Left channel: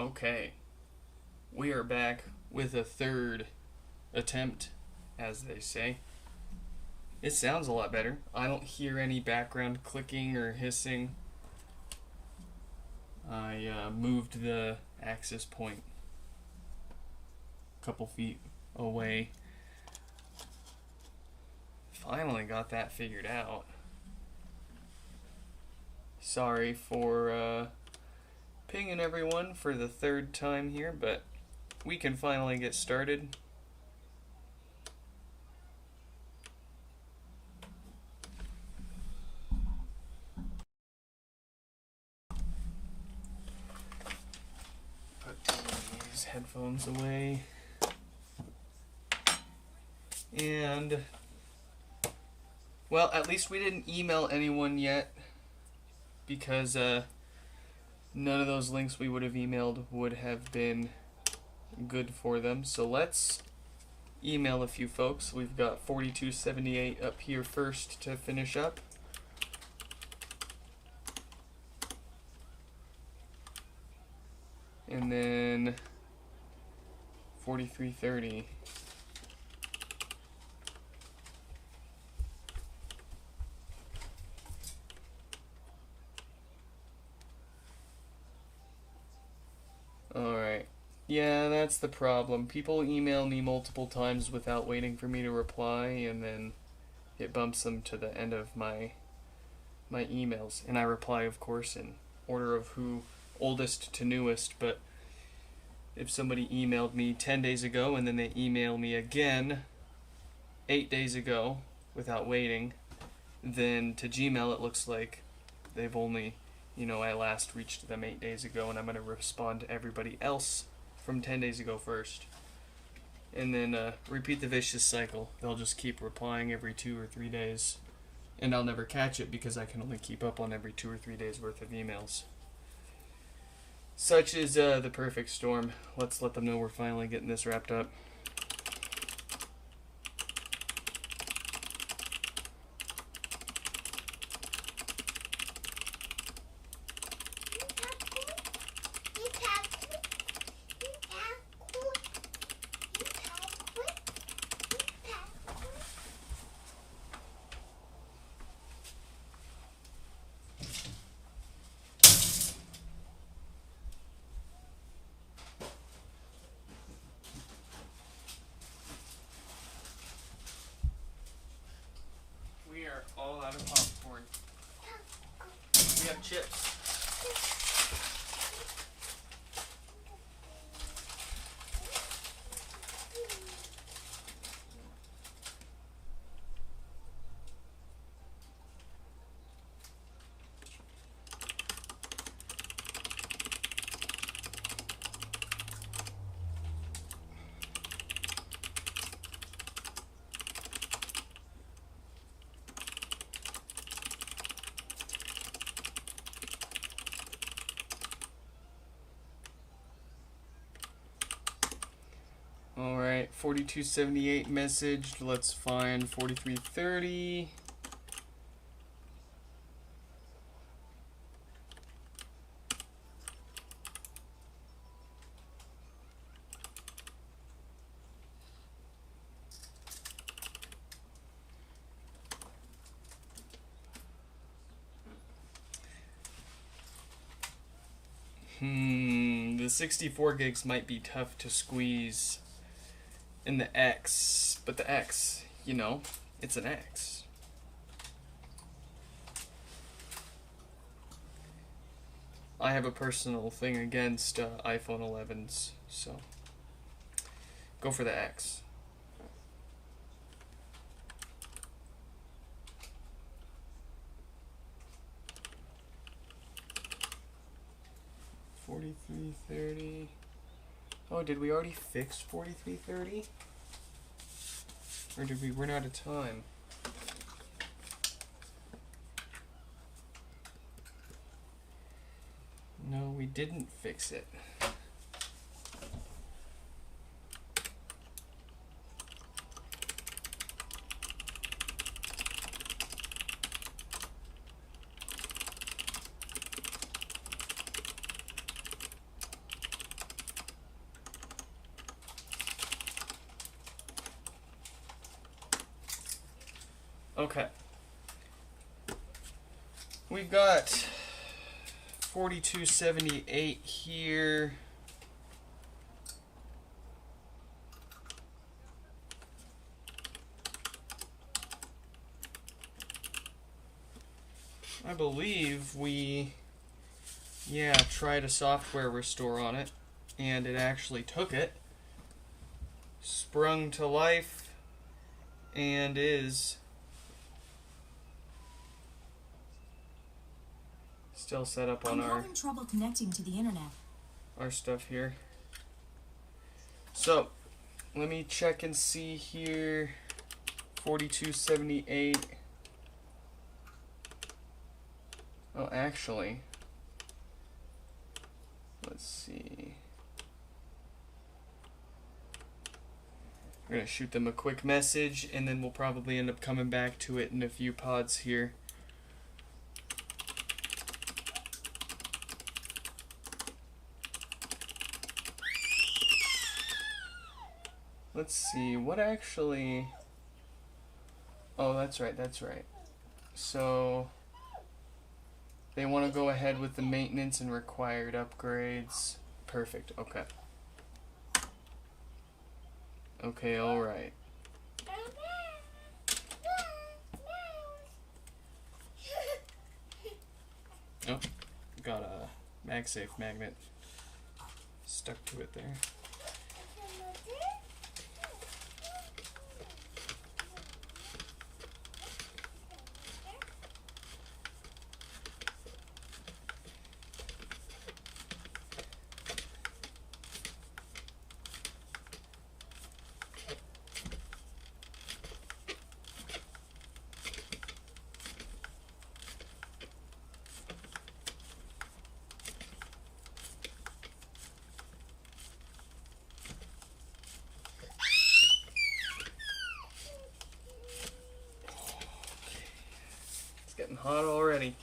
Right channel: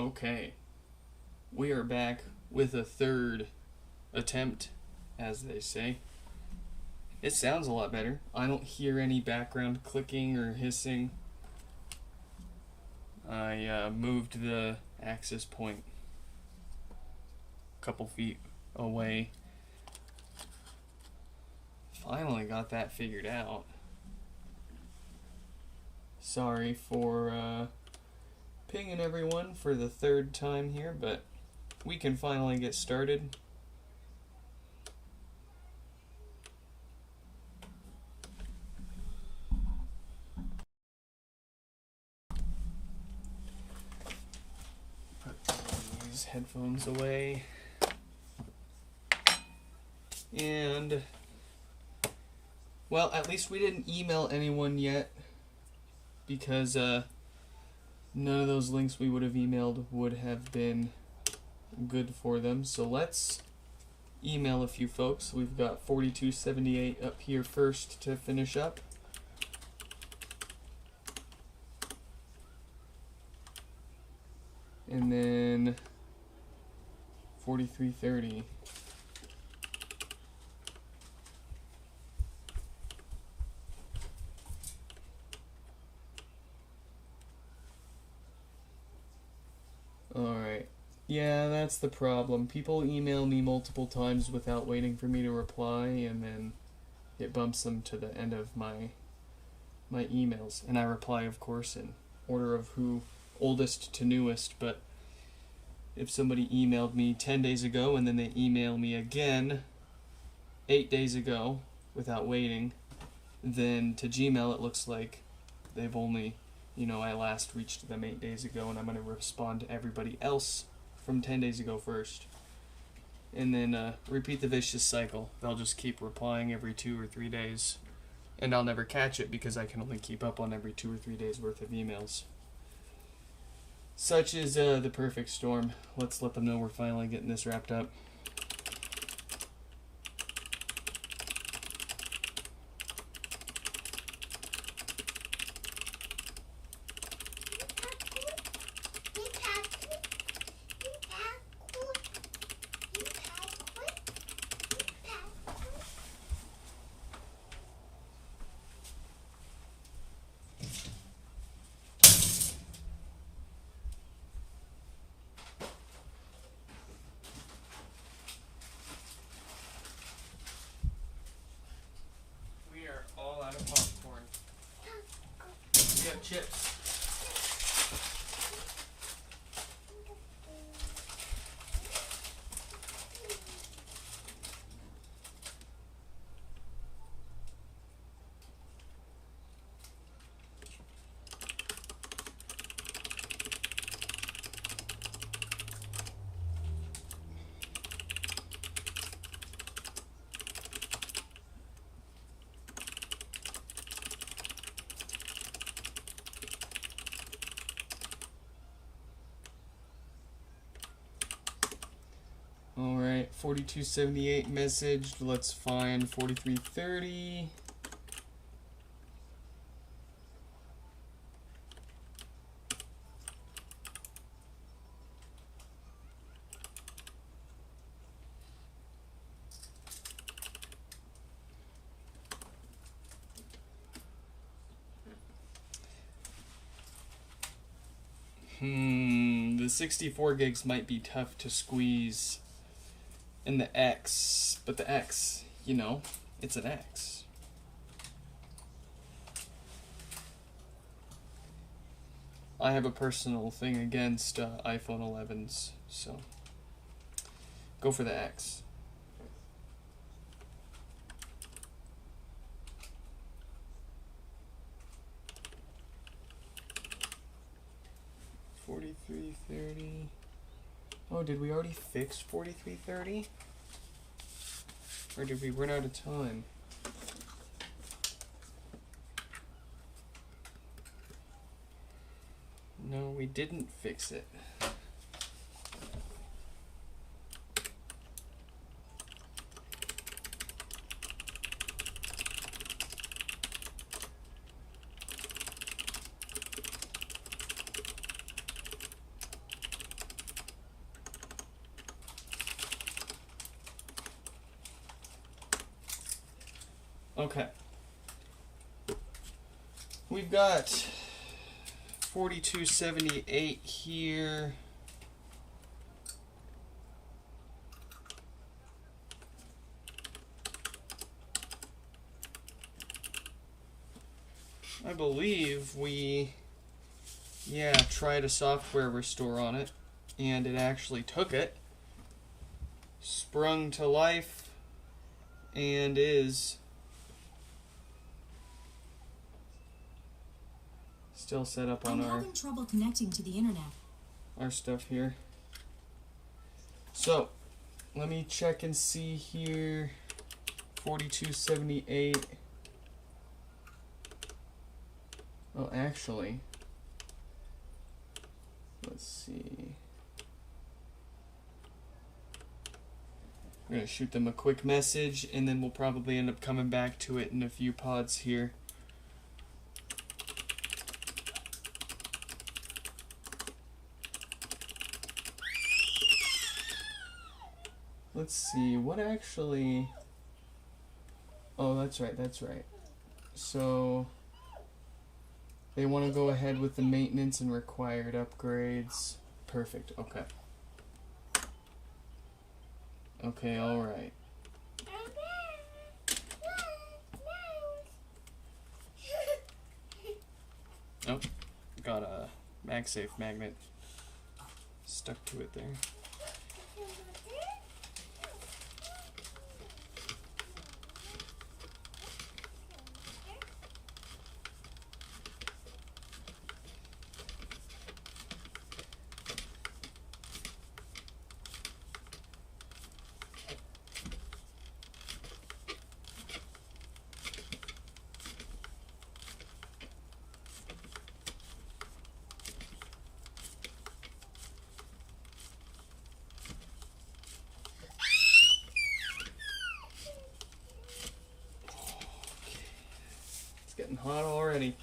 Okay, we are back with a third attempt, as they say. It sounds a lot better. I don't hear any background clicking or hissing. I moved the access point a couple feet away. Finally got that figured out. Sorry for pinging everyone for the third time here, but we can finally get started. Put these headphones away. And, well, at least we didn't email anyone yet, because none of those links we would have emailed would have been good for them. So let's email a few folks. We've got 4278 up here first to finish up. And then 4330. Alright. Yeah, that's the problem. People email me multiple times without waiting for me to reply, and then it bumps them to the end of my emails. And I reply, of course, in order of who oldest to newest, but if somebody emailed me 10 days ago and then they email me again 8 days ago without waiting, then to Gmail it looks like they've only, I last reached them 8 days ago, and I'm going to respond to everybody else from 10 days ago first. And then repeat the vicious cycle. They'll just keep replying every 2 or 3 days, and I'll never catch it because I can only keep up on every 2 or 3 days worth of emails. Such is the perfect storm. Let's let them know we're finally getting this wrapped up. All out of popcorn. We have chips. Alright, 4278 messaged. Let's find 4330. The 64 gigs might be tough to squeeze in the X, but the X, it's an X. I have a personal thing against iPhone 11s, so go for the X. $43.30. Oh, did we already fix $43.30? Or did we run out of time? No, we didn't fix it. Okay. We've got 4278 here. I believe we, tried a software restore on it, and it actually took it, sprung to life, and is still set up on I'm having trouble connecting to the internet. Our stuff here. So, let me check and see here. 4278. Oh, actually, let's see. We're going to shoot them a quick message, and then we'll probably end up coming back to it in a few pods here. Let's see, what actually... Oh, that's right. So, they want to go ahead with the maintenance and required upgrades. Perfect, okay. Okay, alright. Oh, got a MagSafe magnet stuck to it there. Getting hot already.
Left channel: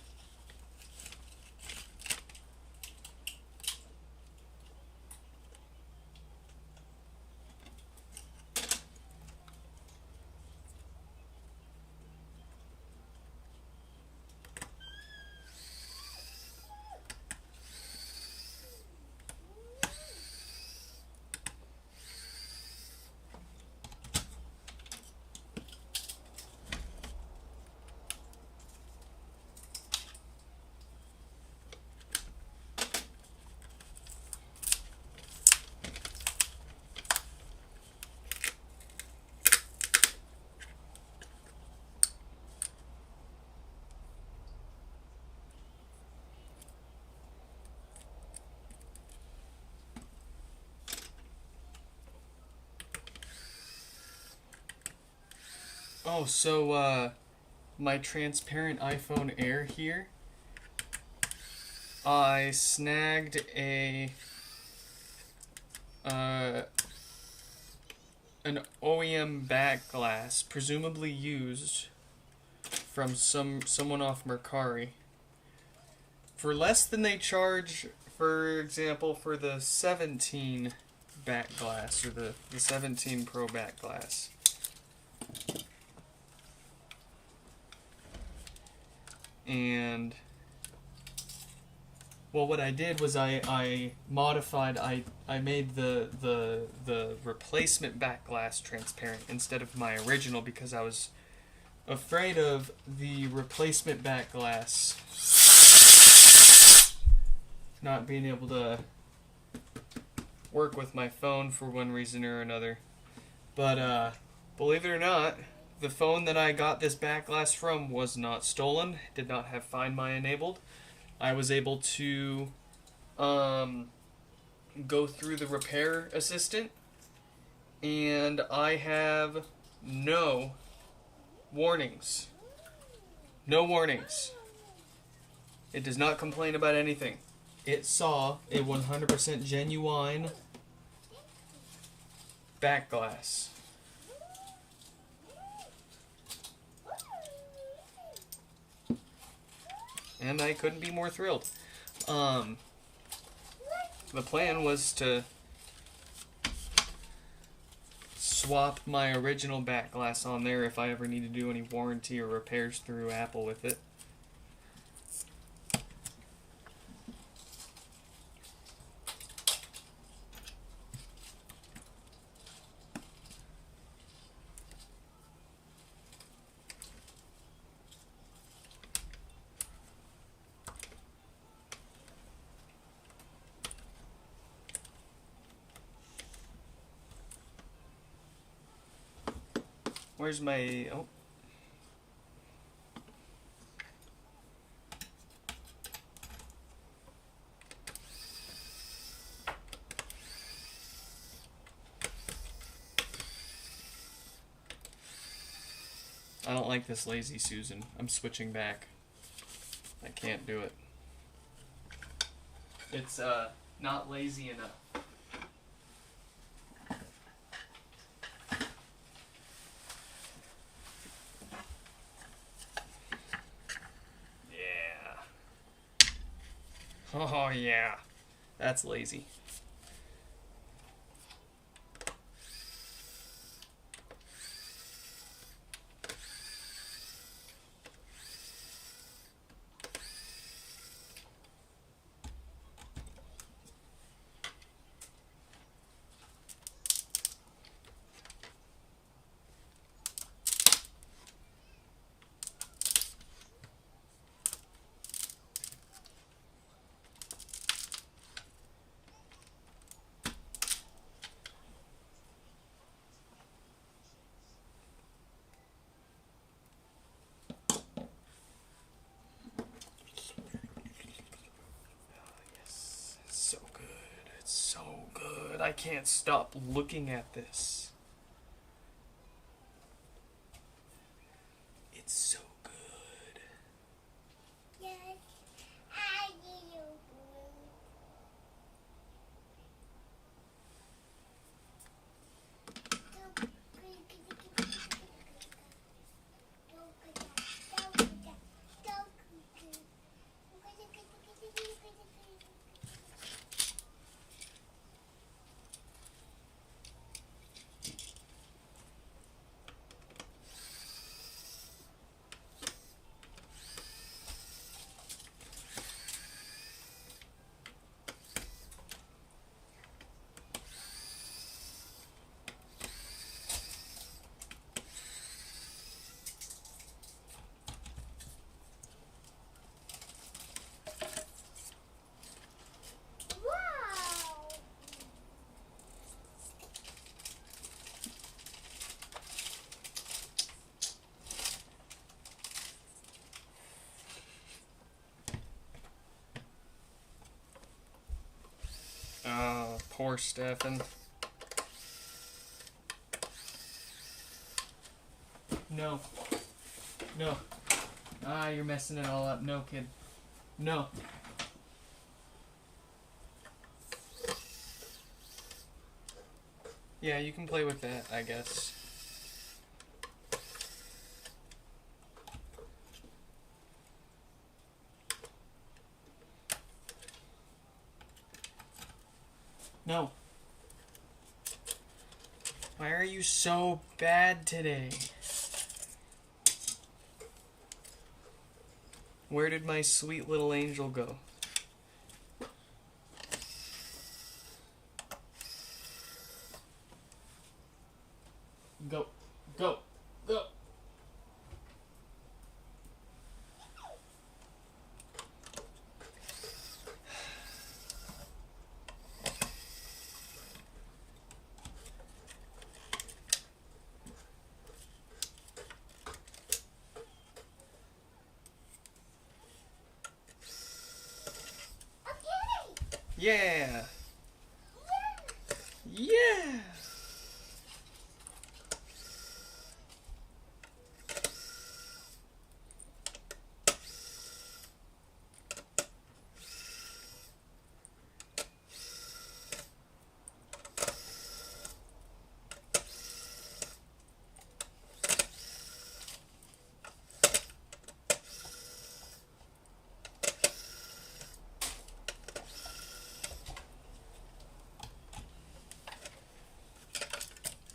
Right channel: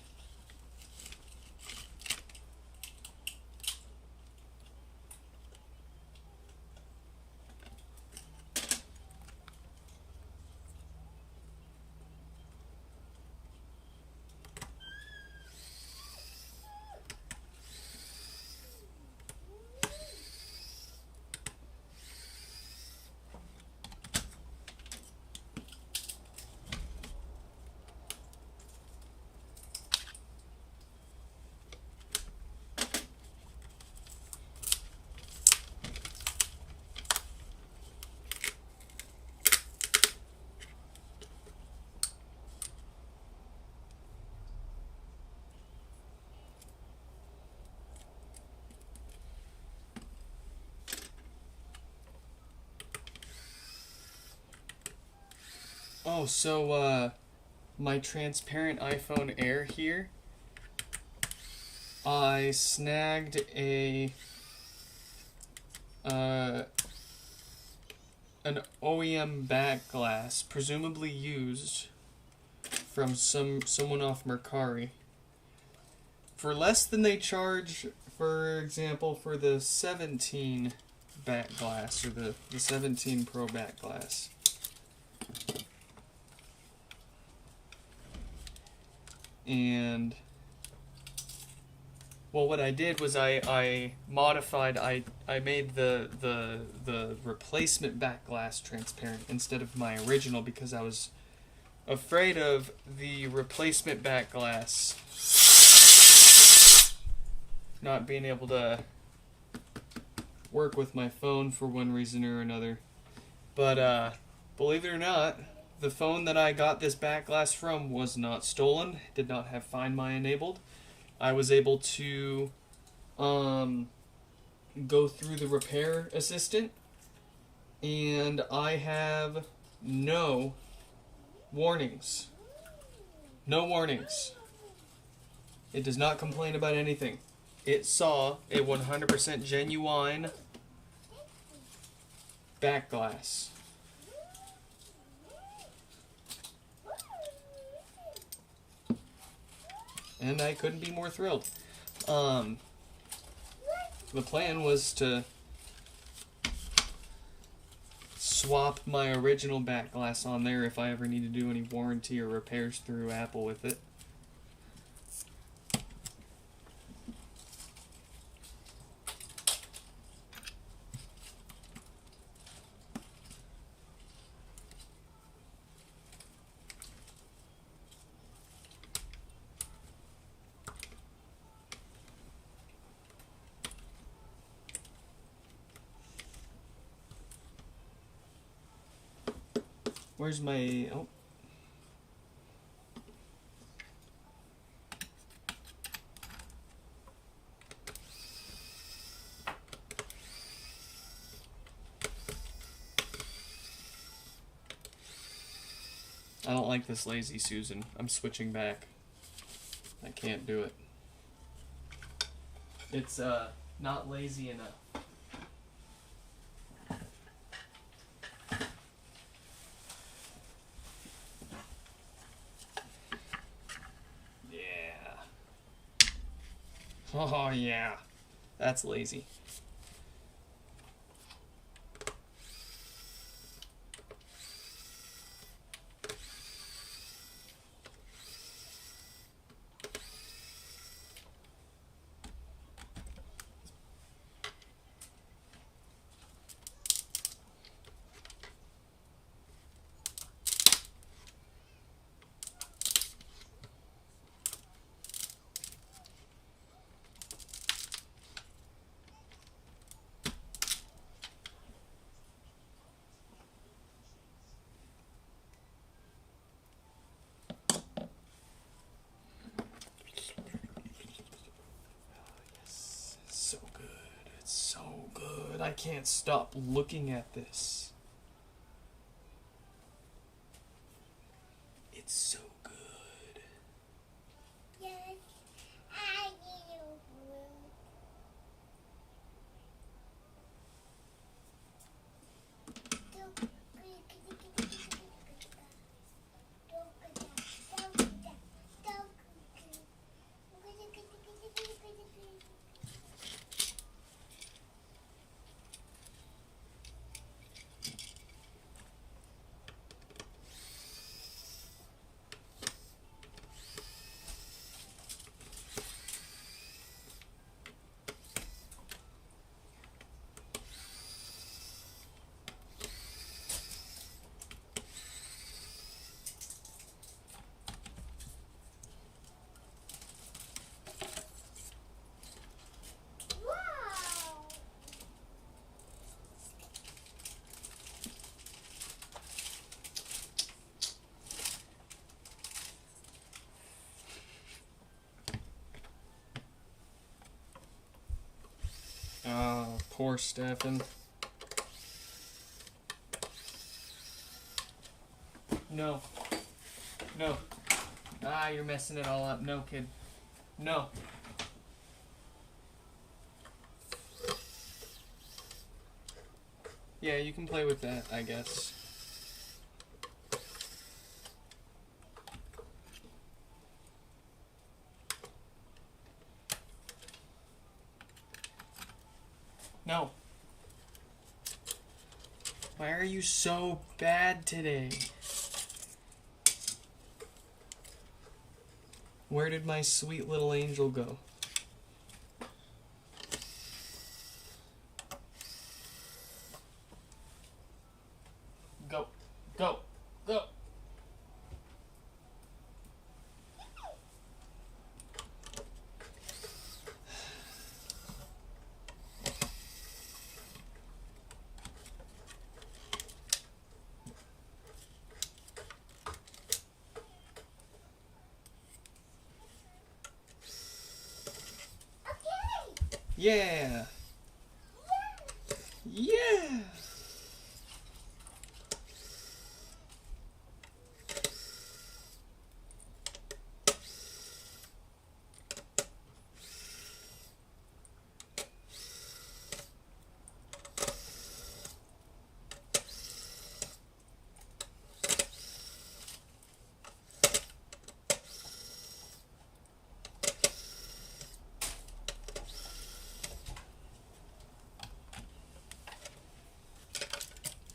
Oh, so, my transparent iPhone Air here, I snagged an OEM back glass, presumably used from someone off Mercari, for less than they charge, for example, for the 17 back glass, or the 17 Pro back glass. And, well, what I did was I modified, I made the replacement back glass transparent instead of my original, because I was afraid of the replacement back glass not being able to work with my phone for one reason or another. But, believe it or not, the phone that I got this back glass from was not stolen, did not have Find My enabled. I was able to go through the repair assistant, and I have no warnings. No warnings. It does not complain about anything. It saw a 100% genuine back glass. And I couldn't be more thrilled. The plan was to swap my original back glass on there if I ever need to do any warranty or repairs through Apple with it. Where's my... oh. I don't like this lazy Susan. I'm switching back. I can't do it. It's, not lazy enough. Oh yeah, that's lazy. So good. It's so good. I can't stop looking at this. It's so good. Yes, I do. Poor Stefan. No. No. Ah, you're messing it all up. No, kid. No. Yeah, you can play with that, I guess. No. Why are you so bad today? Where did my sweet little angel go? Go. Go. Go. Yeah. Yeah.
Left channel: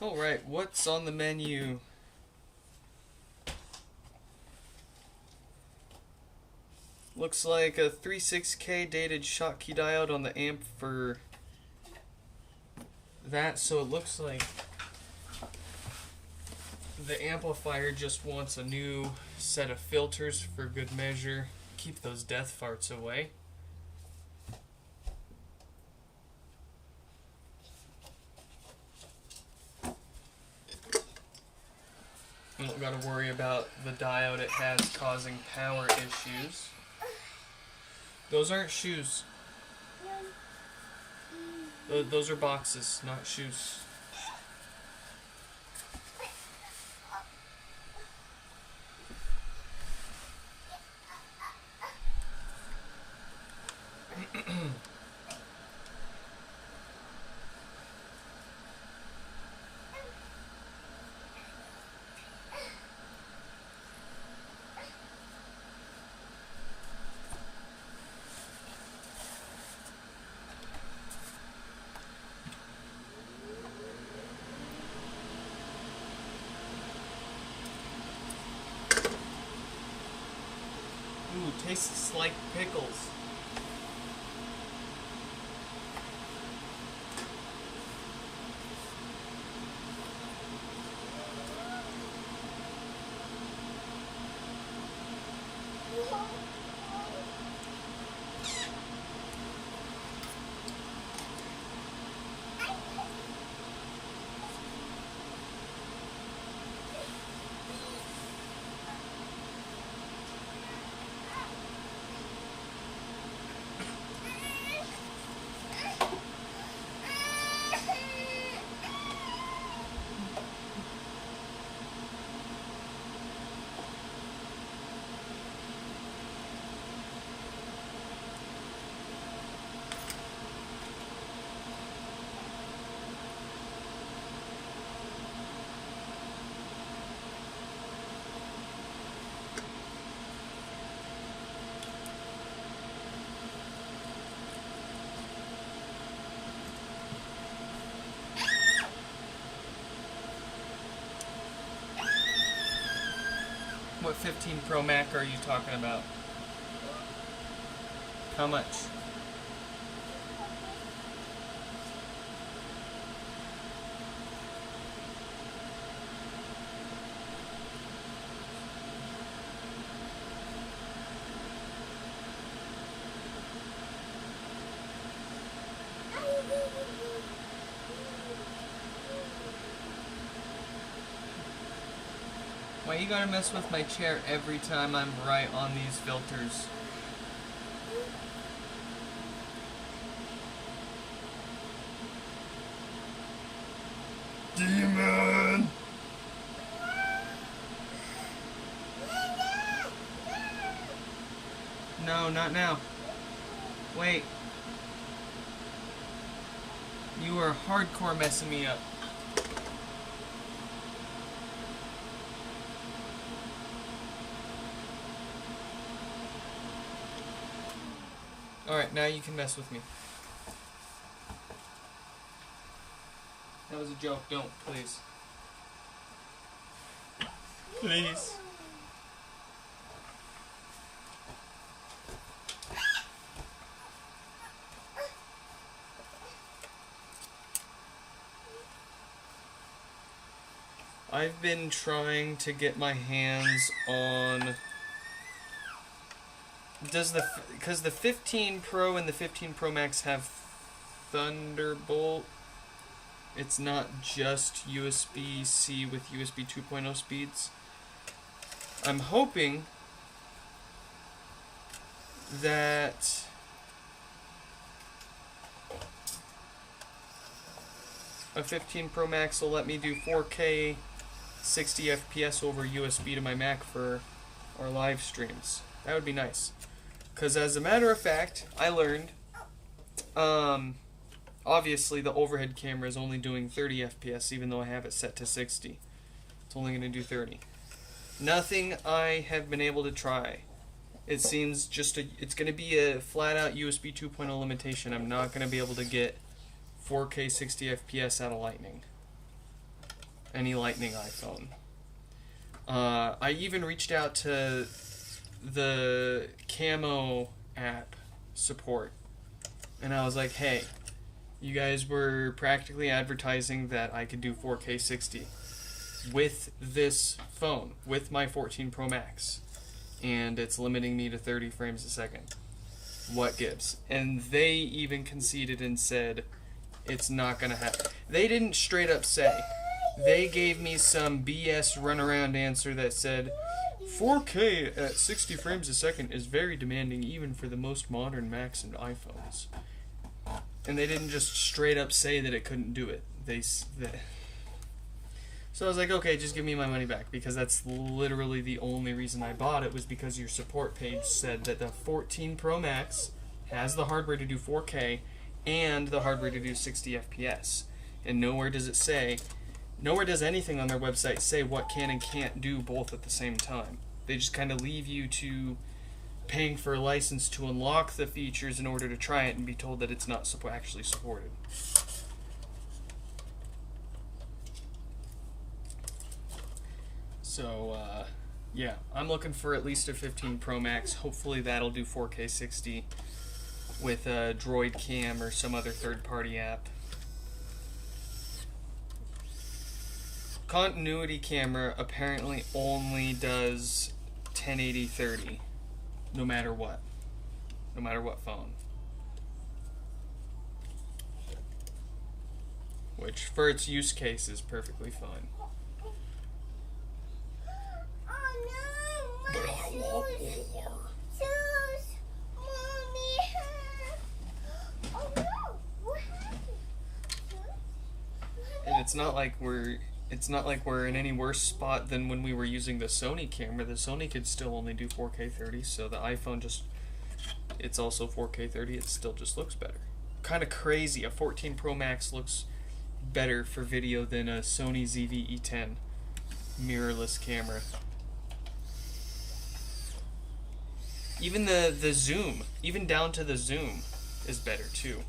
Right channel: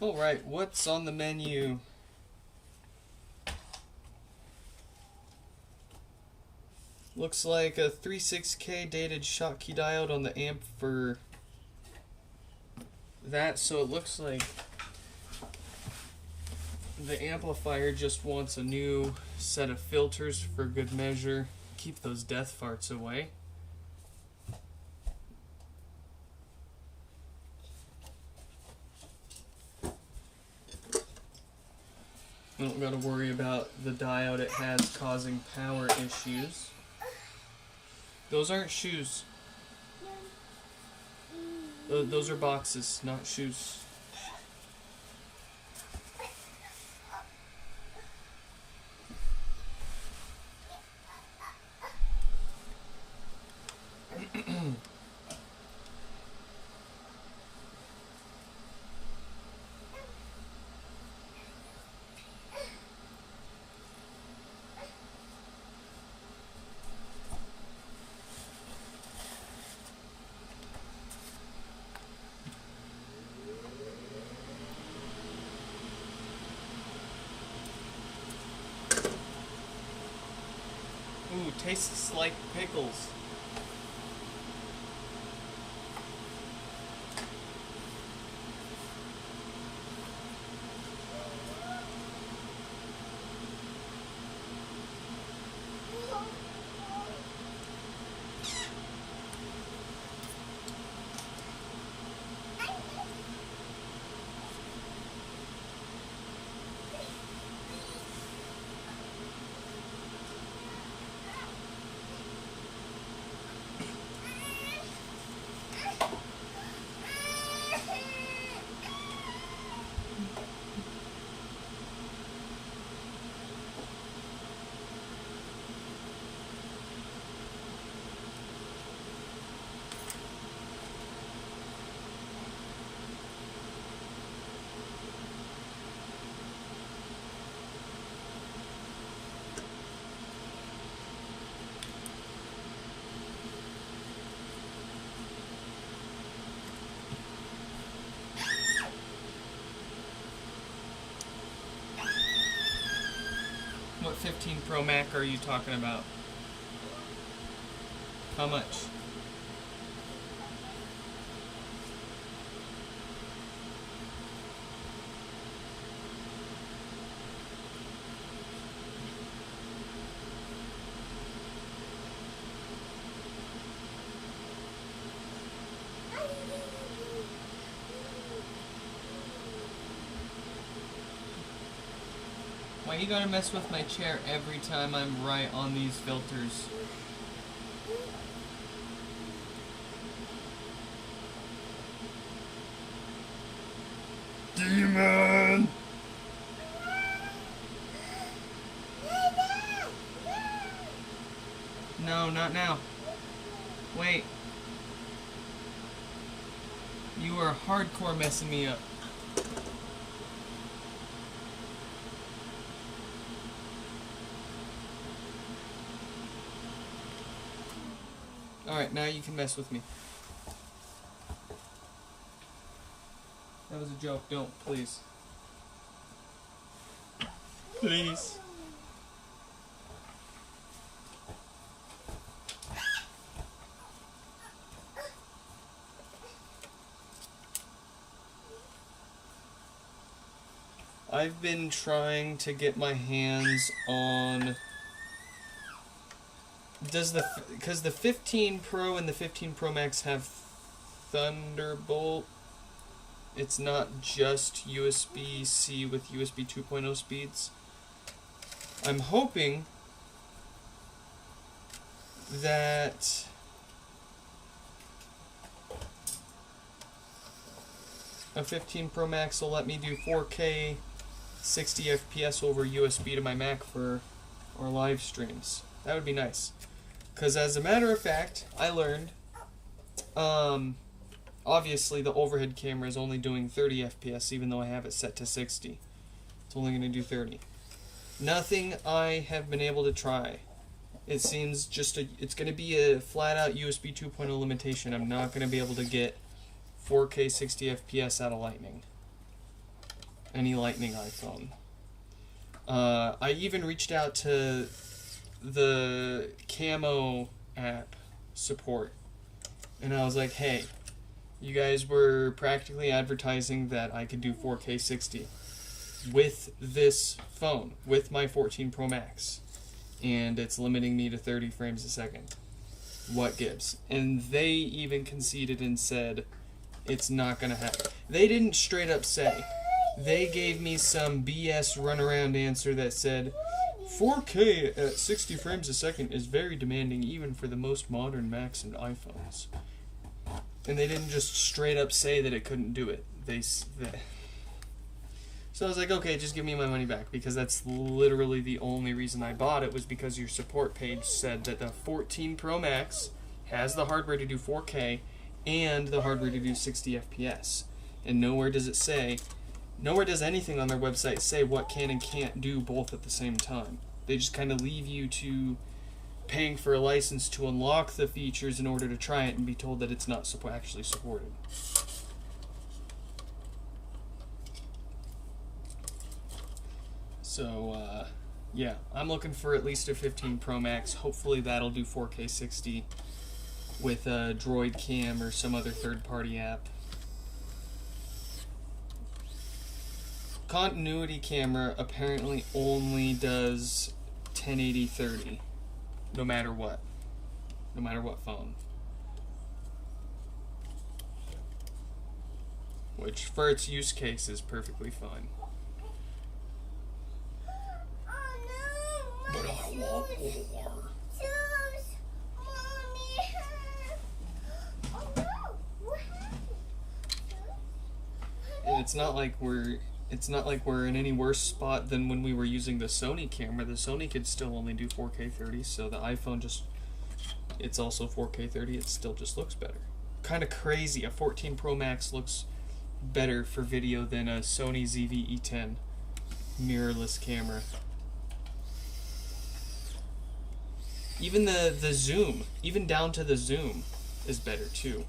Alright, what's on the menu? Looks like a 36K dated Schottky diode on the amp for that, so it looks like the amplifier just wants a new set of filters for good measure. Keep those death farts away. You don't gotta worry about the diode it has causing power issues. Those aren't shoes. Those are boxes, not shoes. Ooh, tastes like pickles. What 15 Pro Mac are you talking about? How much? Why you gotta mess with my chair every time I'm right on these filters? Demon! No, not now. Wait. You are hardcore messing me up. Alright, now you can mess with me. That was a joke. Don't, please. Please. I've been trying to get my hands on... because the 15 Pro and the 15 Pro Max have Thunderbolt. It's not just USB-C with USB 2.0 speeds. I'm hoping that a 15 Pro Max will let me do 4K 60 FPS over USB to my Mac for our live streams. That would be nice. Because as a matter of fact, I learned, obviously the overhead camera is only doing 30 FPS even though I have it set to 60. It's only going to do 30. Nothing I have been able to try. It seems it's going to be a flat out USB 2.0 limitation. I'm not going to be able to get 4K 60 FPS out of Lightning. any Lightning iPhone. I even reached out to the Camo app support, and I was like, hey, you guys were practically advertising that I could do 4K 60 with this phone, with my 14 Pro Max, and it's limiting me to 30 frames a second. What gives? And they even conceded and said it's not gonna happen. They didn't straight up say. They gave me some BS runaround answer that said 4K at 60 frames a second is very demanding even for the most modern Macs and iPhones. And they didn't just straight up say that it couldn't do it. So I was like, okay, just give me my money back, because that's literally the only reason I bought it, was because your support page said that the 14 Pro Max has the hardware to do 4K and the hardware to do 60 FPS. And nowhere does anything on their website say what can and can't do both at the same time. They just kind of leave you to paying for a license to unlock the features in order to try it and be told that it's not actually supported. So, yeah, I'm looking for at least a 15 Pro Max. Hopefully that'll do 4K 60 with a Droid Cam or some other third-party app. Continuity camera apparently only does 1080-30, no matter what phone. Which, for its use case, is perfectly fine. But I want more. And it's not like we're in any worse spot than when we were using the Sony camera. The Sony could still only do 4K 30, so the iPhone it's also 4K 30, it still just looks better. Kind of crazy, a 14 Pro Max looks better for video than a Sony ZV-E10 mirrorless camera. Even the zoom, even down to the zoom, is better too.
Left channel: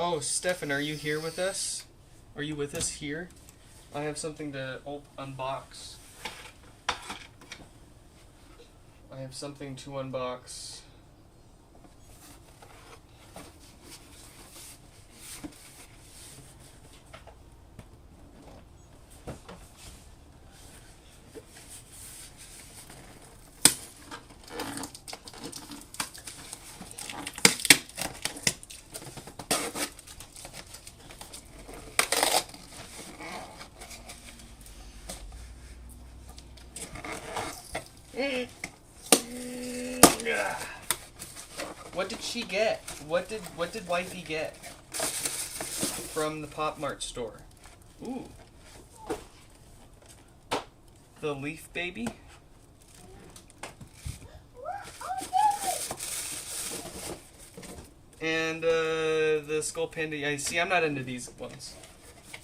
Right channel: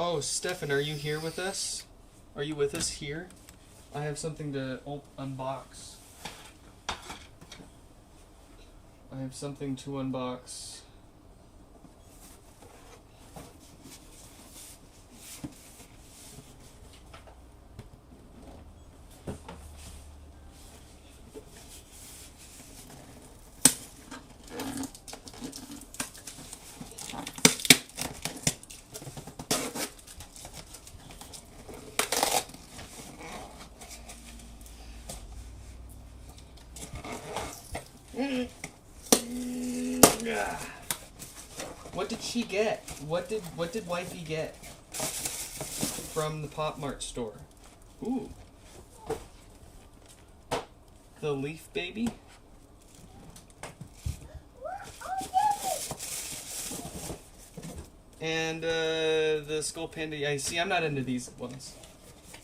Oh, Stefan, are you here with us? Are you with us here? I have something to unbox. I have something to unbox. What did she get? What did wifey get from the Pop Mart store? Ooh. The Leaf Baby? And the Skull Panda. I see, I'm not into these ones.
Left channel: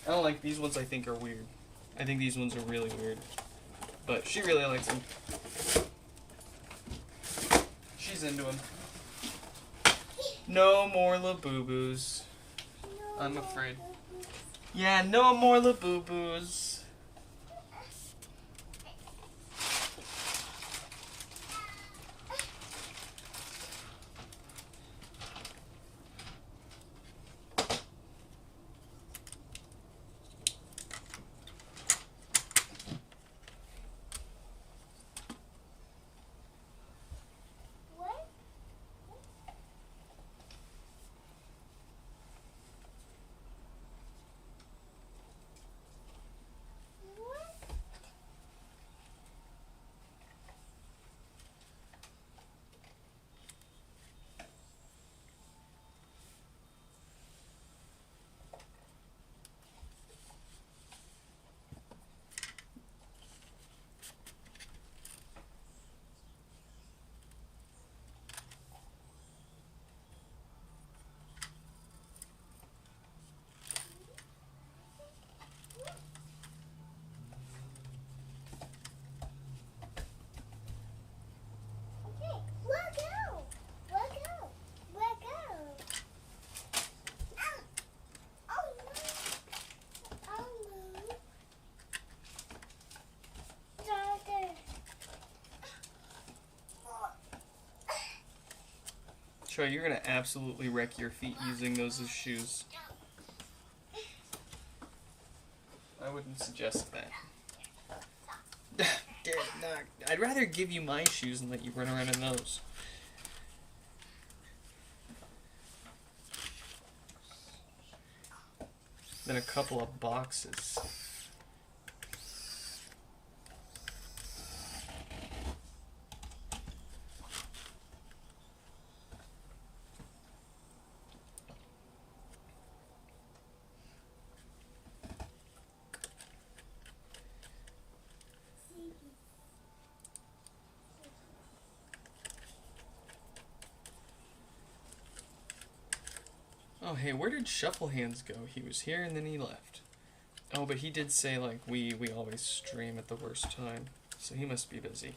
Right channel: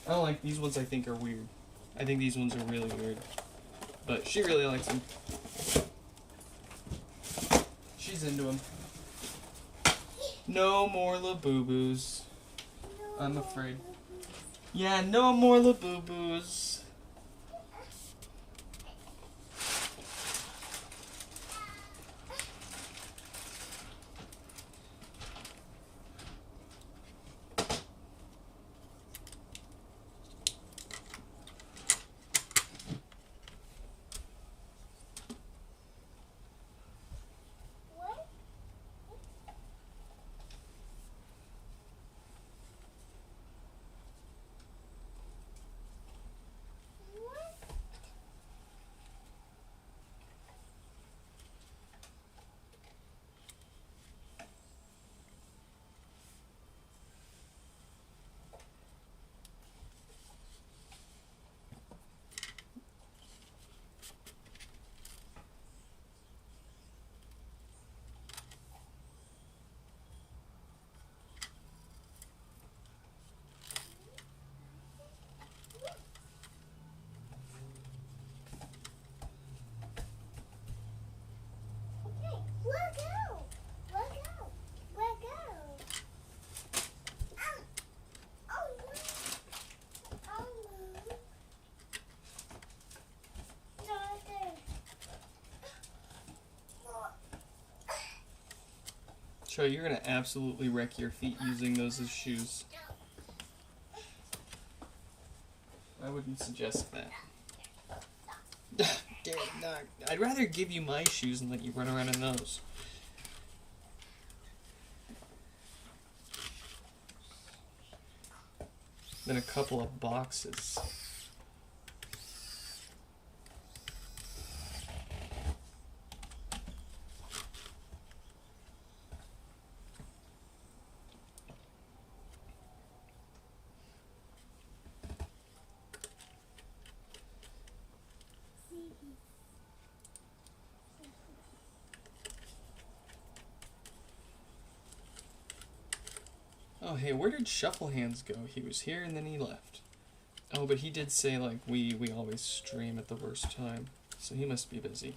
I don't like these ones. I think are weird. I think these ones are really weird. But she really likes them. She's into them. No more Labubu's. I'm afraid. Yeah, no more Labubu's. Troy, you're gonna absolutely wreck your feet using those as shoes. I wouldn't suggest that. No, I'd rather give you my shoes and let you run around in those. Than a couple of boxes. Oh, hey, where did Shuffle Hands go? He was here and then he left. Oh, but he did say, like, we always stream at the worst time. So he must be busy.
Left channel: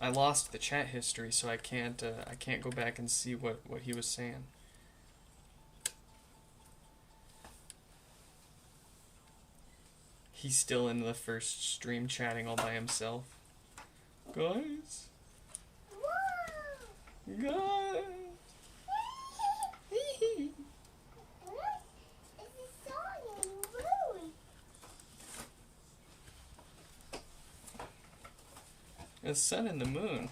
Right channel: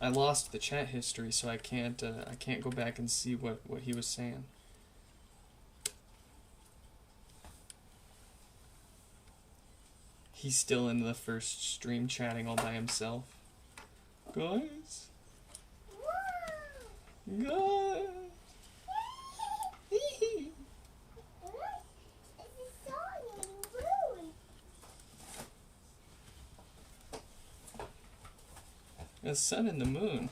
I lost the chat history, so I can't go back and see what he was saying. He's still in the first stream chatting all by himself. Guys? Guys? The sun and the moon.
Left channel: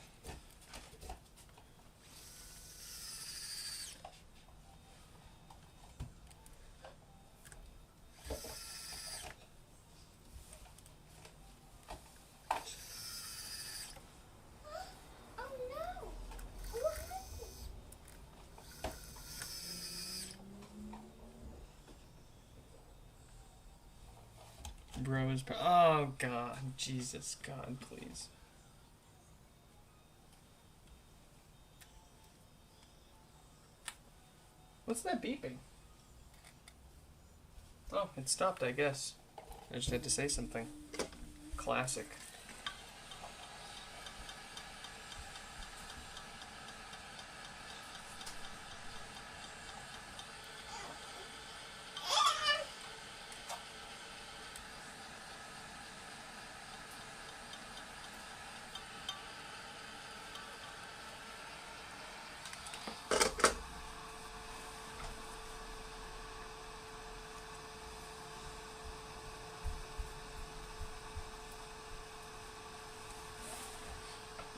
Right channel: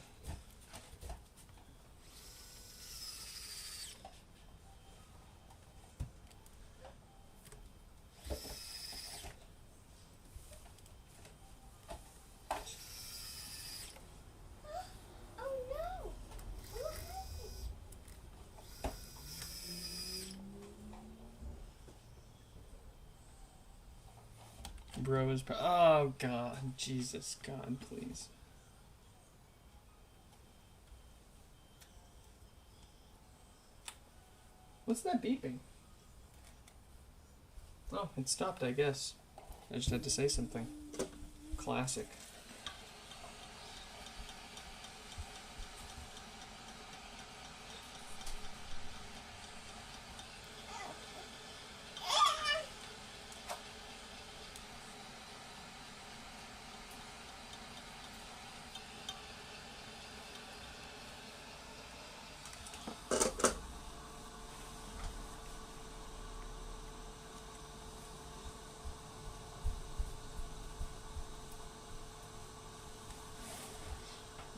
Bro is oh God, Jesus, God, please. What's that beeping? Oh, it stopped, I guess. I just had to say something. Classic.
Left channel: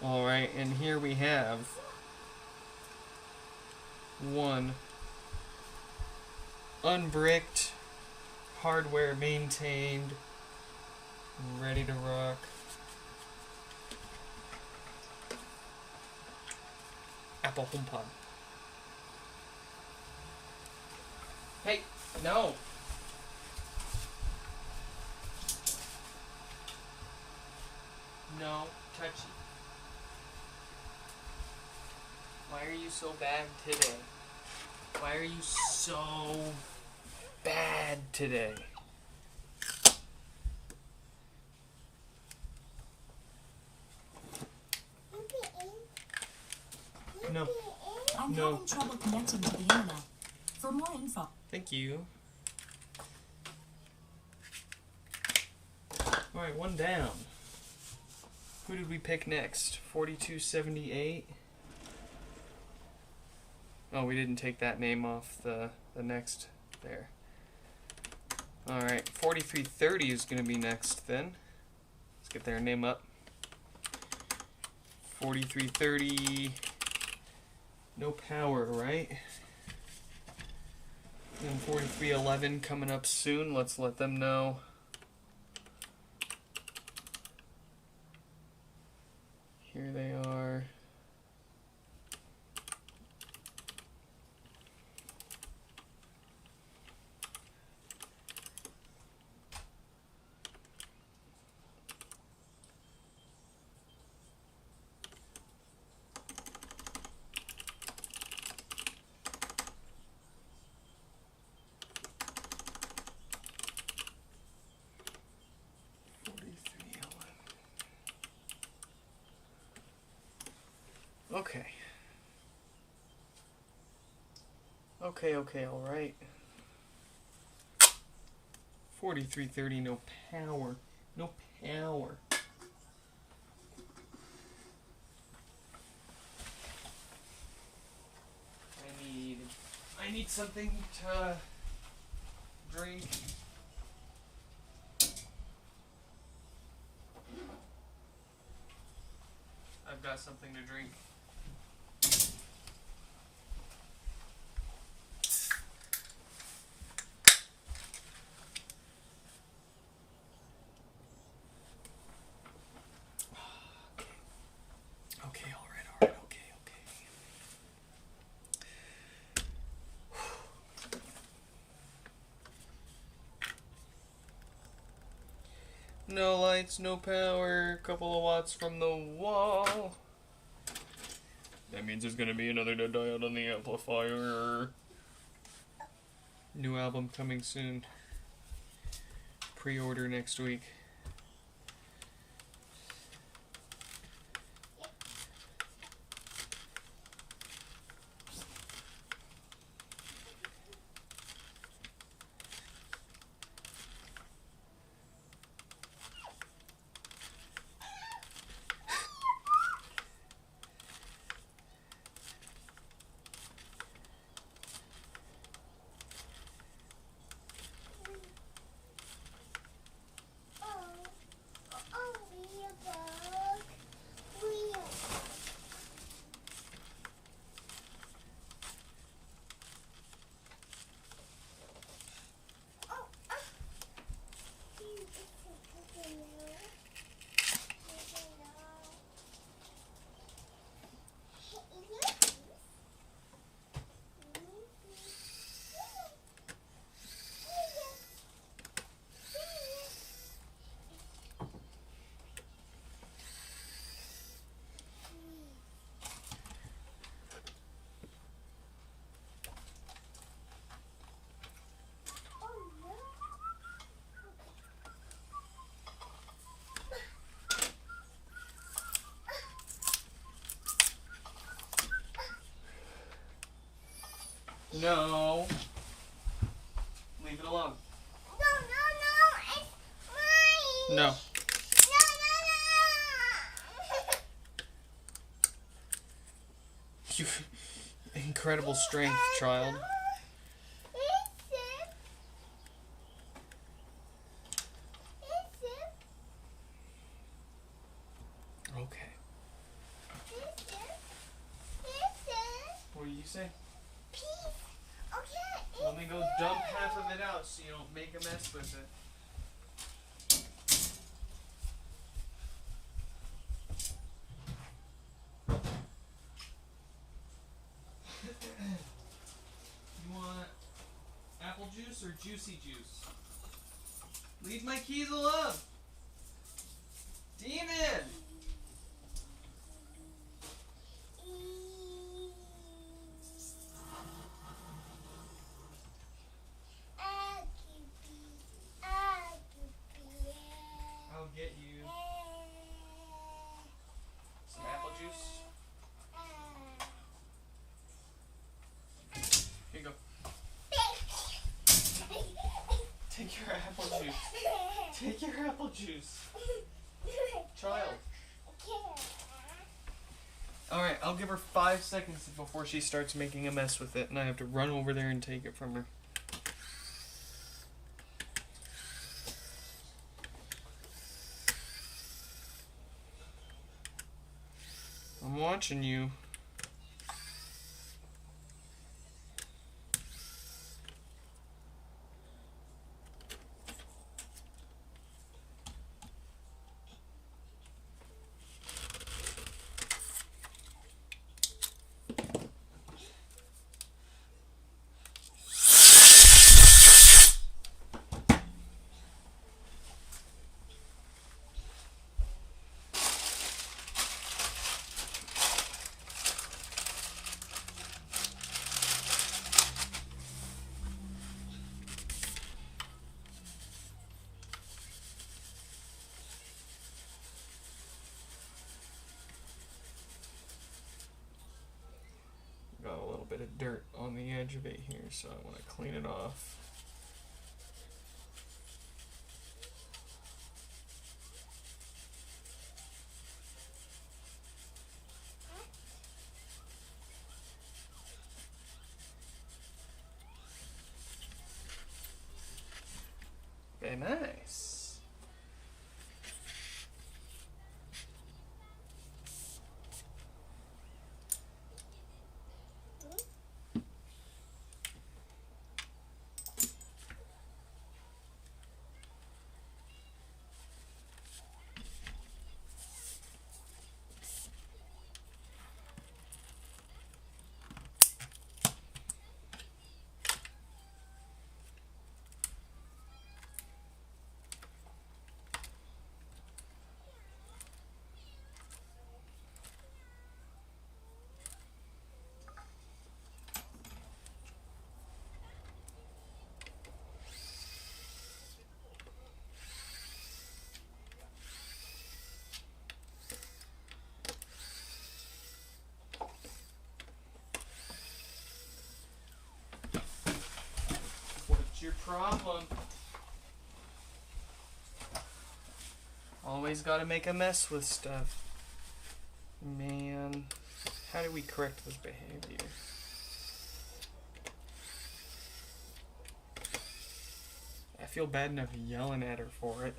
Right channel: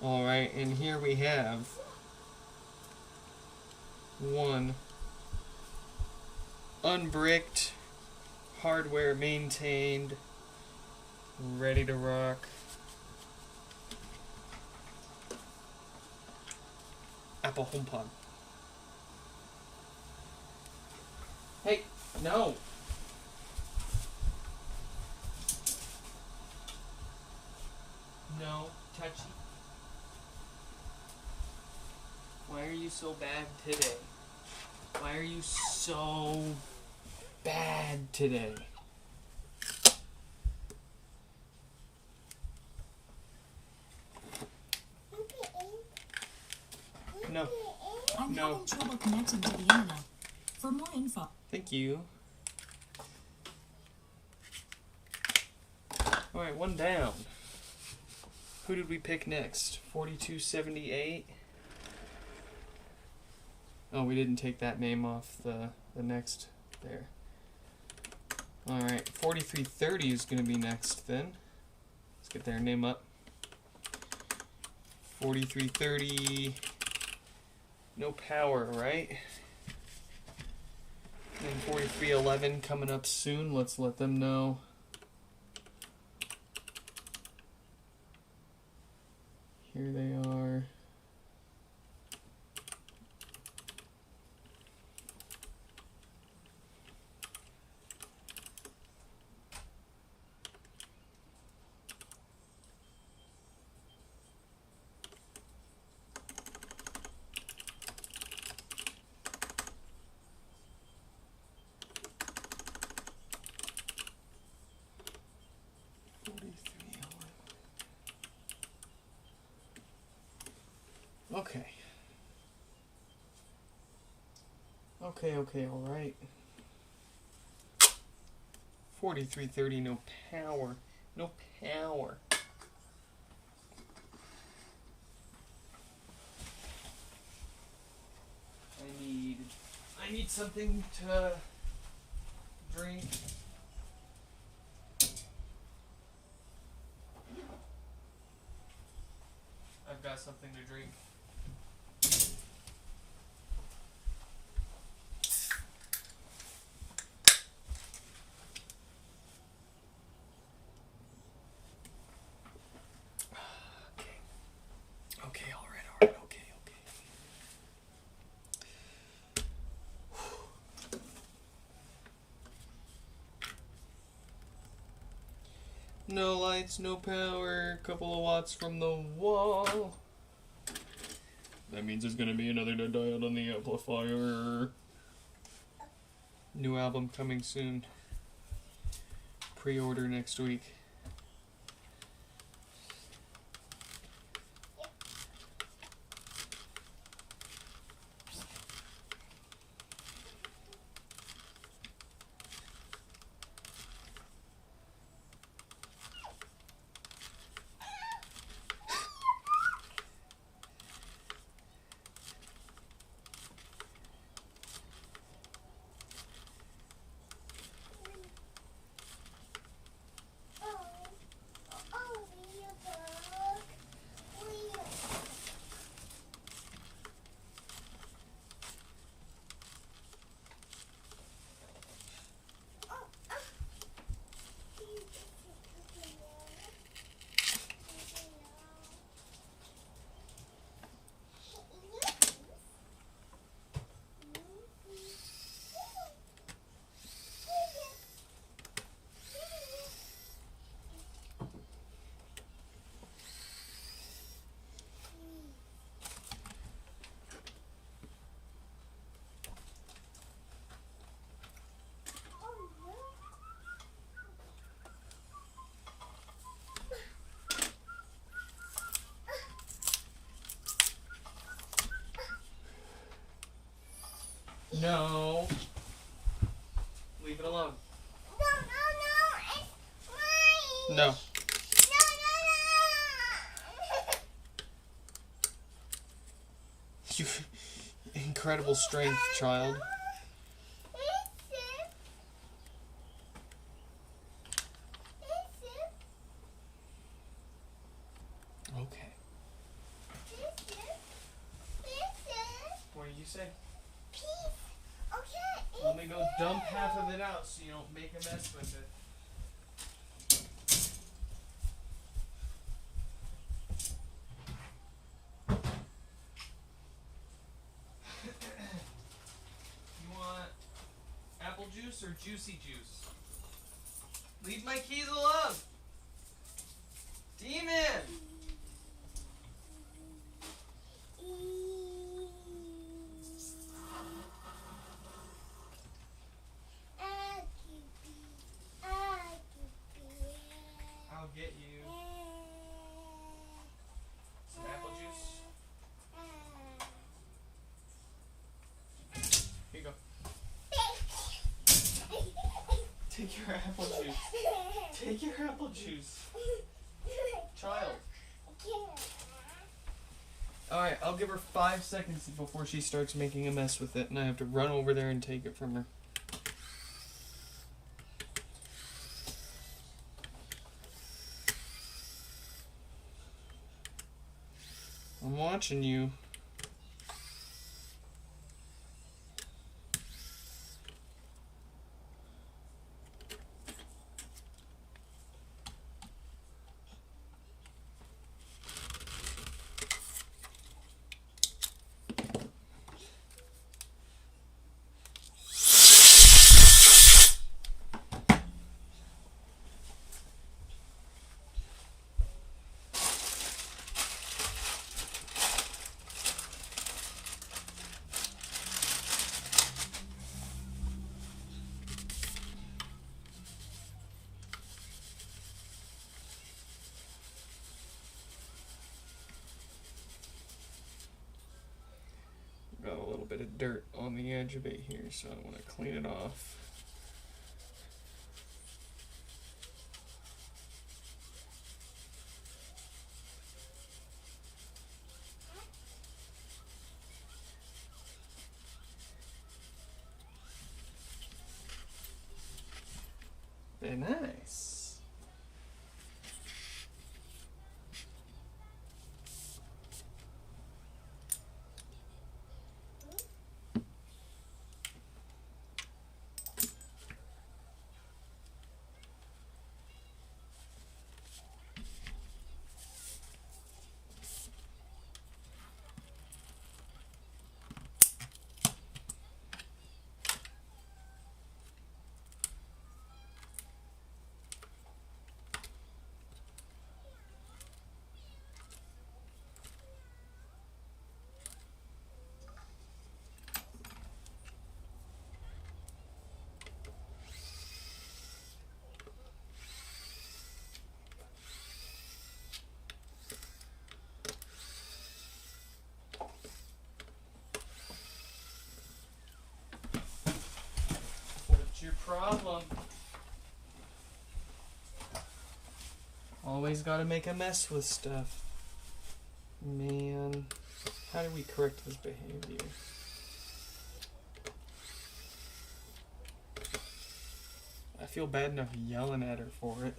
Alright, and here we have one unbricked, hardware maintained, ready to rock Apple HomePod. Hey, no! No, touchy. Why are you so bad today? Why are you so bad today? No. I'm No. having trouble connecting to the internet. For more info. Thank you. Alright, one down. Who did we pick next? 4278. Oh, we didn't take that name off the next there. Alright, 4330 is going to be next then. Let's get their name up. 4330. No power, right? And 4311 coming up soon. Let's let them know. Here they are. Okay. Okay, alright. 4330, no power. No power. I need something to drink. I've got something to drink. Okay, alright, okay. No lights, no power, couple of watts from the wall. That means there's gonna be another dead diode on the amplifier. New album coming soon. Pre-order next week. No. Leave it alone. No, it's mine. No. You incredible strength, child. Okay. What do you say? Let me go dump half of it out so you don't make a mess with it. You want apple juice or juicy juice? Leave my keys alone! Demon! I'll get you some apple juice. Here you go. Take your apple juice. Take your apple juice. Child. Alright, I'll give her 5 seconds before she starts making a mess with it, and I have to run over there and take it from her. I'm watching you. Got a little bit of dirt on the edge of it here, so I want to clean it off. Very nice. What's your problem? Always gotta make a mess with stuff. Man, how do we correct this behavior? I feel bad enough yelling at her for it.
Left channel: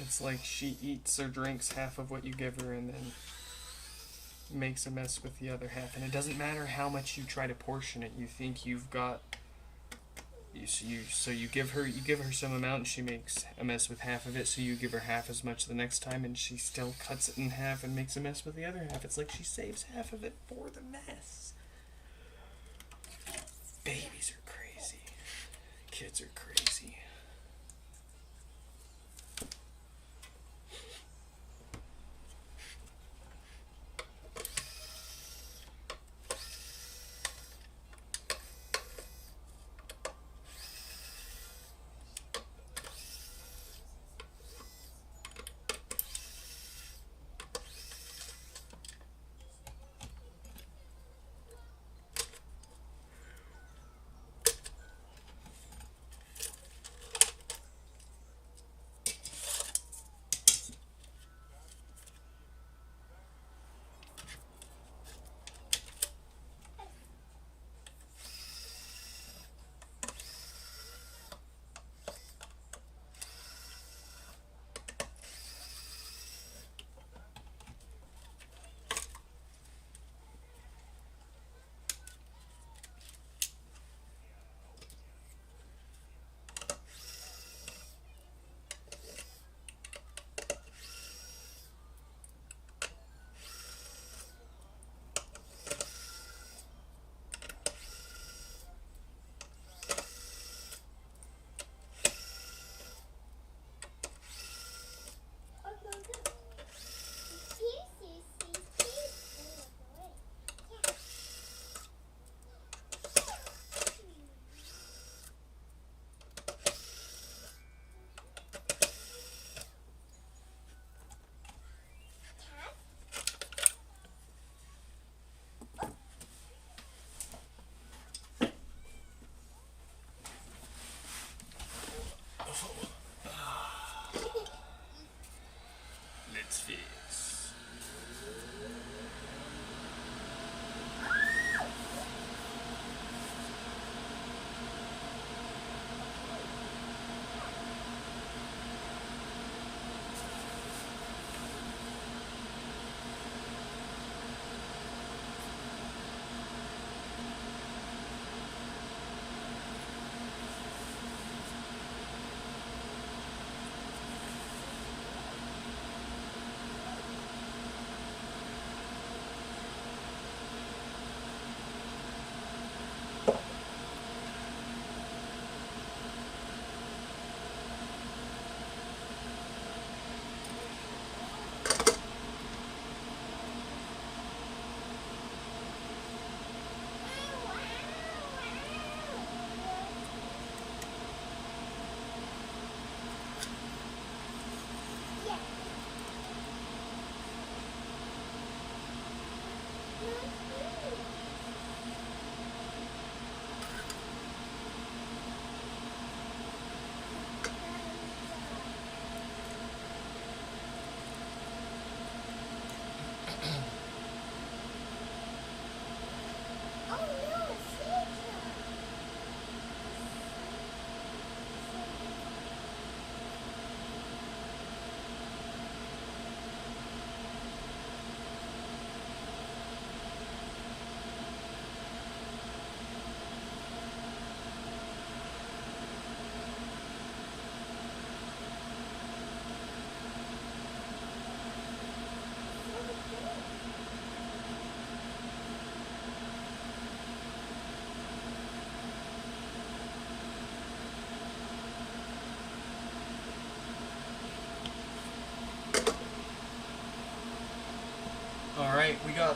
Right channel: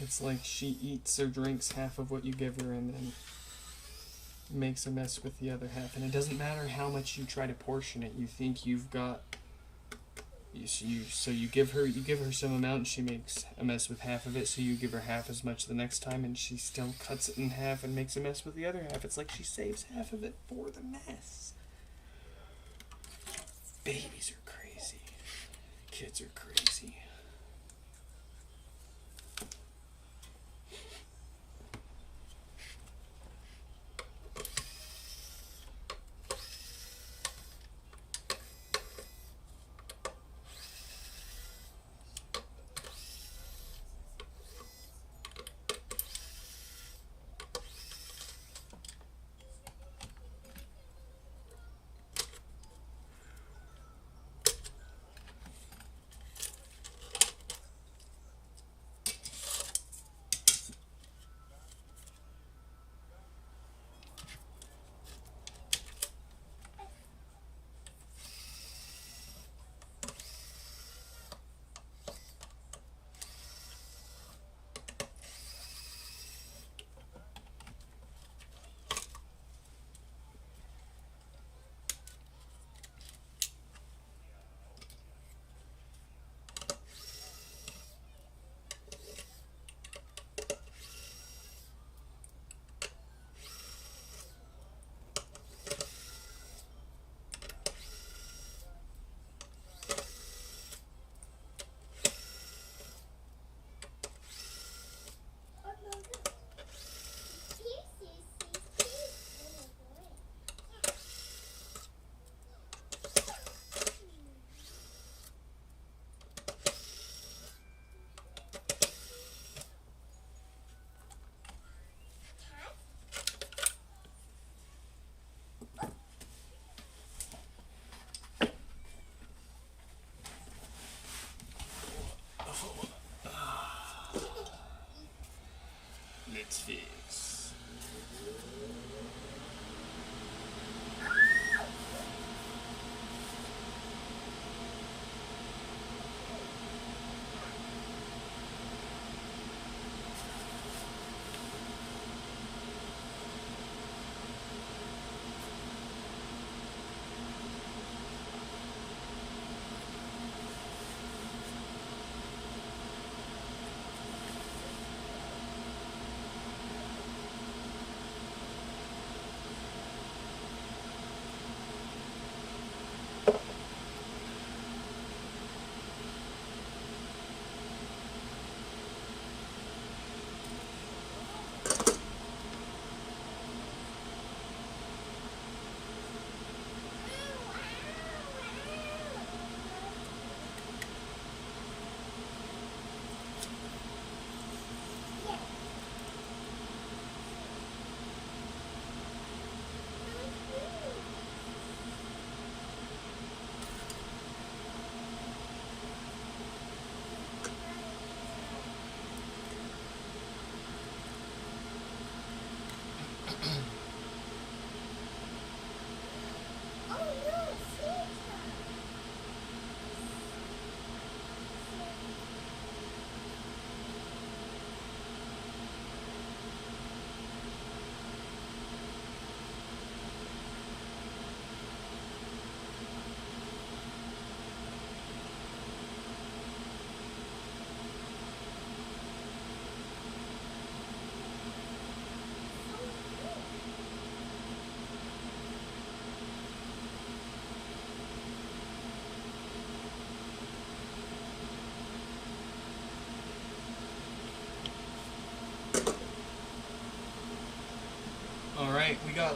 It's like she eats or drinks half of what you give her and then makes a mess with the other half. And it doesn't matter how much you try to portion it. You think you've got... So you give her some amount and she makes a mess with half of it, so you give her half as much the next time and she still cuts it in half and makes a mess with the other half. It's like she saves half of it for the mess. Babies are crazy. Kids are crazy.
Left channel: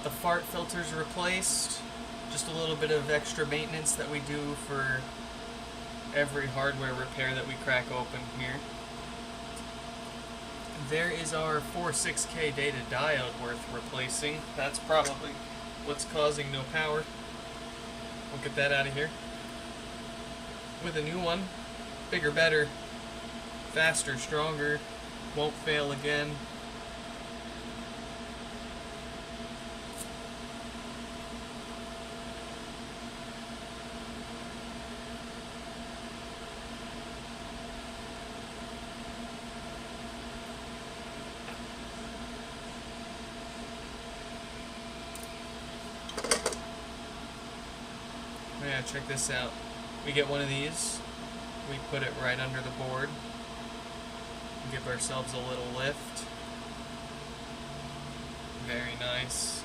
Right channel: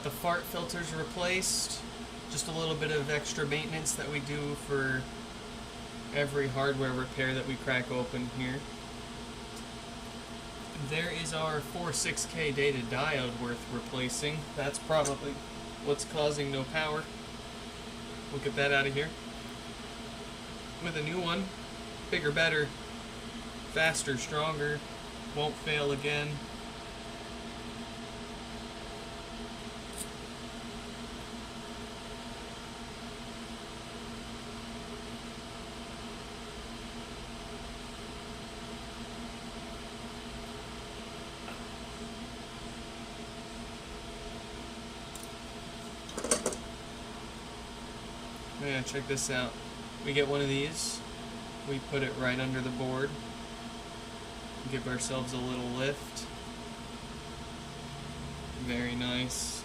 the fart filters replaced. Just a little bit of extra maintenance that we do for every hardware repair that we crack open here. There is our 46K data diode worth replacing. That's probably what's causing no power. We'll get that out of here. With a new one. Bigger, better. Faster, stronger. Won't fail again. Yeah, check this out. We get one of these, we put it right under the board, give ourselves a little lift. Very nice.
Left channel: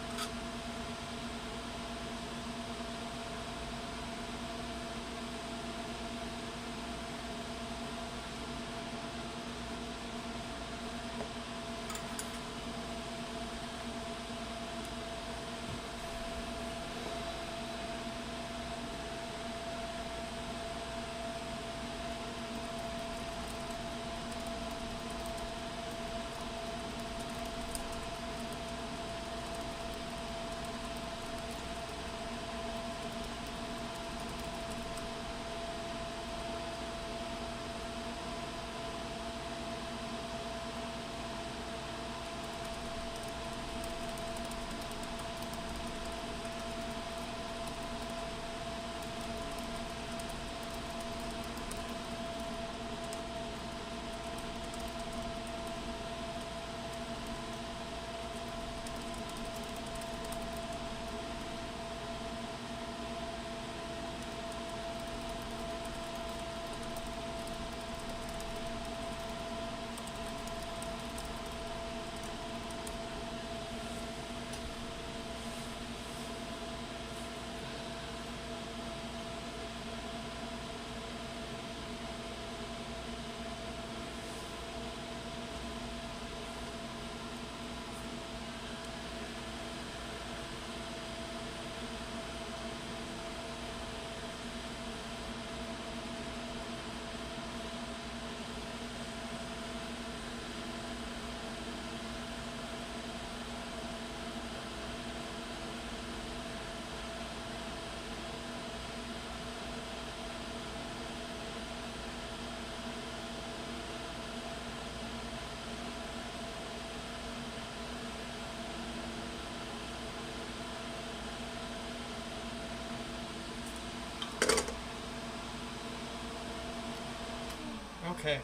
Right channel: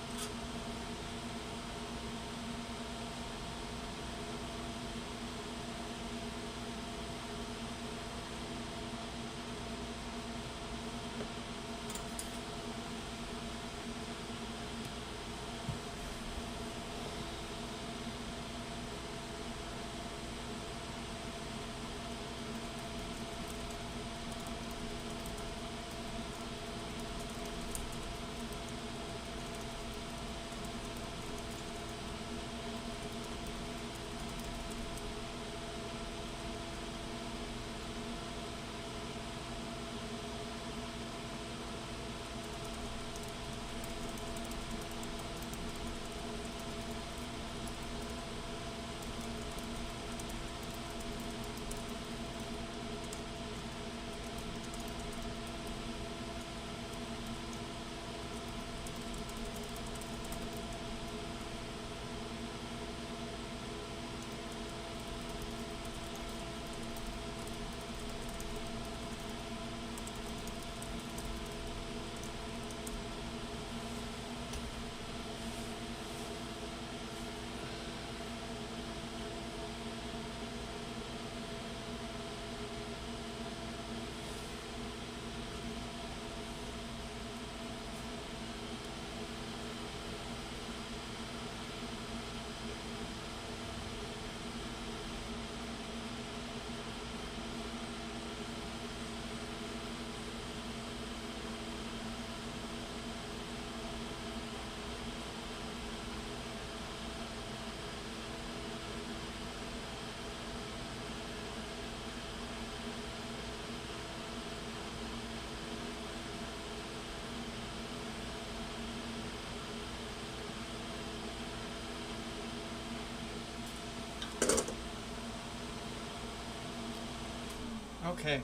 Okay.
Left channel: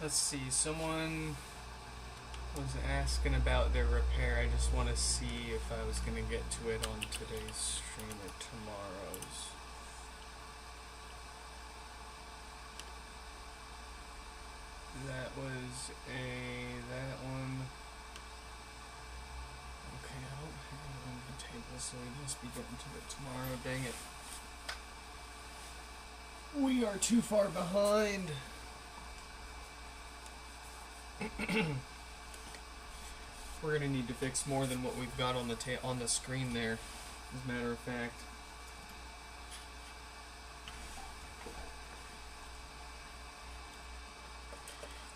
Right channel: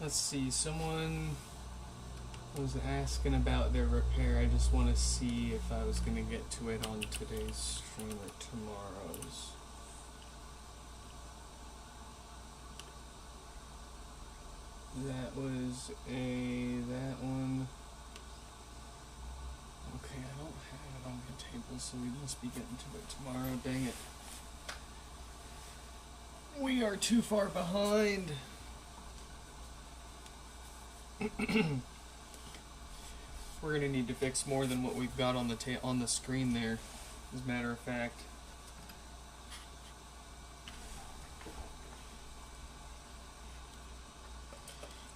Let's see, someone was asking about their repair. I just want to see if I was going to get to it on today's stream or tomorrow's. That was that one. Okay, I don't have it on the table, so we must be getting to it tomorrow. Dang it. We are too far behind. We're gonna need to fix more than what we've got on the screen there, as a matter of fact.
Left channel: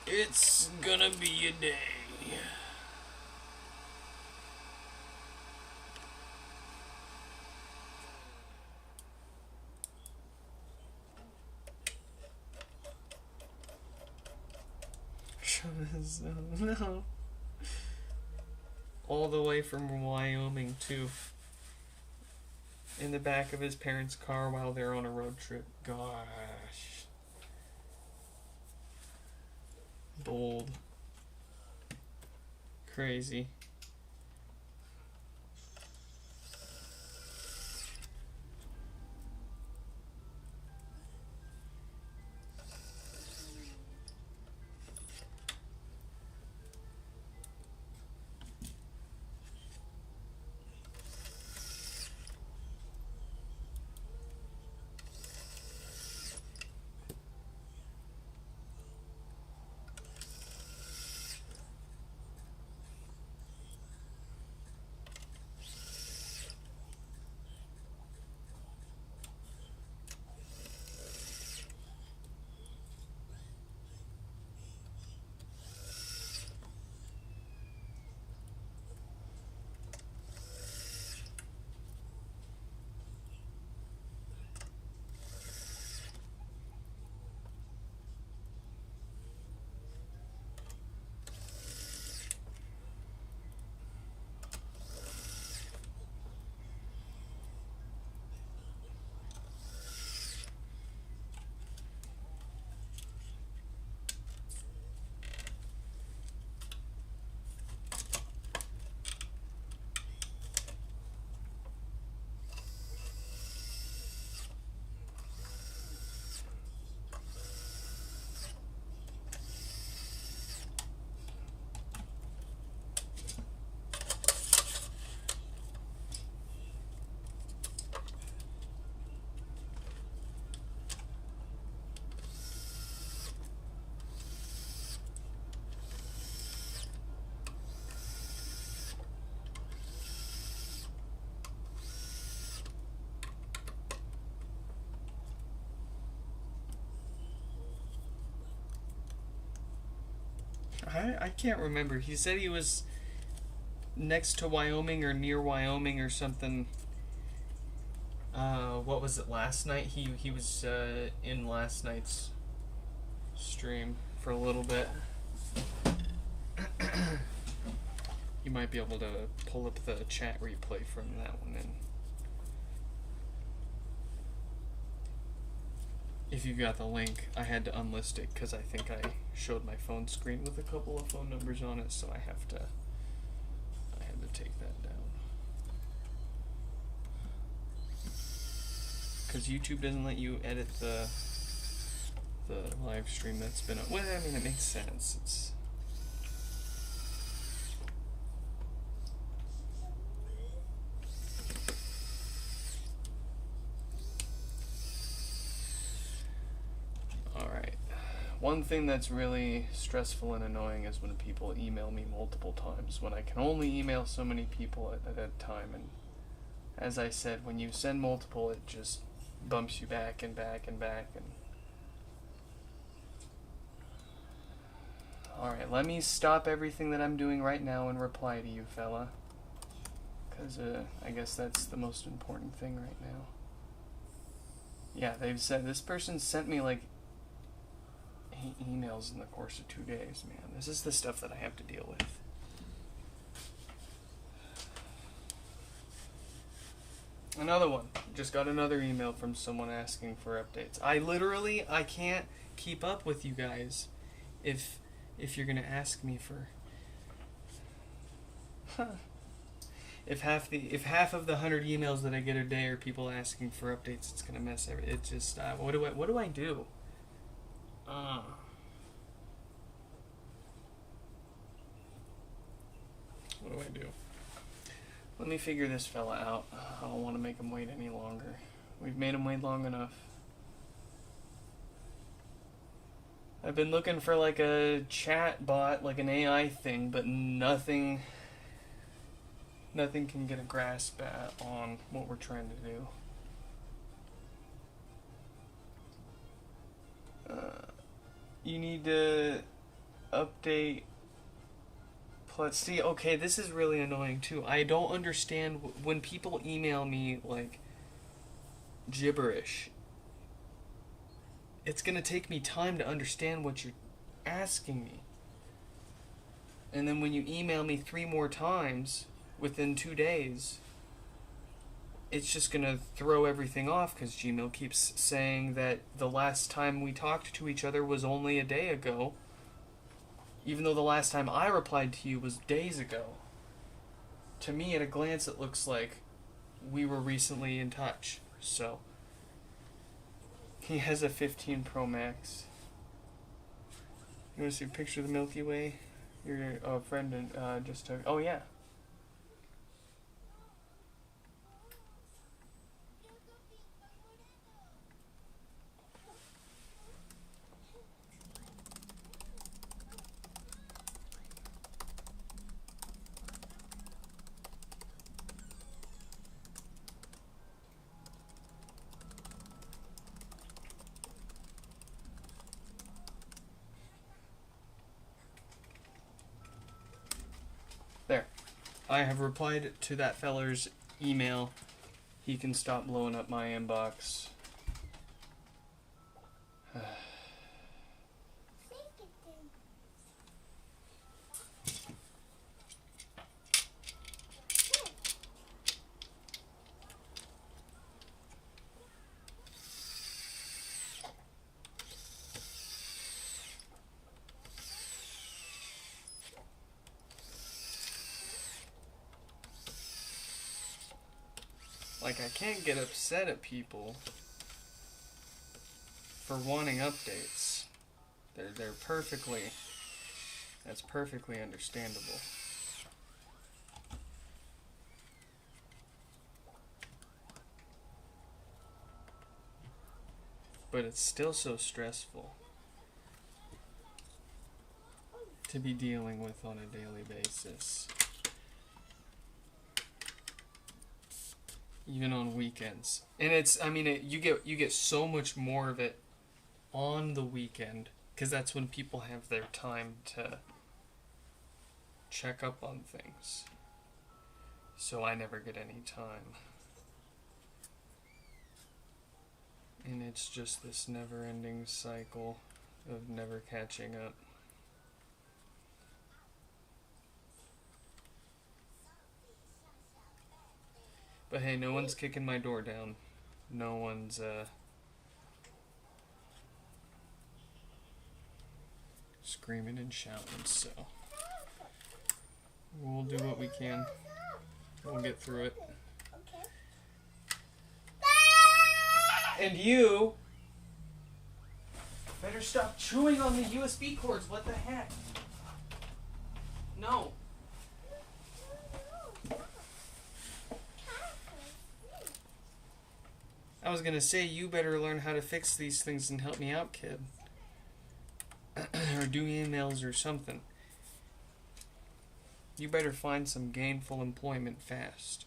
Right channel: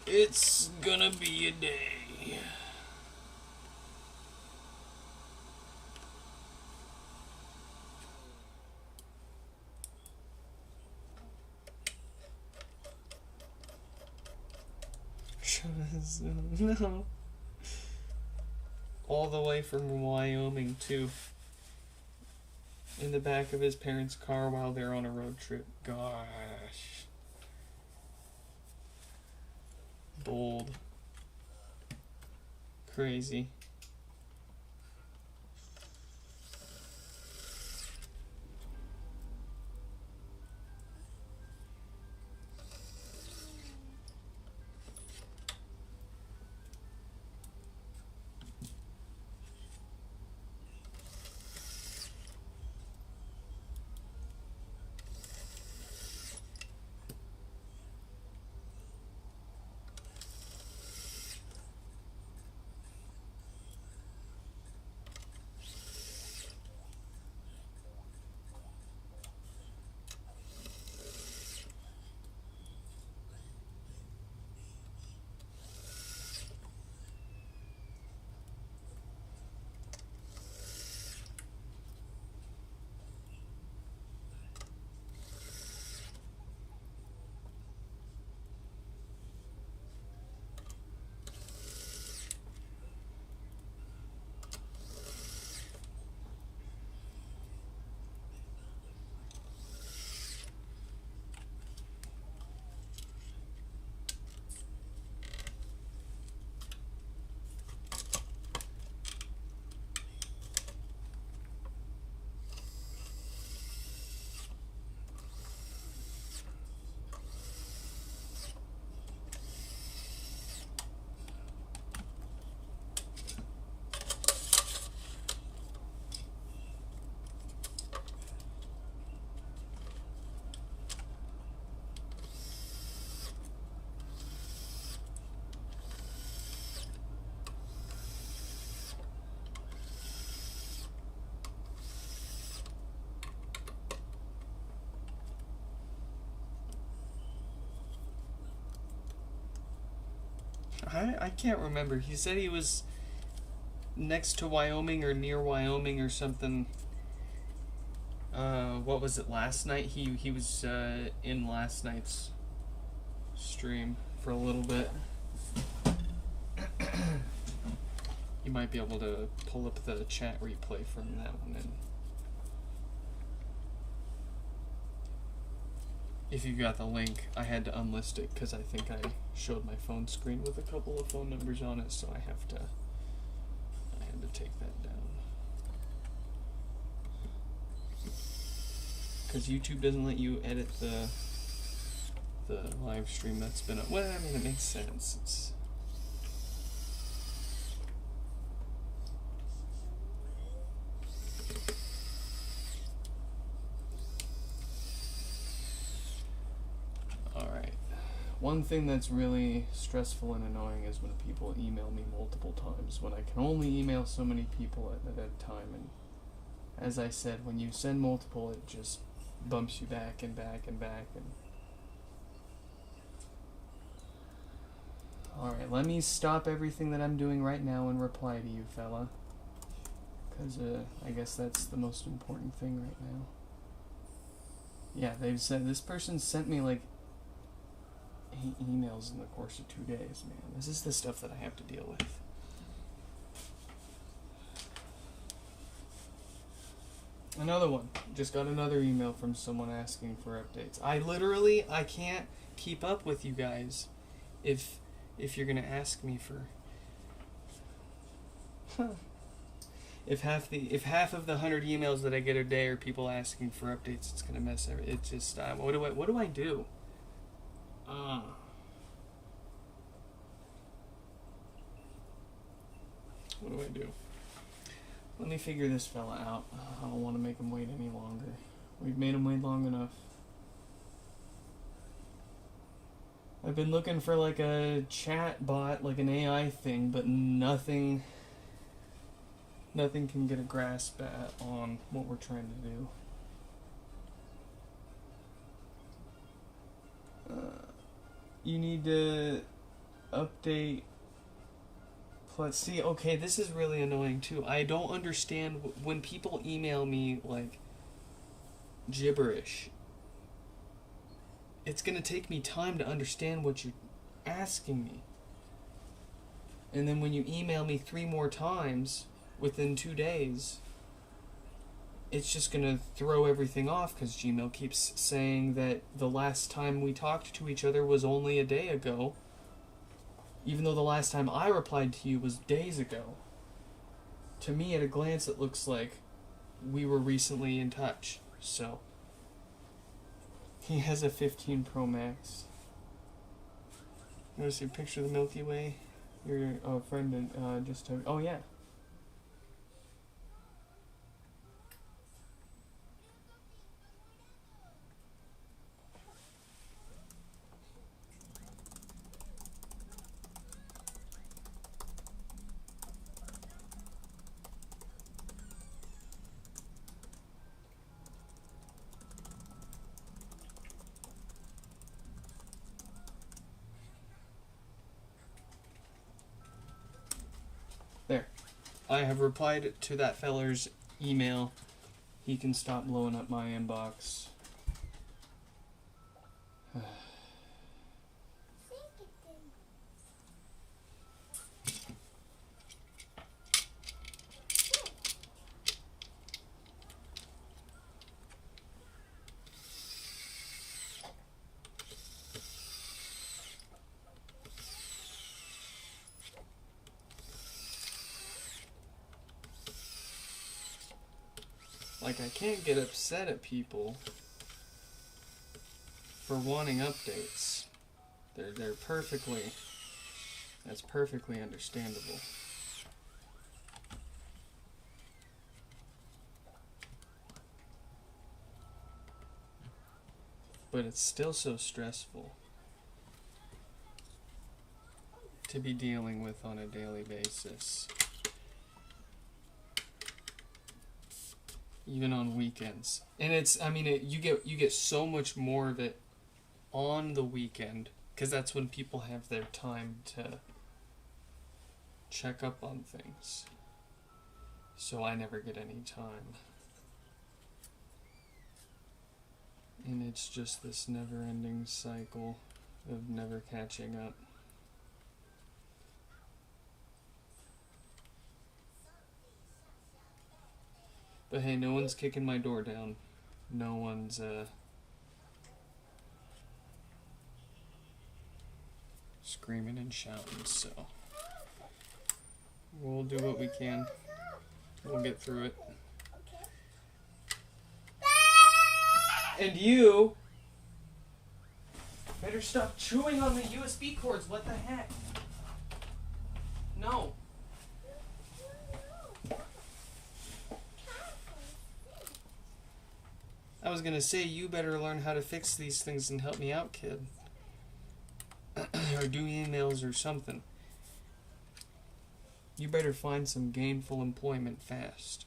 It's gonna be a day. No. All the way from Wyoming too. In the back of his parents' car while they're on a road trip. Gosh. Bold. Crazy. I can't remember. He said he was next to Wyoming or near Wyoming or something. What was it, last night? He was in last night's stream for a little bit. You might be able to pull up the chat replay from that one and if you got the link, I had to unlist it because I think I showed my phone screen with a couple of phone numbers on it, so I had to take that down. Because YouTube doesn't let you edit the live stream that's been up. Well, I mean, it makes sense. It's alright. One thing that's really stressful and annoying is when people email me multiple times, when I can only email so many people at a time. And as I said, when you send multiple, it just bumps you back and back and back. And alright, let me stop everything that I'm doing right now and reply to you, fella. Because I guess that's the most important thing right now. Yeah, they've said, this person sent me like 8 emails in the course of 2 days, man. This is the stuff that I have to deal with. Another one. Just got another email from someone asking for updates. I can't keep up with you guys if you're gonna ask me for if half of the 100 emails that I get a day are people asking for updates, it's gonna mess everything. It's just what do I do? What do I do? Let me figure this fella out. I don't want to make him wait any longer. We've made him wait long enough. I've been looking for like a chat bot, like an AI thing, but nothing can get a grasp on what we're trying to do. You need to update. Let's see. Okay, this is really annoying too. I don't understand when people email me like gibberish. It's gonna take me time to understand what you're asking me. And then when you email me 3 more times within 2 days, it's just gonna throw everything off because Gmail keeps saying that the last time we talked to each other was only a day ago, even though the last time I replied to you was days ago. To me, at a glance, it looks like we were recently in touch. So he has a 15 Pro Max. You want to see a picture of the Milky Way? Your friend just took. Oh yeah. There. I have replied to that feller's email. He can stop blowing up my inbox. Like, I can't get upset at people for wanting updates. They're perfectly, that's perfectly understandable. But it's still so stressful to be dealing with on a daily basis. Even on weekends. And it's, I mean, you get so much more of it on the weekend, because that's when people have their time check up on things. So I never get any time. And it's just this never-ending cycle of never catching up. But hey, no one's kicking my door down. No one's, screaming and shouting, so we'll do what we can. We'll get through it. And you better stop chewing on the USB cords. What the heck? No. I was gonna say, you better learn how to fix these things and help me out, kid. Or do emails or something. You better find some gainful employment fast.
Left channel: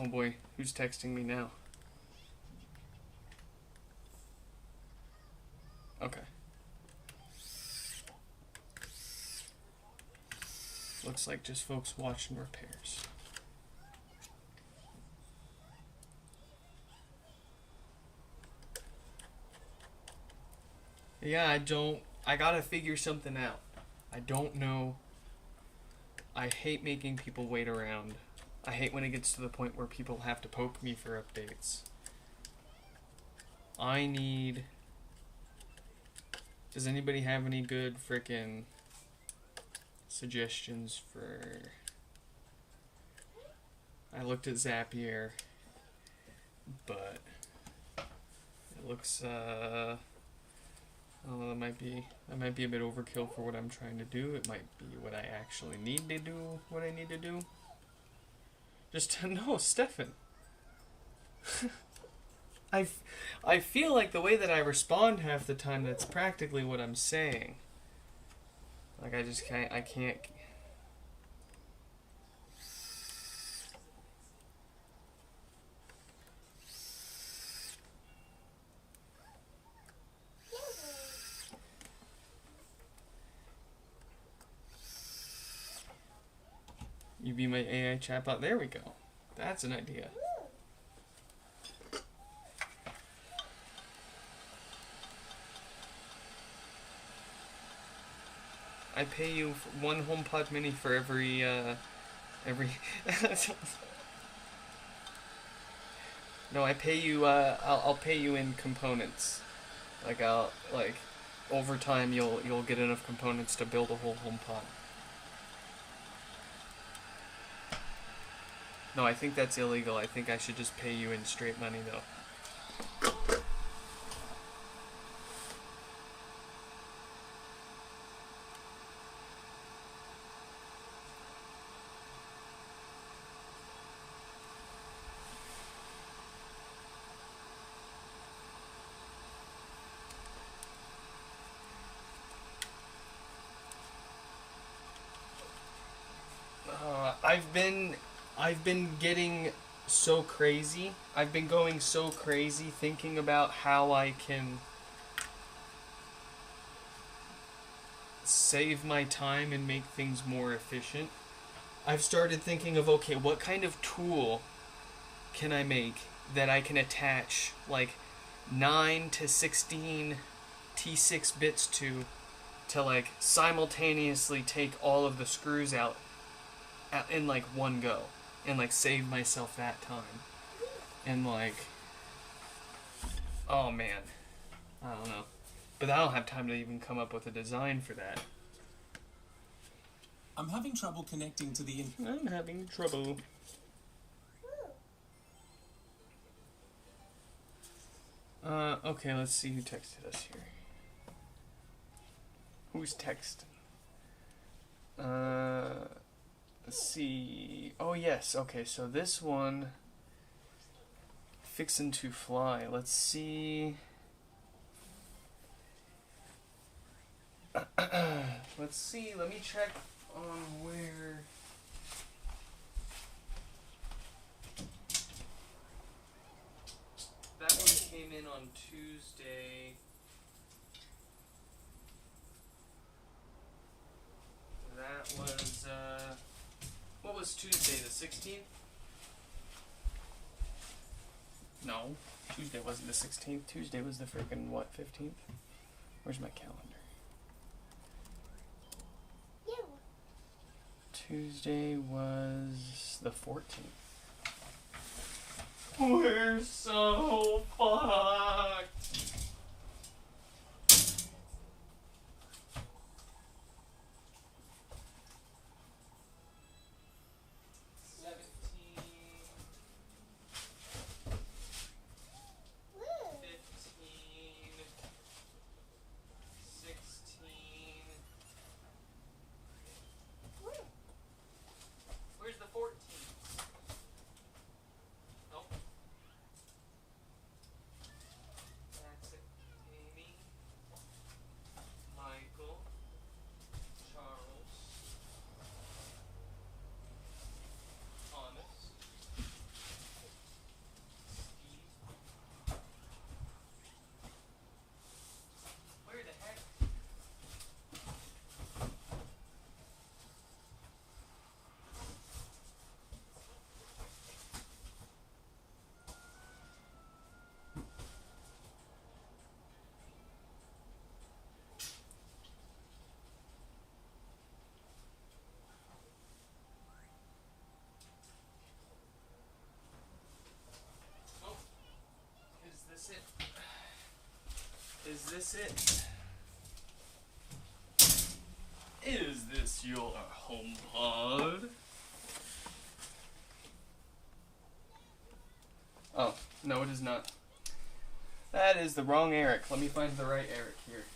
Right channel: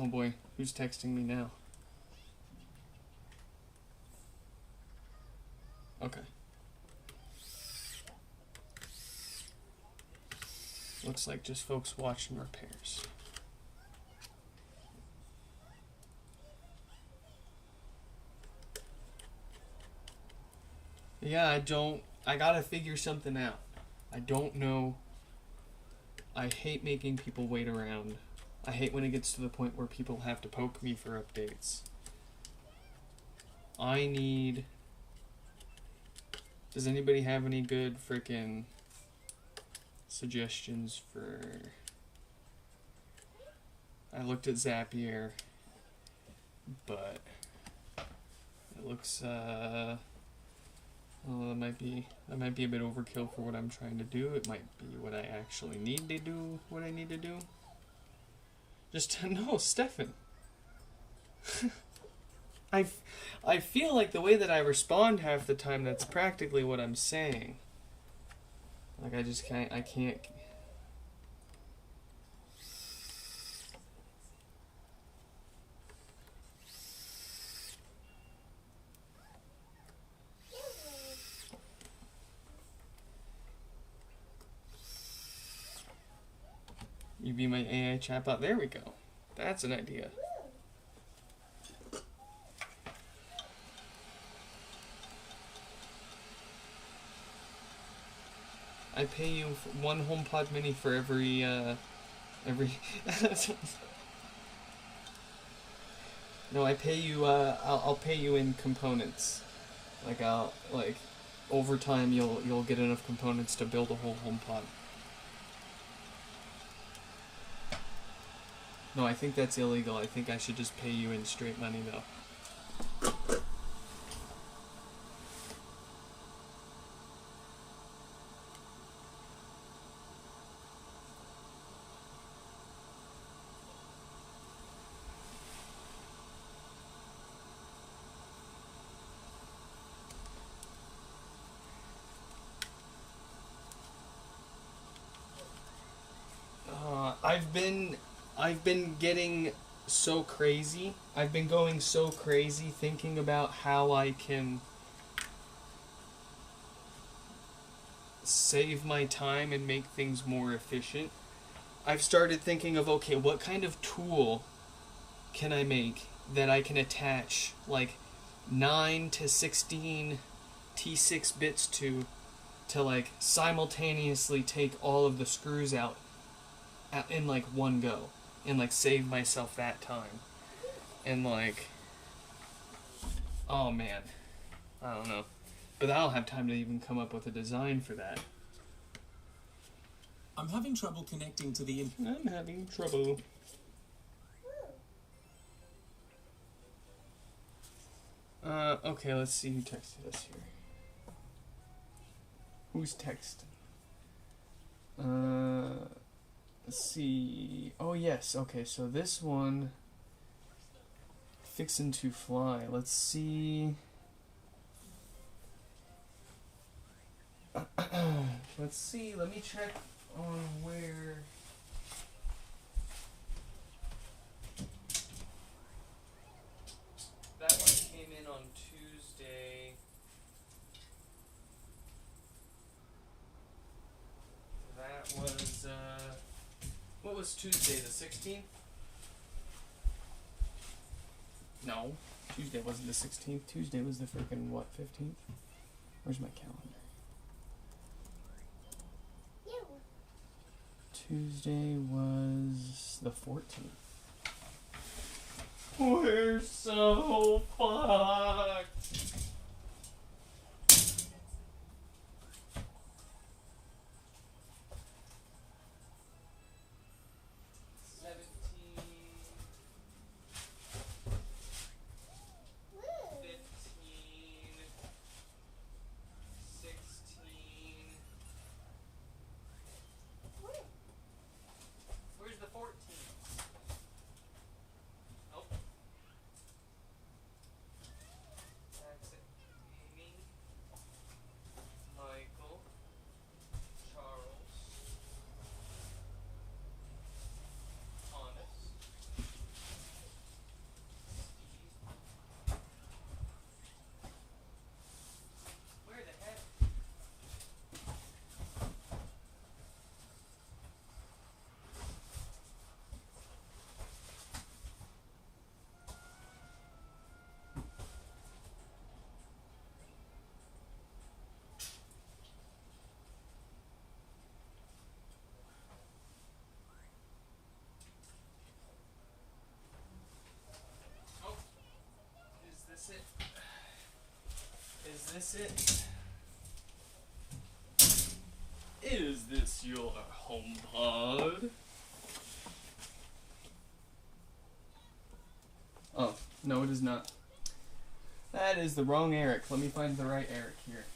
Oh boy, who's texting me now? Okay. Looks like just folks watching repairs. Yeah, I gotta figure something out. I don't know. I hate making people wait around. I hate when it gets to the point where people have to poke me for updates. Does anybody have any good frickin' suggestions for... I looked at Zapier, but it looks, oh, that might be a bit overkill for what I'm trying to do. It might be what I actually need to do, what I need to do. Just no, Stefan. I feel like the way that I respond half the time, that's practically what I'm saying. Like, I can't. You be my AI chatbot. There we go. That's an idea. I pay you one HomePod mini for every No, I pay you, I'll pay you in components. Like, over time you'll get enough components to build a whole HomePod. No, I think that's illegal. I think I should just pay you in straight money, though. I've been getting so crazy. I've been going so crazy thinking about how I can save my time and make things more efficient. I've started thinking of, okay, what kind of tool can I make that I can attach like 9 to 16 T6 bits to like simultaneously take all of the screws out in like one go and like save myself that time. And like, oh man, I don't know, but I don't have time to even come up with a design for that. I'm having trouble connecting to the I'm having trouble. Okay, let's see who texted us here. Who's texting? Let's see. Oh, yes. Okay, so this one fixin' to fly. Let's see. Let's see. Let me check on where. That one came in on Tuesday. That was, what was Tuesday, the 16th? No, Tuesday wasn't the 16th. Tuesday was the freaking, what, 15th? Where's my calendar? Tuesday was the 14th. We're so fucked. Where's the 14th? Nope. That's it. Amy, Michael, Charles, Thomas, Steve. Where the heck? Is this it? Is this your HomePod? Oh, no it is not. That is the wrong Eric. Let me find the right Eric here.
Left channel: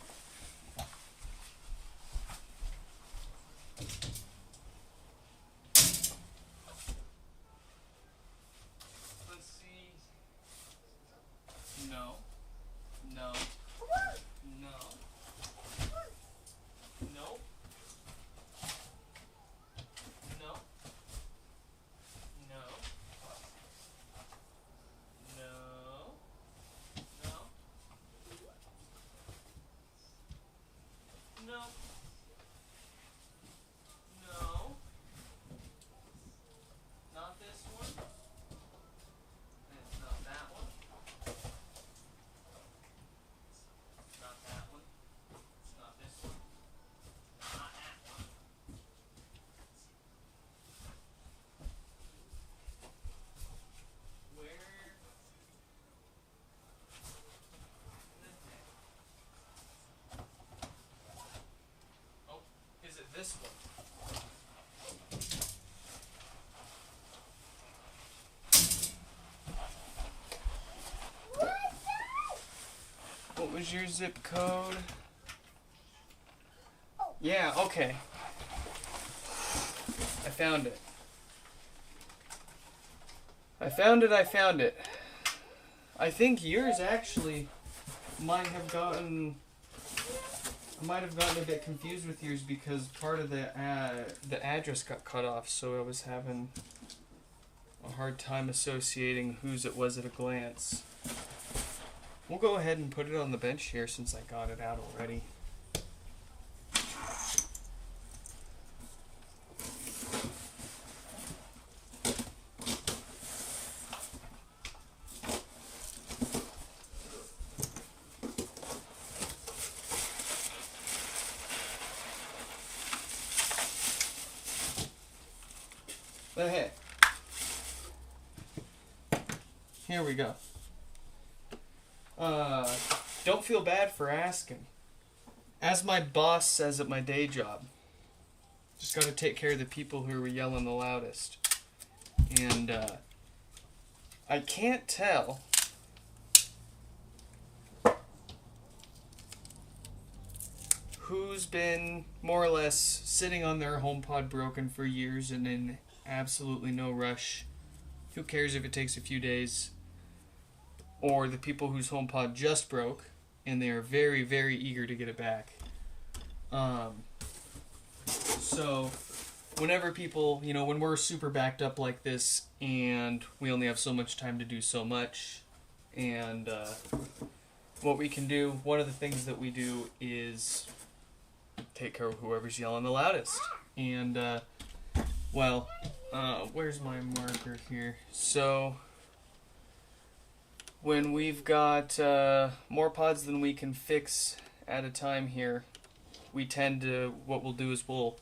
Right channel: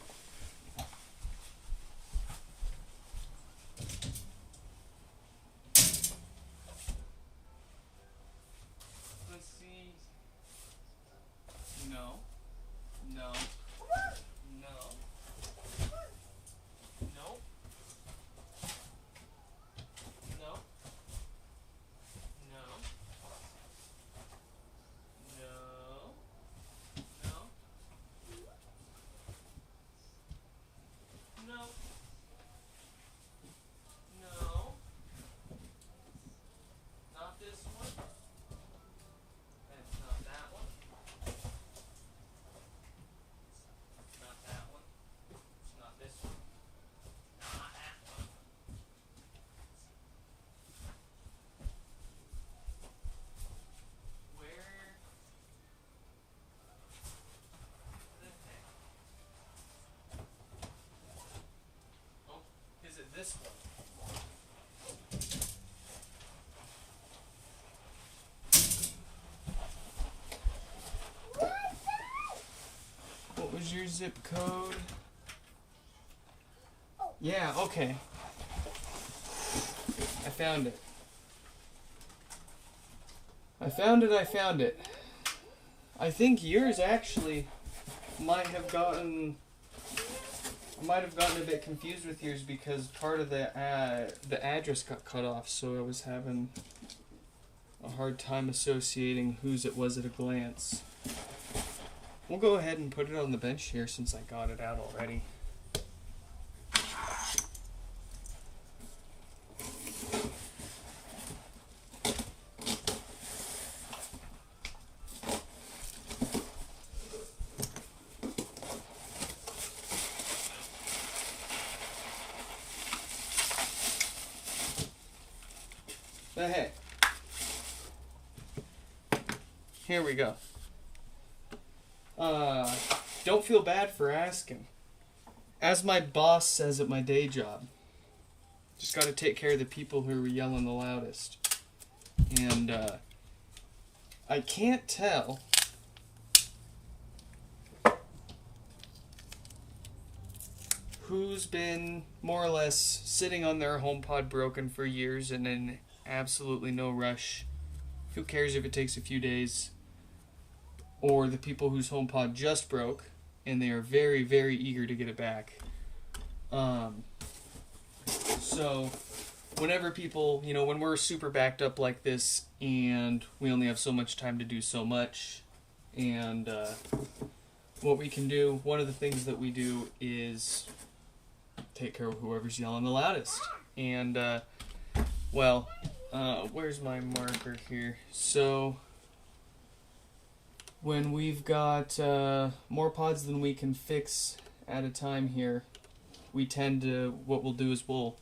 Let's see. No. No. No. Nope. No. No. No. No. No. No. Not this one. It's not that one. Not that one. It's not this one. Not that one. Where the heck? Oh, is it this one? What was your zip code? Yeah, okay. I found it. I found it. I think yours actually might have gotten... I might have gotten a bit confused with yours because part of the address got cut off, so I was having a hard time associating whose it was at a glance. We'll go ahead and put it on the bench here since I got it out already. But hey, here we go. Don't feel bad for asking. As my boss says at my day job, just gotta take care of the people who are yelling the loudest. And, I can't tell who's been more or less sitting on their HomePod broken for years and in absolutely no rush. Who cares if it takes a few days? or the people whose HomePod just broke, and they are very, very eager to get it back. So whenever people, when we're super backed up like this, and we only have so much time to do so much, and what we can do, one of the things that we do is take care of whoever's yelling the loudest. And, where's my marker here? So, when we've got more pods than we can fix at a time here, what we'll do is we'll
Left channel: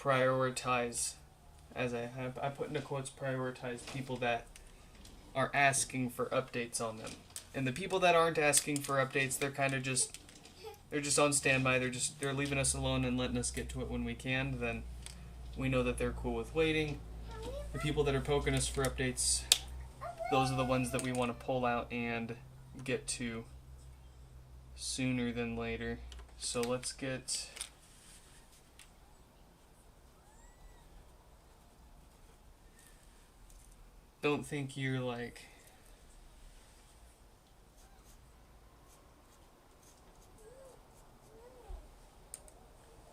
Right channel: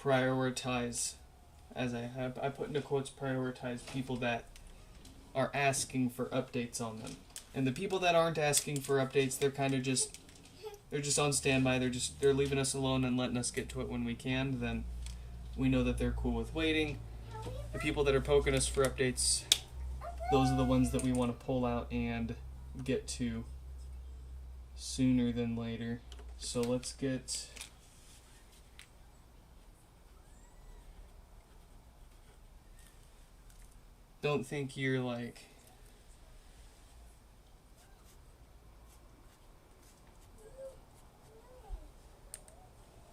prioritize, I put into quotes, prioritize people that are asking for updates on them. And the people that aren't asking for updates, they're kind of they're just on standby. They're leaving us alone and letting us get to it when we can. Then we know that they're cool with waiting. The people that are poking us for updates, those are the ones that we want to pull out and get to sooner than later. So let's get... Don't think you're like...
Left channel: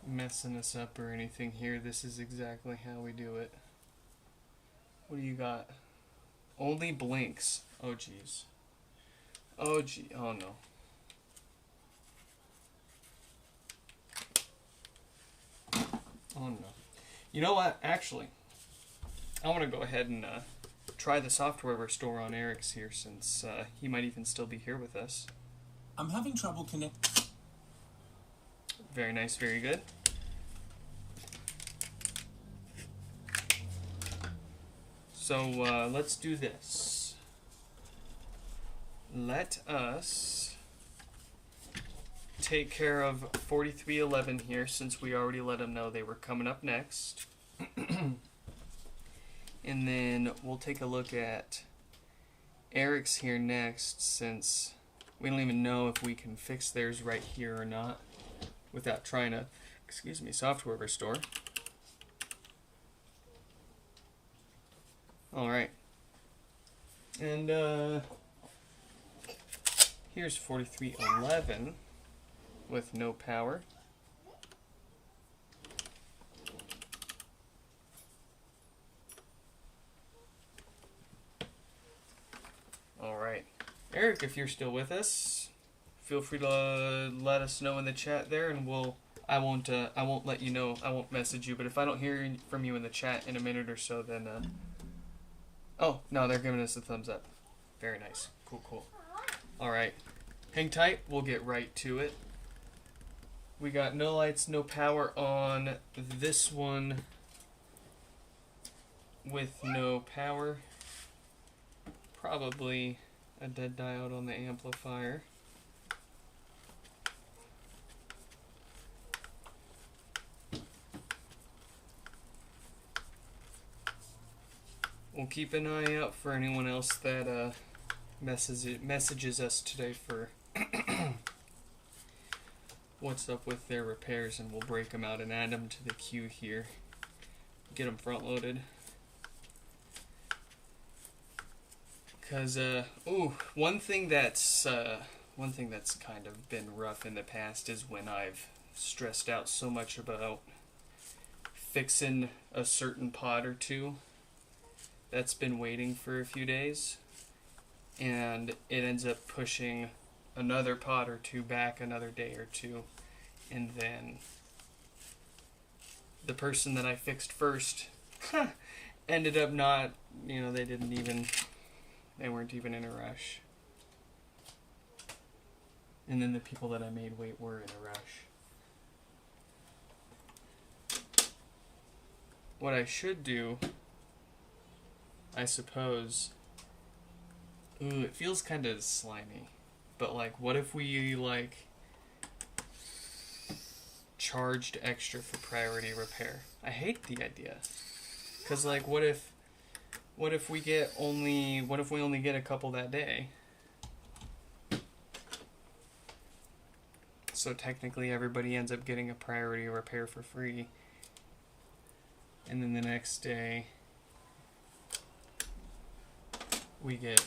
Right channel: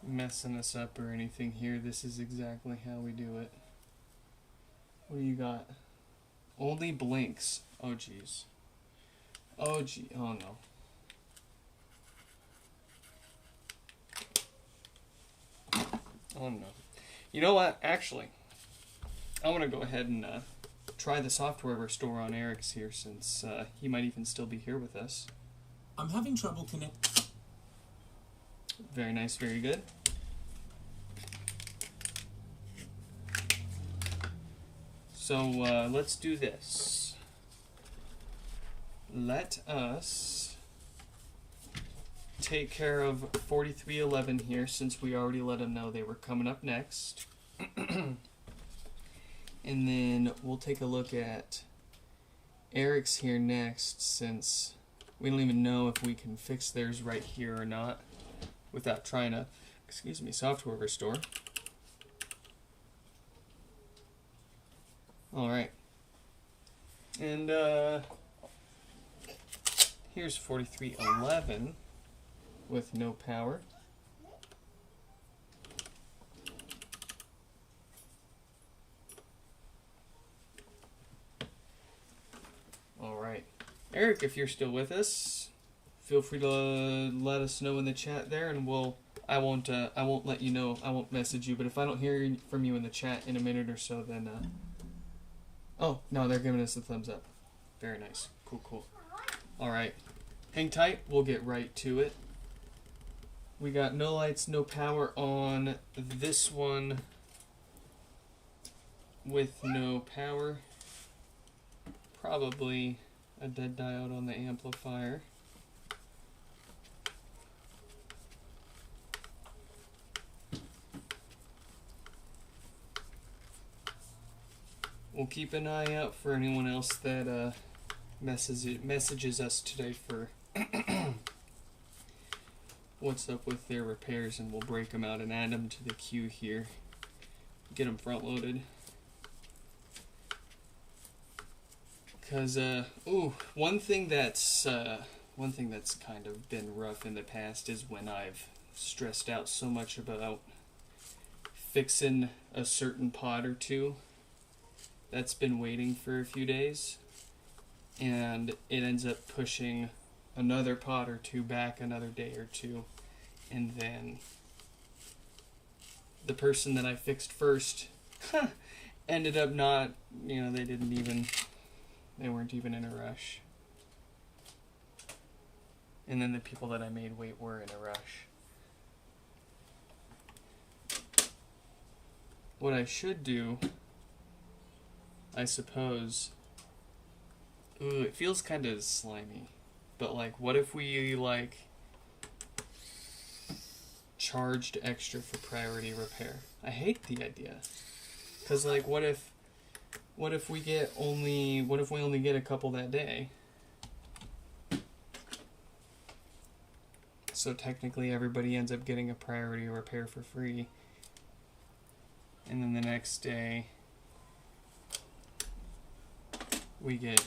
messing us up or anything here. This is exactly how we do it. What do you got? Only blinks. Oh geez. Oh no. Oh no. You know what? Actually, I'm gonna go ahead and try the software restore on Eric's here, since he might even still be here with us. I'm having trouble connecting. Very nice, very good. So let's do this. Let us take care of 4311 here, since we already let them know they were coming up next. And then we'll take a look at Eric's here next, since we don't even know if we can fix theirs right here or not without trying to, software restore. Alright. And here's 4311 with no power. Alright. Eric, if you're still with us, feel free to let us know in the chat there, and I won't let you know, I won't message you, but if I don't hear from you in the chat in a minute or so, then oh, no, they're giving us a thumbs up. Very nice. Cool. Alright. Hang tight. We'll get right to it. We got no lights, no power on this one with no power. Probably a dead diode on the amplifier. We'll keep an eye out for anyone else that messages us today for what's up with their repairs, and we'll break them out and add them to the queue here. Get them front loaded. Because one thing that's kind of been rough in the past is when I've stressed out so much about fixing a certain pod or two that's been waiting for a few days, and it ends up pushing another pod or two back another day or two, and then the person that I fixed first ended up not, they weren't even in a rush. And then the people that I made wait were in a rush. What I should do, I suppose... Ooh, it feels kind of slimy. But, what if we, charged extra for priority repair? I hate the idea. Because, what if we only get a couple that day? So technically everybody ends up getting a priority repair for free. And then the next day we get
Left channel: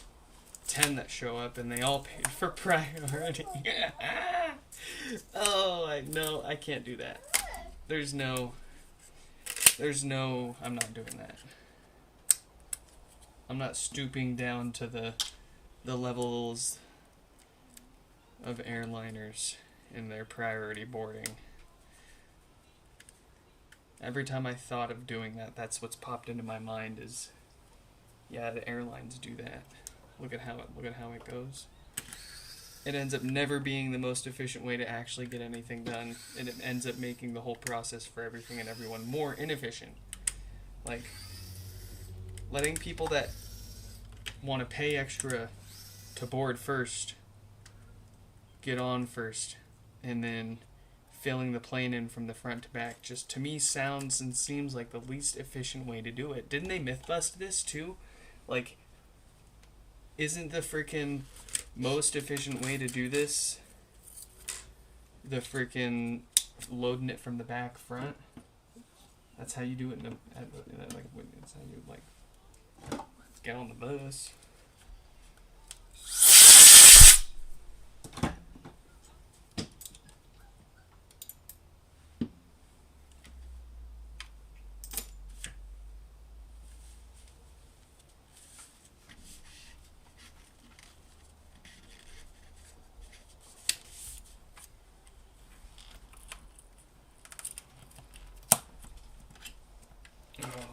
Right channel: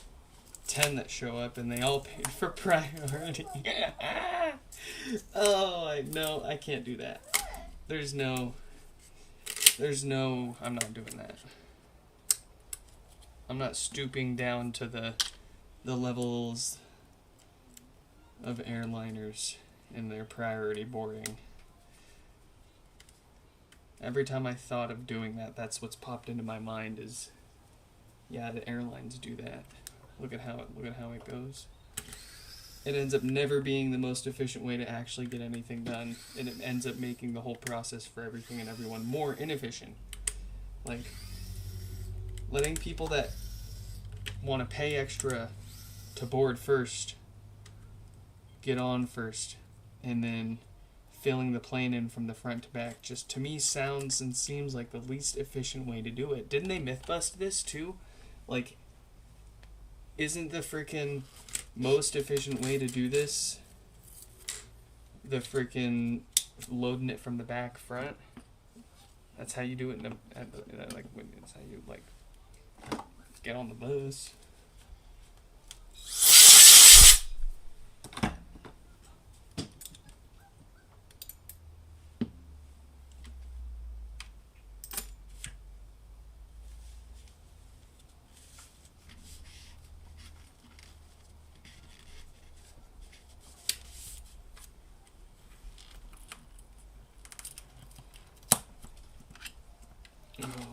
10 that show up, and they all paid for priority. Oh, I can't do that. There's no, I'm not doing that. I'm not stooping down to the levels of airliners in their priority boarding. Every time I thought of doing that, that's what's popped into my mind is, yeah, the airlines do that. Look at how it goes. It ends up never being the most efficient way to actually get anything done, and it ends up making the whole process for everything and everyone more inefficient. Like, letting people that want to pay extra to board first get on first, and then filling the plane in from the front to back, just to me sounds and seems like the least efficient way to do it. Didn't they myth bust this too? Like, isn't the freaking most efficient way to do this the freaking loading it from the back front? That's how you do it it's how you like get on the bus.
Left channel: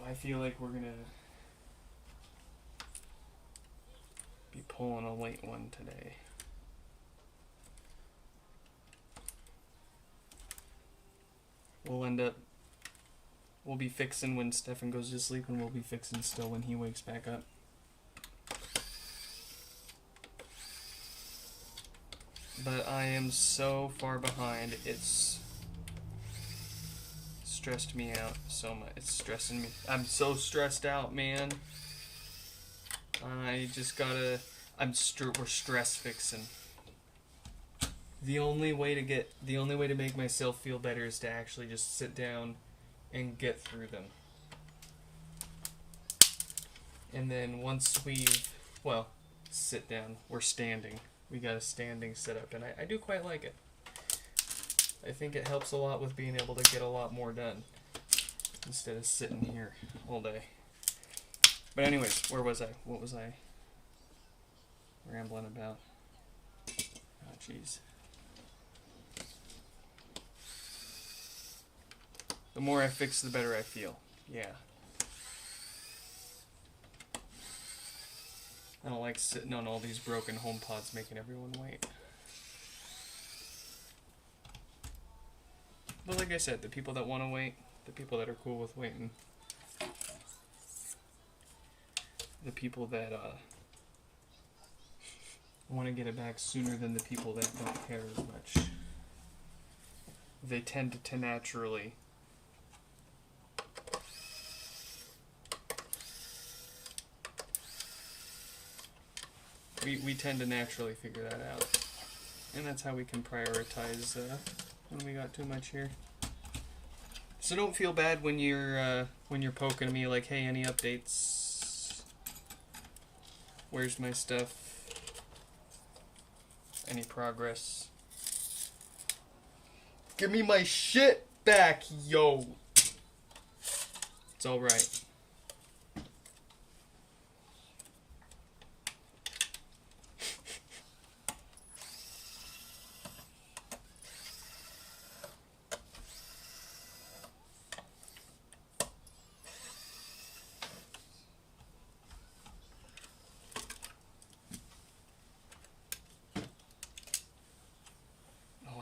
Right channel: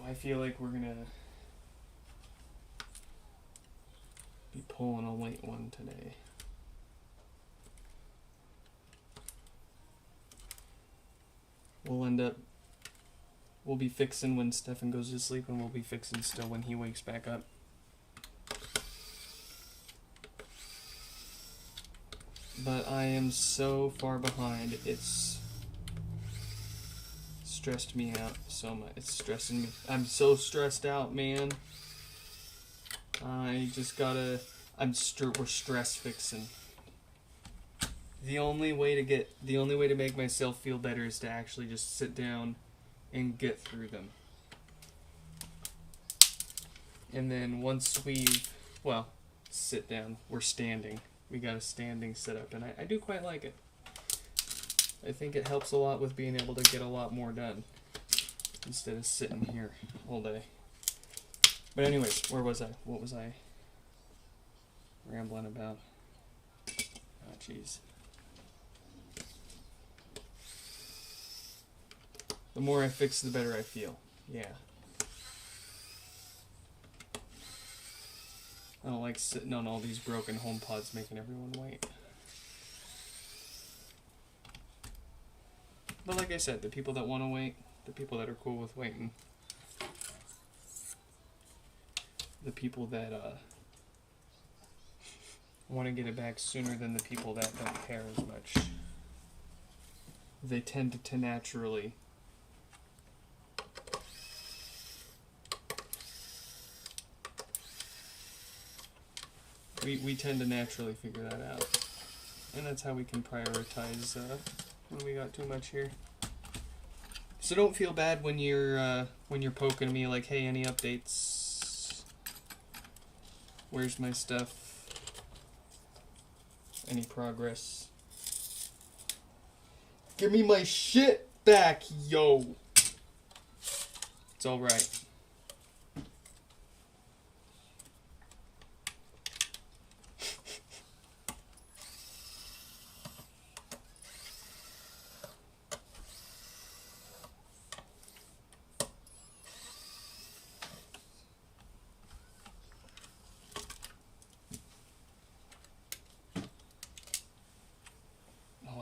I feel like we're gonna be pulling a late one today. We'll be fixing when Stefan goes to sleep, and we'll be fixing still when he wakes back up. But I am so far behind, it's stressed me out so much. It's stressing me. I'm so stressed out, man. I just gotta. We're stress fixing. The only way to make myself feel better is to actually just sit down and get through them. And then once sit down. We're standing. We got a standing setup, and I do quite like it. I think it helps a lot with being able to get a lot more done instead of sitting here all day. But anyways, where was I? What was I rambling about? Oh, jeez. The more I fix, the better I feel. Yeah. I don't like sitting on all these broken HomePods making everyone wait. But like I said, the people that want to wait, the people that are cool with waiting, the people that want to get it back sooner than the people that don't care as much, they tend to naturally we tend to naturally figure that out, and that's how we can prioritize when we got too much here. So don't feel bad when you're poking me like, hey, any updates? Where's my stuff? Any progress? Give me my shit back, yo! It's alright.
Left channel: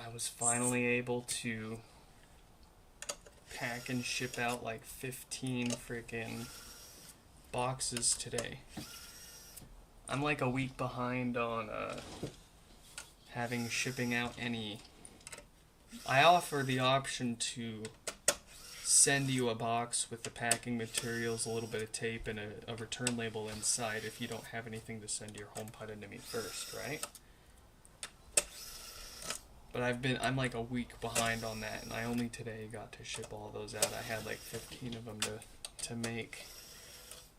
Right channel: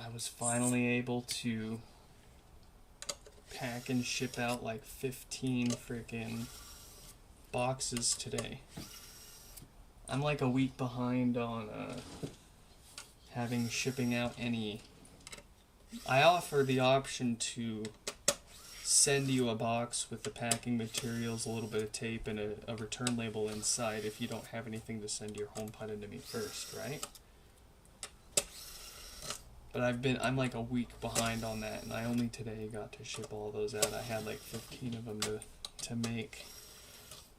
I was finally able to pack and ship out like 15 freaking boxes today. I'm like a week behind on having shipping out any. I offer the option to send you a box with the packing materials, a little bit of tape, and a return label inside if you don't have anything to send your HomePod into me first, right? But I'm like a week behind on that, and I only today got to ship all those out. I had like 15 of them to make.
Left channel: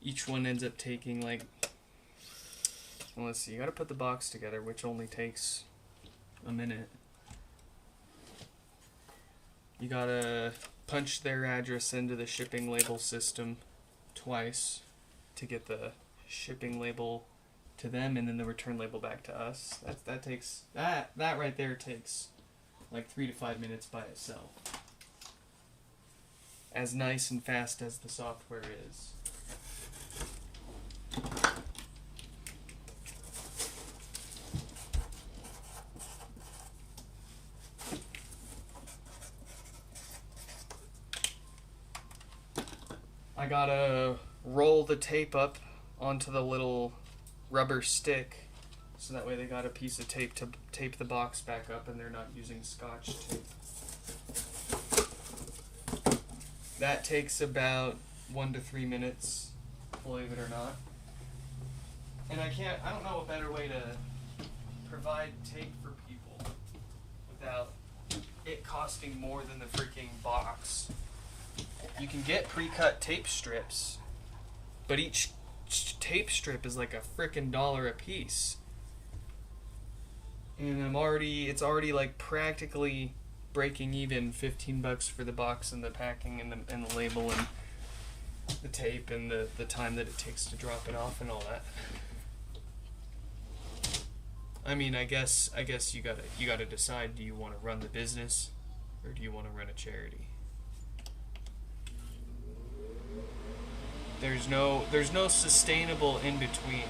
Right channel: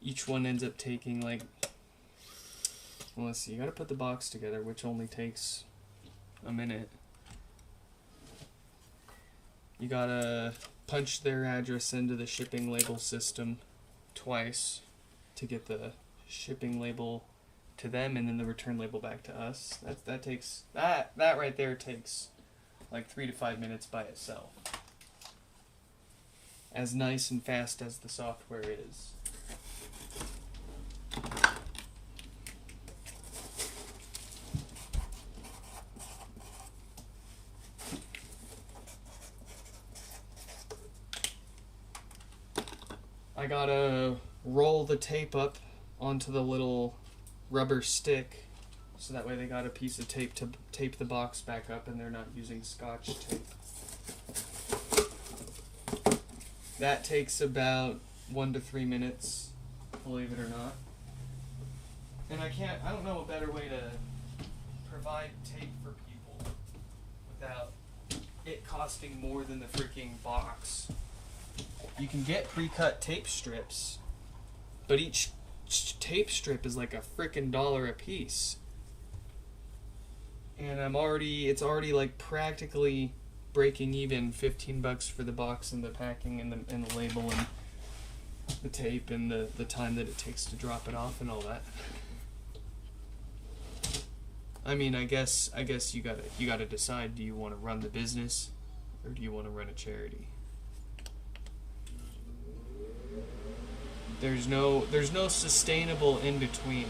Each one ends up taking like Well, let's see. You gotta put the box together, which only takes a minute. You gotta punch their address into the shipping label system twice to get the shipping label to them and then the return label back to us. That right there takes like 3 to 5 minutes by itself. As nice and fast as the software is. I gotta roll the tape up onto the little rubber stick so that way they got a piece of tape to tape the box back up and they're not using Scotch tape. That takes about 1 to 3 minutes, believe it or not. And I don't know a better way to provide tape for people without it costing more than the freaking box. You can get pre-cut tape strips, but each tape strip is like a frickin' $1 a piece. And it's already like practically breaking even. $15 for the box and the packing and the label and the tape and the time that it takes to drop it off and all that. I mean, I guess you gotta decide, do you want to run the business or do you want to run a charity? There's no sustainable in between.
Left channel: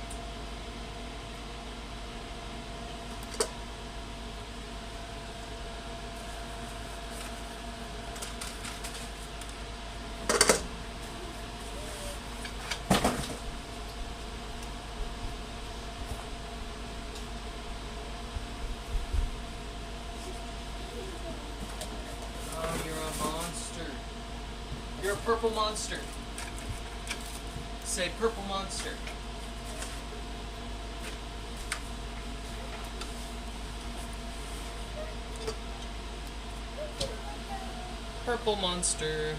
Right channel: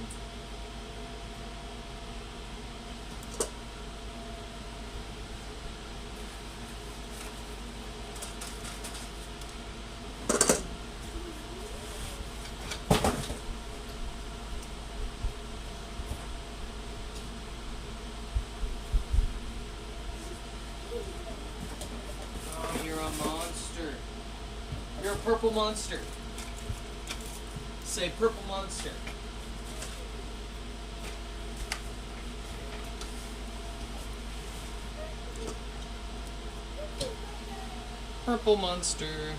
Oh, you're a monster. You're a purple monster. Say purple monster. Purple monster.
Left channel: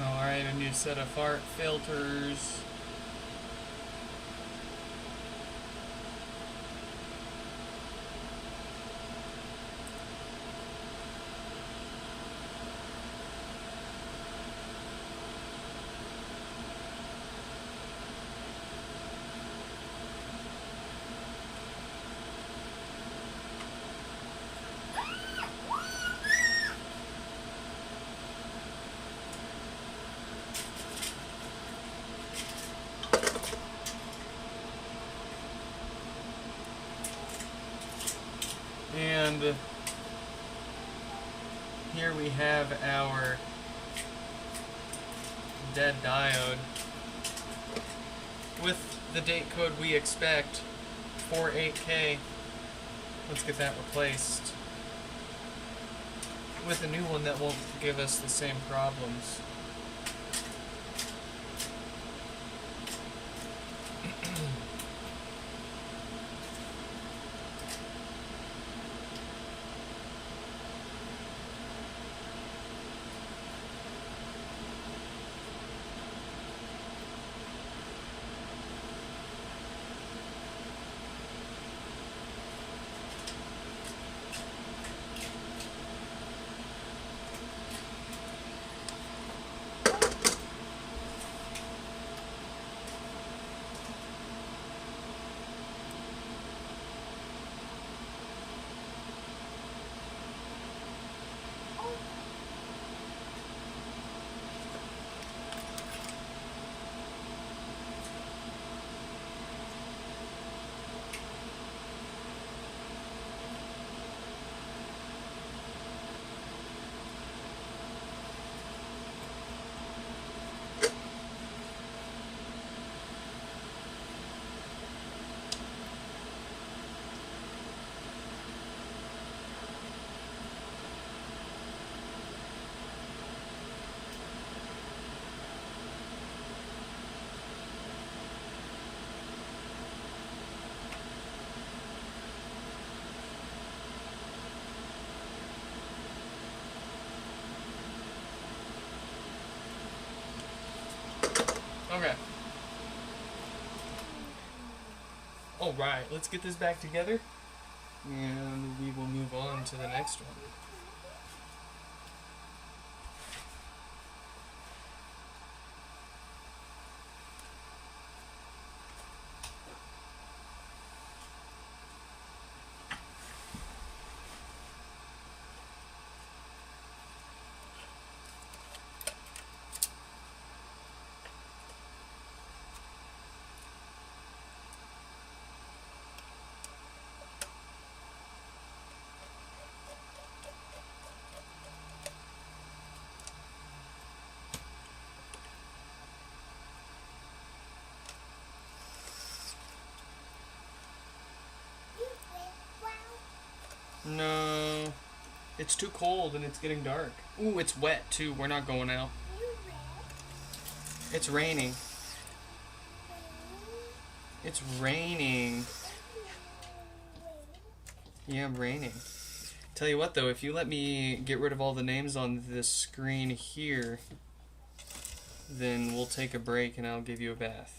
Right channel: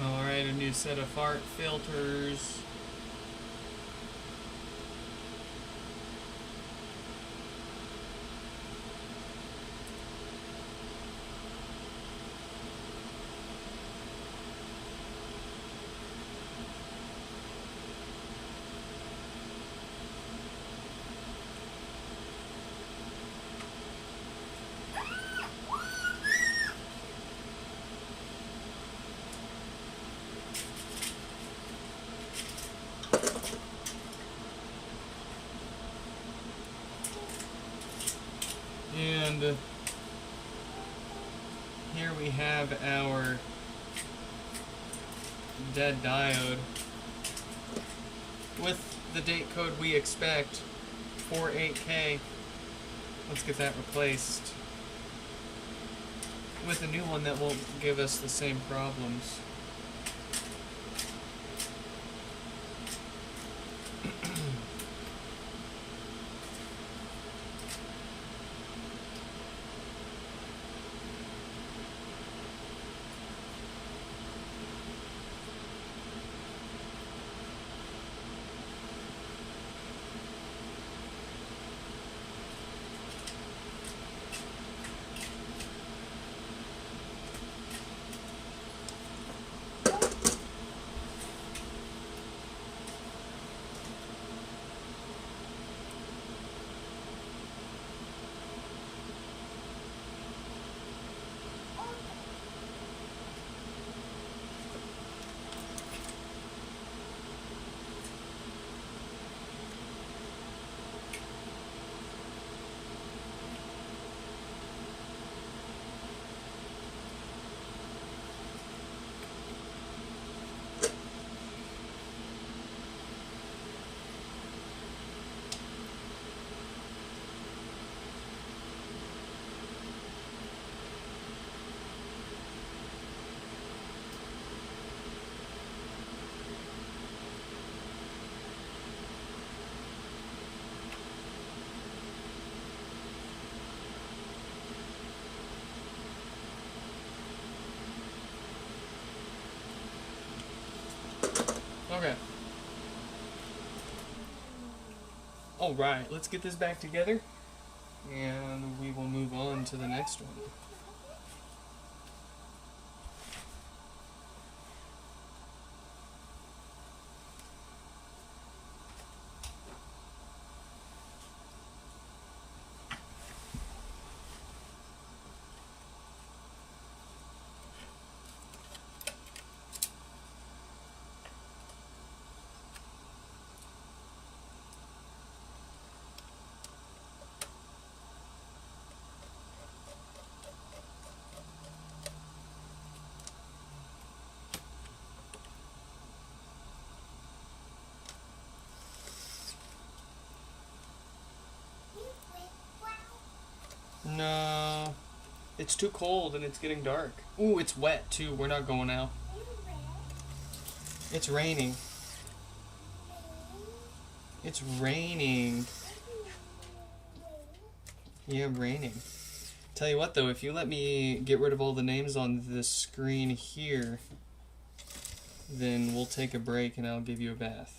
Alright, a new set of fart filters. And here we have our dead diode with the date code we expect for 8K. Let's get that replaced with a new one that won't give us the same problems. Okay. Alright, let's get this back together, and we will move on to the next one. No, it's too cold and it's getting dark. Ooh, it's wet too. We're not going out. It's raining. It's raining. Yeah, raining. Tell you what though, if you let me get rid of all the names on this screen here, then we'll take a break and I'll give you a bath.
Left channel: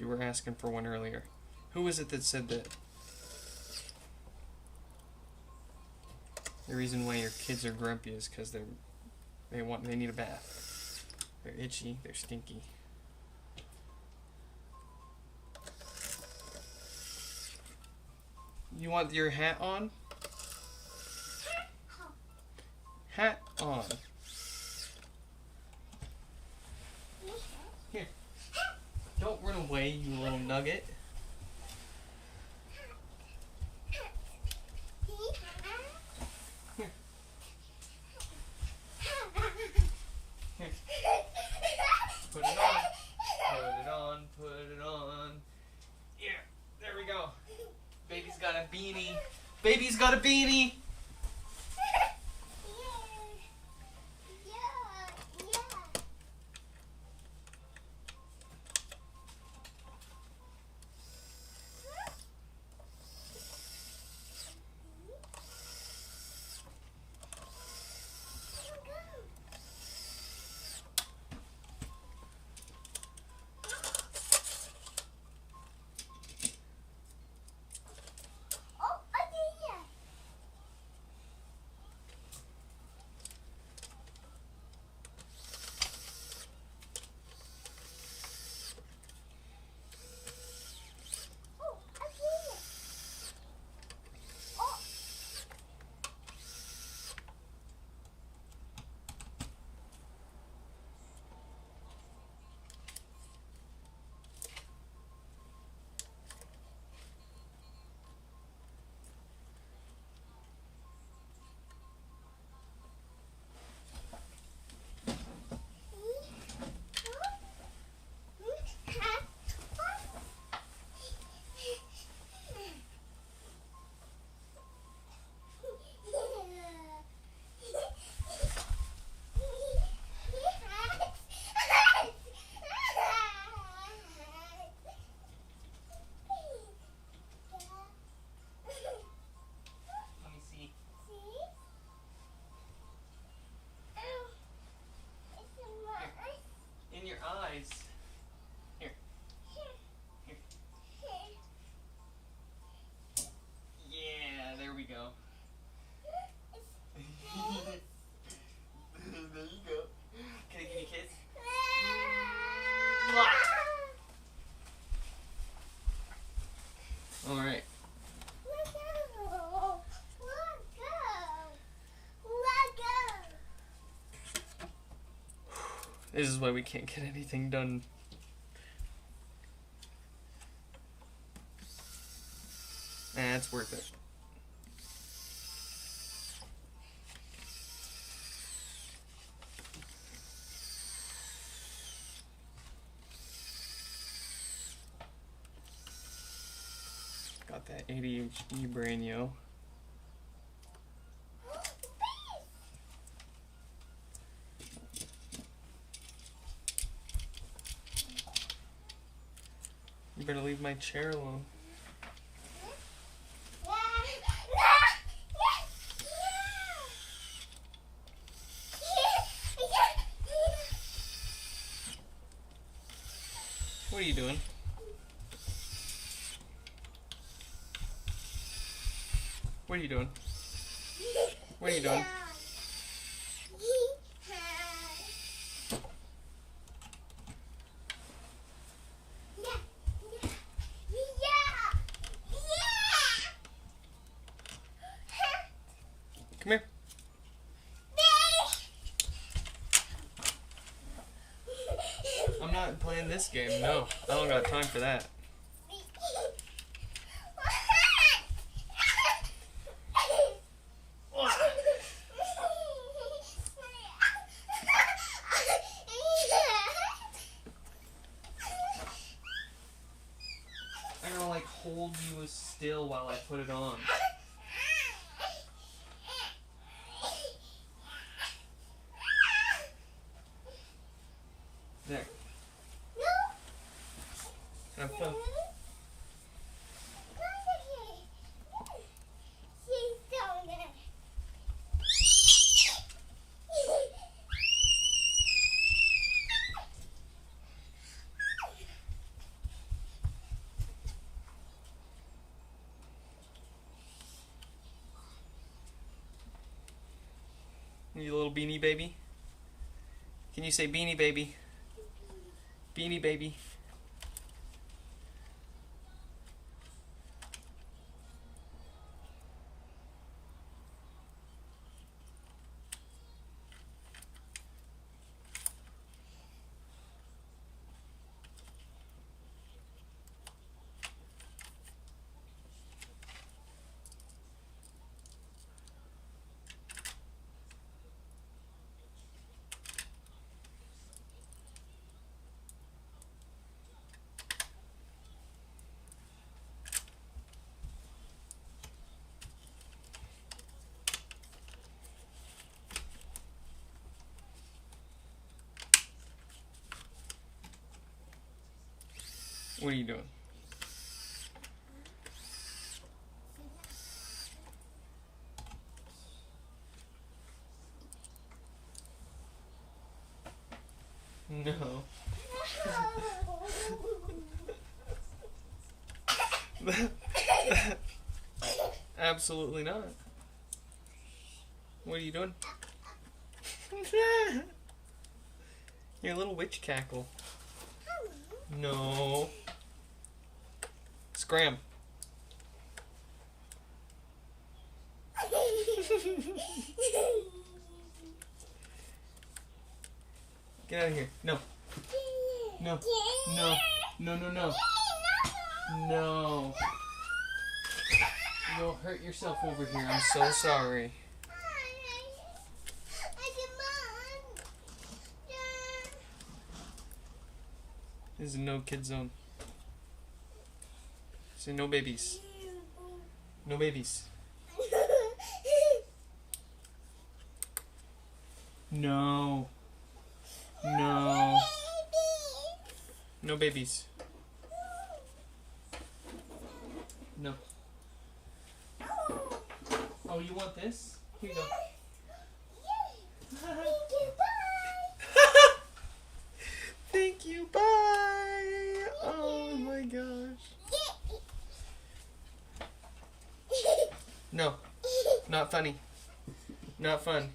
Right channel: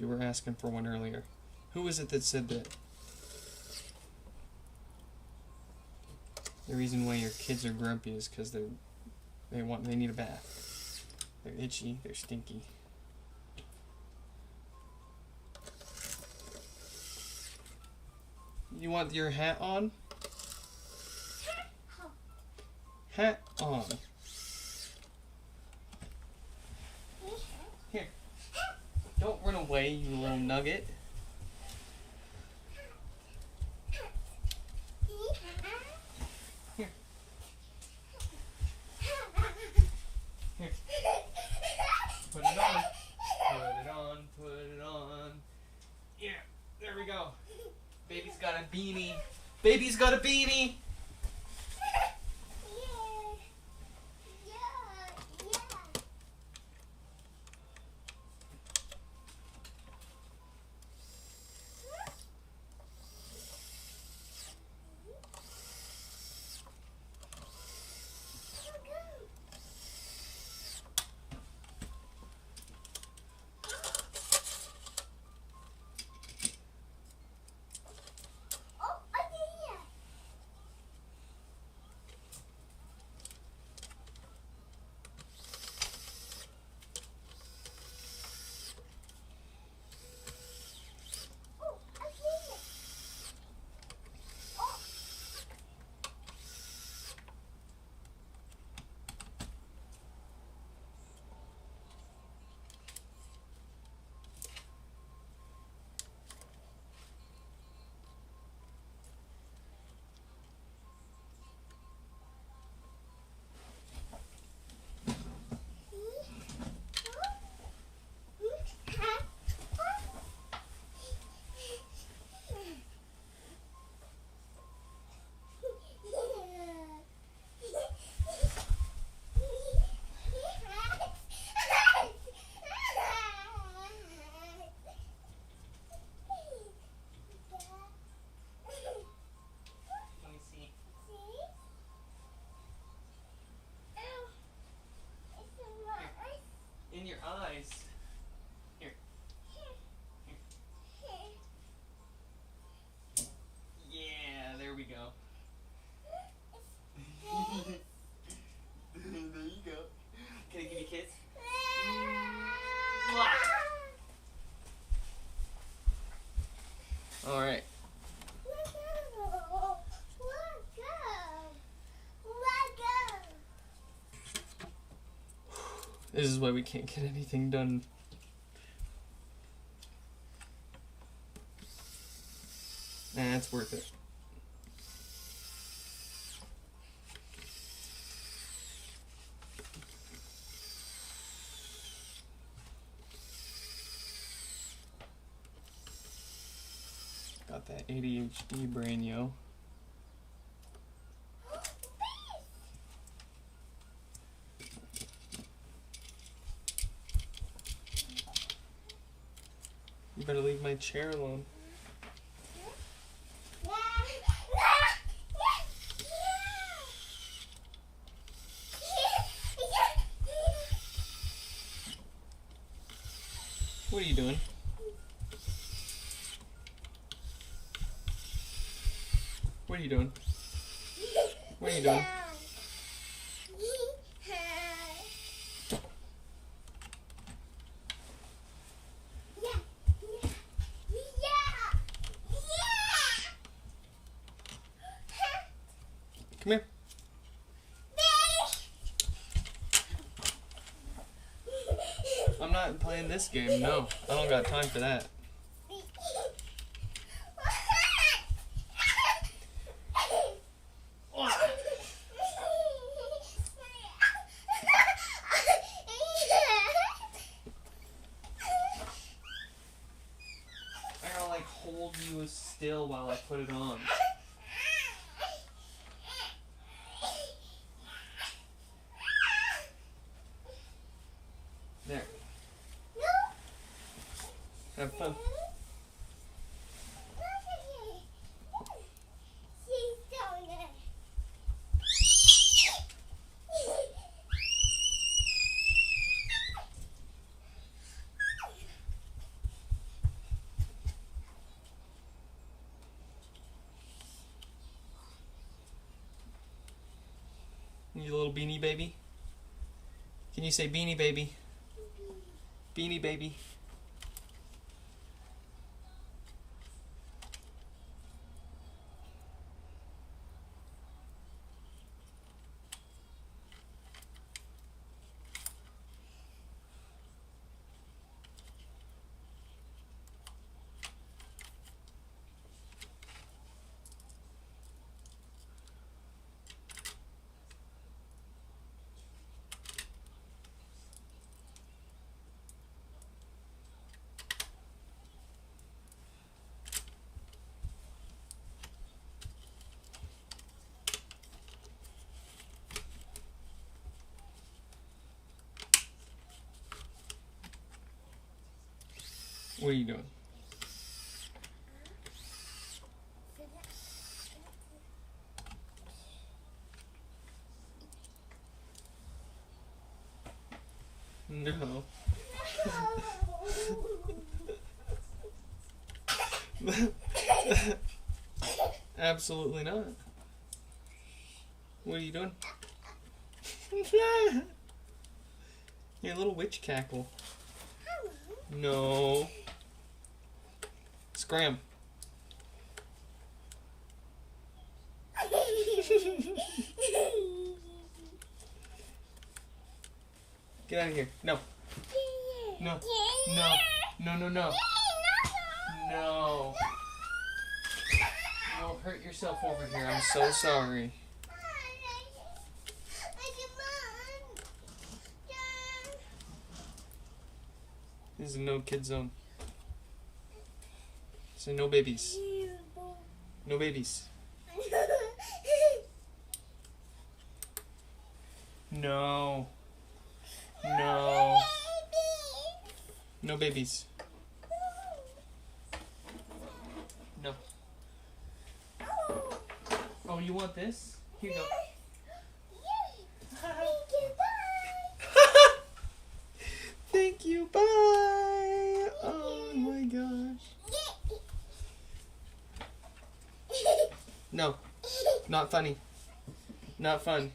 You were asking for one earlier. Who was it that said that? The reason why your kids are grumpy is because they need a bath. They're itchy. They're stinky. You want your hat on? Hat on. Here. Don't run away, you little nugget. Here. Here. Put it on. Put it on. Put it on. Yeah. There we go. Baby's got a beanie. Baby's got a beanie. In your eyes. Here. Here. Yeah, there we go. There you go. Can I give you a kiss? All right. This is why we can't get anything done. It's worth it. Got that ADHD brain, yo. You better leave my chair alone. What are you doing? What are you doing? What are you doing? Come here. I'm not playing this game, no. I don't got time for that. I don't like hold you still while I put it on. There. Have fun. You little beanie baby? Can you say beanie baby? Beanie baby. What are you doing? No. Absolutely not. What are you doing? Your little witch cackle. No. Scram. Get out of here. No. No. No. No, no, no. No. You'll hurt yourself over here. I'm so sorry. This is a no kid zone. So no babies. No babies. No. No. No babies. No. Oh, you want this? Here you go. No. Not funny. Not fun.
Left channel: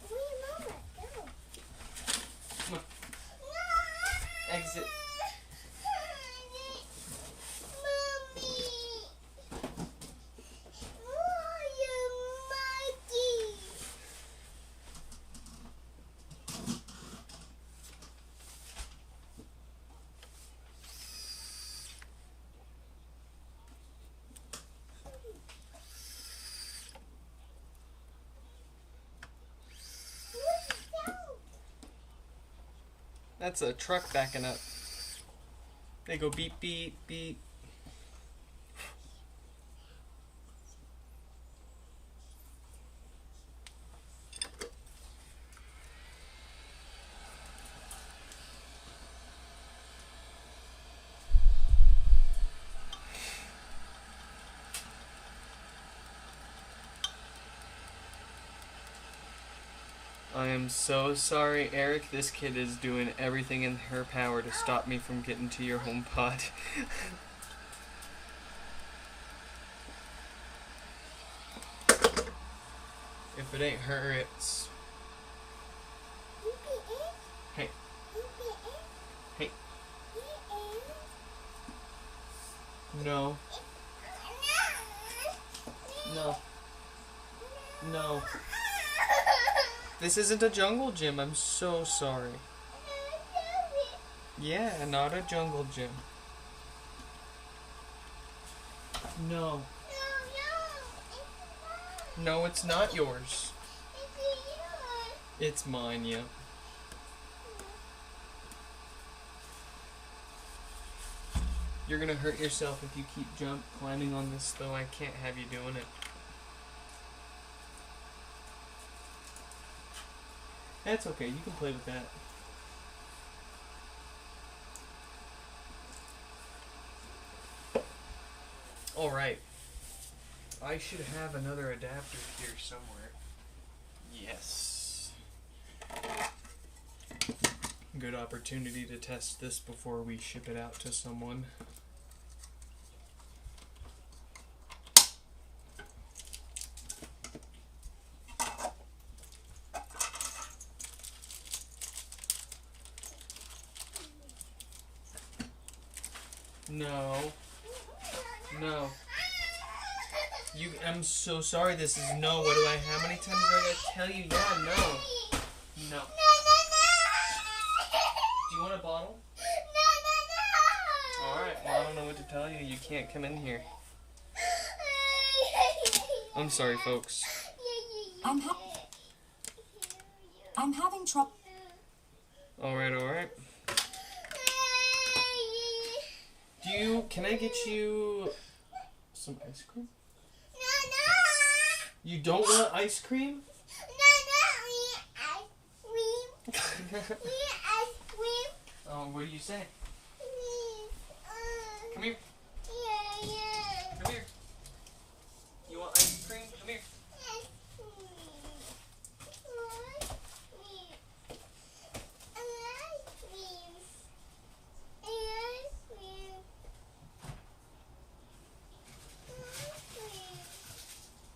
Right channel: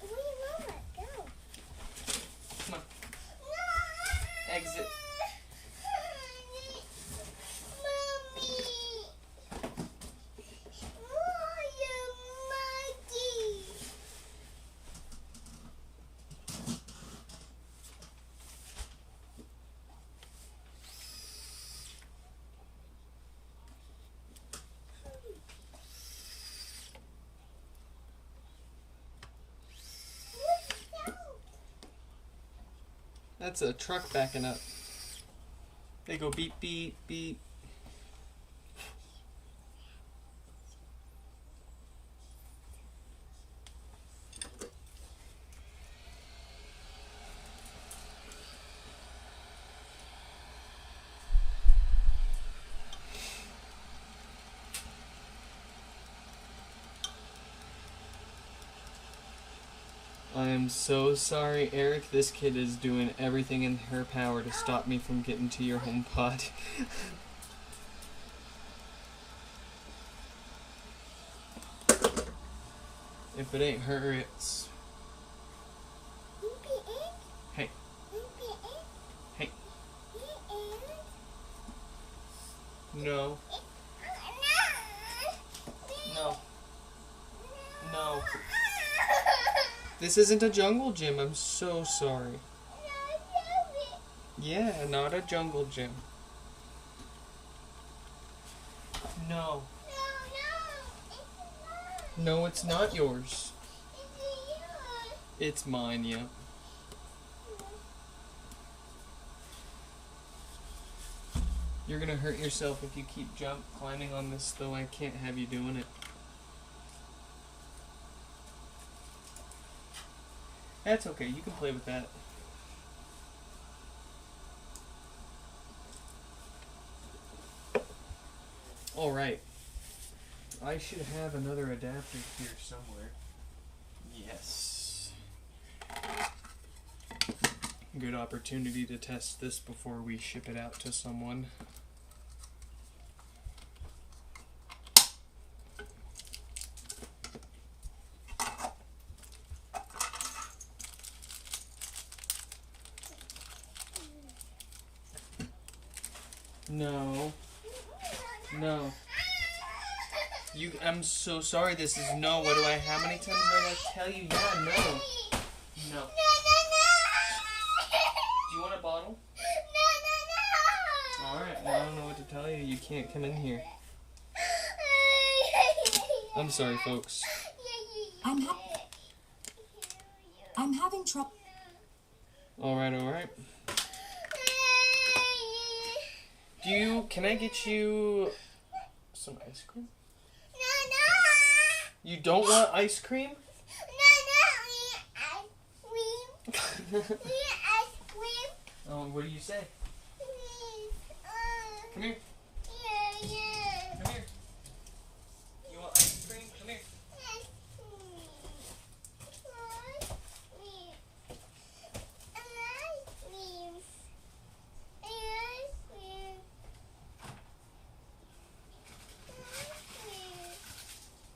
Where do you want it? Go. Come on. Exit. Mommy. Oh, you monkey. That's a truck backing up. They go beep, beep, beep. I am so sorry, Eric. This kid is doing everything in her power to stop me from getting to your HomePod. If it ain't her, it's... Hey. Hey. No. No. No. This isn't a jungle gym. I'm so sorry. Yeah, not a jungle gym. No. No, it's not yours. It's mine, yeah. You're gonna hurt yourself if you keep climbing on this, though. I can't have you doing it. That's okay, you can play with that. Alright. I should have another adapter here somewhere. Yes. Good opportunity to test this before we ship it out to someone. No. No. I'm so sorry, this is no. What do I, how many times do I gotta tell you? Yeah, no. No. Do you want a bottle? Alright, well, I don't know what to tell you. You can't come in here. I'm sorry, folks. I'm having trouble. Alright. Can I get you some ice cream? You don't want ice cream? What do you say? Come here. Come here. You want ice cream? Come here.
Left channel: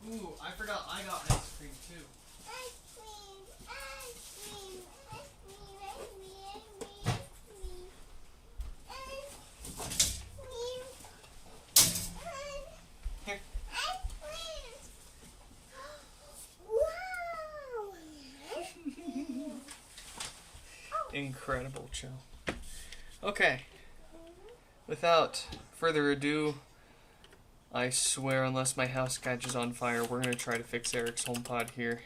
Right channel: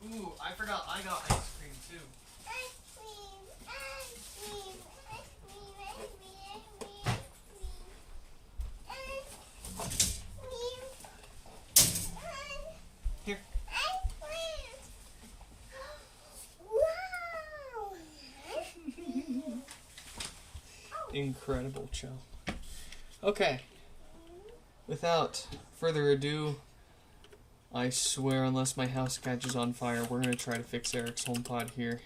Ooh, I forgot I got ice cream too. Here. Incredible, child. Okay. Without further ado, I swear, unless my house catches on fire, we're going to try to fix Eric's HomePod here.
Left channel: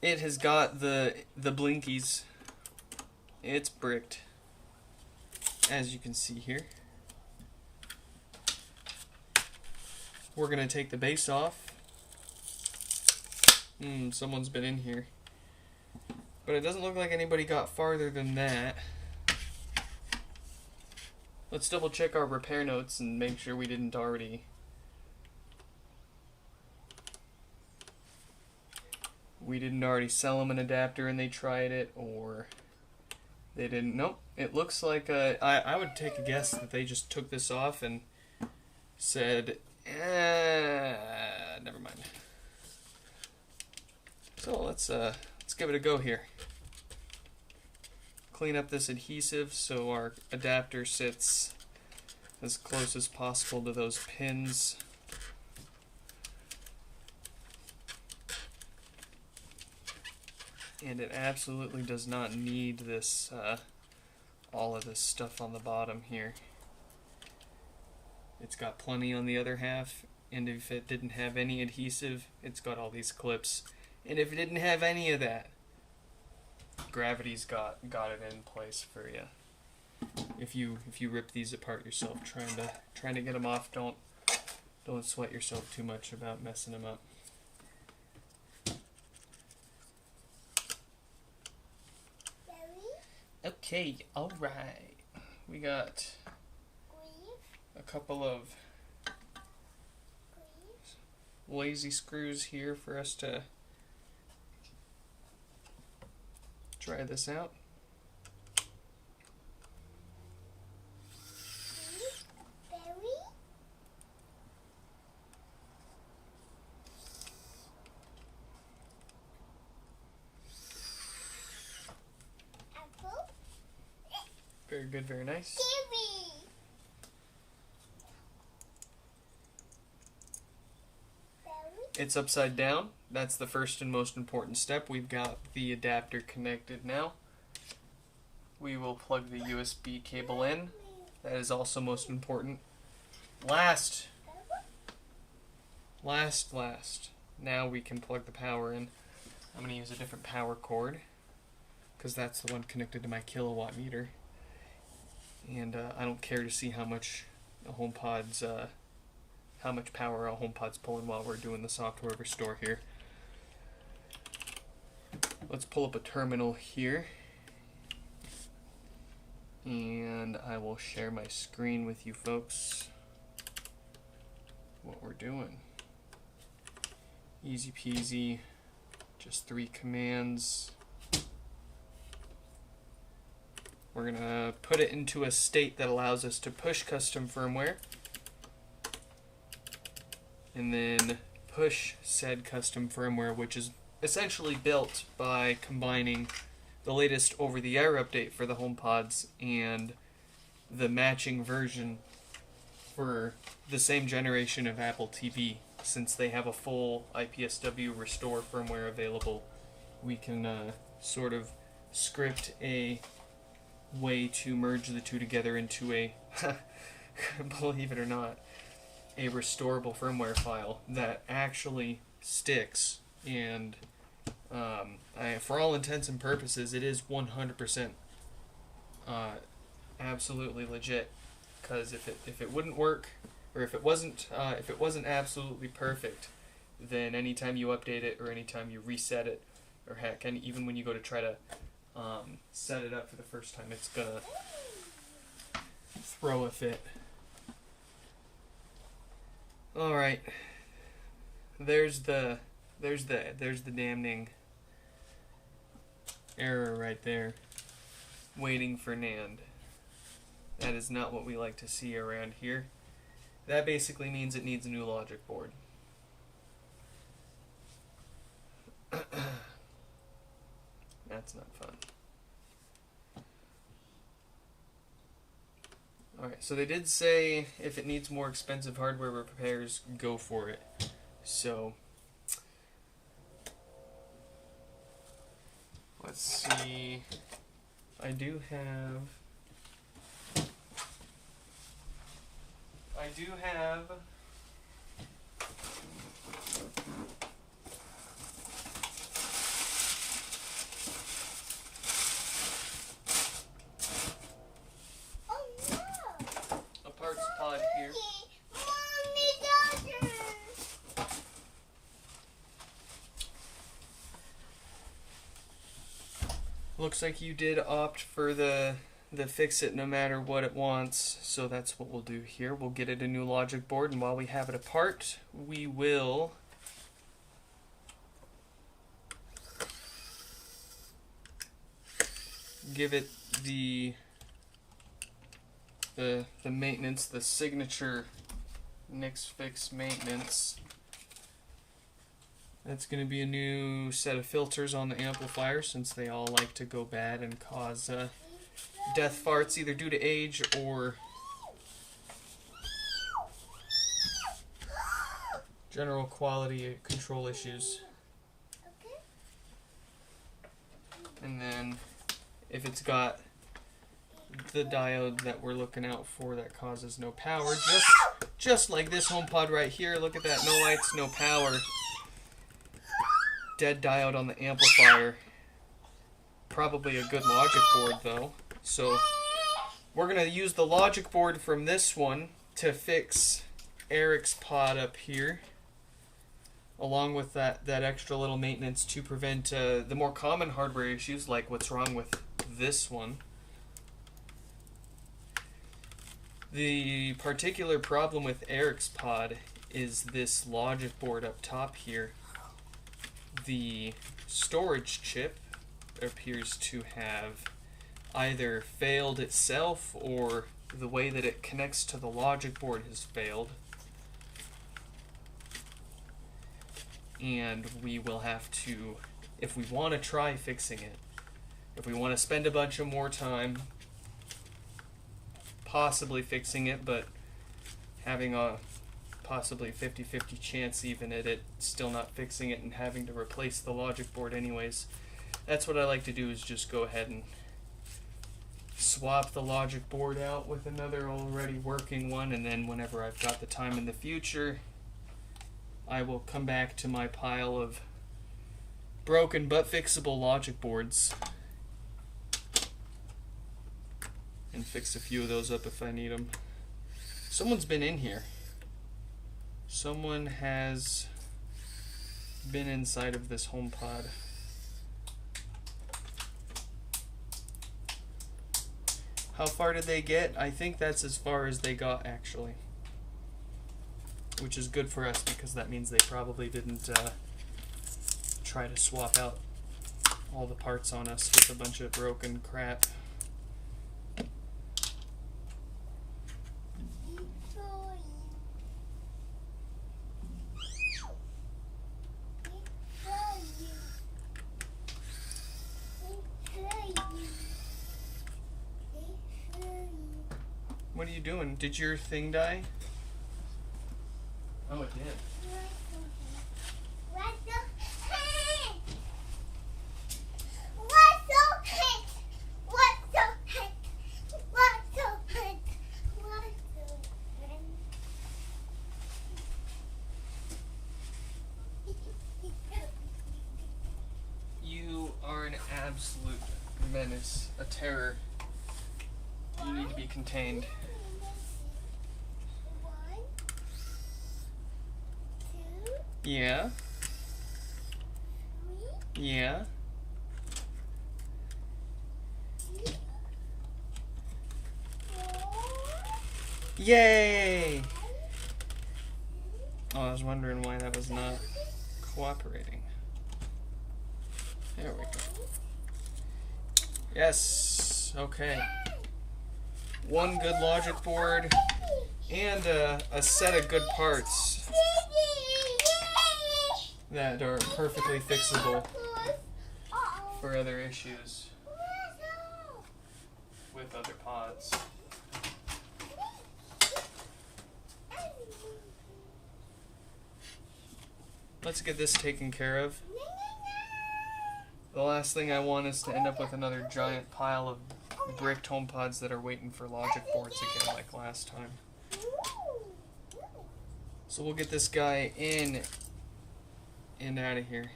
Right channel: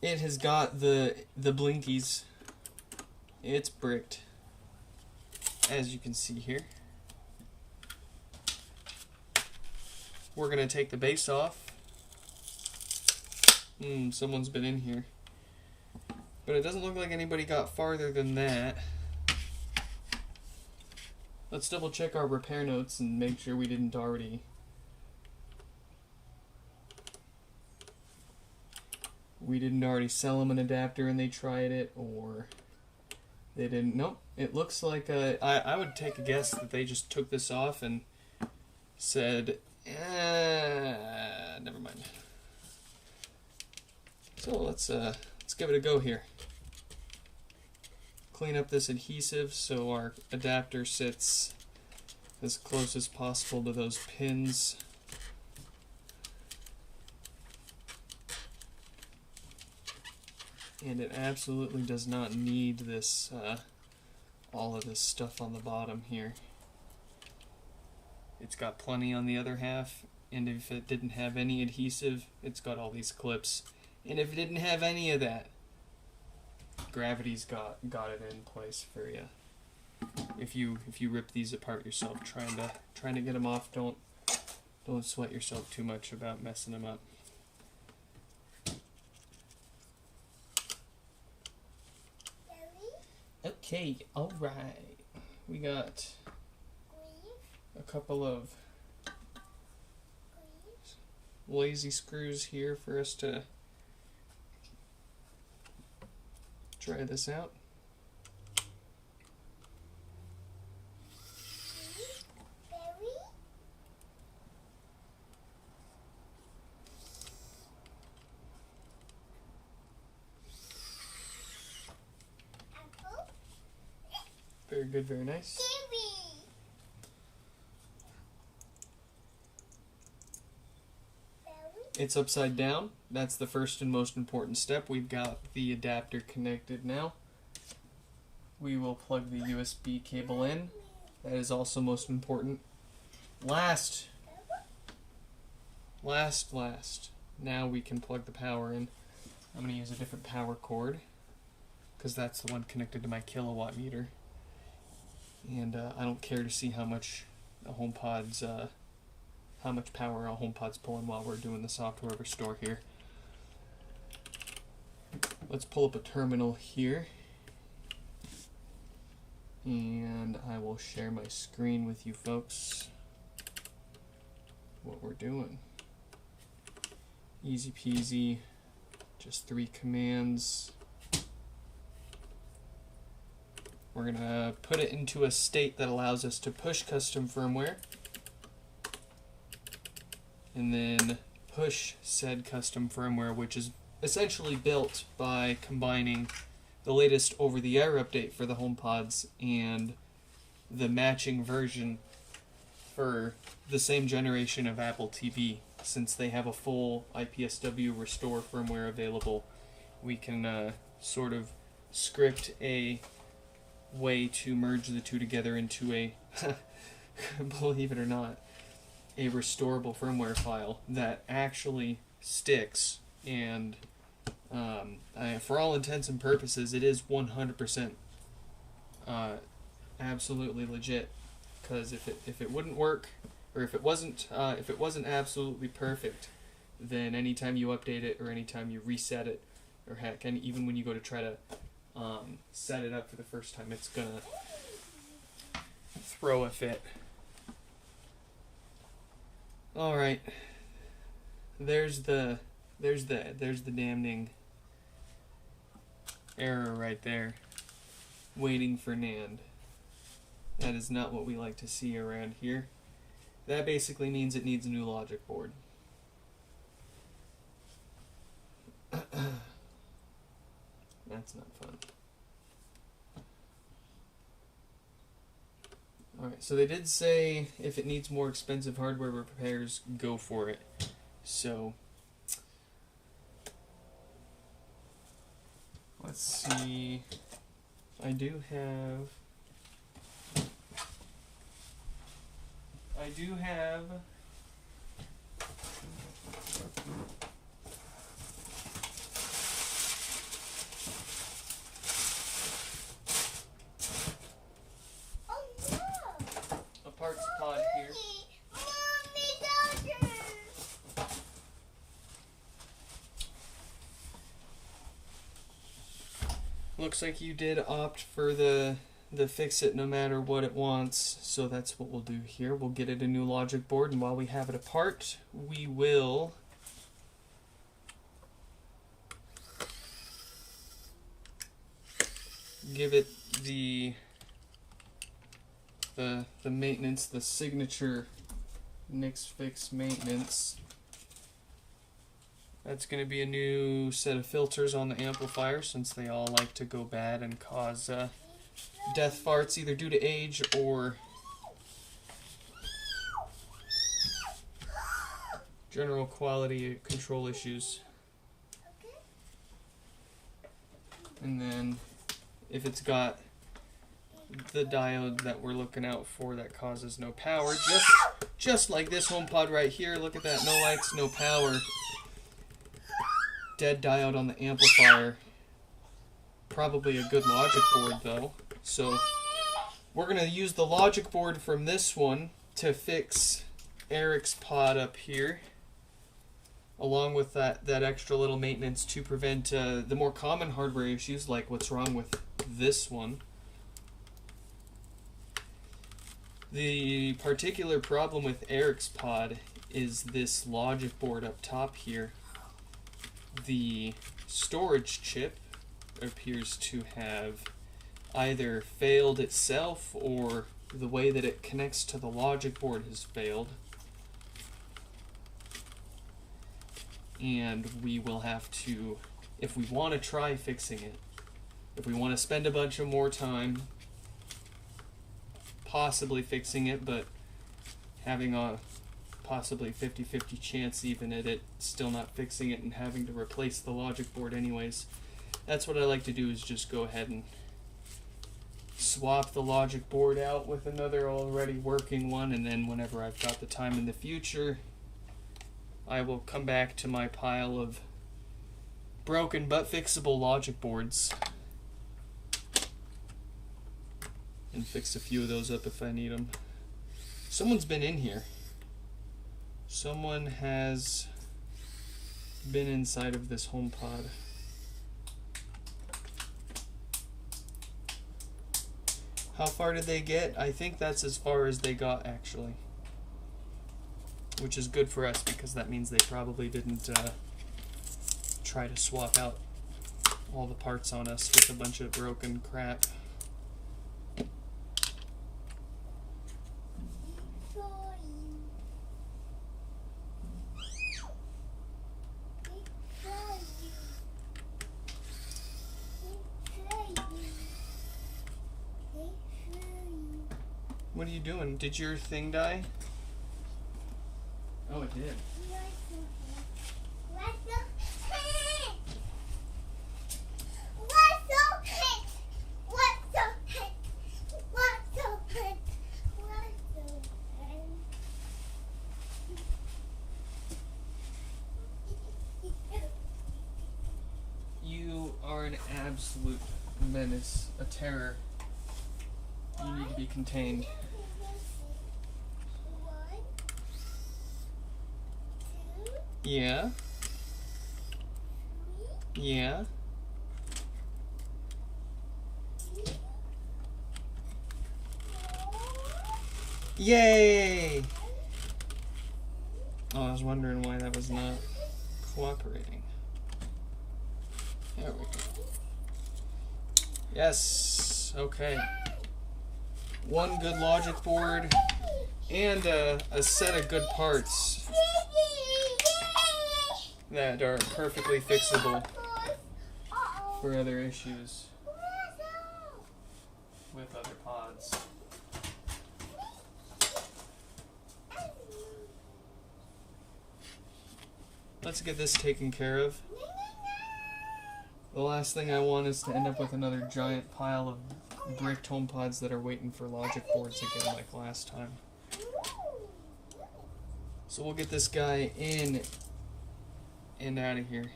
It has got the blinkies. It's bricked, as you can see here. We're going to take the base off. Someone's been in here. But it doesn't look like anybody got farther than that. Let's double check our repair notes and make sure we didn't already... sell them an adapter and they tried it, or they didn't. Nope. It looks like I would take a guess that they just took this off and said, never mind. So let's give it a go here. Clean up this adhesive so our adapter sits as close as possible to those pins. And it absolutely does not need this, all of this stuff on the bottom here. It's got plenty on the other half, and if it didn't have any adhesive, it's got all these clips. And if it didn't have any of that, gravity's got it in place for you. If you rip these apart yourself, trying to get them off, don't sweat yourself too much about messing them up. Okay, all right. We got a couple of lazy screws here for us to try this out. Very good, very nice. It's upside down. That's the first and most important step. We've got the adapter connected now. We will plug the USB cable in. That is also most important. Last. Now we can plug the power in. I'm going to use a different power cord because that's the one connected to my kilowatt meter. And I don't care to see how much the HomePods, how much power our HomePod's pulling while we're doing the software restore here. Let's pull up a terminal here, and I will share my screen with you folks. What we're doing. Easy peasy, just 3 commands. We're going to put it into a state that allows us to push custom firmware, and then push said custom firmware, which is essentially built by combining the latest over-the-air update for the HomePods and the matching version for the same generation of Apple TV. Since they have a full IPSW restore firmware available, we can sort of script a way to merge the two together into a, believe it or not, a restorable firmware file that actually sticks, and for all intents and purposes it is 100% absolutely legit, because if it wouldn't work, or if it wasn't absolutely perfect, then anytime you update it or anytime you reset it, or heck, and even when you go to try to set it up for the first time, it's gonna throw a fit. All right, there's the damning error right there, waiting for NAND. That is not what we like to see around here. That basically means it needs a new logic board. That's not fun. Alright, so they did say if it needs more expensive hardware repairs, go for it. So, let's see. I do have a parts pod here. Looks like you did opt for the fix it no matter what it wants, so that's what we'll do here. We'll get it a new logic board, and while we have it apart, we will give it the maintenance, the signature Nix Fix Maintenance. That's going to be a new set of filters on the amplifier since they all like to go bad and cause death farts either due to age or general quality control issues. And then if it's got the diode that we're looking out for that causes no power, just like this HomePod right here, look at that, no lights, no power, dead diode on the amplifier. Probably a good logic board though. So we're going to use the logic board from this one to fix Eric's pod up here, along with that extra little maintenance to prevent the more common hardware issues like what's wrong with this one. The particular problem with Eric's pod is this logic board up top here. The storage chip appears to have either failed itself or the way that it connects to the logic board has failed. And we will have to, if we want to try fixing it, if we want to spend a bunch of more time possibly fixing it, but having a possibly 50-50 chance even at it still not fixing it and having to replace the logic board anyways, that's what I like to do, is just go ahead and swap the logic board out with another already working one, and then whenever I've got the time in the future, I will come back to my pile of broken but fixable logic boards and fix a few of those up if I need them. Someone's been in here. Someone has been inside of this HomePod. How far did they get? I think that's as far as they got, actually. Which is good for us because that means they probably didn't try to swap out all the parts on us with a bunch of broken crap. What are you doing? Did your thing die? Oh, it did. You are an absolute menace, a terror. You need to be contained. Yeah. Yeah. Yay! Oh, I was wondering why that was not cooperating. There we go. Yes. Okay. One good logic board and a set of good parts that are perfectly fixable for other issues with other pods. Let's get this taken care of. The last thing I want is to end up with another giant pile of bricked HomePods that are waiting for logic boards again like last time. So we'll get this guy in and out of here.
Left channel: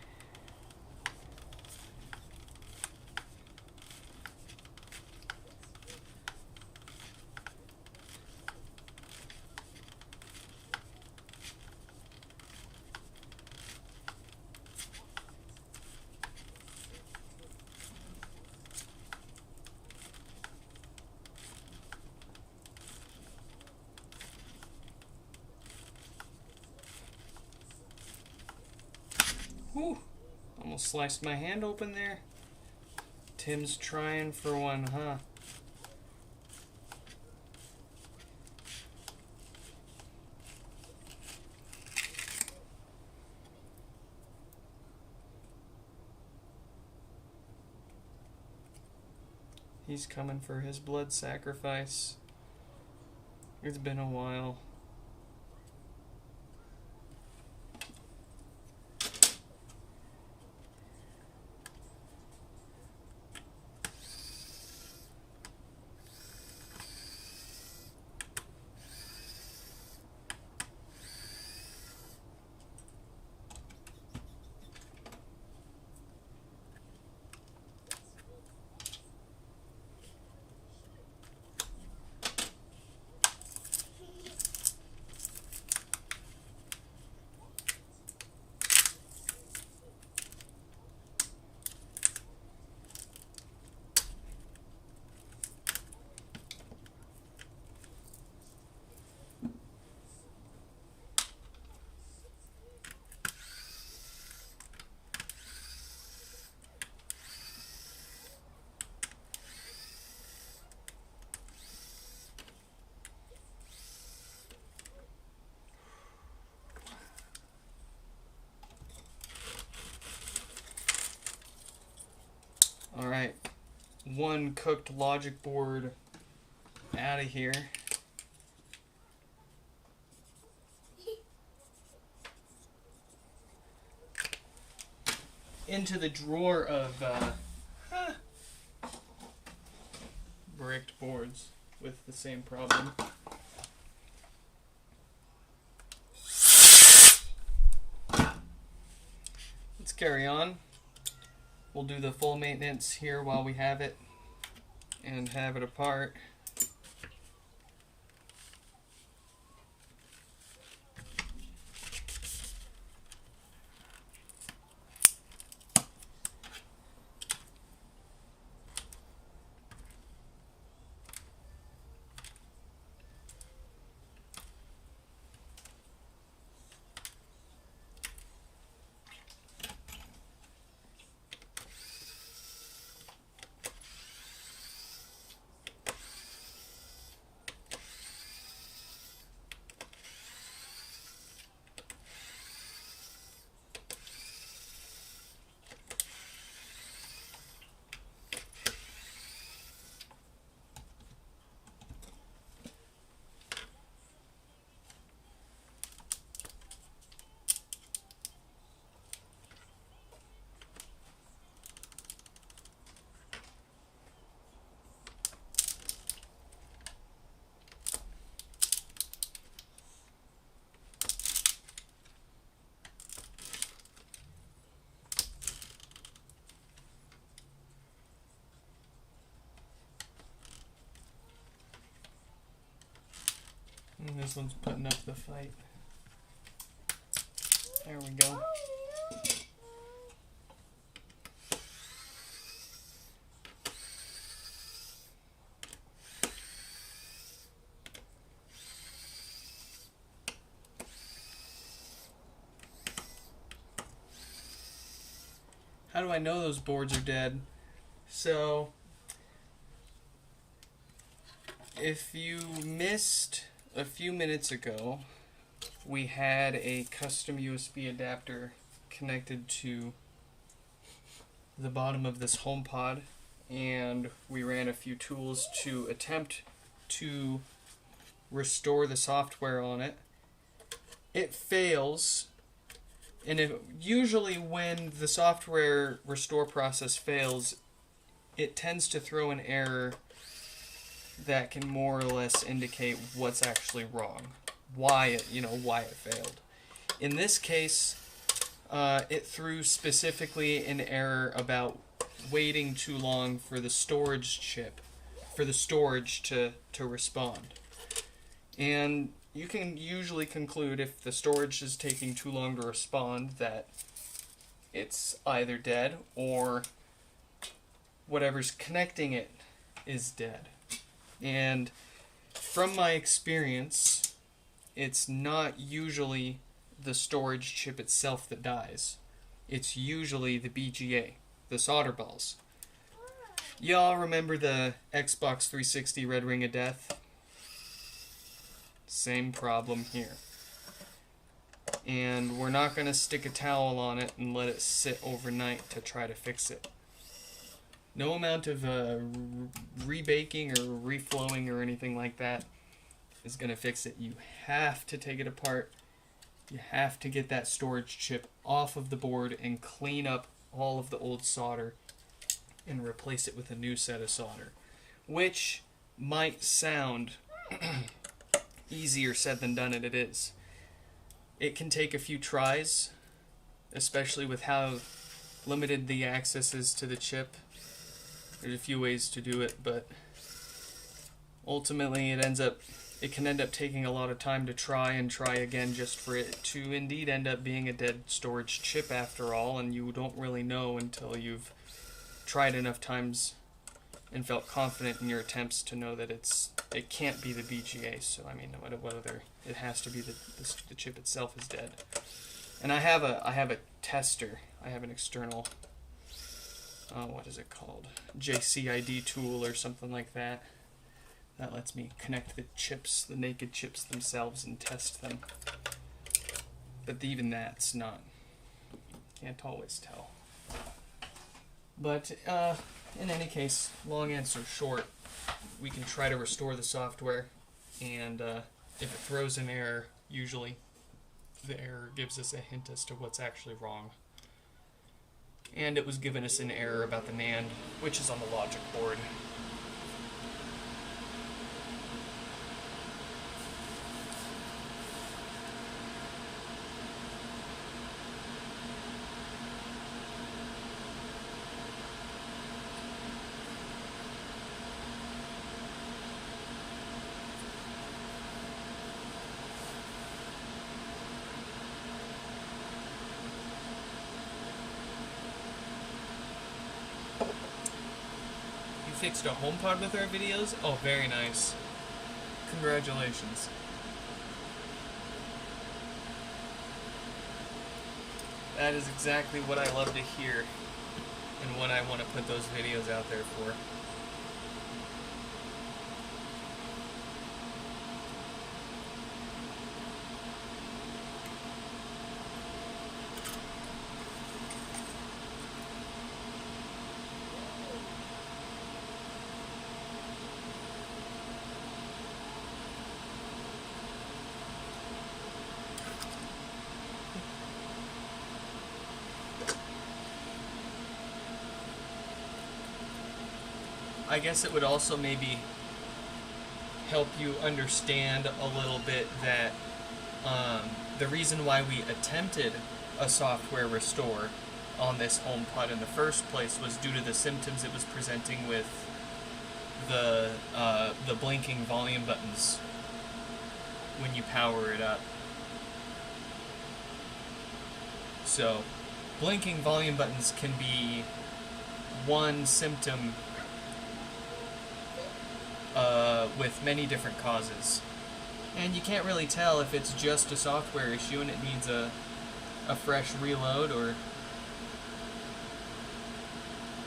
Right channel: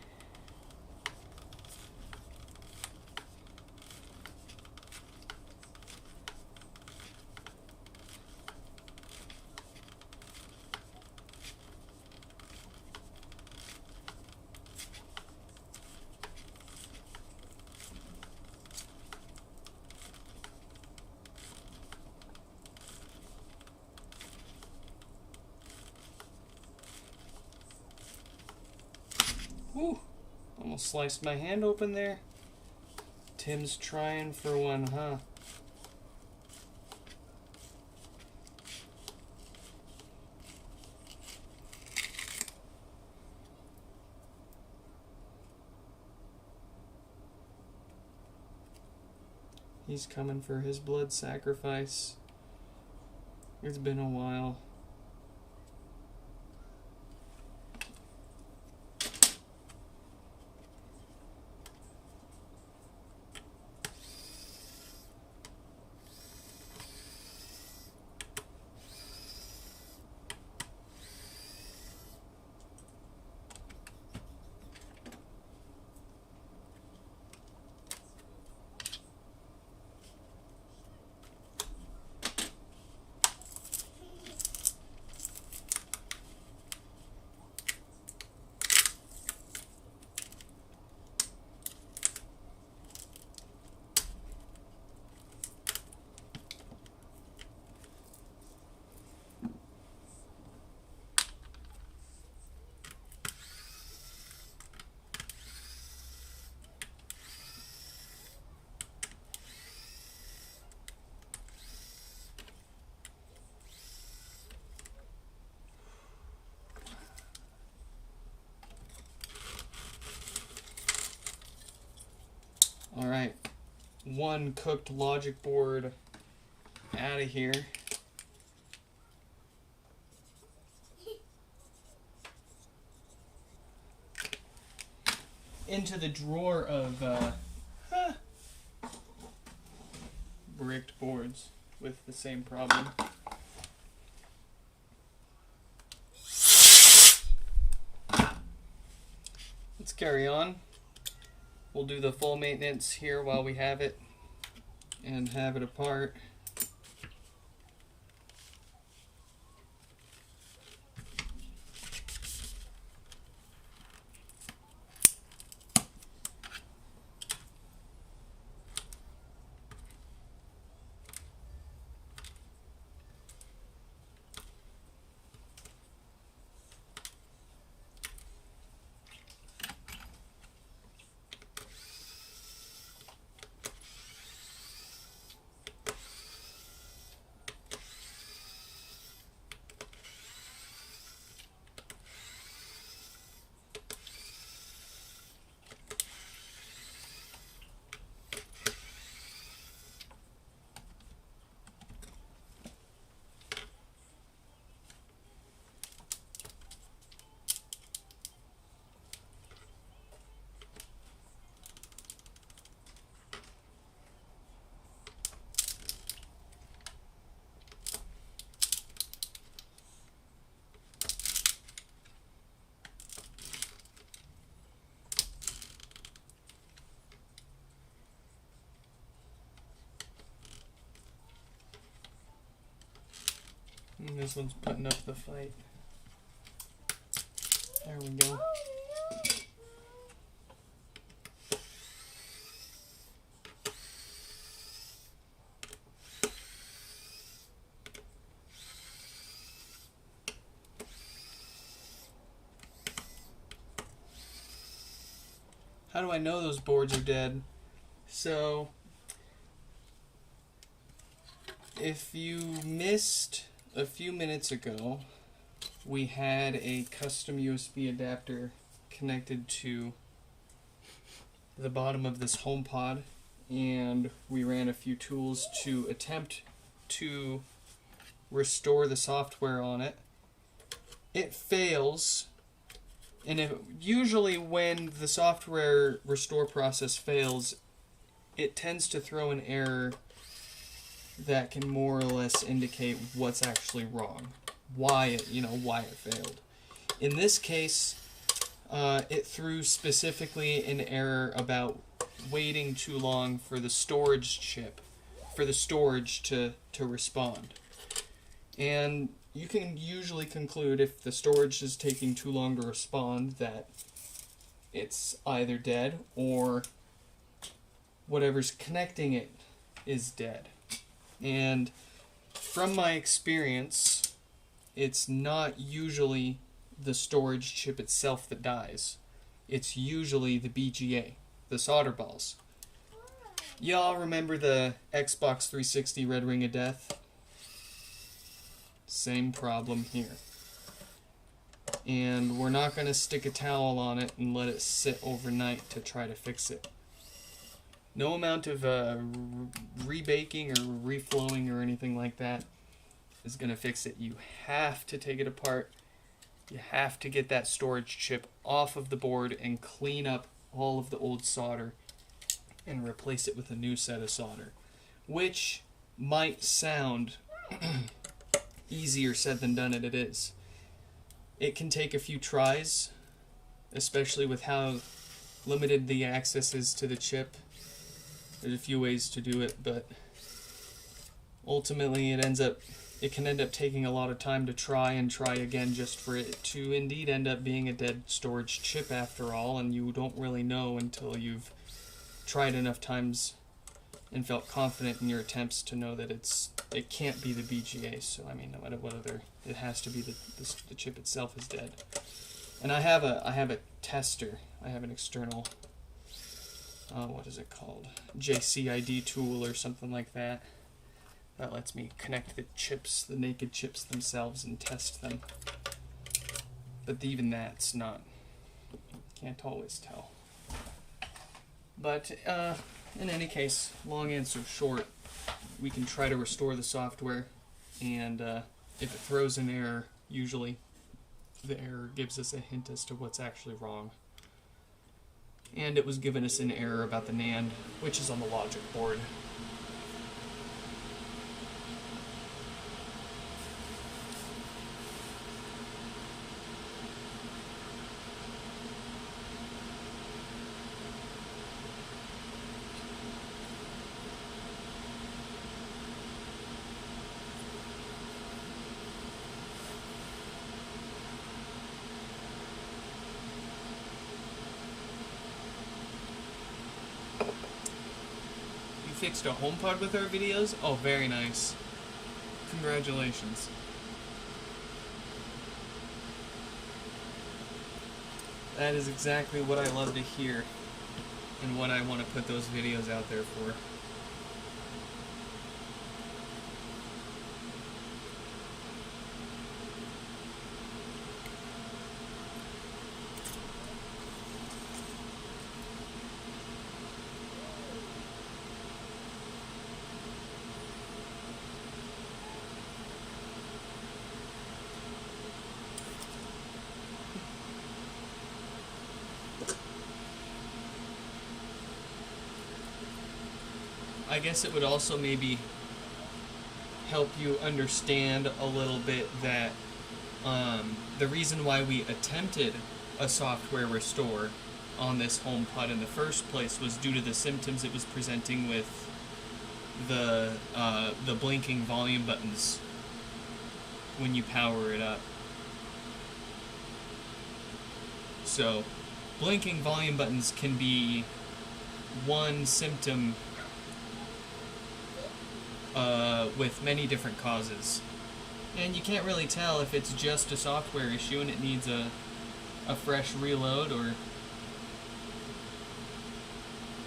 Whew, almost sliced my hand open there. Tim's trying for one, huh? He's coming for his blood sacrifice. It's been a while. Alright, one cooked logic board out of here. Into the drawer of bricked boards with the same problem. Let's carry on. We'll do the full maintenance here while we have it and have it apart. And this one's putting up the fight. There we go. How do I know those boards are dead? So, if you missed a few minutes ago, we had a custom USB adapter connected to the bottom of this HomePod, and we ran a few tools to attempt to restore the software on it. It fails, and usually when the software restore process fails, it tends to throw an error that can more or less indicate what's actually wrong, why it failed. In this case, it threw specifically an error about waiting too long for the storage chip, for the storage to respond. And you can usually conclude if the storage is taking too long to respond that it's either dead or whatever's connecting it is dead. And from my experience, it's not usually the storage chip itself that dies. It's usually the BGA, the solder balls. Y'all remember the Xbox 360 Red Ring of Death? Same problem here. And we're not going to stick a towel on it and let it sit overnight to try to fix it. No amount of rebaking or reflowing or anything like that is going to fix it. You have to take it apart. You have to get that storage chip off of the board and clean up all of the old solder and replace it with a new set of solder, which might sound easier said than done, and it is. It can take a few tries, especially with how limited the access is to the chip. There's a few ways to do it, but ultimately it can end up taking a lot of time to try and try again just for it to indeed end up being a dead storage chip after all, and you don't really know until you've tried enough times and felt confident in your attempts to know that it can't be the BGA. So I mean, no matter whether it has to be the chip itself is dead. And I have a tester. I have an external what is it called? JCID tool or something like that. That lets me connect the chips, the naked chips themselves, and test them. But even that's not, can't always tell. But in any case, long answer short, we can try to restore the software, and if it throws an error, usually the error gives us a hint as to what's actually wrong. And it was giving us an error about the NAND, which is on the logic board. Fixed a HomePod with our videos? Oh, very nice. Congratulations. That is exactly what I love to hear and what I want to put those videos out there for. I guess it would also maybe help you understand a little bit that the reason why we attempted a software restore on this HomePod in the first place was due to the symptoms it was presenting with the blinking volume buttons when you power it up. So, blinking volume buttons can be one symptom with many different causes. And you can't really tell if it's just a software issue and it needs a fresh reload, or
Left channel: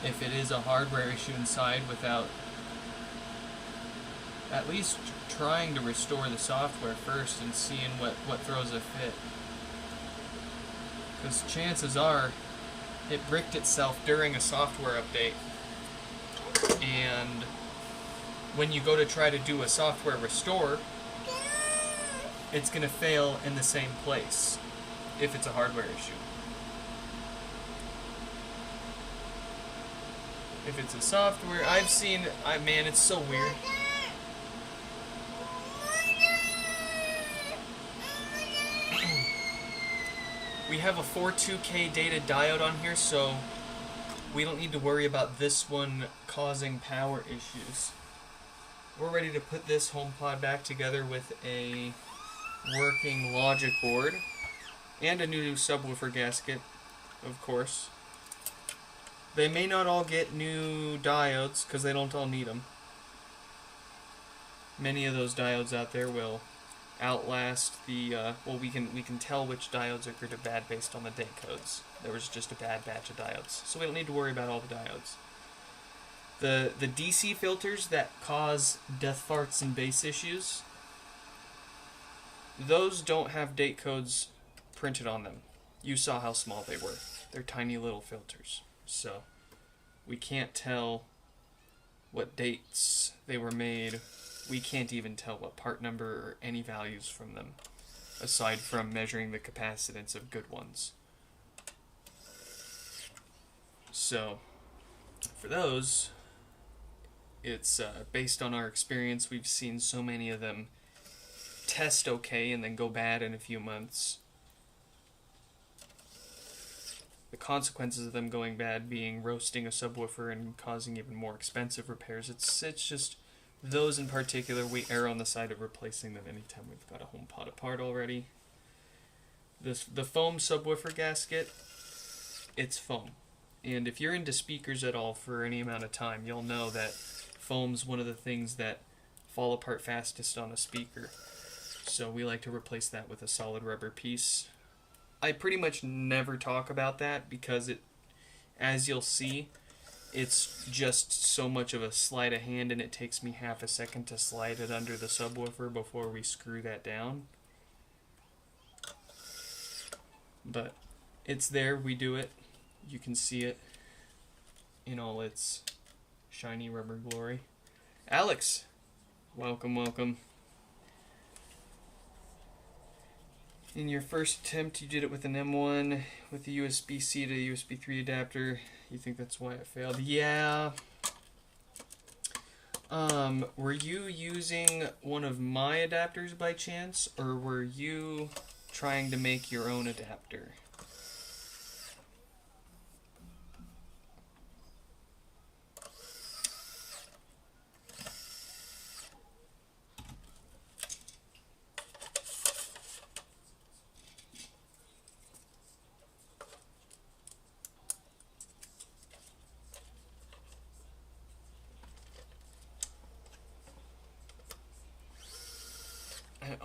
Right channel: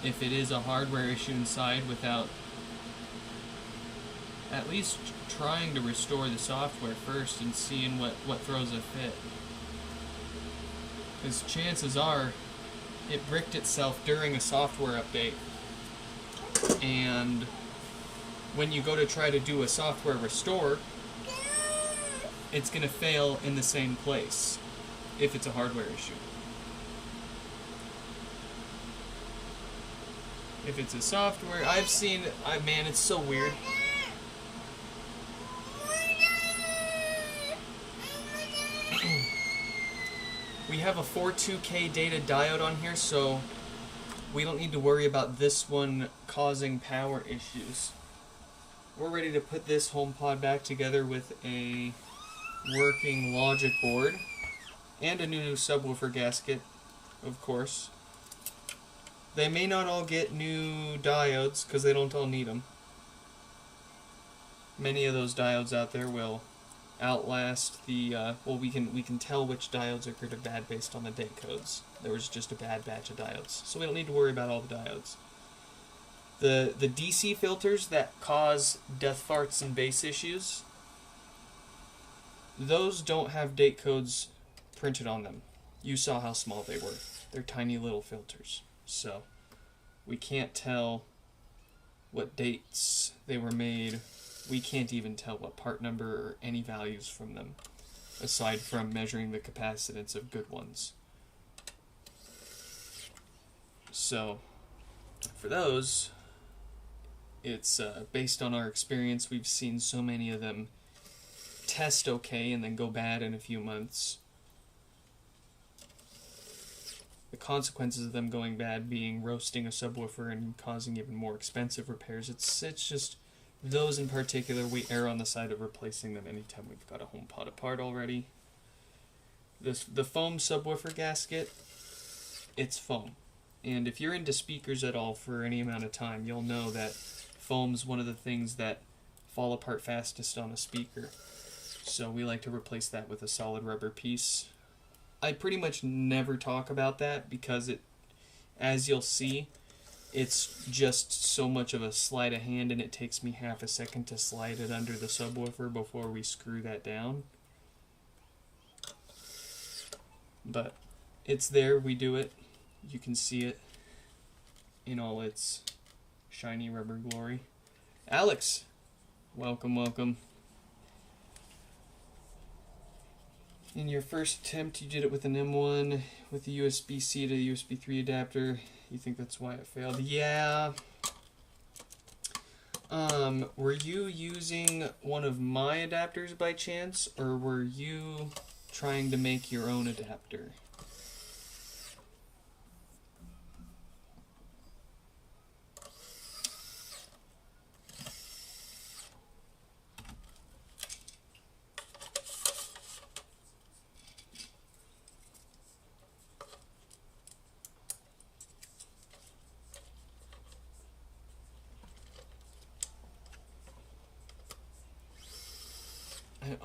if it is a hardware issue inside without at least trying to restore the software first and seeing what throws a fit. Because chances are it bricked itself during a software update, and when you go to try to do a software restore, it's going to fail in the same place if it's a hardware issue. If it's a software, I've seen, man, it's so weird. We have a 42K data diode on here, so we don't need to worry about this one causing power issues. We're ready to put this HomePod back together with a working logic board and a new subwoofer gasket, of course. They may not all get new diodes because they don't all need them. Many of those diodes out there will outlast the well, we can tell which diodes are good or bad based on the date codes. There was just a bad batch of diodes, so we don't need to worry about all the diodes. The DC filters that cause death farts and bass issues, those don't have date codes printed on them. You saw how small they were. They're tiny little filters. So We can't tell what dates they were made. We can't even tell what part number or any values from them, aside from measuring the capacitance of good ones. So, for those, it's based on our experience. We've seen so many of them test okay and then go bad in a few months. The consequences of them going bad being roasting a subwoofer and causing even more expensive repairs. It's just those in particular, we err on the side of replacing them anytime we've got a HomePod apart already. The foam subwoofer gasket, it's foam. And if you're into speakers at all for any amount of time, you'll know that foam's one of the things that fall apart fastest on a speaker. So we like to replace that with a solid rubber piece. I pretty much never talk about that because as you'll see, it's just so much of a sleight of hand, and it takes me half a second to slide it under the subwoofer before we screw that down. But it's there, we do it. You can see it in all its shiny rubber glory. Alex, welcome, welcome. In your first attempt, you did it with an M1 with the USB-C to USB 3 adapter. You think that's why it failed? Yeah. Were you using one of my adapters by chance, or were you trying to make your own adapter?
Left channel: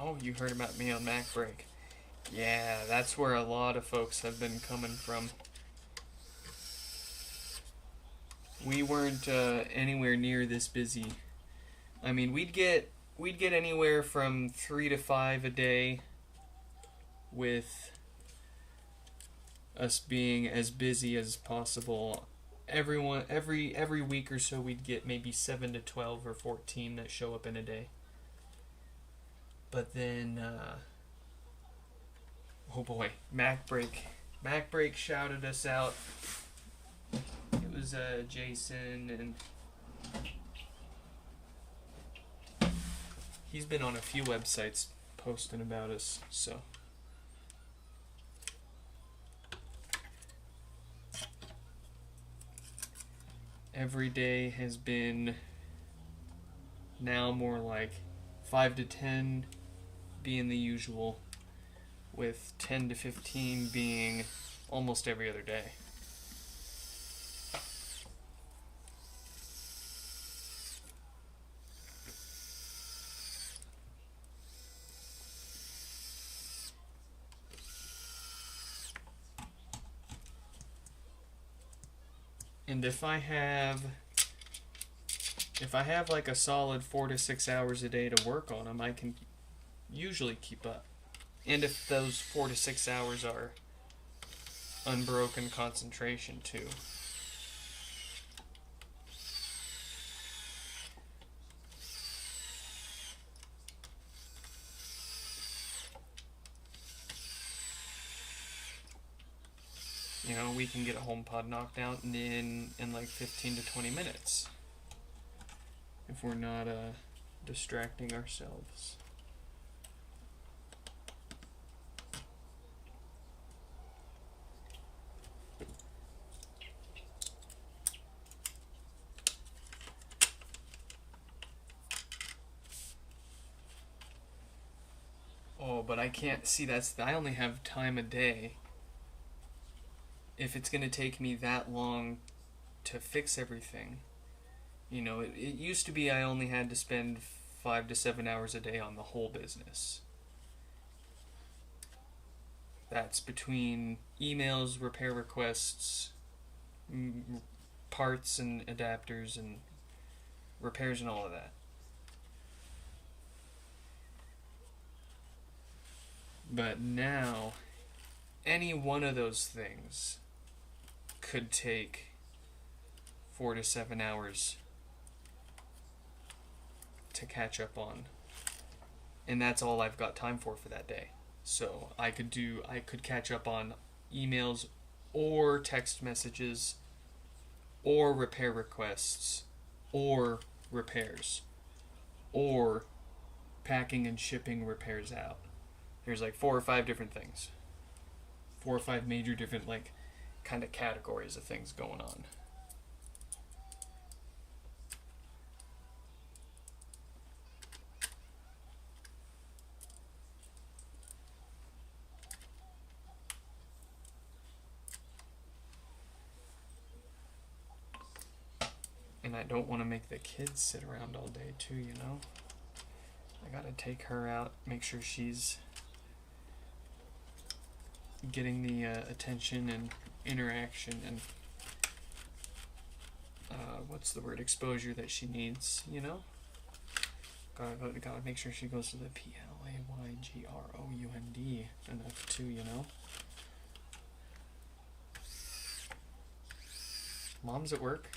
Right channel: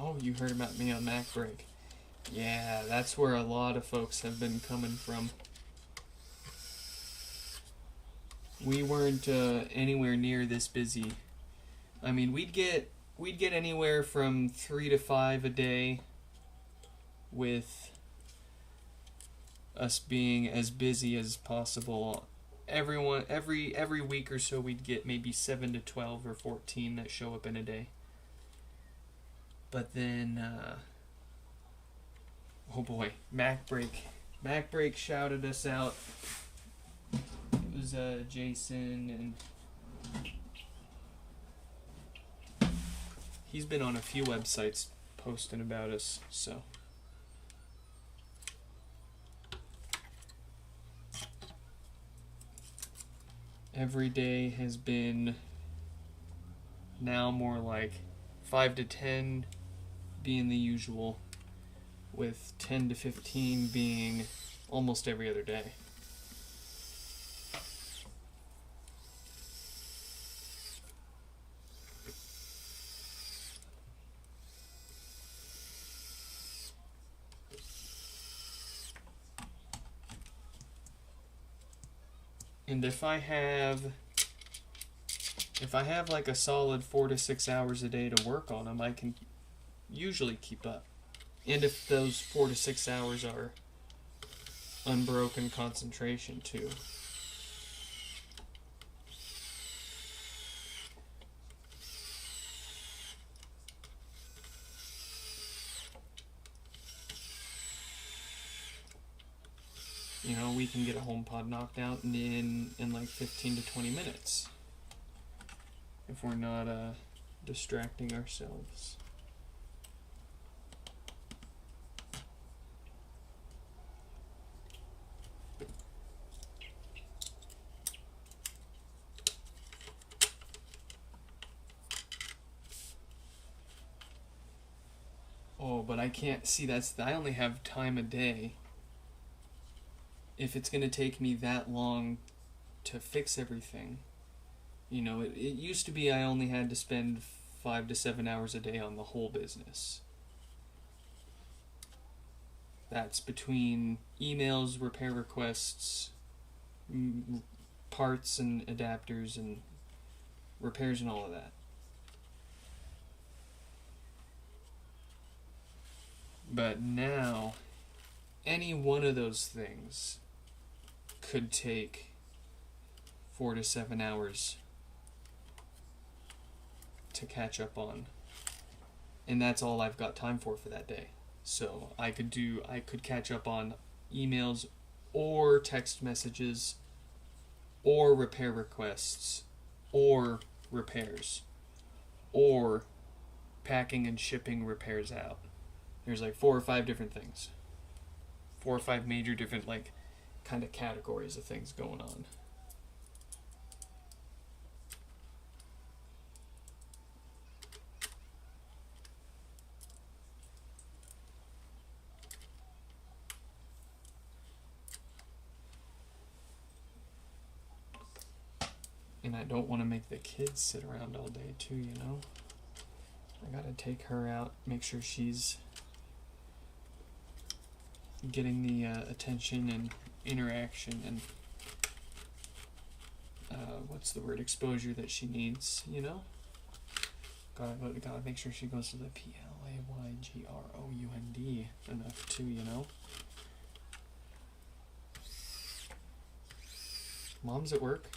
Oh, you heard about me on MacBreak. Yeah, that's where a lot of folks have been coming from. We weren't anywhere near this busy. I mean, we'd get anywhere from 3 to 5 a day, with us being as busy as possible. Every week or so, we'd get maybe 7 to 12 or 14 that show up in a day. But then, oh boy, MacBreak shouted us out. It was Jason, and he's been on a few websites posting about us, so. Every day has been now more like 5 to 10 being the usual, with 10 to 15 being almost every other day. And if I have like a solid 4 to 6 hours a day to work on them, I can usually keep up. And if those 4 to 6 hours are unbroken concentration too. You know, we can get a HomePod knocked out in like 15 to 20 minutes. If we're not distracting ourselves. Oh, but I can't see I only have time a day. If it's going to take me that long to fix everything. You know, it used to be I only had to spend 5 to 7 hours a day on the whole business. That's between emails, repair requests, parts and adapters and repairs and all of that. But now, any one of those things could take 4 to 7 hours to catch up on. And that's all I've got time for that day. So I could catch up on emails or text messages or repair requests or repairs or packing and shipping repairs out. There's like 4 or 5 different things. 4 or 5 major different like kind of categories of things going on. And I don't want to make the kids sit around all day too, you know? I gotta take her out, make sure she's getting the attention and interaction and what's the word, exposure that she needs, you know? Gotta make sure she goes to the PLAYGROUND enough too, you know? Mom's at work.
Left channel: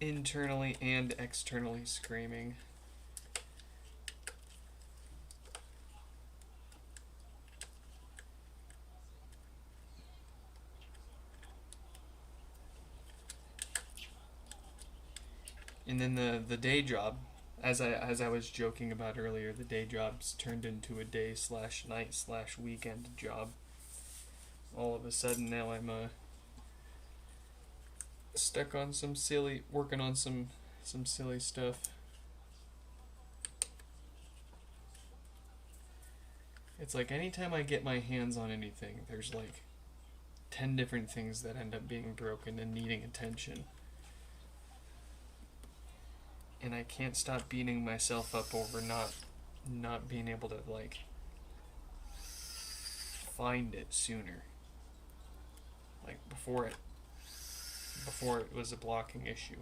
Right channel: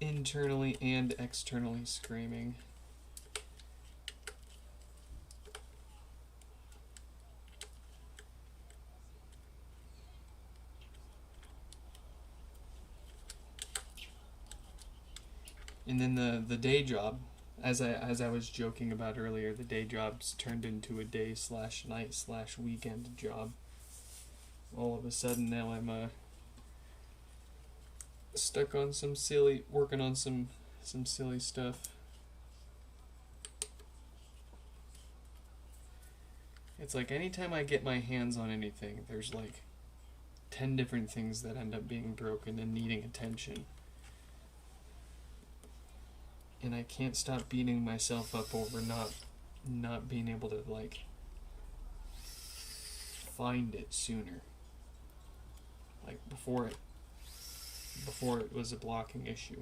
Internally and externally screaming. And then the day job, as I was joking about earlier, the day job's turned into a day/night/weekend job. All of a sudden now I'm stuck on working on some silly stuff. It's like anytime I get my hands on anything, there's like 10 different things that end up being broken and needing attention. And I can't stop beating myself up over not being able to like find it sooner. Like before it was a blocking issue.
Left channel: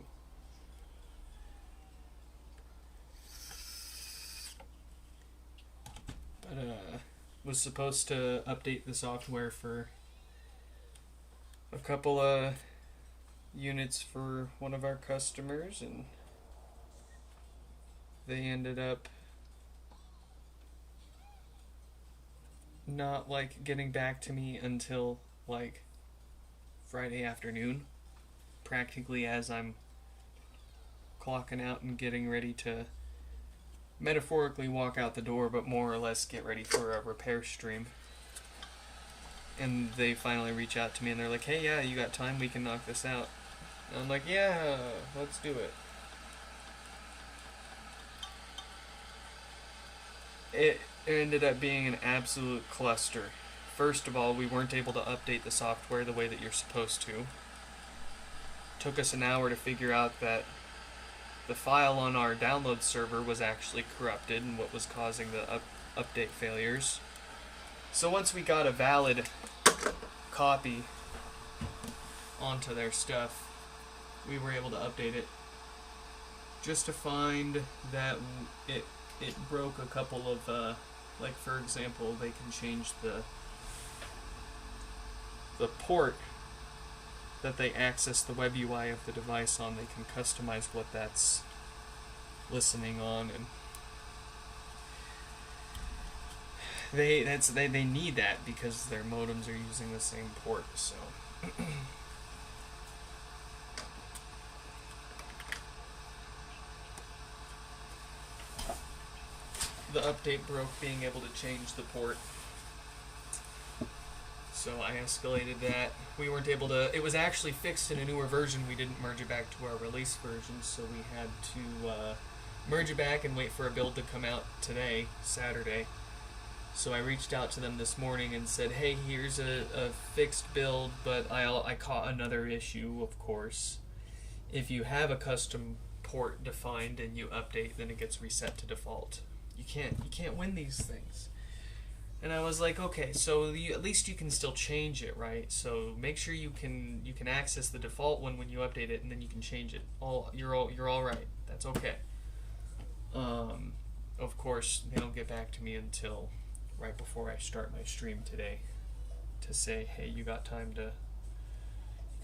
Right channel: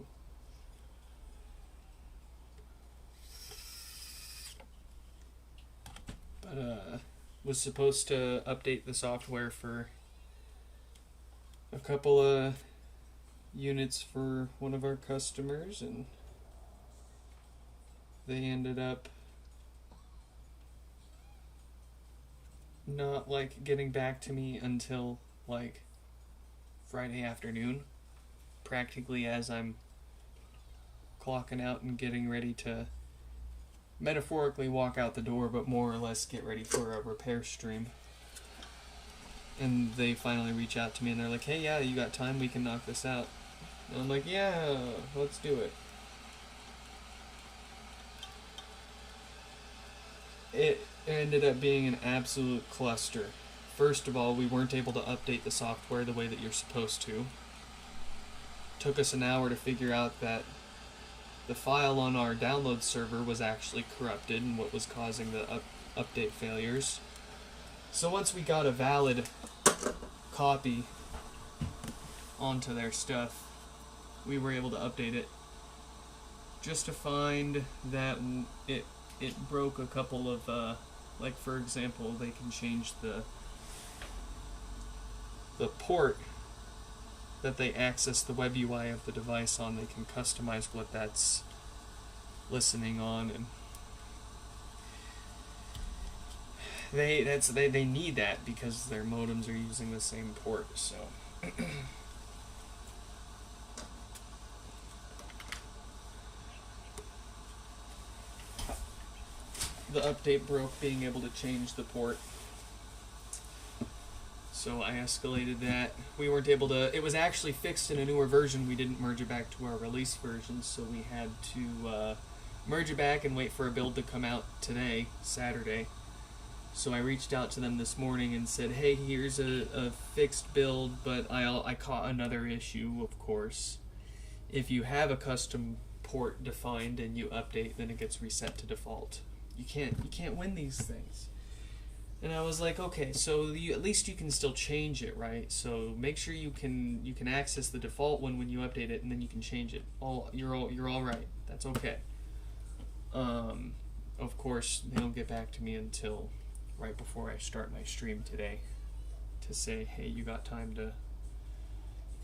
But was supposed to update the software for a couple of units for one of our customers, and they ended up not like getting back to me until like Friday afternoon, practically as I'm clocking out and getting ready to metaphorically walk out the door, but more or less get ready for a repair stream. And they finally reach out to me and they're like, hey, yeah, you got time? We can knock this out. And I'm like, yeah, let's do it. It ended up being an absolute cluster. First of all, we weren't able to update the software the way that you're supposed to. Took us an hour to figure out that the file on our download server was actually corrupted and what was causing the update failures. So once we got a valid copy onto their stuff, we were able to update it. Just to find that it broke a couple of, like for example, they can change the port that they access the web UI of the device on. They can customize what that's listening on, and they need that because their modems are using the same port. So the update broke being able to change the port. So I escalated that. We weren't able to... It was actually fixed in a newer version. We didn't merge it back to our release version, so we had to merge it back and wait for a build to come out today, Saturday. So I reached out to them this morning and said, hey, here's a fixed build, but I caught another issue, of course. If you have a custom port defined and you update, then it gets reset to default. you can't win these things. And I was like, okay, so at least you can still change it, right? So make sure you can access the default one when you update it, and then you can change it. You're all right. That's okay. Of course, they don't get back to me until right before I start my stream today to say, hey, you got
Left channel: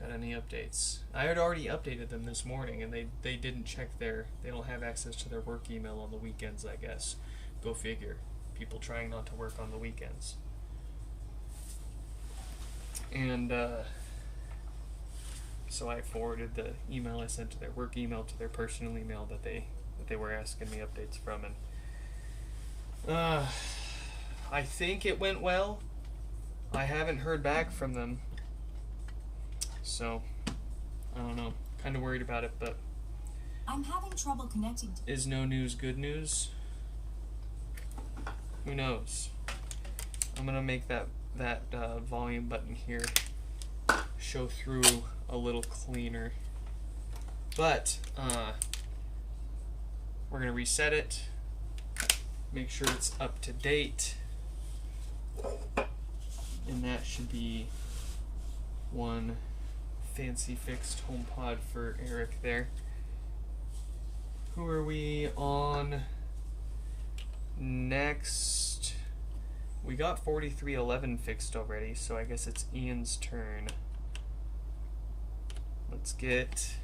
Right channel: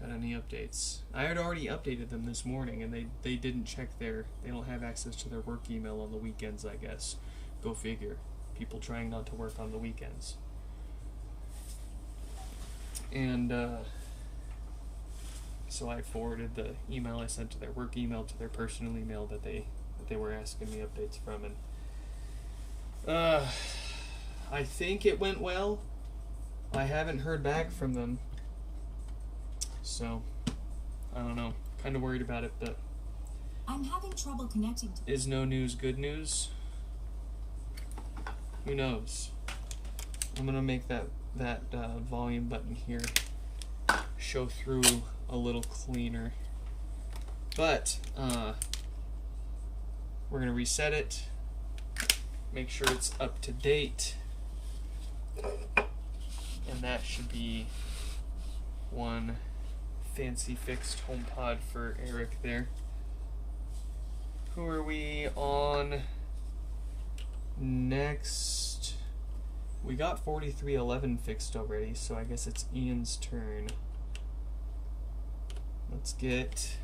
any updates? I had already updated them this morning, and they didn't check they don't have access to their work email on the weekends, I guess. Go figure. People trying not to work on the weekends. And so I forwarded the email I sent to their work email to their personal email that they were asking me updates from, and I think it went well. I haven't heard back from them, so I don't know. Kind of worried about it, but I'm having trouble connecting to... Is no news good news? Who knows? I'm gonna make that volume button here show through a little cleaner, but we're gonna reset it, make sure it's up to date, and that should be one fancy fixed HomePod for Eric there. Who are we on next? We got 4311 fixed already, so I guess it's Ian's turn. Let's get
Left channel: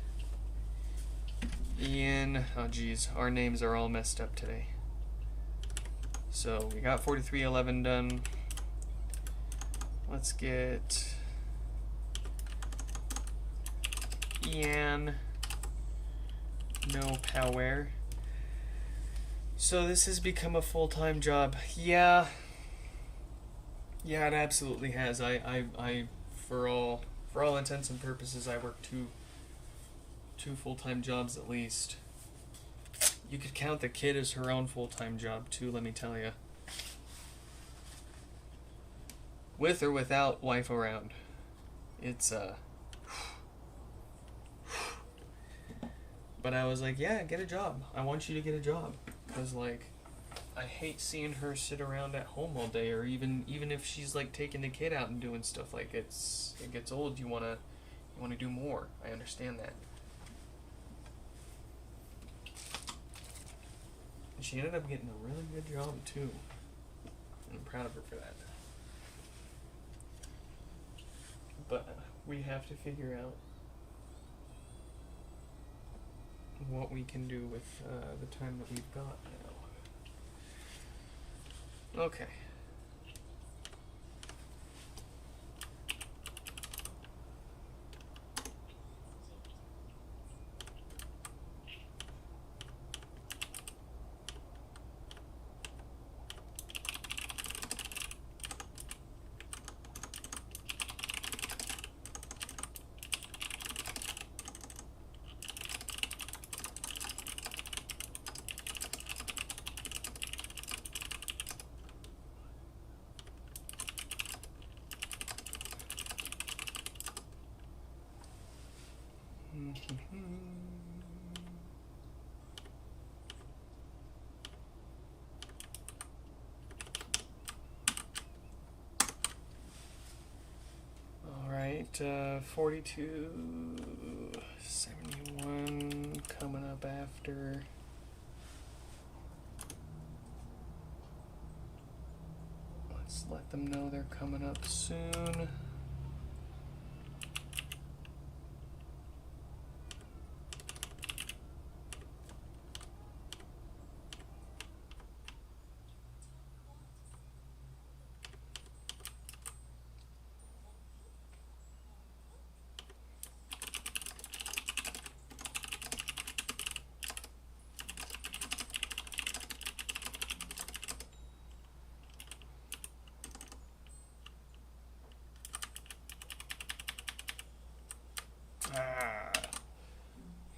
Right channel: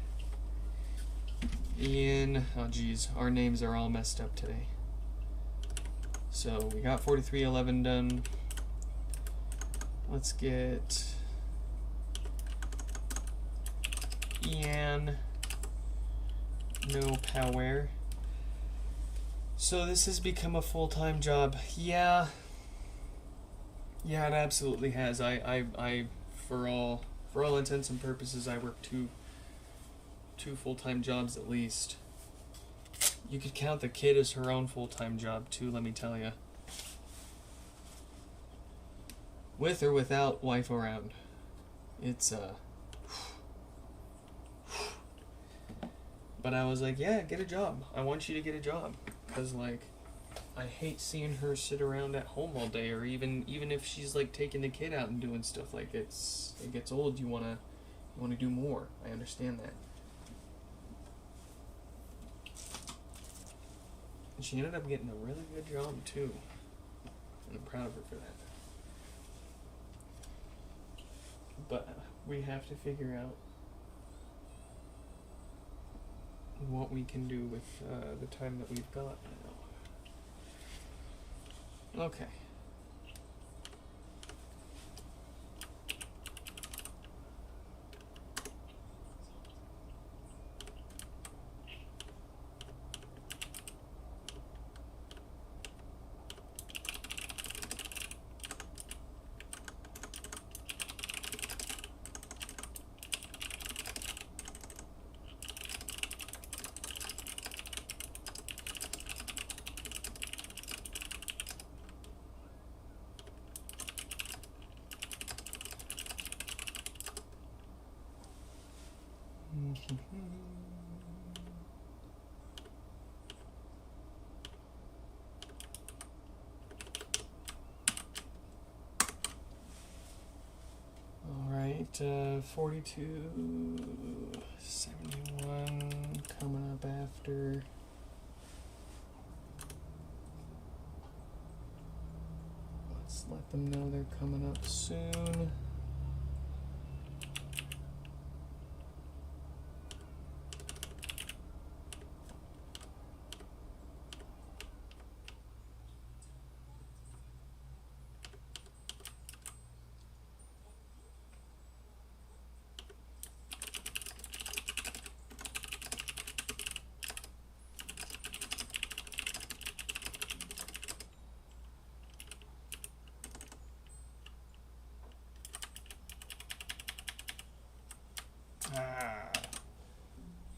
Ian. Oh geez, our names are all messed up today. So we got 4311 done. Let's get Ian. No power. So this has become a full-time job. Yeah, it absolutely has. I for all intents and purposes, I work two full-time jobs at least. You could count the kid as her own full-time job too, let me tell you. With or without wife around. It's But I was like, yeah, get a job. I want you to get a job. Because, like, I hate seeing her sit around at home all day, or even if she's, like, taking the kid out and doing stuff. Like, it gets old. You wanna do more. I understand that. And she ended up getting a really good job, too. And I'm proud of her for that. But we have to figure out what we can do with the time that we've got now. Okay. Alright, 4271 coming up after. Let's let them know they're coming up soon.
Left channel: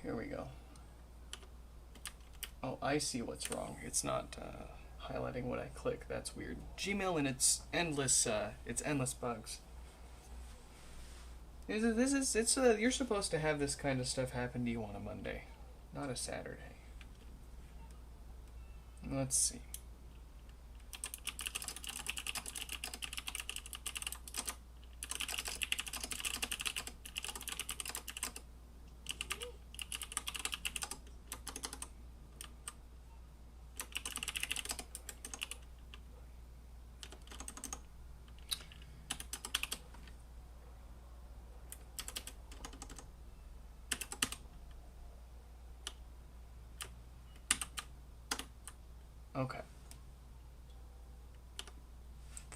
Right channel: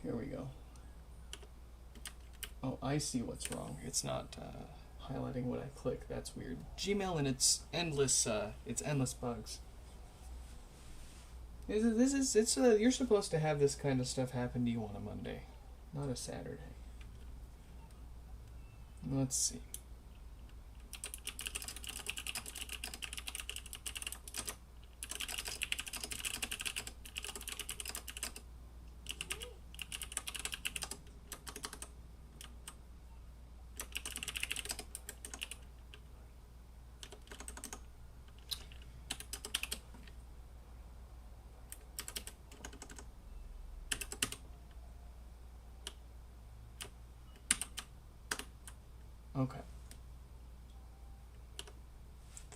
Here we go. Oh, I see what's wrong. It's not highlighting what I click. That's weird. Gmail and its endless bugs. You're supposed to have this kind of stuff happen to you on a Monday, not a Saturday. Let's see.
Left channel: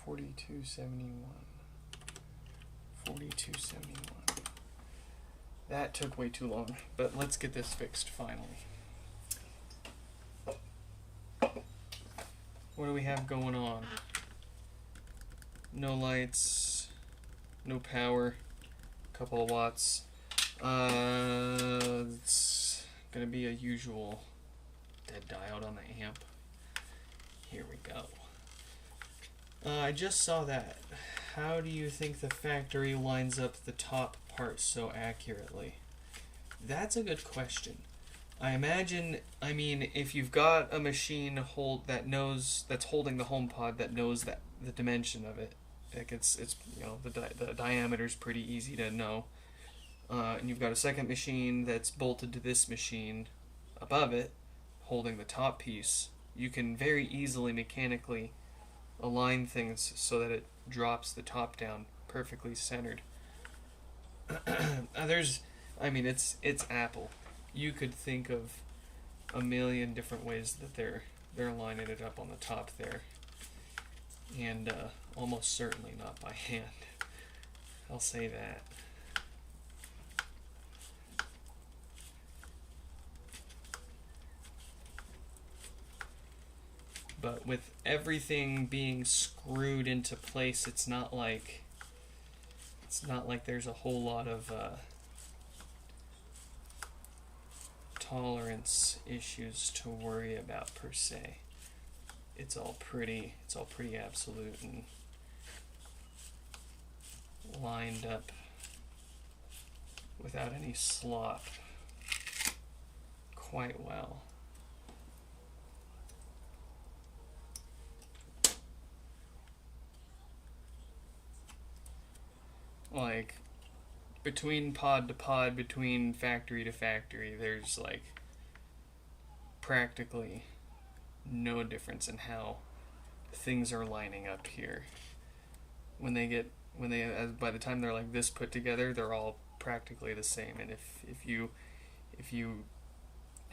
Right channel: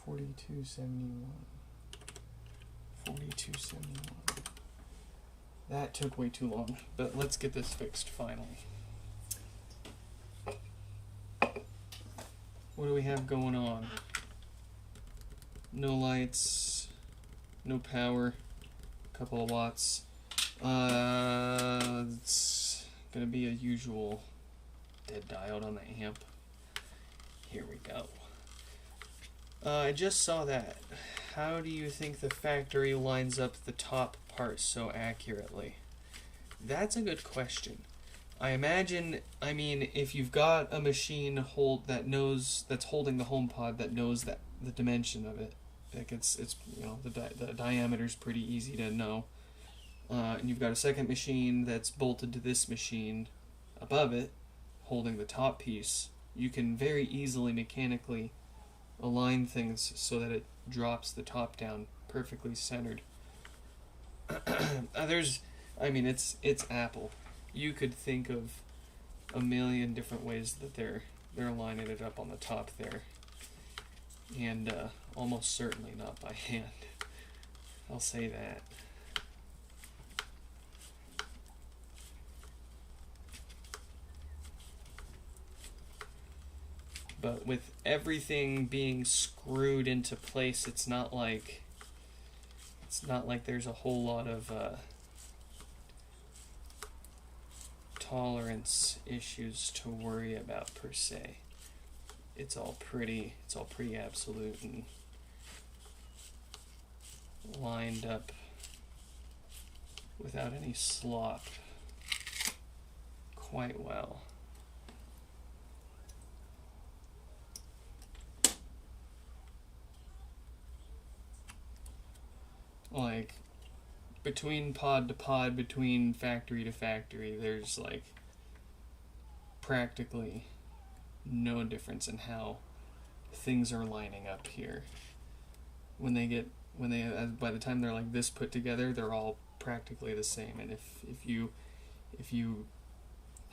4271. 4271. That took way too long, but let's get this fixed finally. What do we have going on? No lights, no power, couple of watts. It's gonna be a usual dead diode on the amp. Here we go. I just saw that. How do you think the factory lines up the top part so accurately? That's a good question. I imagine, if you've got a machine that's holding the HomePod that knows that the dimension of it, like it's the diameter's pretty easy to know, and you've got a second machine that's bolted to this machine above it, holding the top piece, you can very easily mechanically align things so that it drops the top down perfectly centered. It's Apple. You could think of a million different ways that they're lining it up on the top there, and almost certainly not by hand. I'll say that. But with everything being screwed into place, it's not like there's a whole lot of tolerance issues to worry about per se. It's all pretty absolute and lined up without any slop quite well. Like, between pod to pod, between factory to factory, there's like practically no difference in how things are lining up here. By the time they're like this put together, they're all practically the same. And if you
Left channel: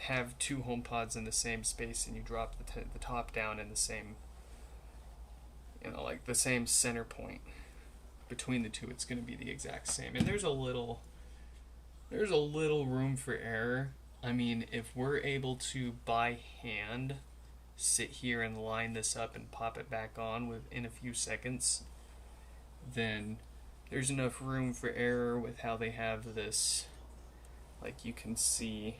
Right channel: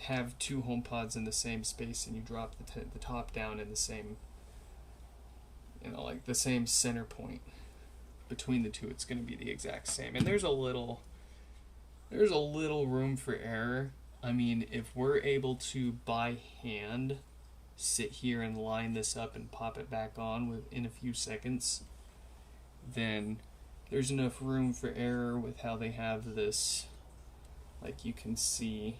have two HomePods in the same space and you drop the top down in the same, like the same center point between the two, it's going to be the exact same. And there's a little room for error. If we're able to by hand sit here and line this up and pop it back on within a few seconds, then there's enough room for error with how they have this. Like, you can see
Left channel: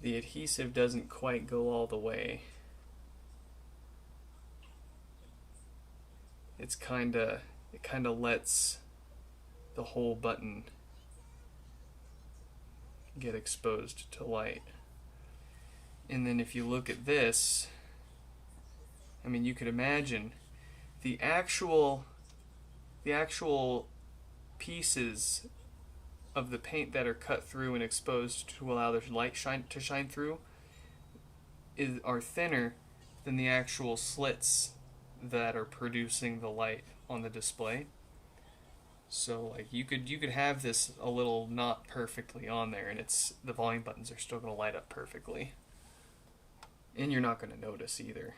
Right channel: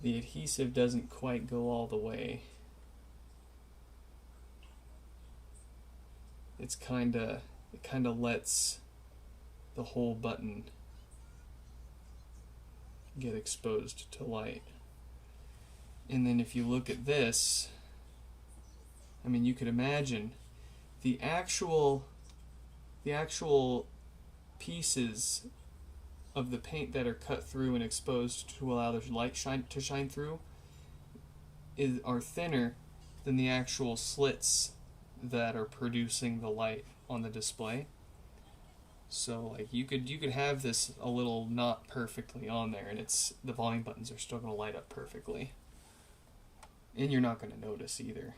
the adhesive doesn't quite go all the way. It kind of lets the whole button get exposed to light. And then if you look at this, you could imagine the actual pieces of the paint that are cut through and exposed to allow the light to shine through are thinner than the actual slits that are producing the light on the display. So like you could have this a little not perfectly on there, and the volume buttons are still going to light up perfectly, and you're not going to notice either.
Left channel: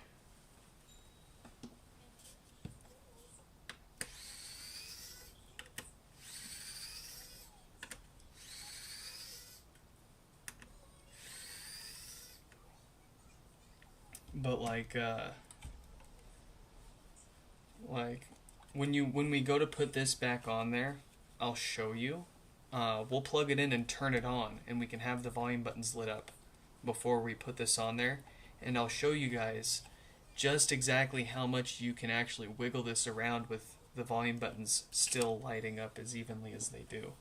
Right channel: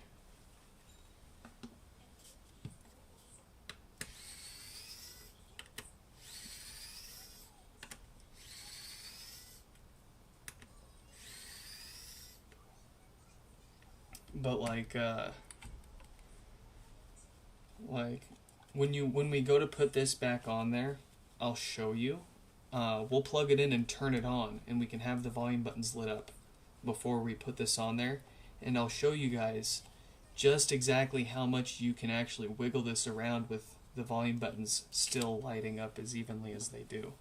But when we go to put this back on there, I'll show you. We'll plug it in and turn it on, and we can have the volume buttons lit up before we put this on there. And I'll show you guys just exactly how much you can actually wiggle this around with the volume buttons still lighting up as evenly as they do.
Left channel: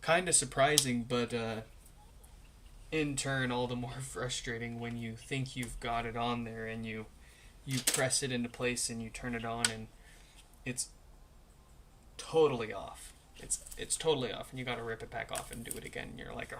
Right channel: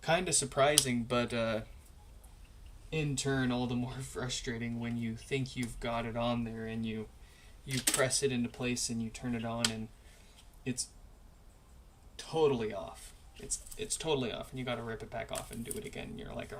Kind of surprising, but in turn all the more frustrating when you think you've got it on there and you press it into place and you turn it on and it's totally off. It's totally off, and you got to rip it back off and do it again, and you're like,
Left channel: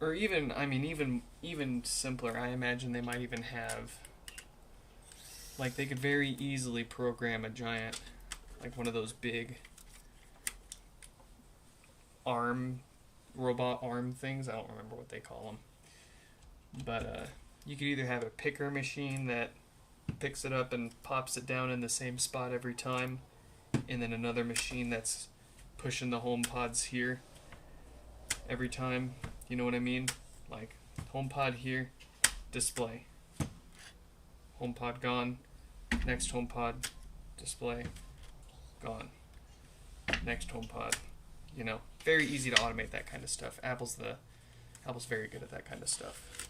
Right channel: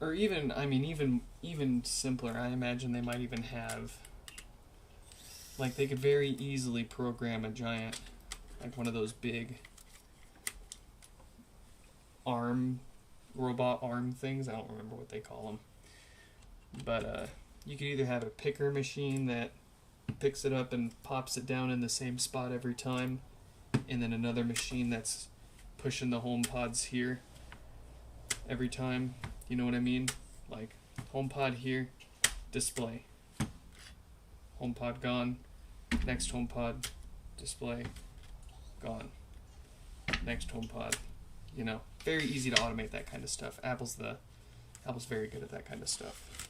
Or even, I mean, even simpler. I imagine they might even have, like, they could very easily program a giant, like one of those big robot arm things. I don't remember what they call them. But you could either have a picker machine that picks it up and pops it down in the same spot every time, and then another machine that's pushing the HomePods here every time. You know what I mean? Like, HomePod here, display. HomePod gone. Next HomePod, display, gone. Next HomePod. You know, very easy to automate that kind of stuff. Apple's very good at that kind of stuff.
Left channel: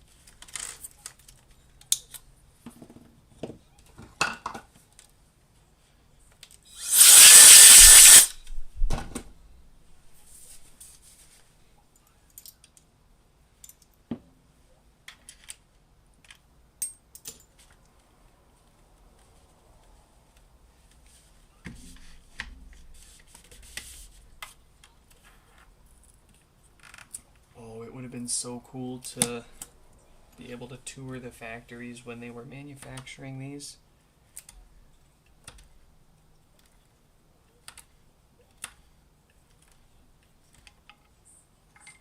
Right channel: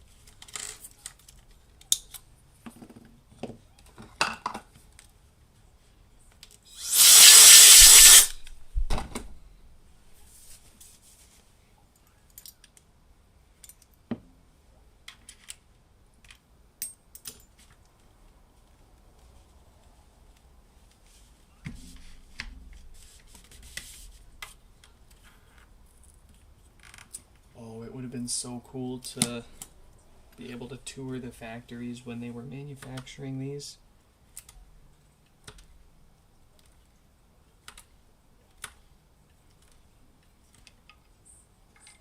Oh, it would have been so cool to be able to tour the factories when they were manufacturing these.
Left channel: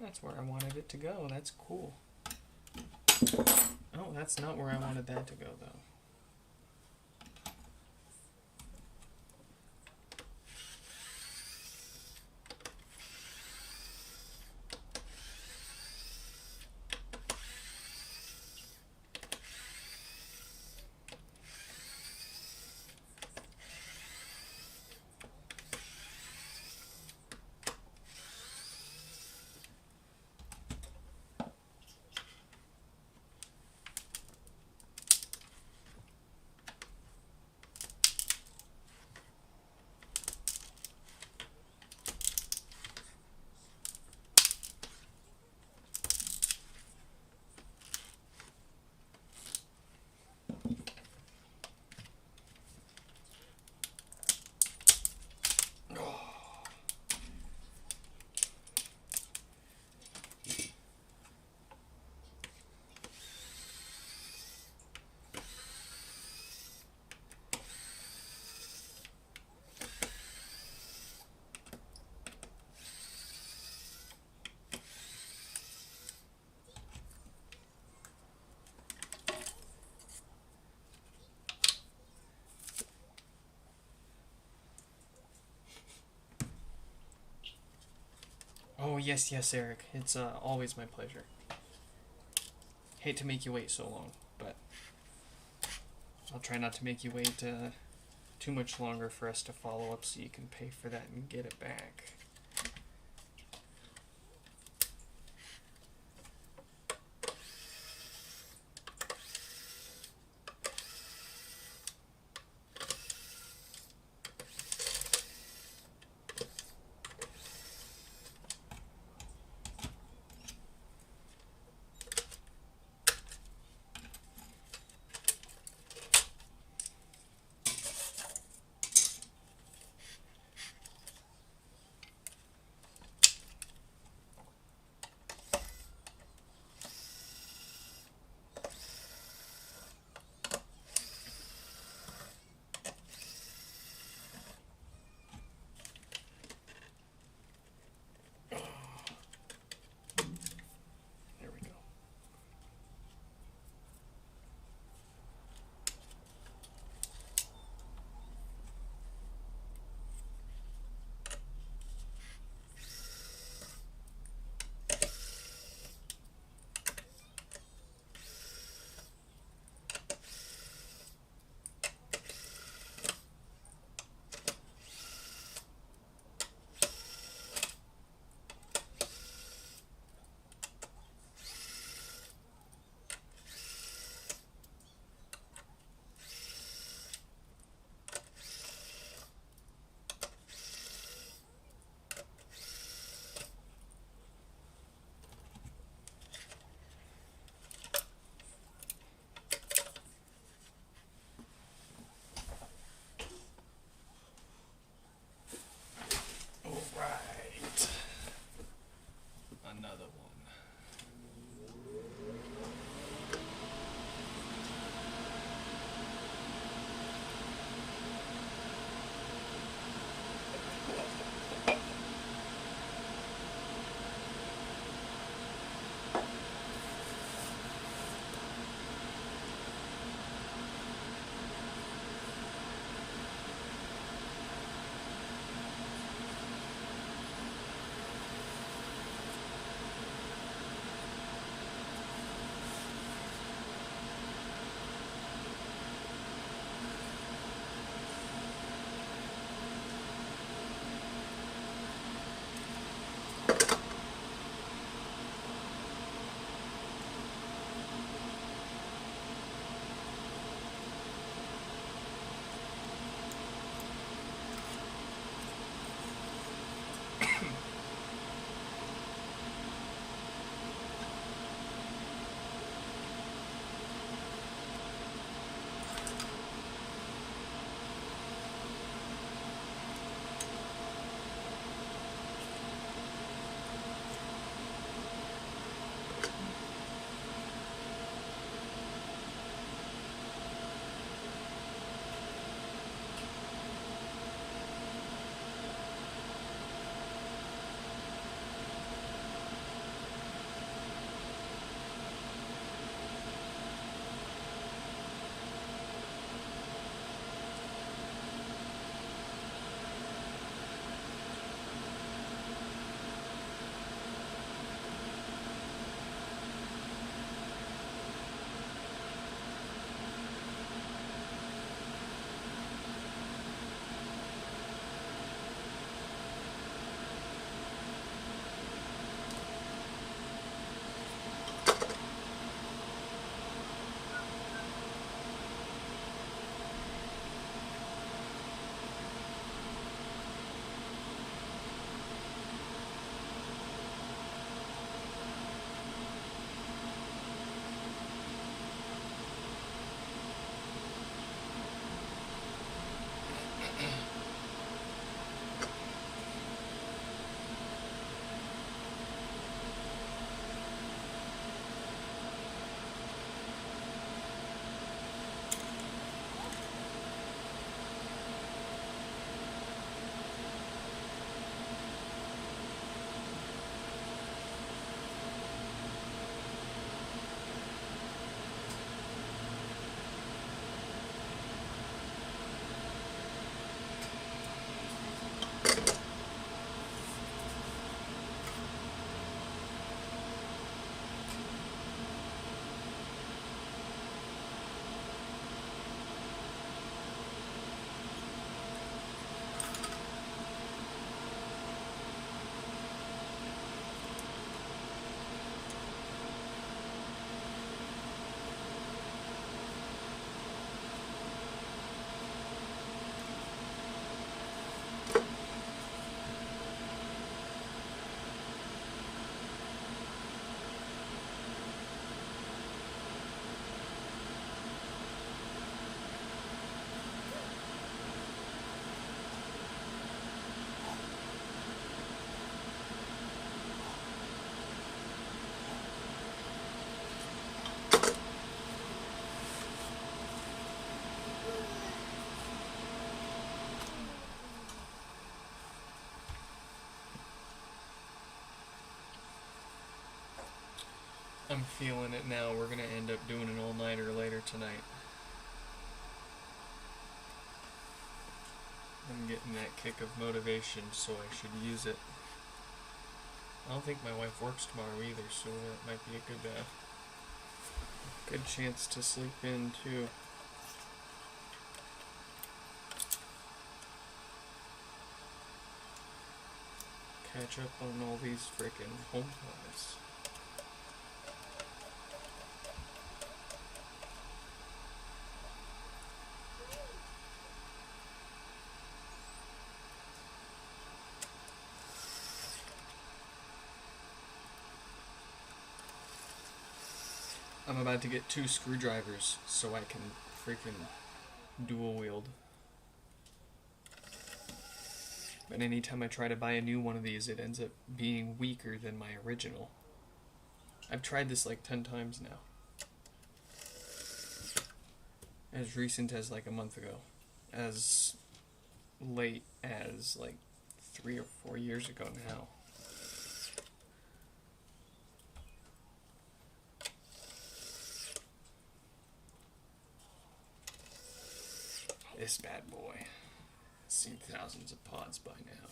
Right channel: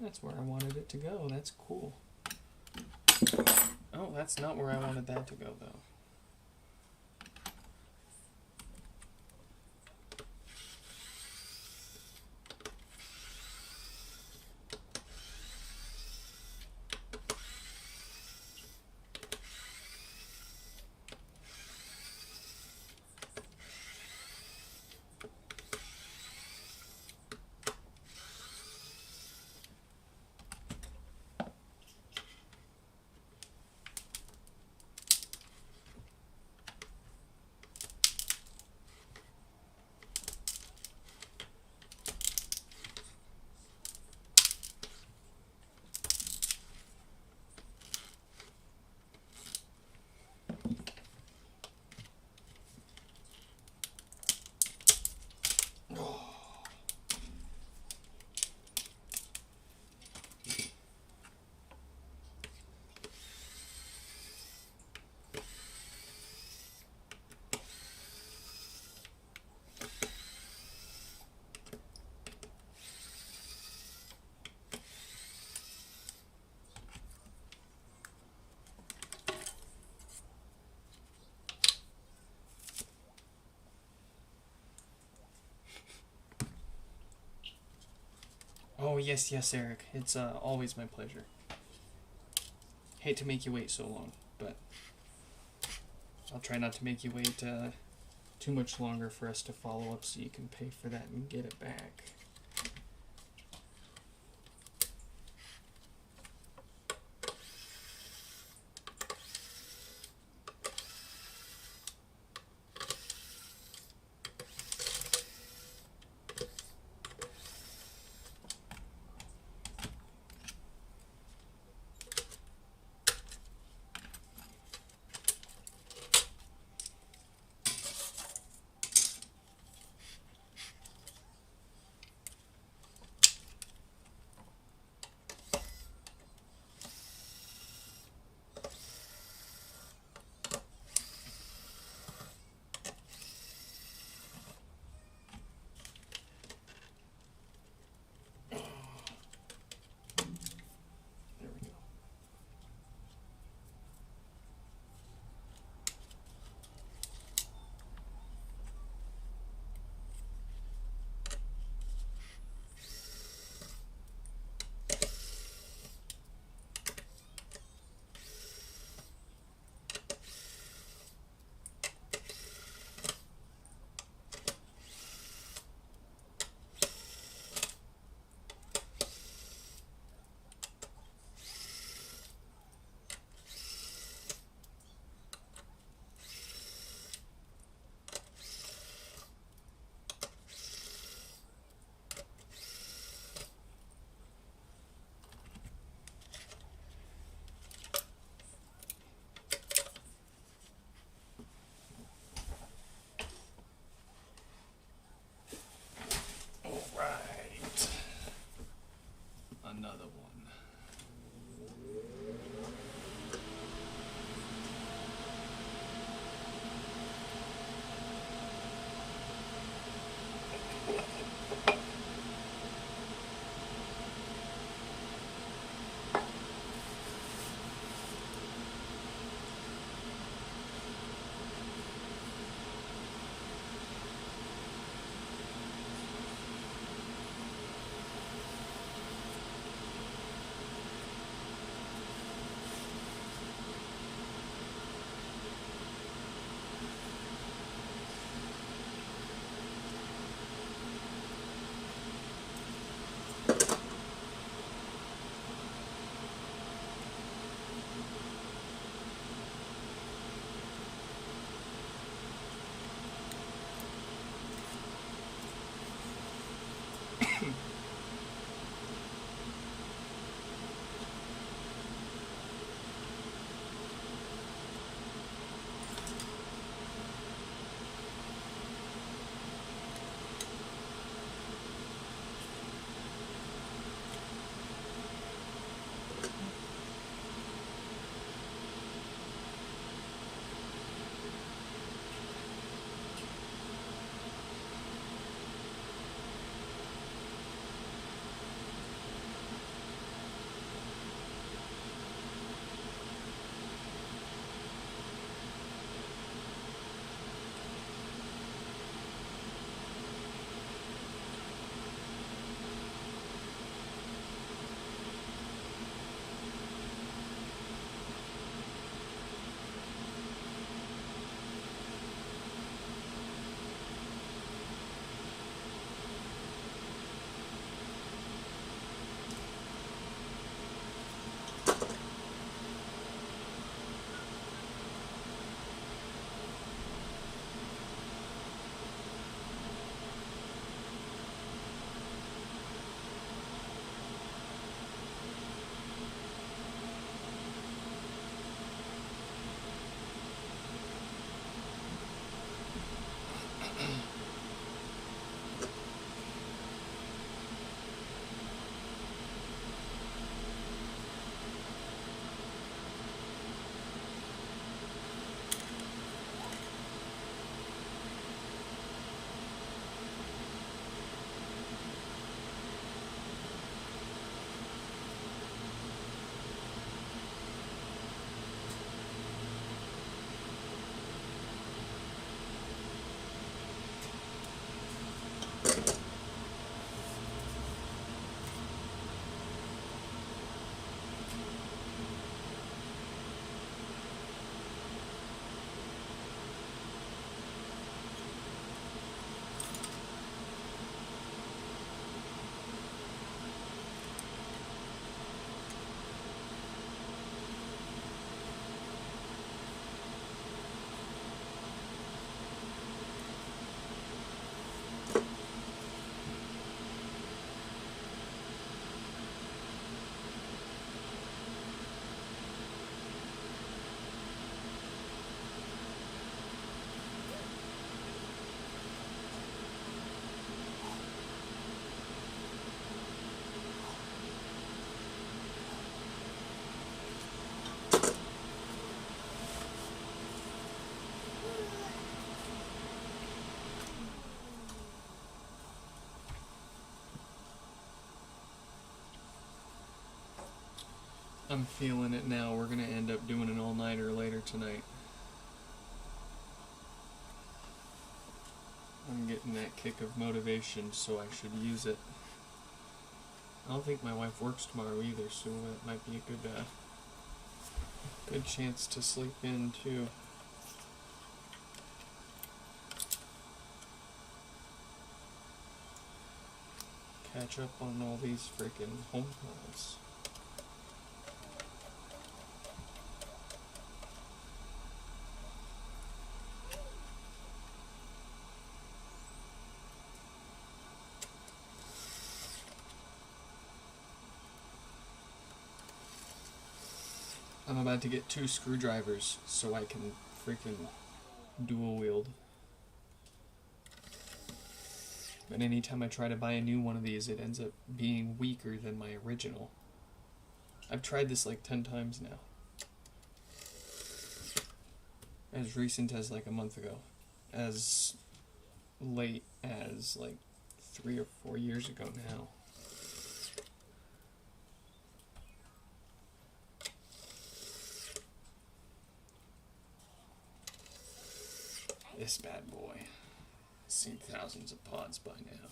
That's where I wanted it to go. That's cool. Oh, that's not where I wanted that to go, though. Oh, yes, Eric. It's always my pleasure. Hate to make you wait so long, but I'll try not to make you wait too much longer for us to follow up so you can pay for that and get it back. I'm feeling it now. We're gonna end up doing an all-nighter later tonight. I'm getting that kick of motivation, so I should use it. I don't think my wife works tomorrow either, so that might be a good chance to sleep in too. Catch up on all these freaking HomePods. I'm about to get 2 screwdrivers so I can freaking dual wield. But anytime I try to buy a new one of these, it ends up being weaker than my original. I've tried this like 10 times now. As recent as like a month ago. As late as like 3 or 4 years ago now. This bad boy has seen thousands of pods by now.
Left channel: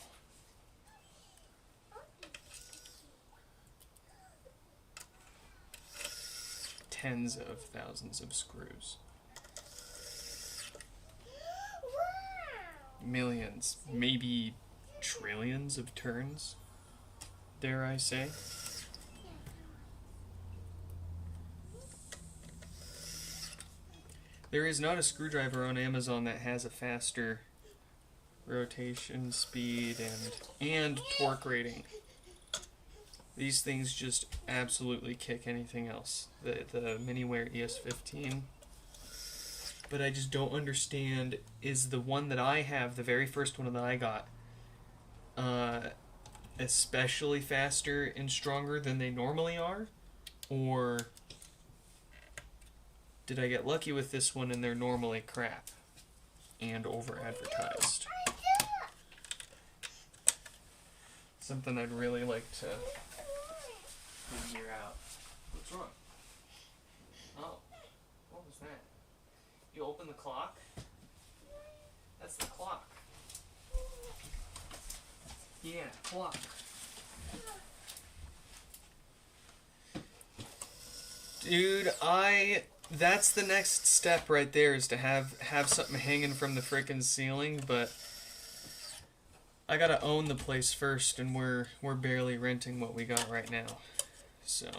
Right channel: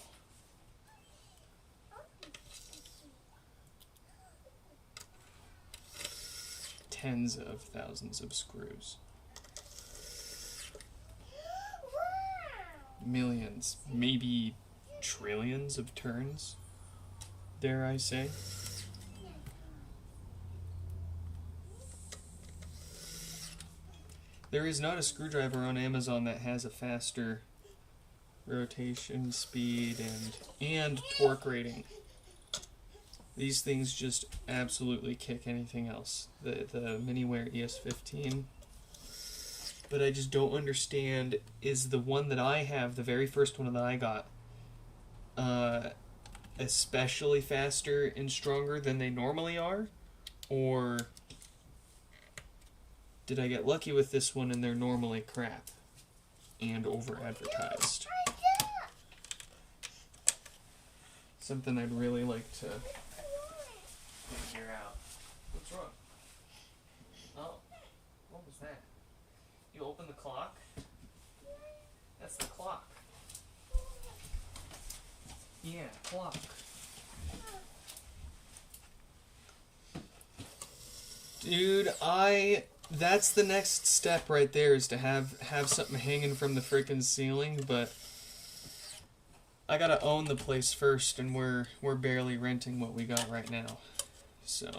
Tens of thousands of screws. Millions, maybe trillions of turns, dare I say. There is not a screwdriver on Amazon that has a faster rotation speed and torque rating. These things just absolutely kick anything else. The Miniware ES15. But I just don't understand, is the one that I have, the very first one that I got, especially faster and stronger than they normally are? Or did I get lucky with this one and they're normally crap and over-advertised? Something I'd really like to figure out. What's wrong? Oh, what was that? You open the clock? That's the clock. Yeah, clock. Dude, that's the next step right there, is to have something hanging from the freaking ceiling, but I gotta own the place first, and we're barely renting what we got right now. So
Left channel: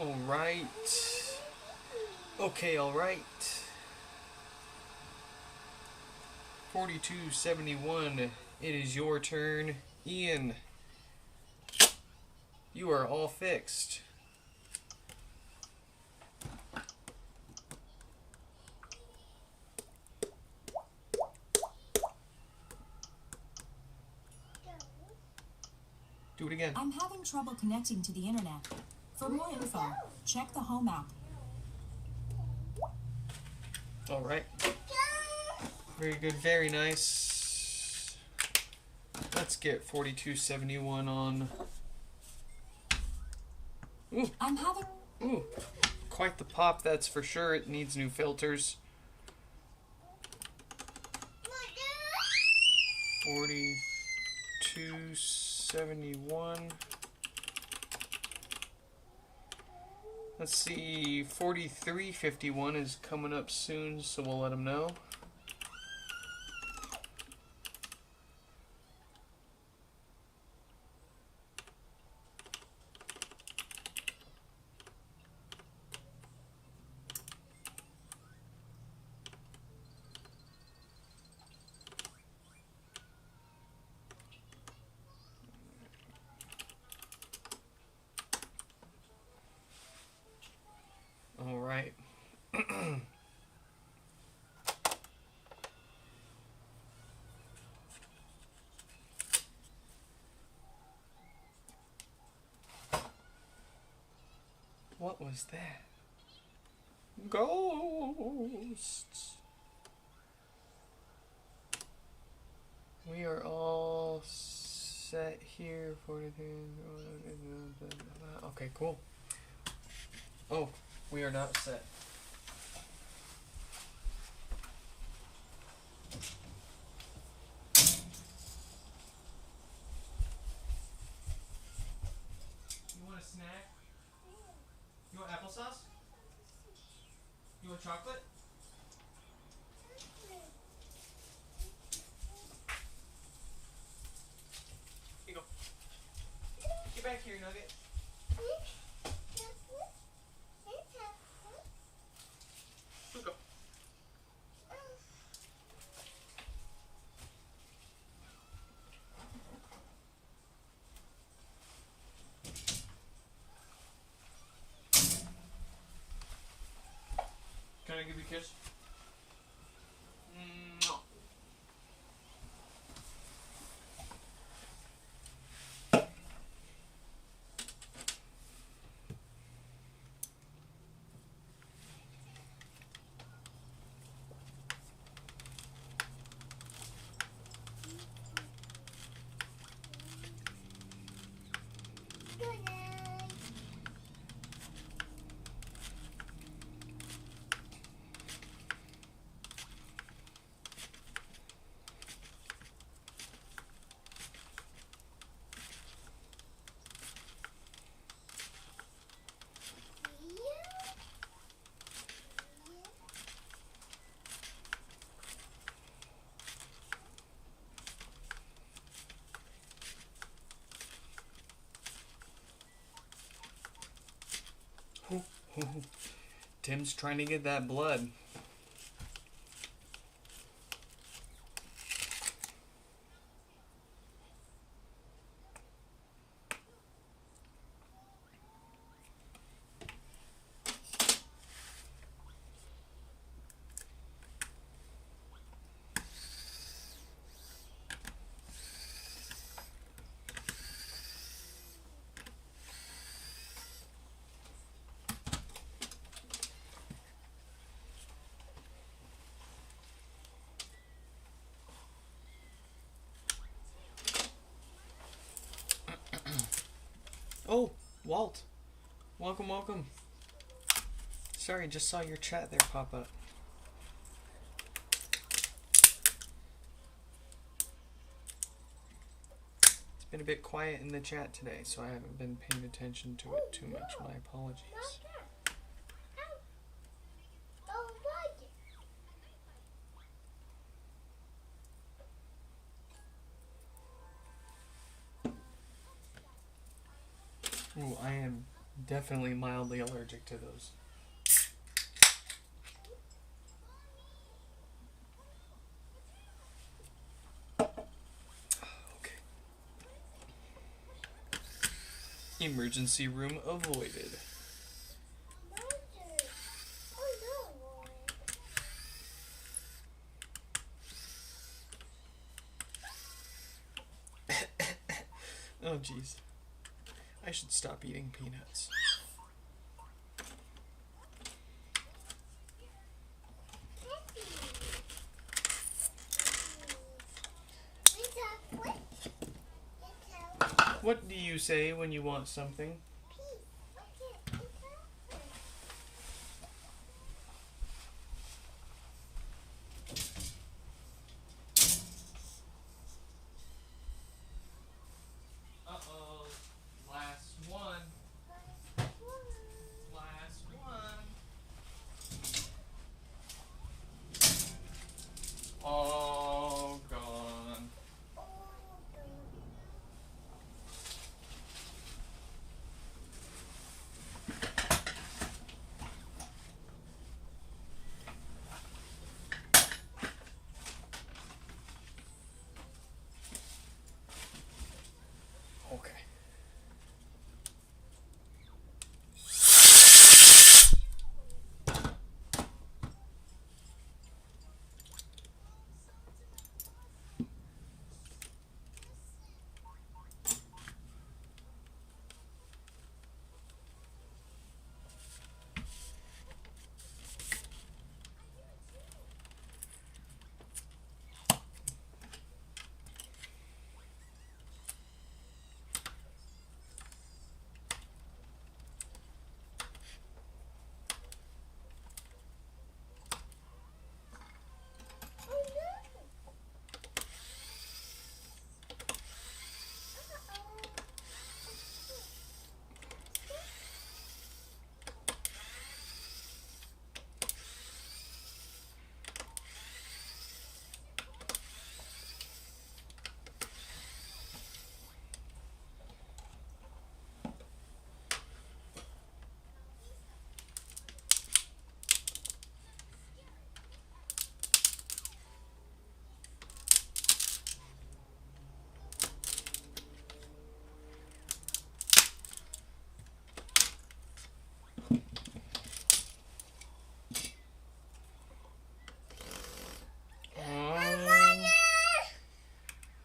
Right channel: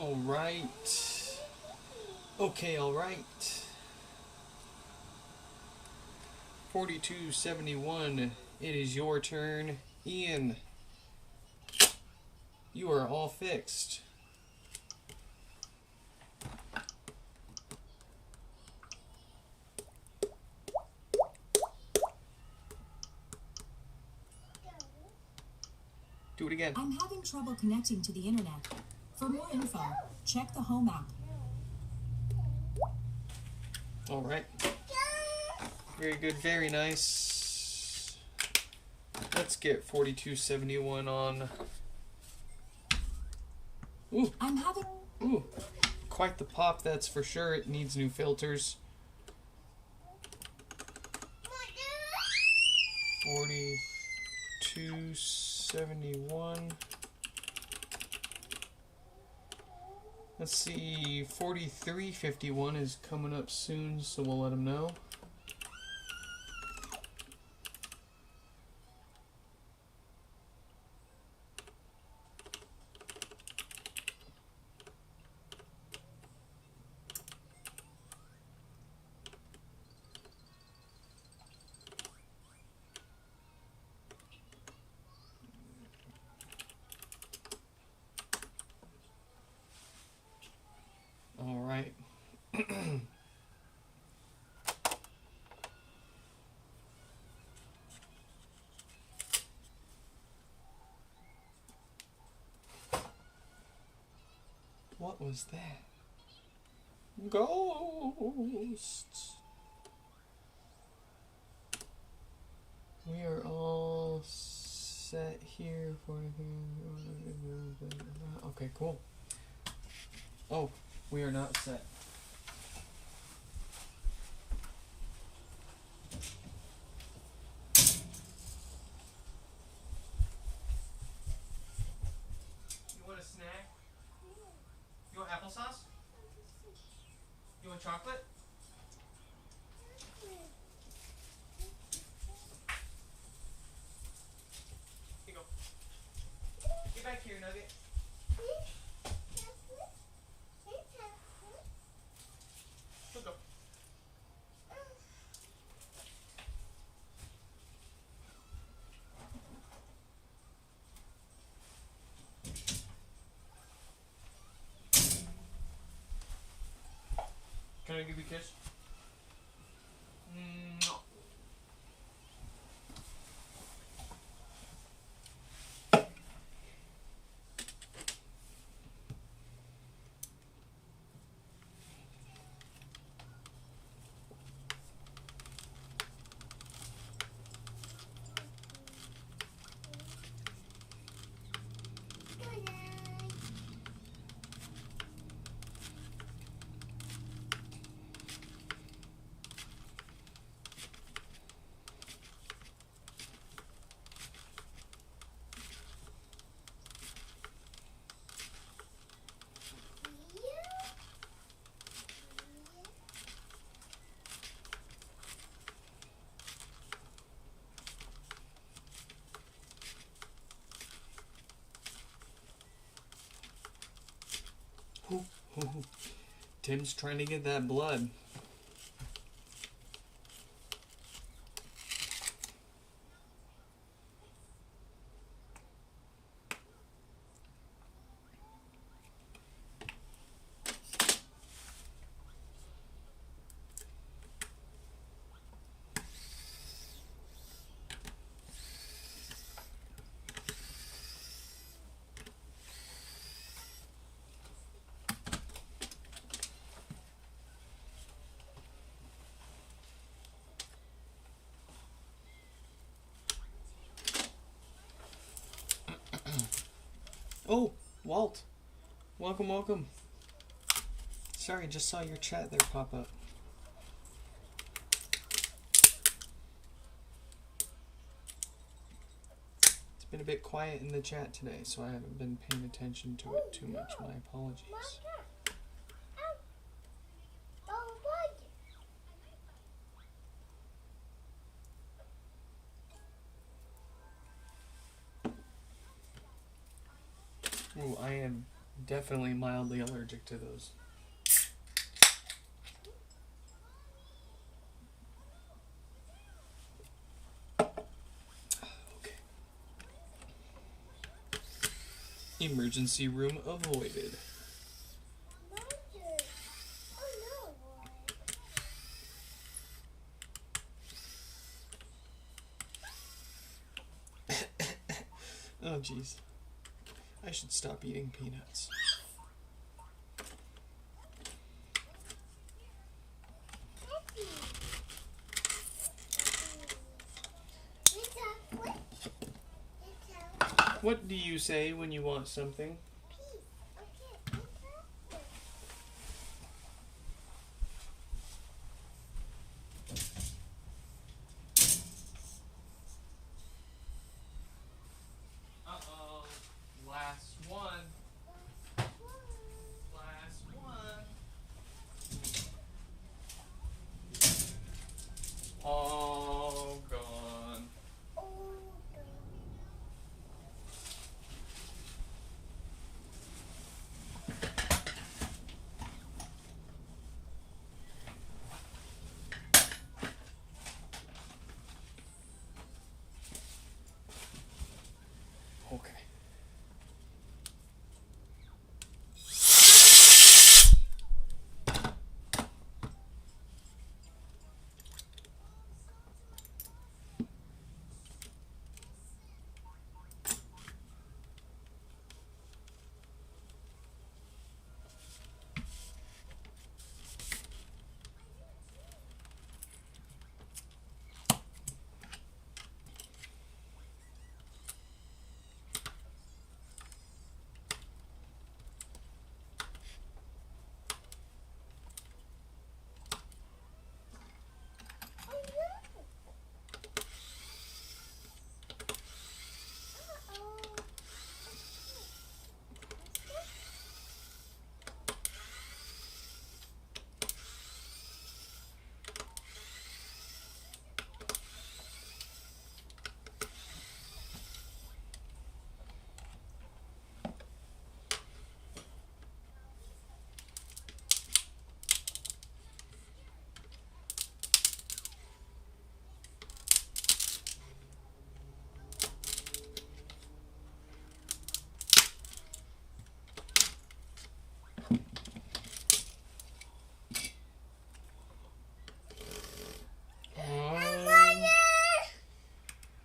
Alright. Okay, alright. 4271, it is your turn. Ian, you are all fixed. Do it again. I'm having trouble connecting to the internet. For more info, check the Home app. Alright. Very good, very nice. Let's get 4271 on. Ooh, I'm having... ooh. Quite the pop, that's for sure. It needs new filters. 4271. Let's see, 4351 is coming up soon, so we'll let them know. All right. What was that? Ghosts. We are all set here for anything. Okay, cool. Oh, we are not set. You want a snack? You want applesauce? You want chocolate? Here you go. Get back here, Nugget. Go. Can I give you a kiss? No. Tim's trying to get that blood. Oh, Walt. Welcome, welcome. Sorry, just saw your chat there pop up. It's been a bit quiet in the chat today, so I haven't been paying attention to it too much. My apologies. Ooh, I am Definitely mildly allergic to those. Okay. Emergency room avoided. Oh, jeez. I should stop eating peanuts. What do you say when you want something? Uh-oh. Last one. Last one. All gone. Okay.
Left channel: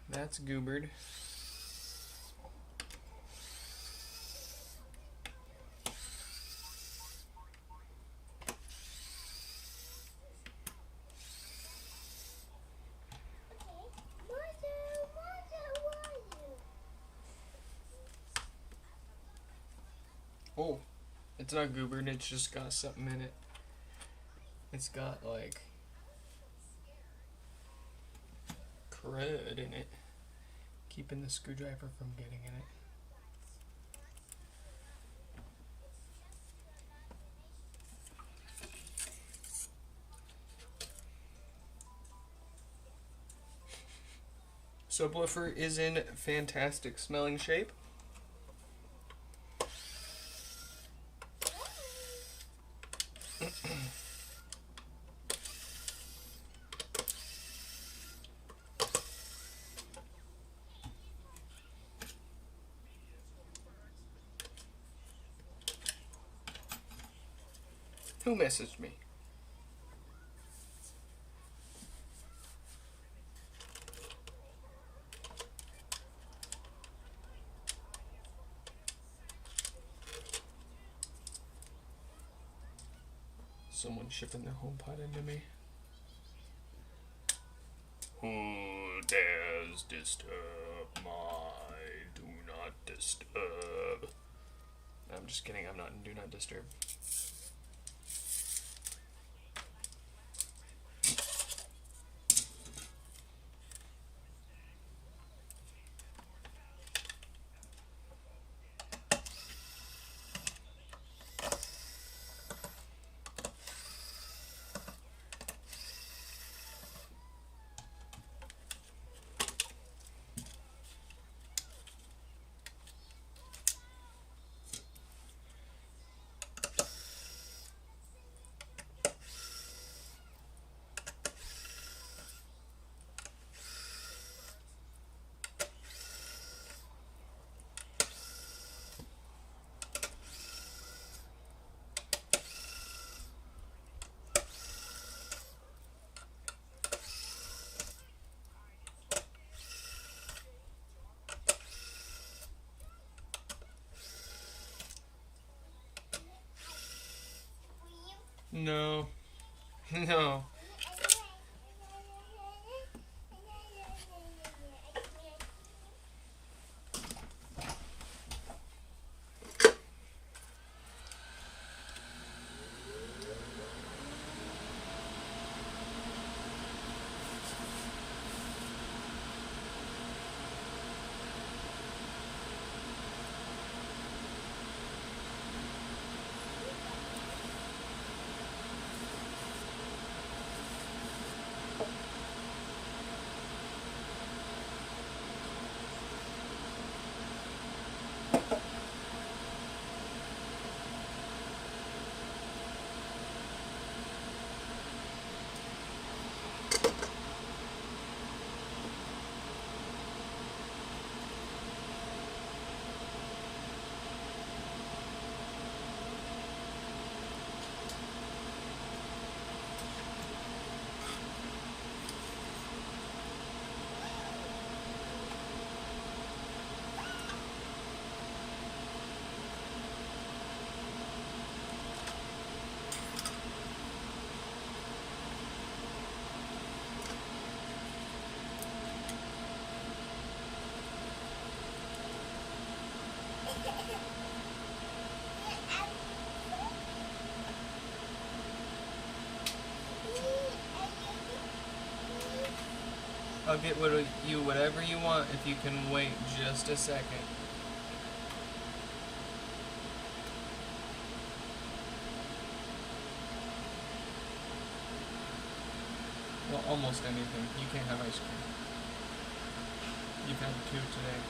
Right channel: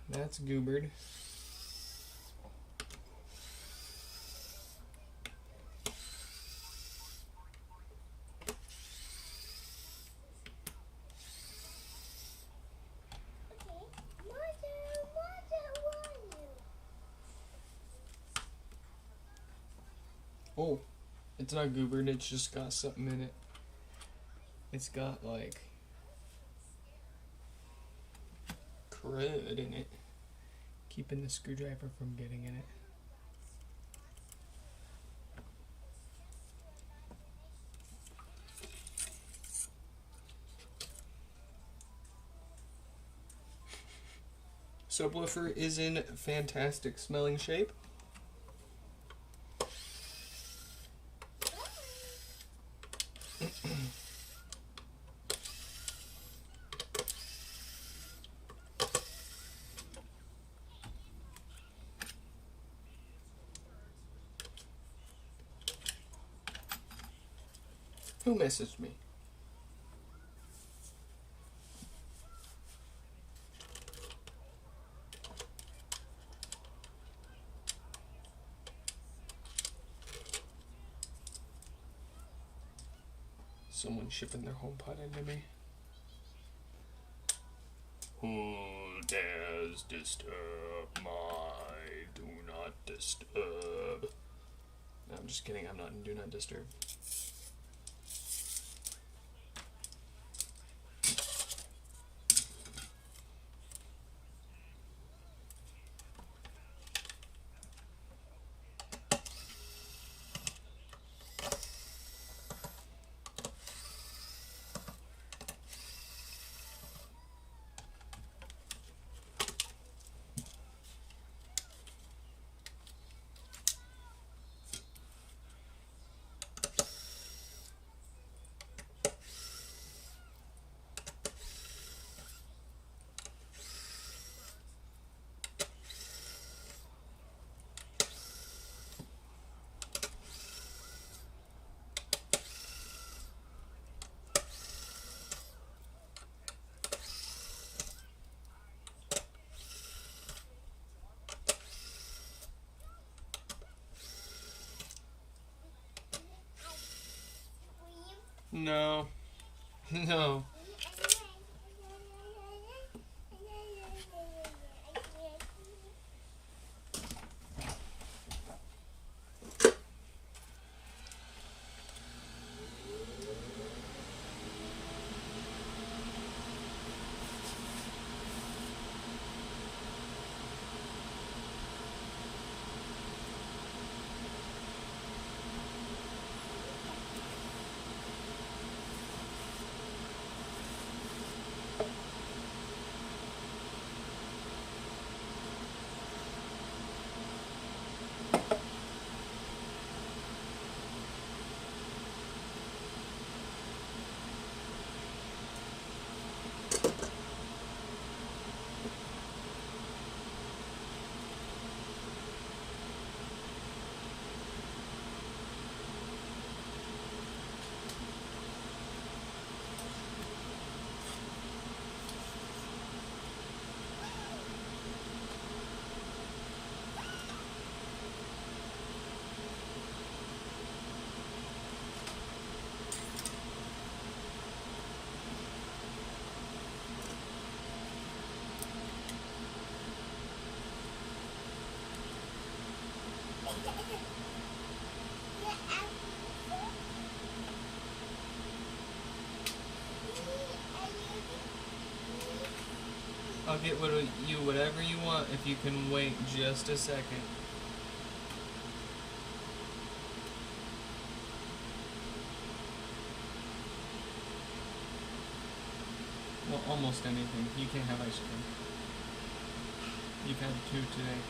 That's goobered. Oh, it's not goobered, it's just got something in it. It's got like crud in it, keeping the screwdriver from getting in it. Subwoofer is in fantastic smelling shape. Who messaged me? Someone shipping their HomePod into me. Who dares disturb my do not disturb? No, I'm just kidding, I'm not in do not disturb. No. No. I'll get you whatever you want if you can wait just a second. Well, almost anything. You can't have ice cream. You've had 2 today.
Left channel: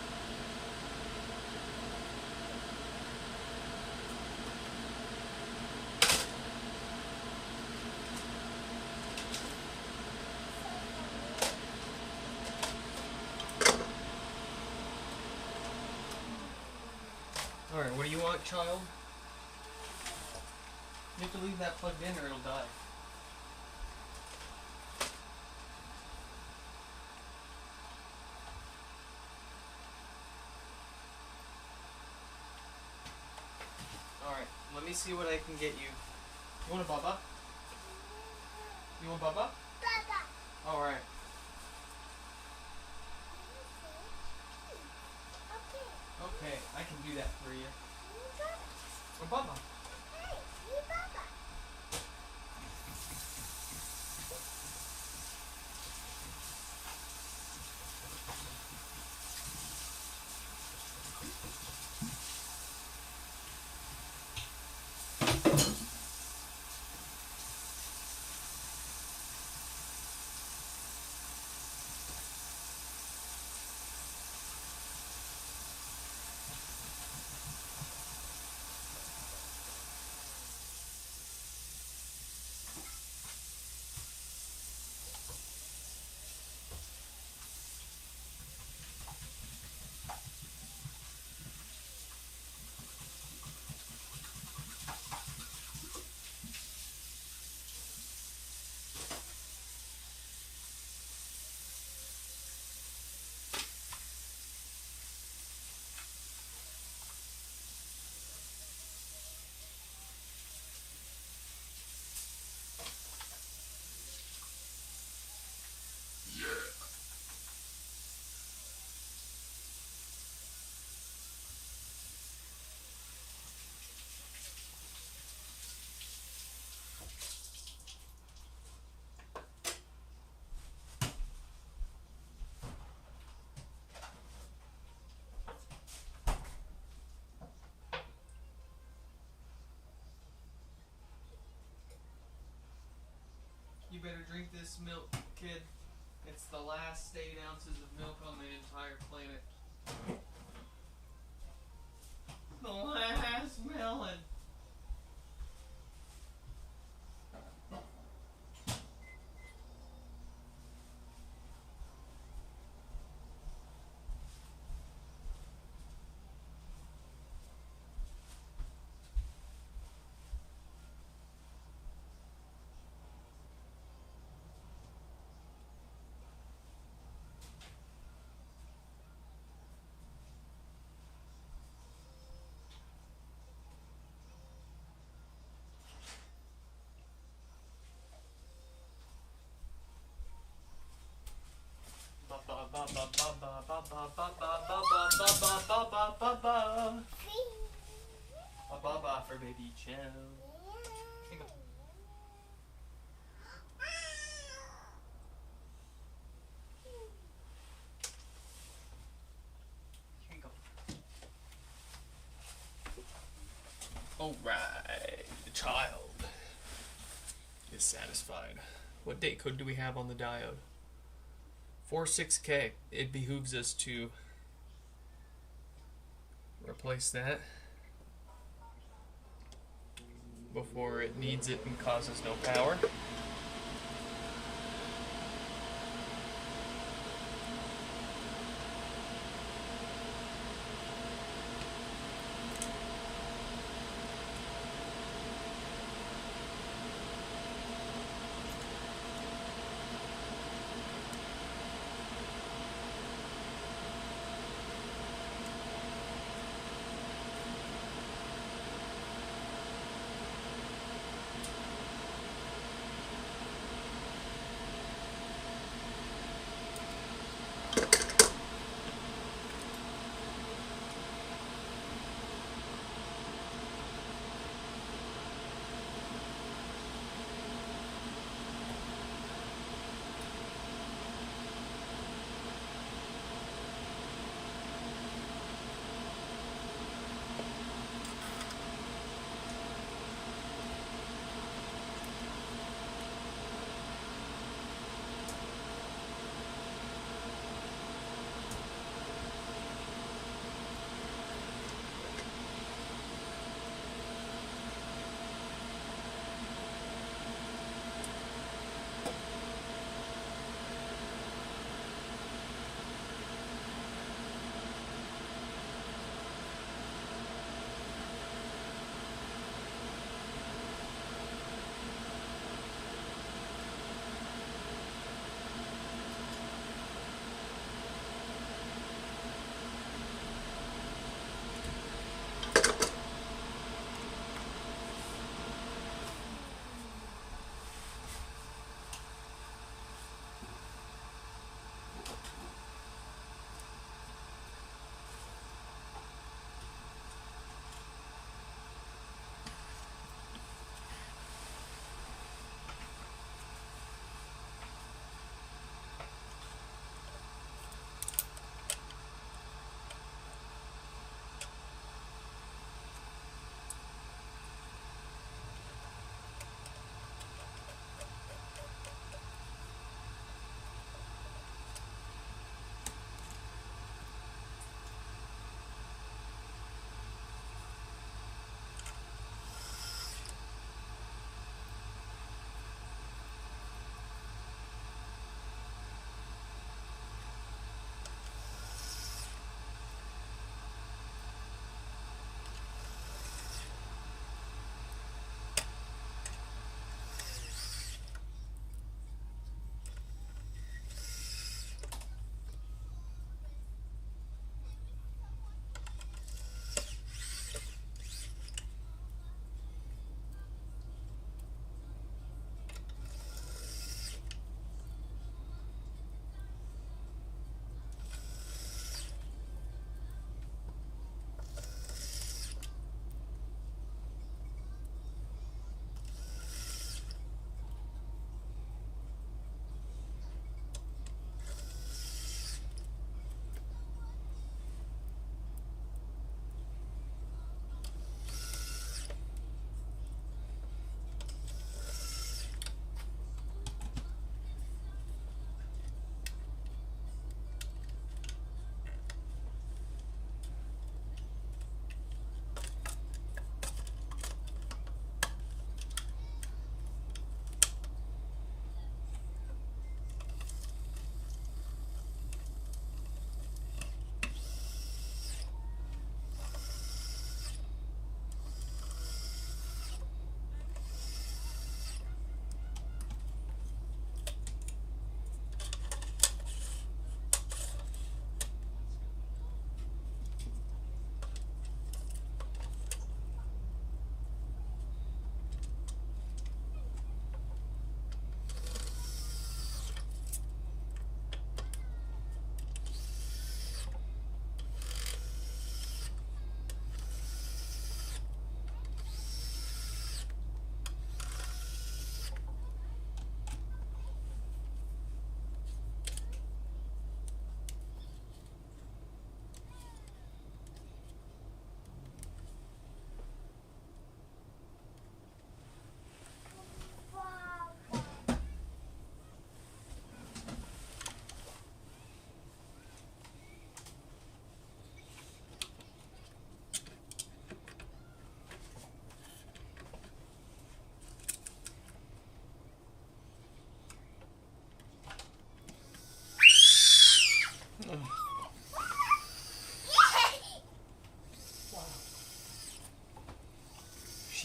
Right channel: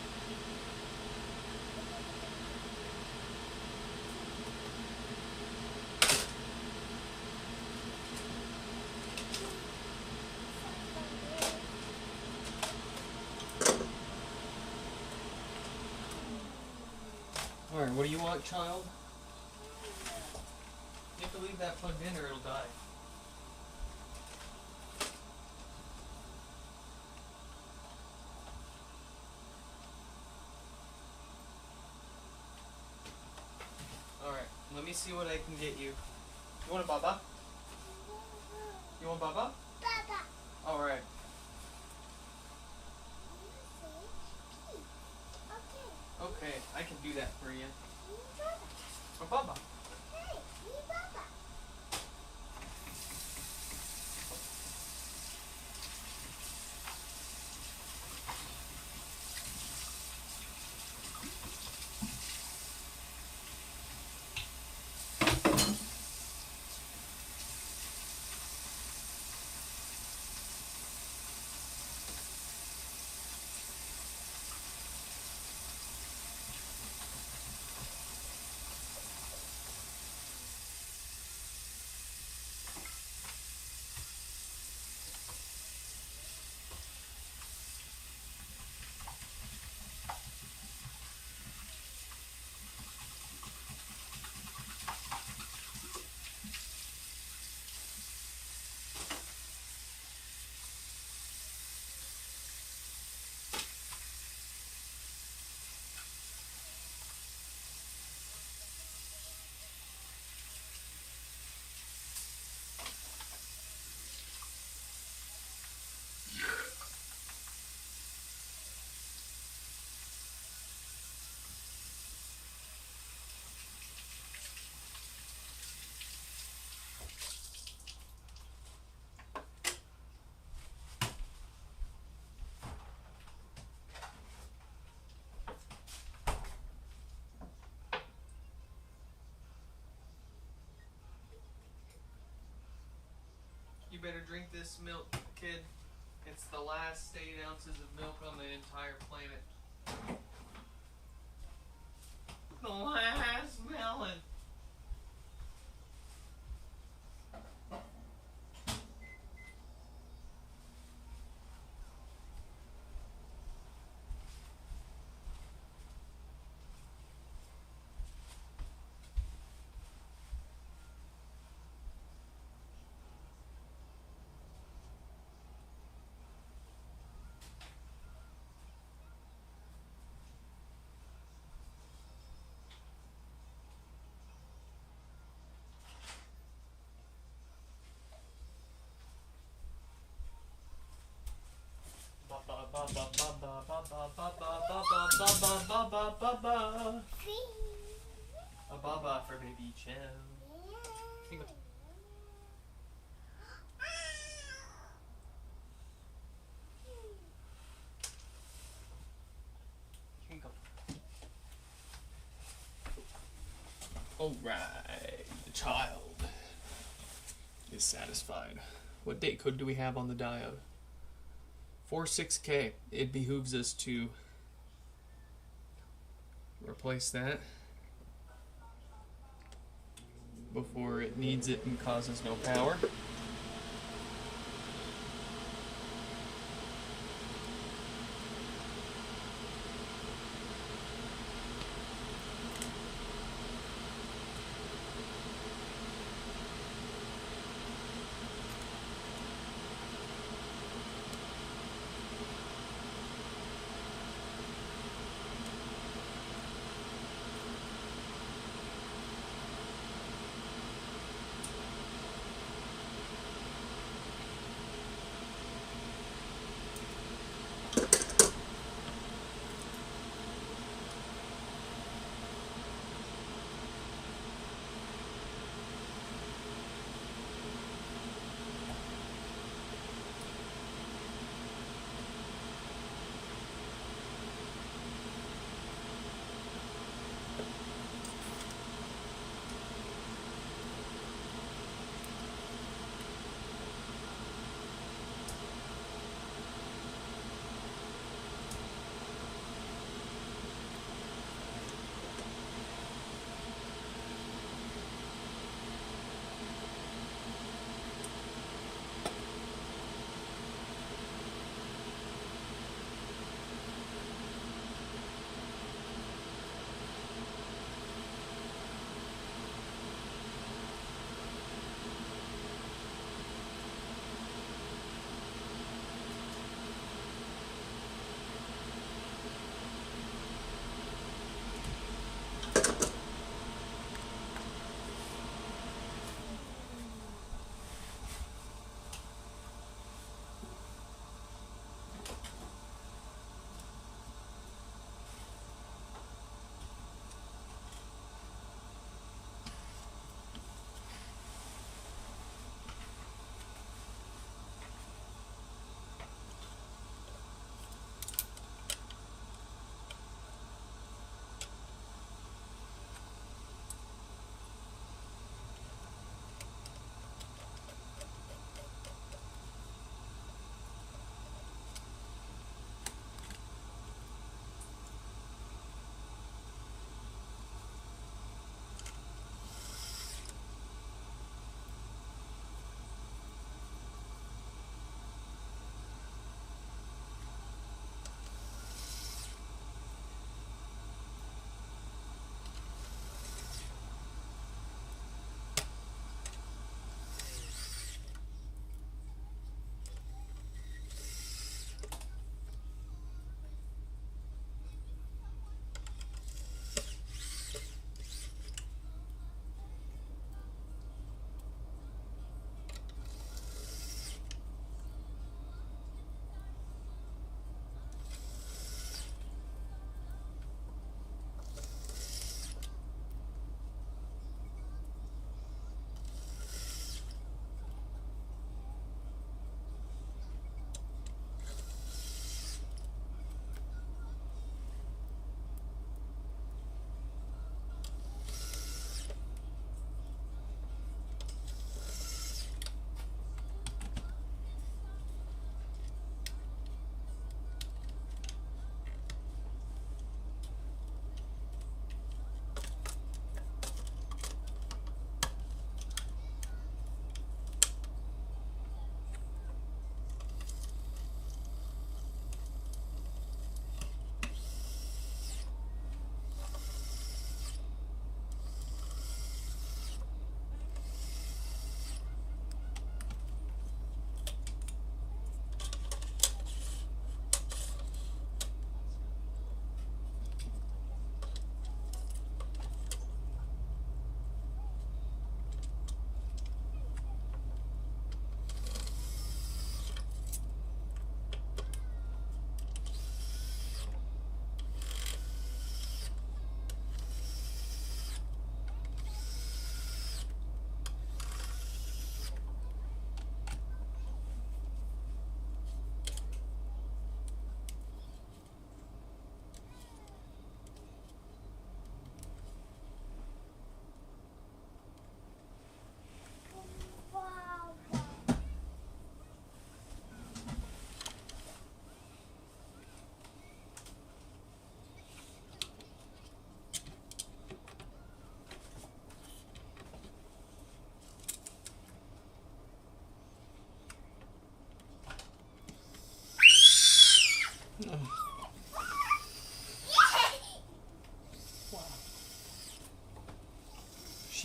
Alright, what do you want, child? You have to leave that plugged in or it'll die. Alright, let me see what I can get you. You want a baba? You want baba? Papa. Alright. Okay. Okay, I can do that for you. A baba. Hey, you Papa. You better drink this milk, kid. It's the last 8 ounces of milk on the entire planet. The last melon. baby Joe. Here you go. Here you go. Alright, the child is satisfied. What date code do we have on the diode? 46K. It behooves us to replace that before it needs it and causes no power.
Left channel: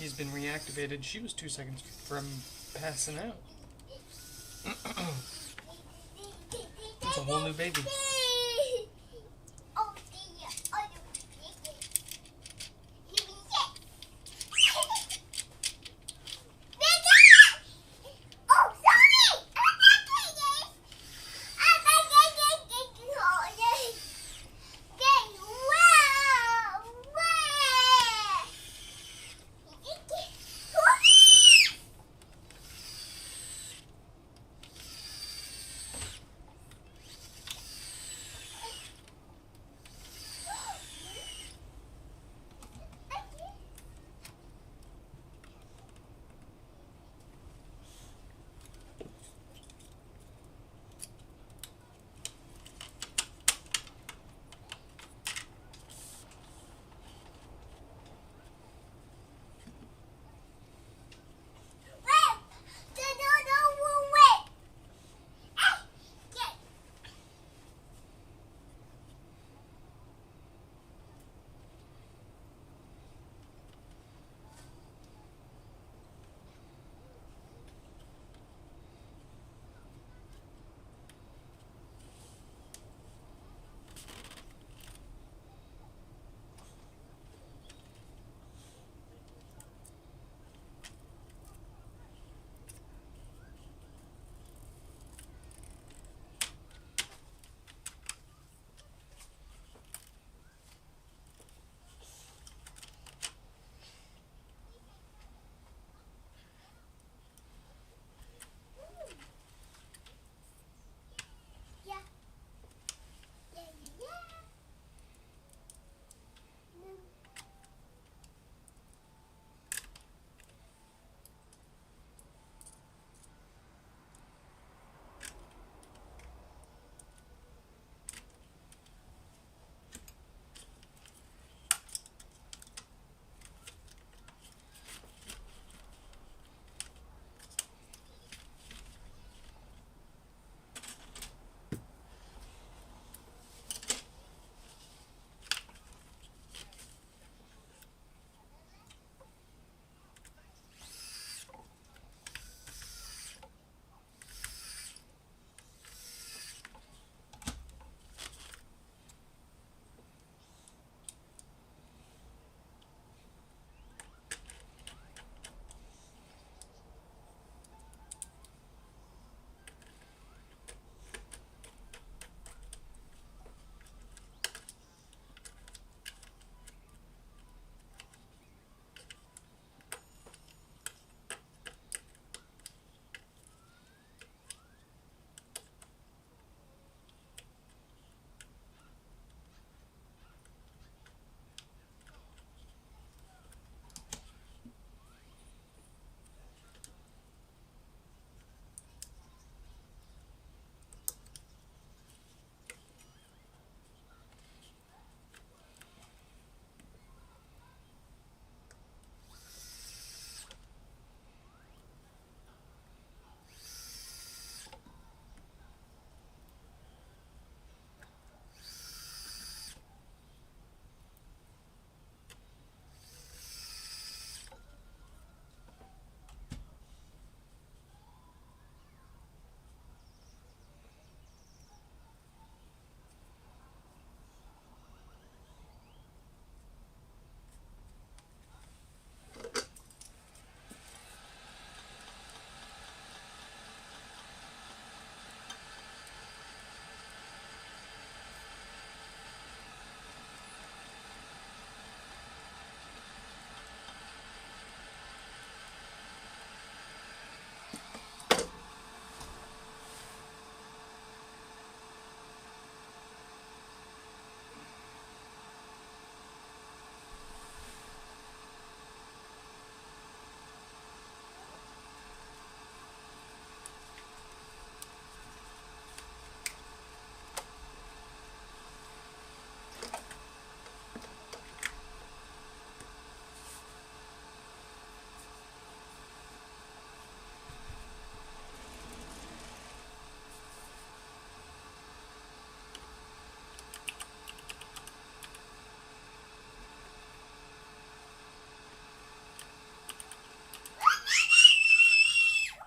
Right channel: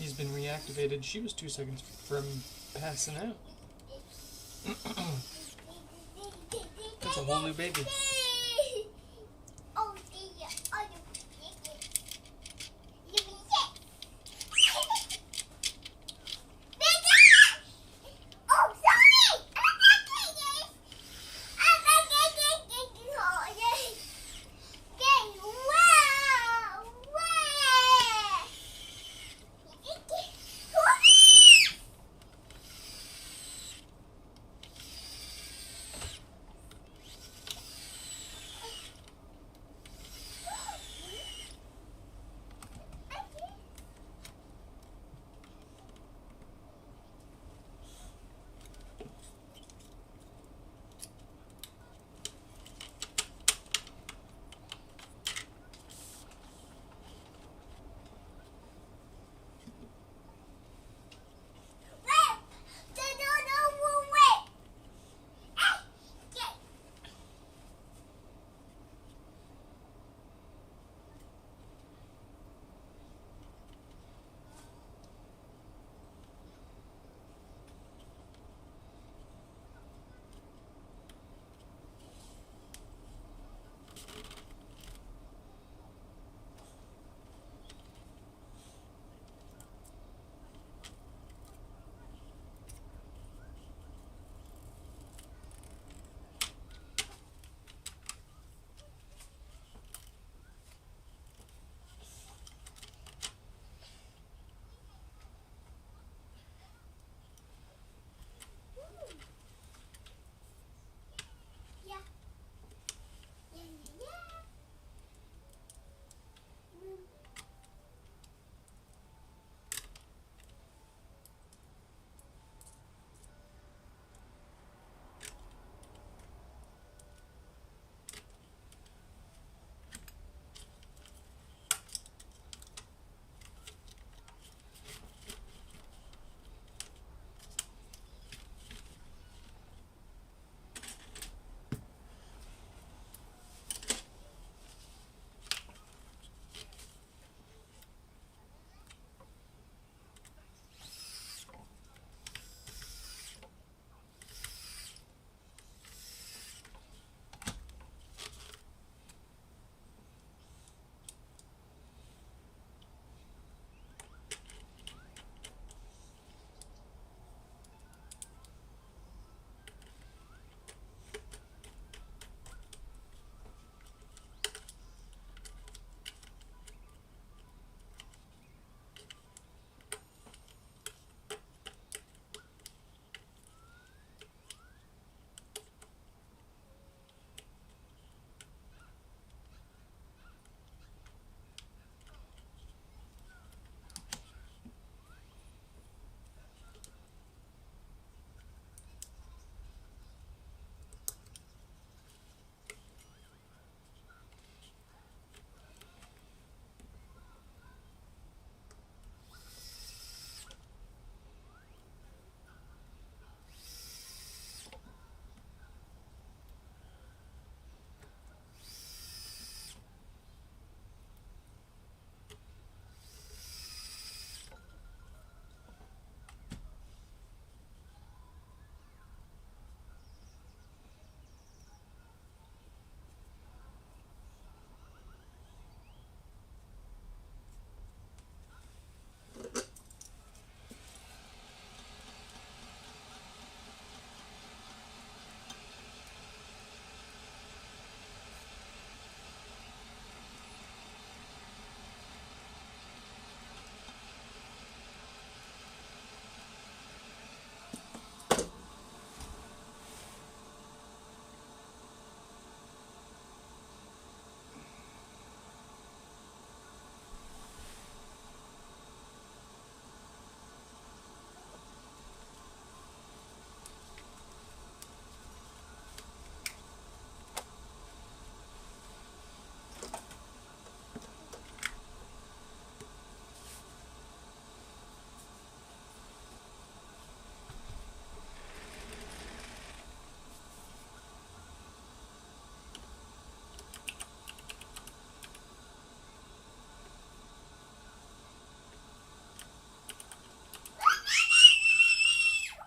she's been reactivated. She was 2 seconds from passing out. That's a whole new baby. Oh dear. Oh, sorry! I'm not doing this!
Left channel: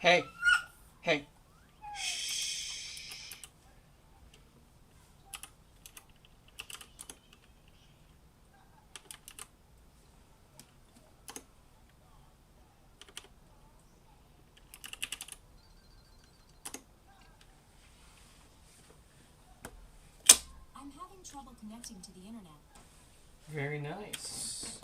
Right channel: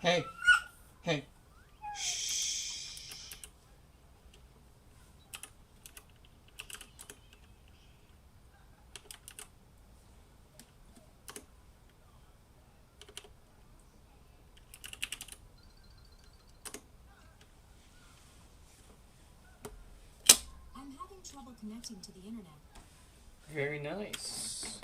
Hey. Hey. Shh. I'm having trouble connecting to the internet. Very nice.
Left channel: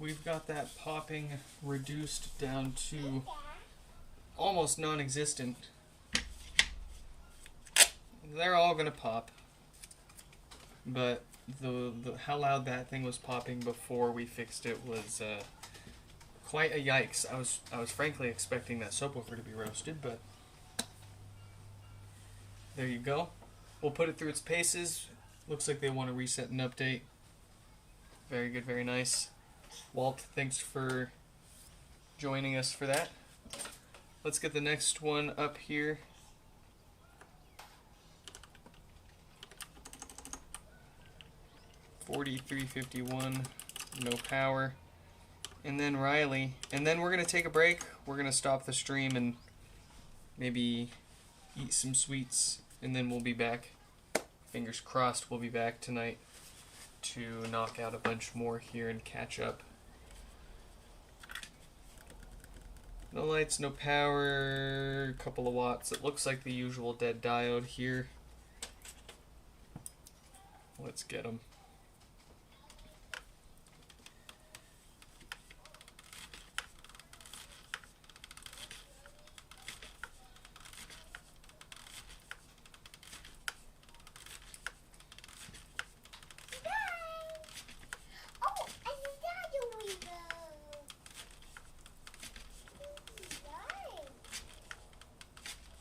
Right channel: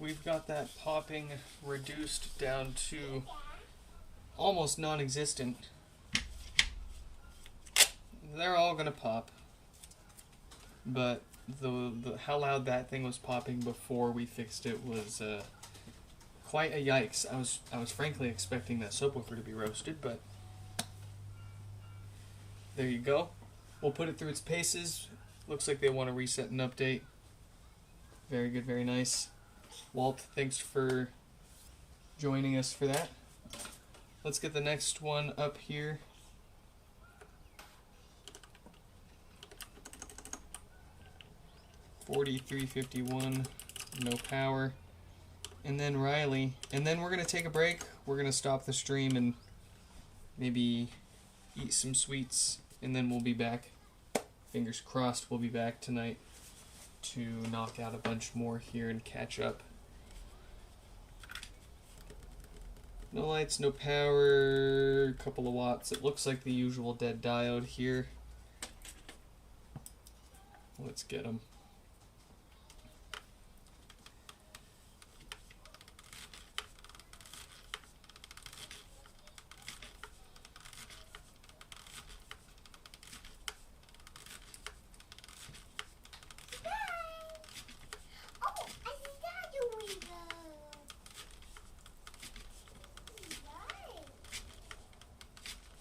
We've got that popping reduced down to almost non-existent. They're all gonna pop, but the how loud that thing was popping before we fixed it was quite a yikes. I was frankly expecting that subwoofer to be roasted, but there you go. We'll put it through its paces. Looks like they want to reset and update. Very good, very nice. Walt, thanks for joining us for that. Let's get the next one up here. $43.51, no power. And then Riley. And then we're going to take a break. We're going to stop the stream and maybe eat some sweets. And then we'll be back. Fingers crossed we'll be back tonight to knock out a bunch more here and catch up. No lights, no power, a couple of watts. It looks like the usual dead diode here. Let's get them. Oh, I forgot you we go.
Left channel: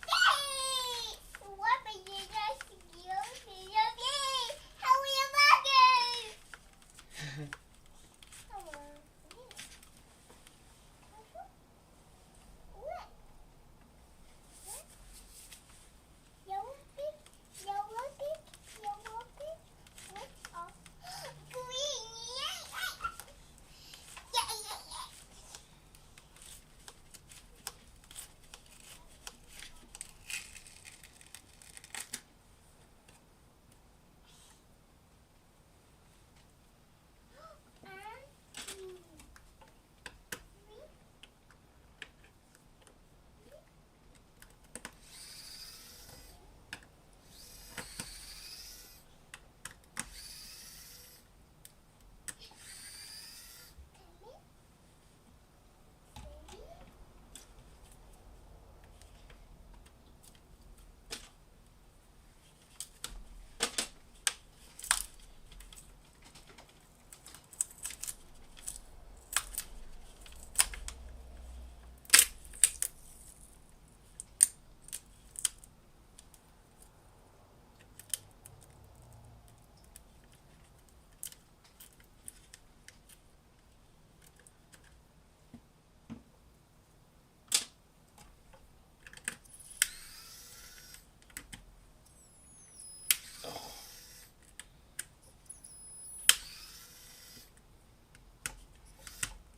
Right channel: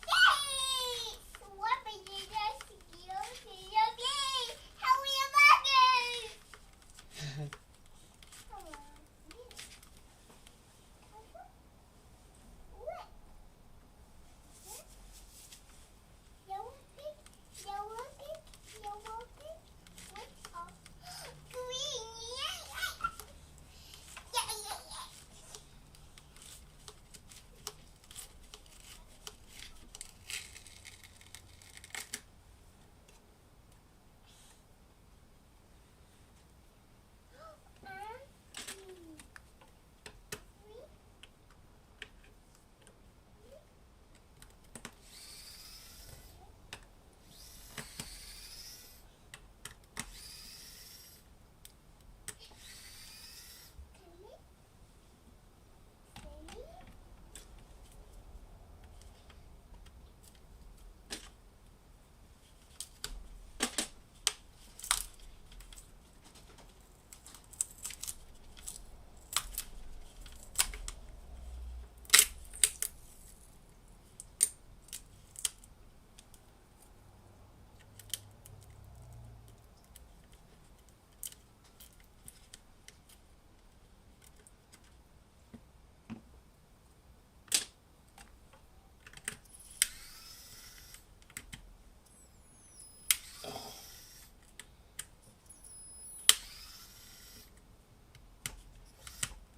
Yay! What are you just using? Yay! How are you buggers?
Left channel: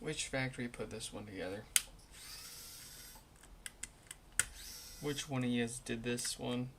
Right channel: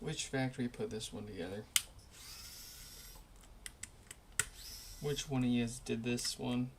Which factory put this one together? Which one of you did this one?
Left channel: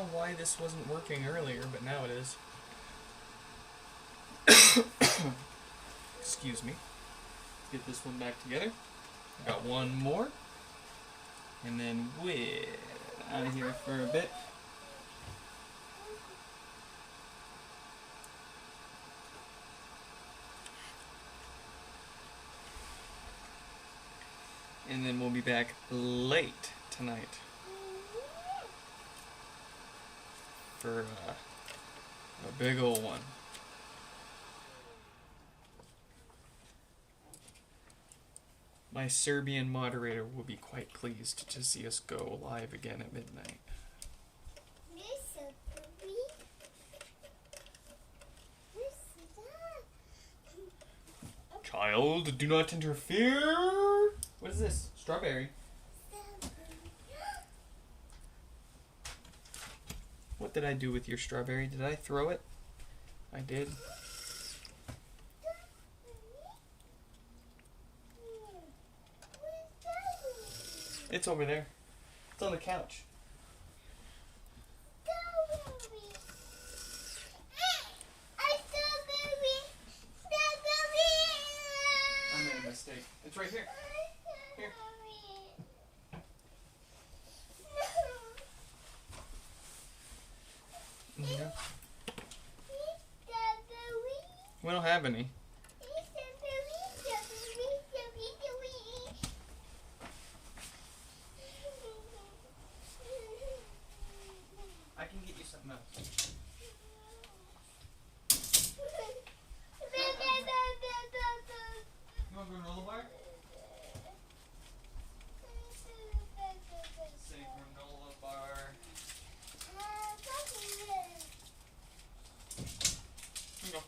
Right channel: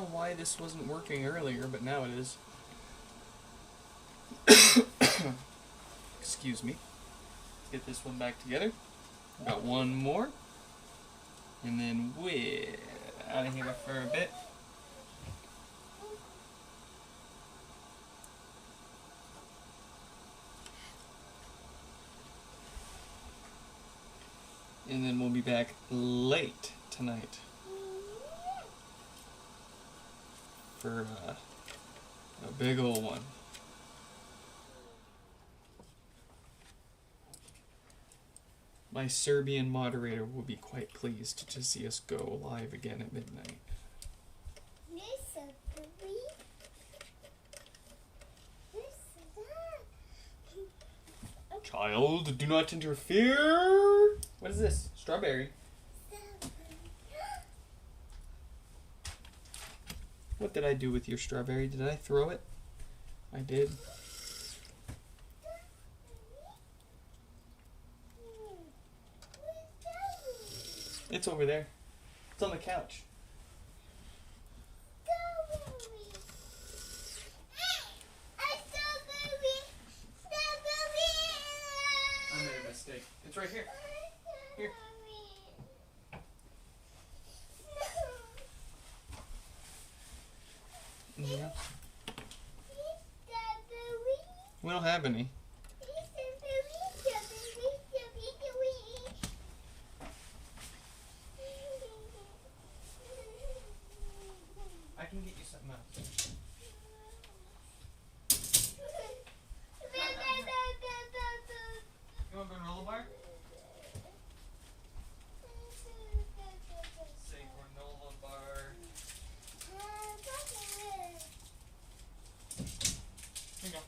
know why this wasn't working earlier, but now it is. Excuse me. Get this one back together. Got one more. And then we're out of here for a bit. And then we'll be back late tonight for a big old one. My Serbian moderator will be quite pleased to see us go live again at midnight. Child, do not interfere! What is this? Strawberry. What did I do with your strawberry? Did I throw it? I did. It's over there. It's on the couch. I made a mistake. It's right here. Here. Yeah. We don't have any. I can get you something else. You want granola bar? Say granola bar. Here you go.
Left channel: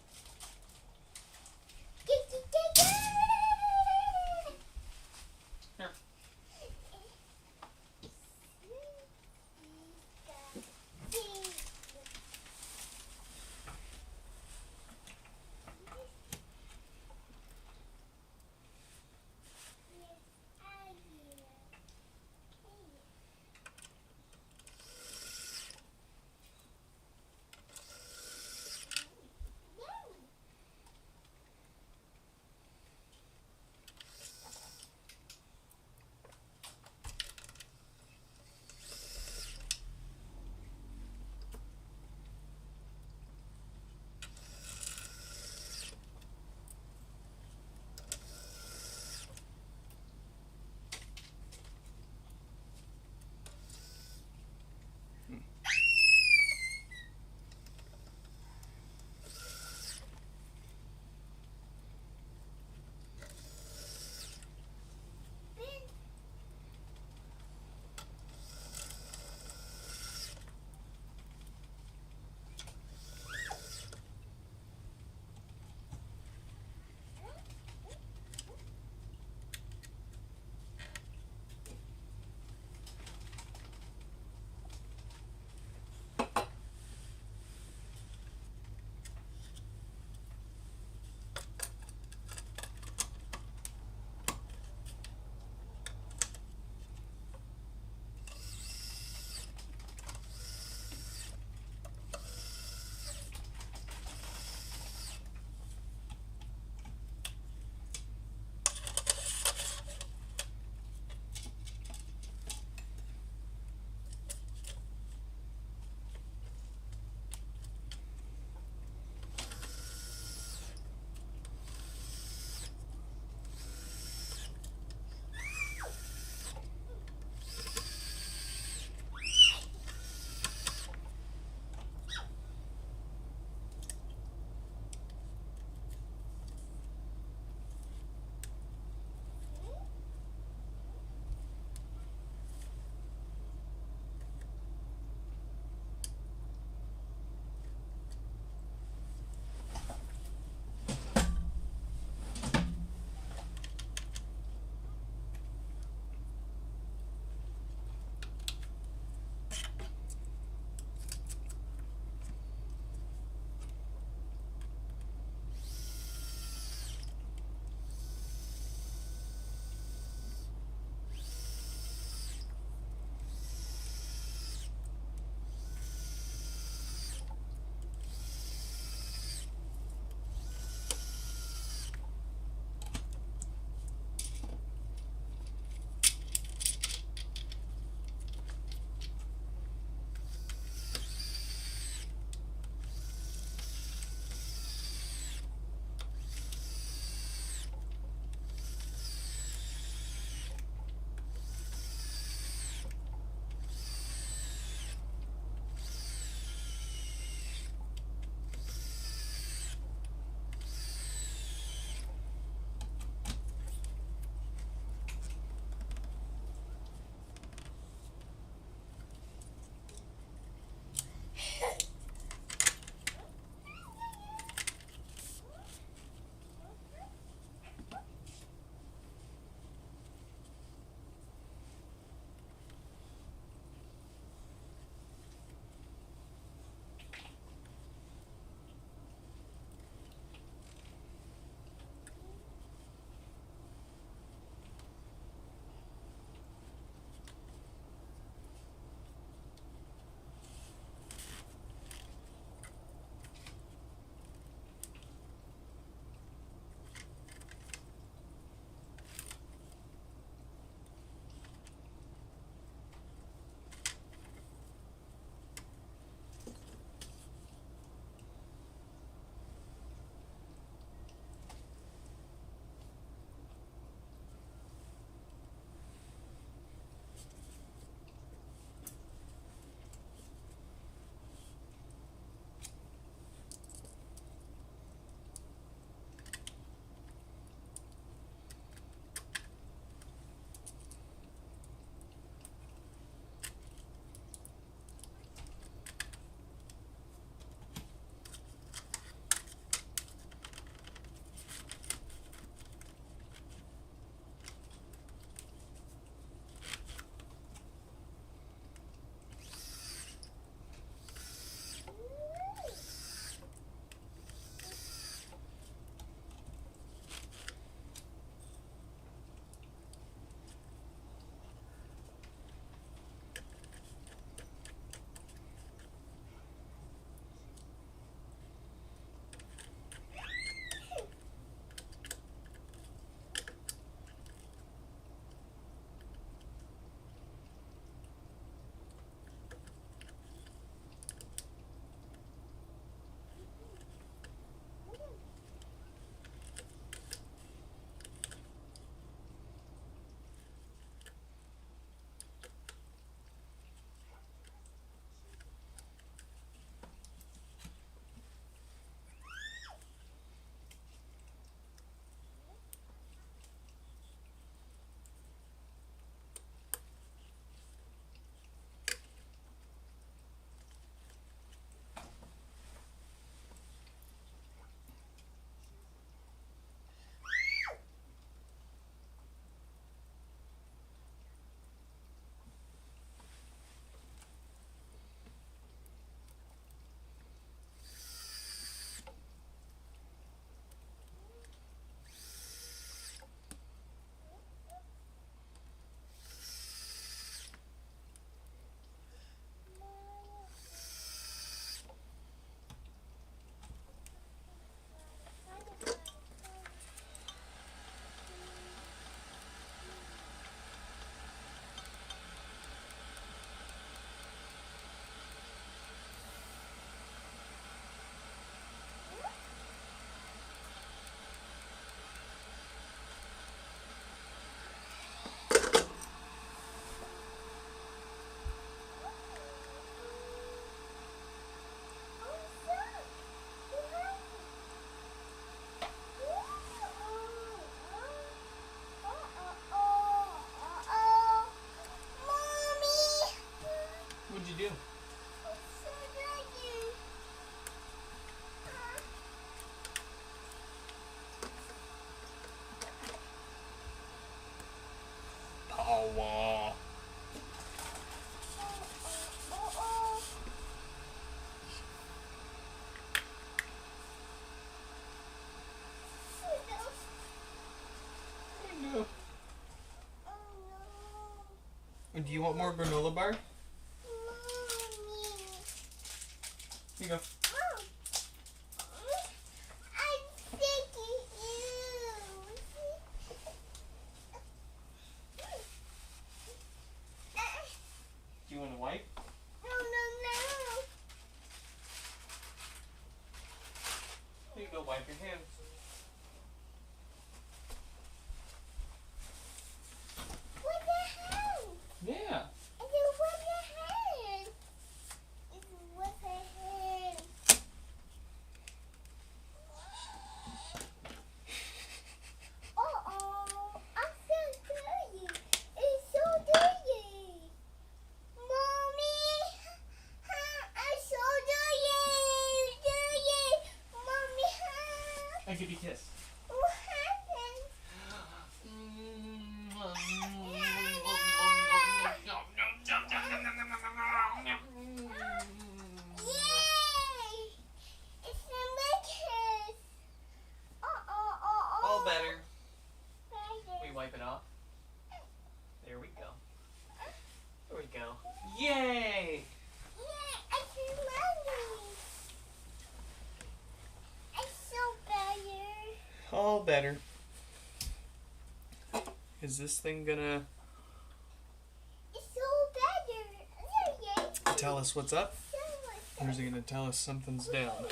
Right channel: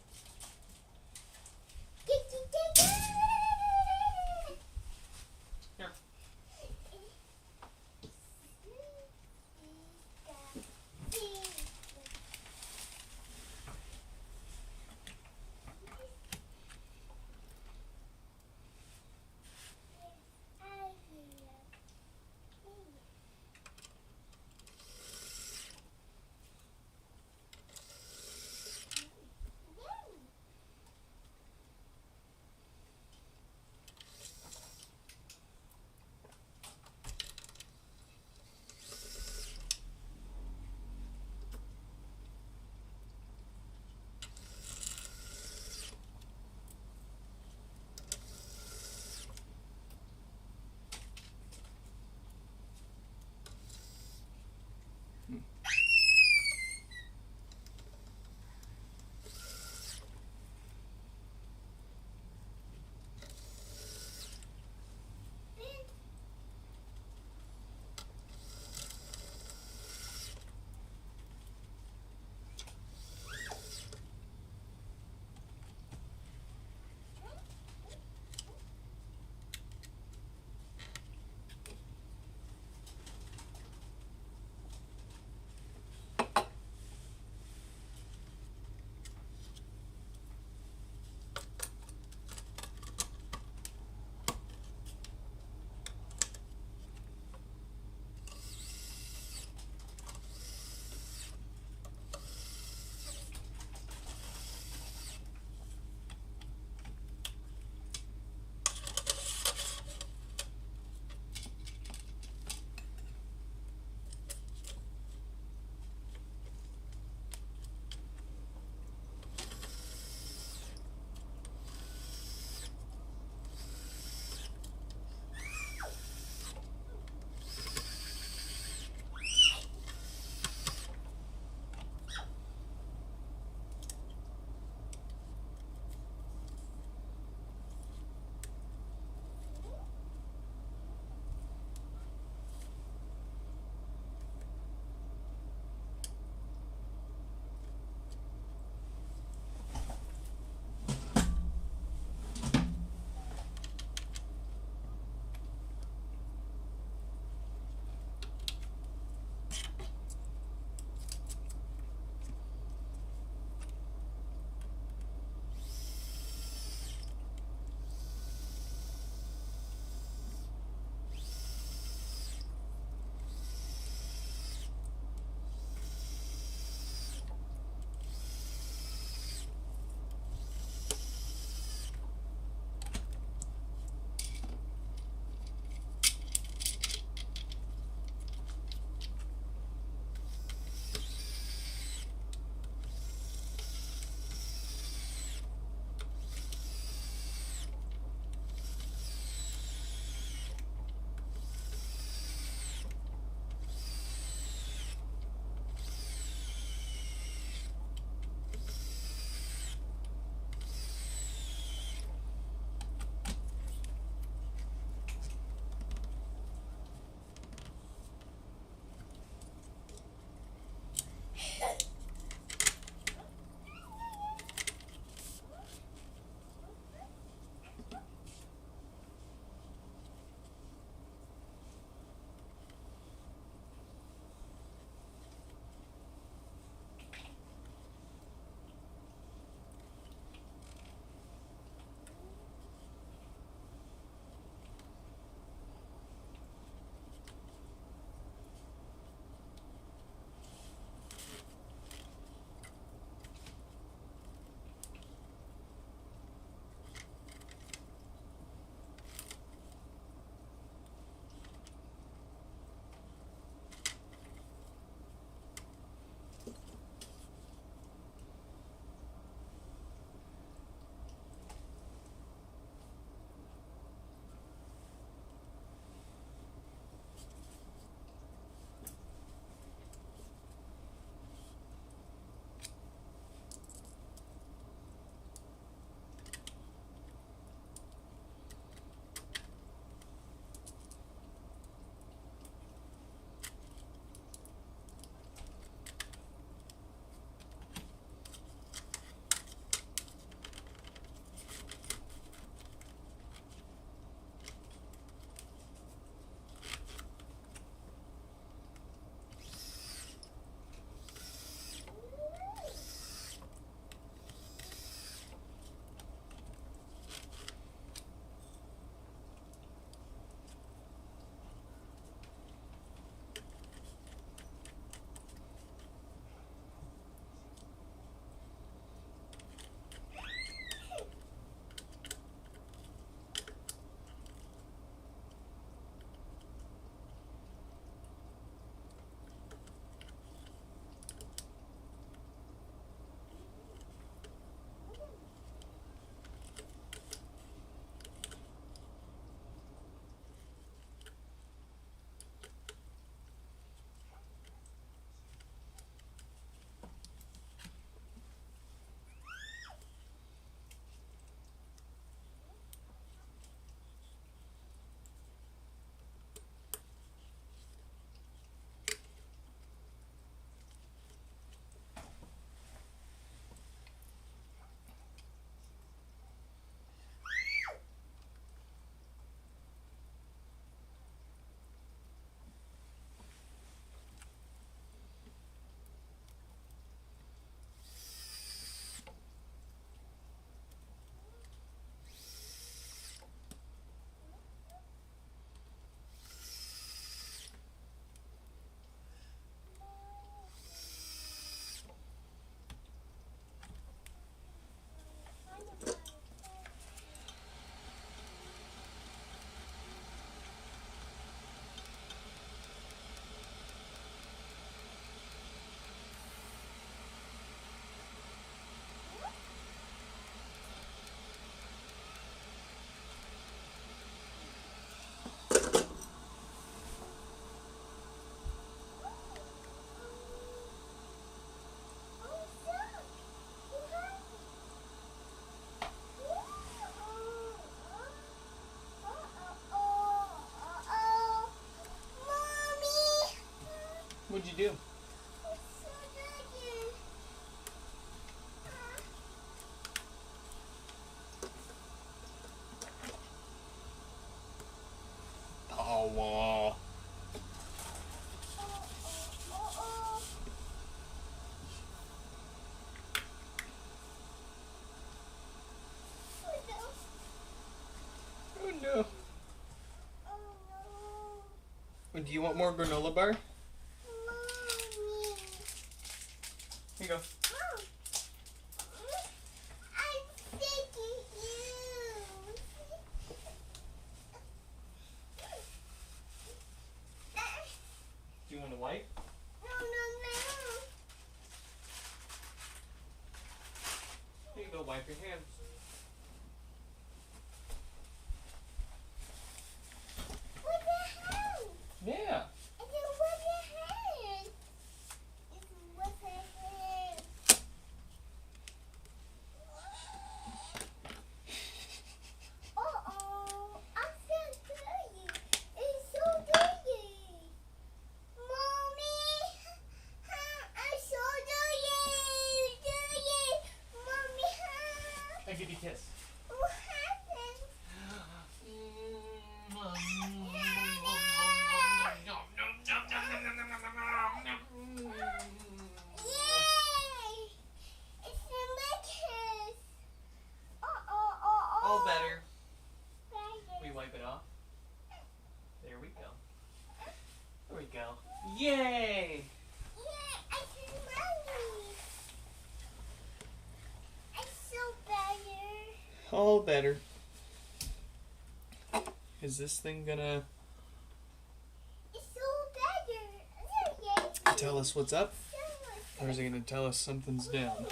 Wah. Oh no. Do you want more granola bar? Here you go. Do you want to wipe? Here you go, wipe your hands. Yeah. I give you a kiss. All better. We wipe it off. There we go. There we go. Yay! All better. Is this thing gonna tell us what's up? Or is it gonna tell us something's down?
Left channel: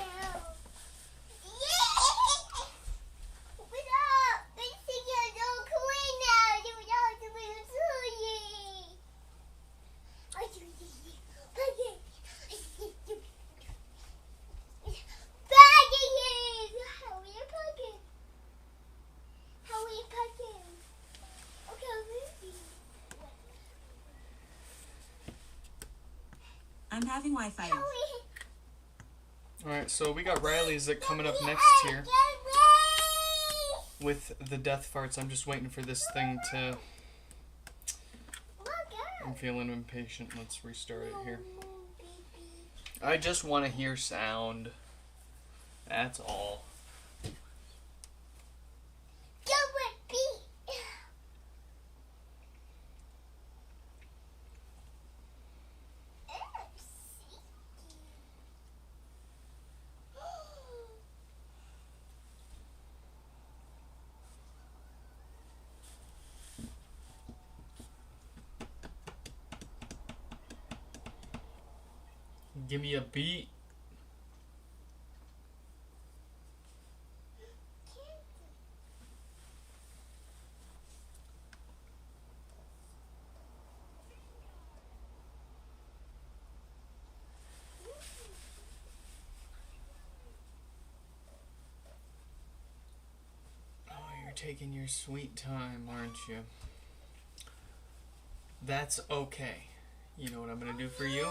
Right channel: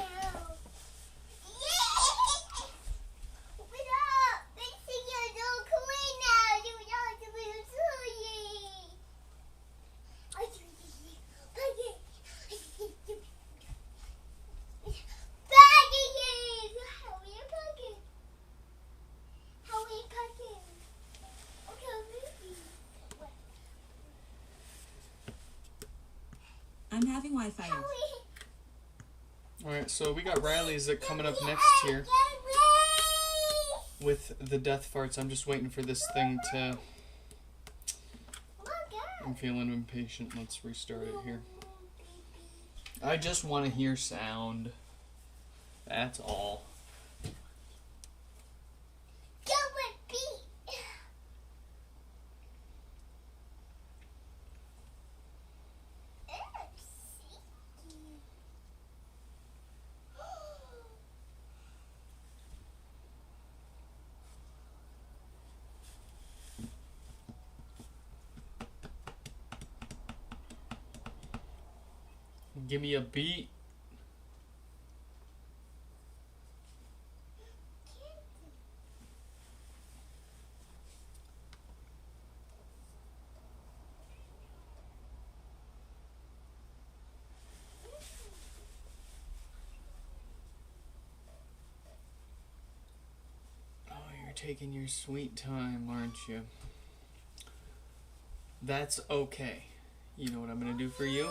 I'm having Wi-Fi. Alright, so we got Riley's that coming up next here with the death farts. I'm just waiting for this thing to... I'm feeling impatient. Let's restart it here. I just want to hear sound. That's all. Give me a beat. Oh, you're taking your sweet time, aren't you? That's okay. You know what I'm gonna do for you?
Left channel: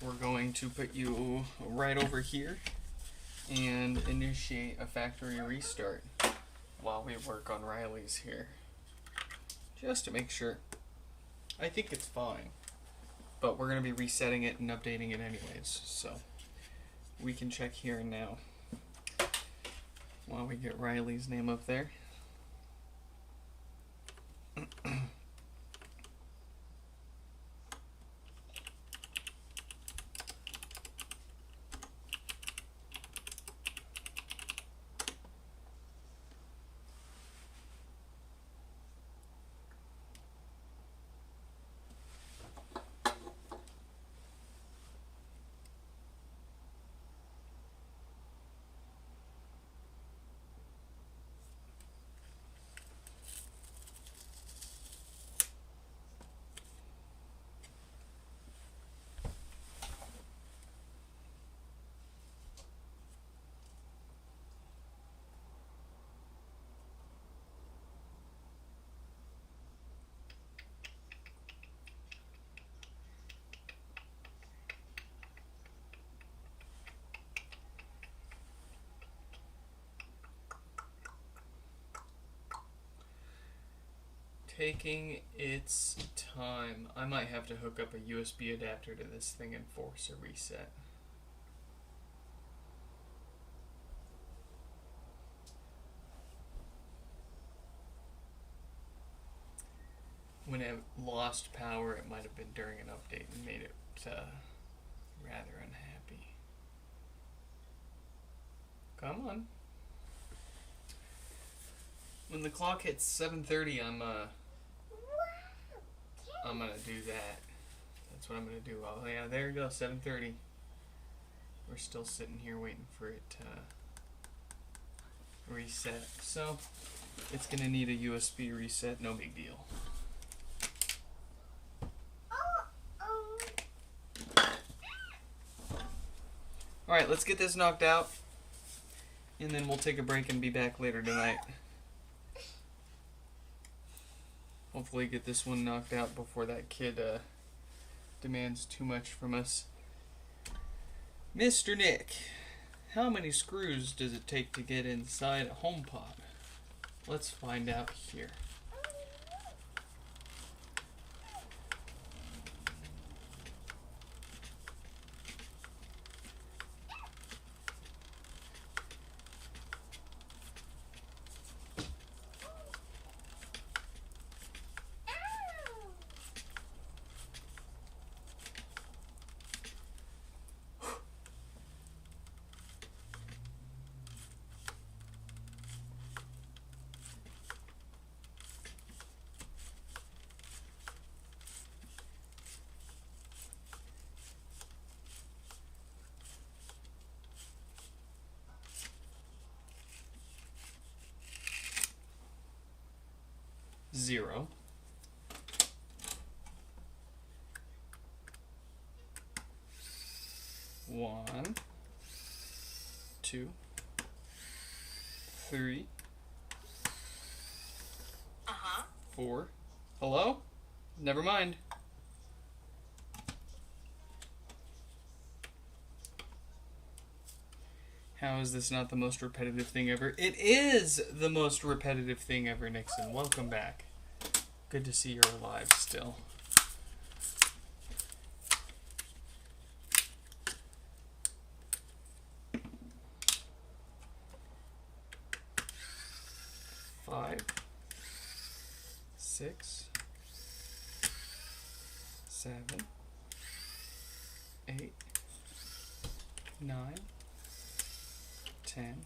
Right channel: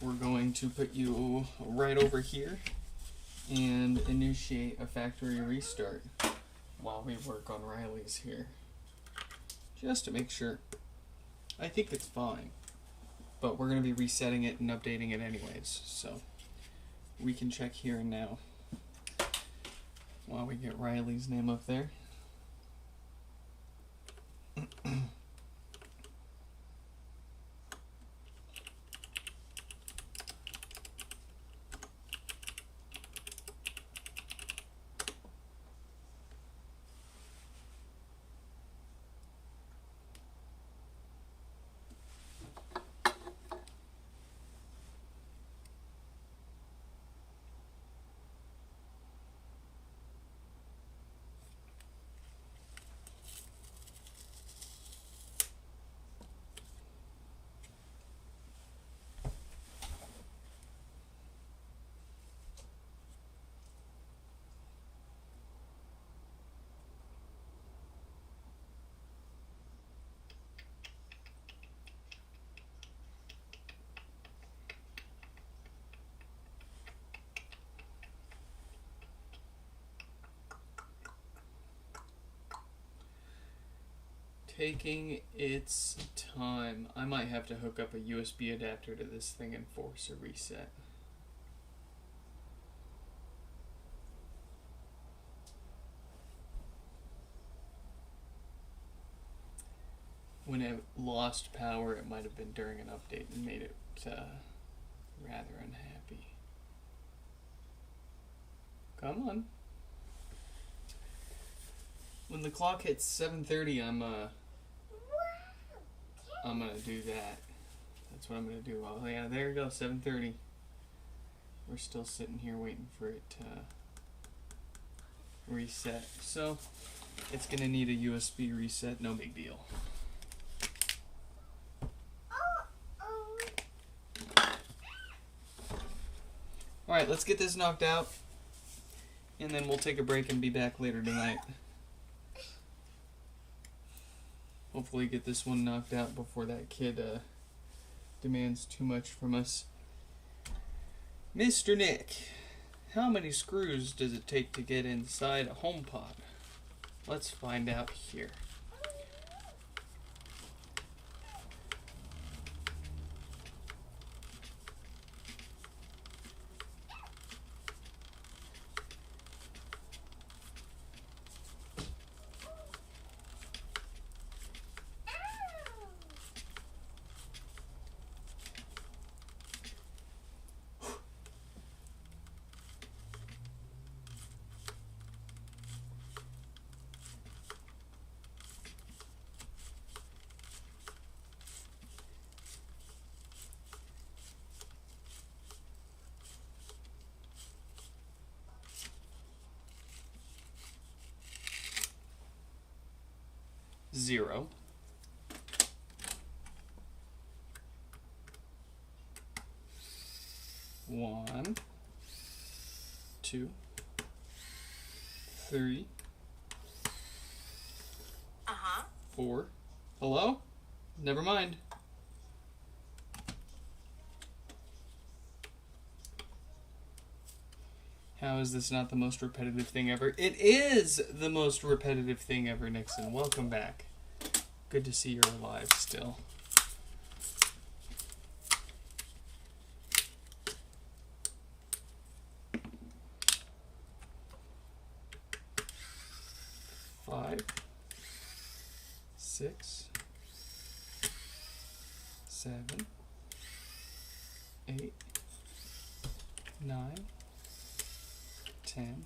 We're going to put you right over here and initiate a factory restart while we work on Riley's here. Just to make sure. I think it's fine. But we're going to be resetting it and updating it anyways. So we can check here and now while we get Riley's name up there. taking its time. I might have to hook up a USB adapter to this thing and force a reset. When it lost power, it might have been during an update and made it rather unhappy. Come on. When the clock hits 7:30, I'm gonna do that. That's what I'm gonna do. Oh yeah, there you go, 7:30. We're still sitting here waiting for it to reset. So it's gonna need a USB reset. No big deal. All right, let's get this knocked out, and then we'll take a break and be back later tonight. Hopefully get this one knocked out before that kid demands too much from us. Mr. Nick, how many screws does it take to get inside a HomePod? Let's find out here. Zero. One, two, three, four. Hello? Never mind. How is this not the most repetitive thing ever? It is the most repetitive thing ever, Nixon. Welcome back. Good to see you're alive still. Five, 6, 7, 8, 9, 10.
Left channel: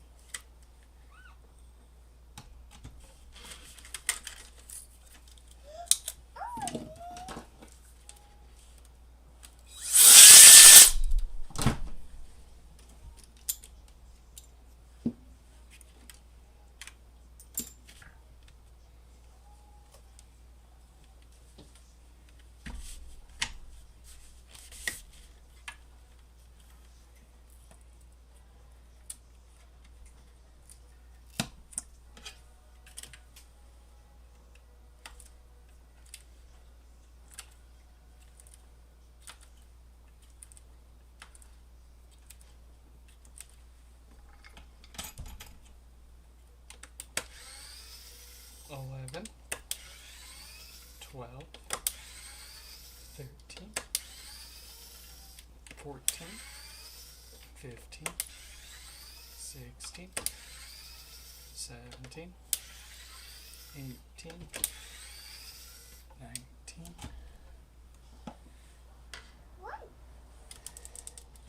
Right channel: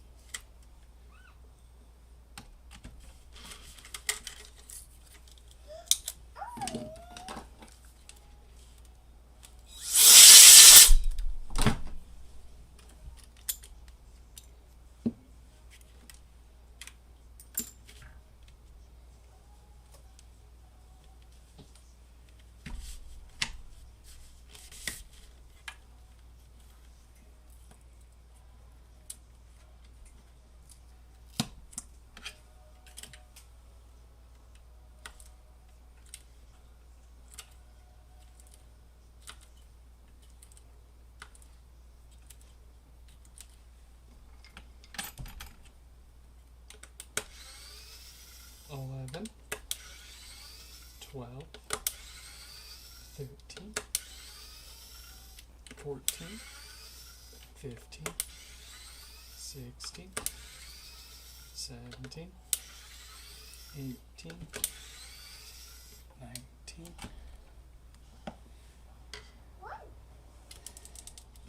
Eleven, 12, 13, 14, 15, 16, 17, 18, 19.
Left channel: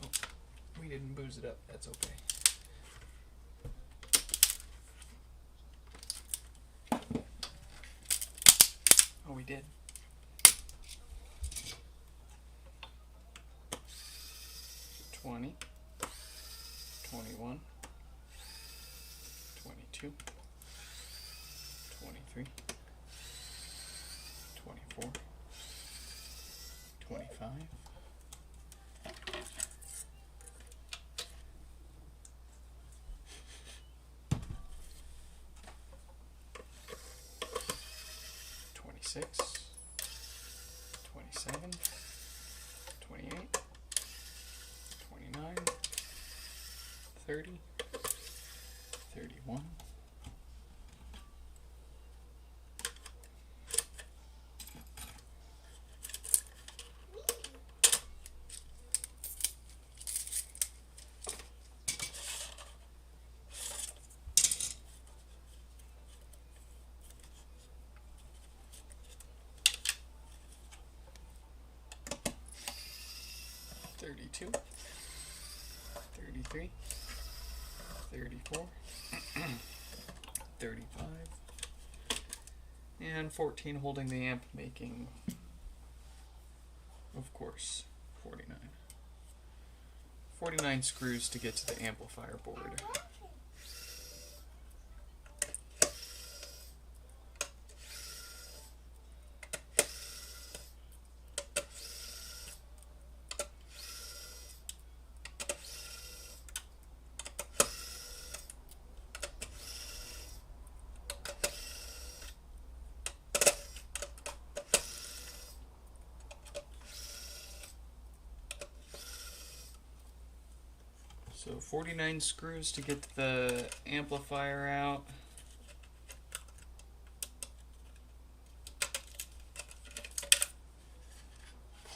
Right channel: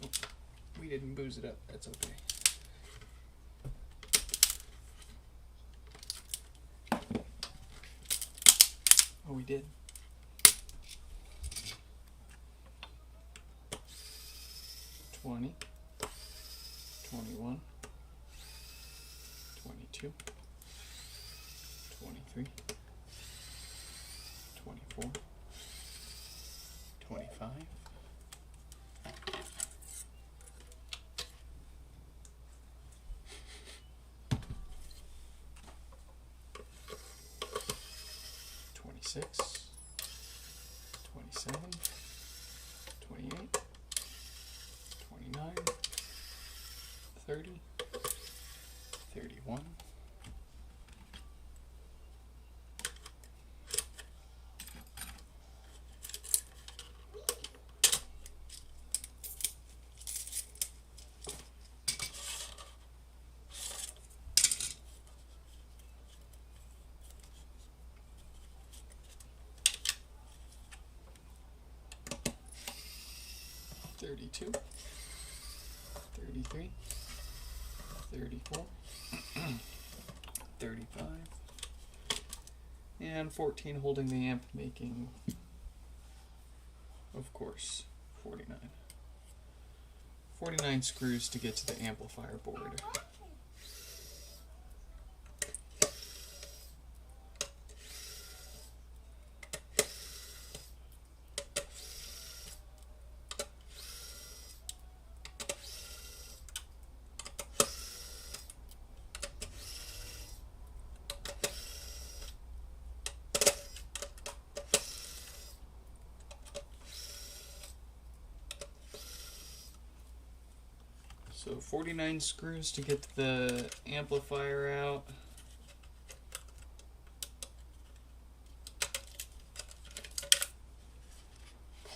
Oh, we didn't booze it up. That's okay. Oh, we did. 20, 21, 22, 23, 24, 25, 26, 27, 28, 29, 30, 31, 32, 33, 34, 35, and 14 holding the amp, making, of course, 49. 49 screws to get to the amplifier board. So 49 screws to get the amplifier out.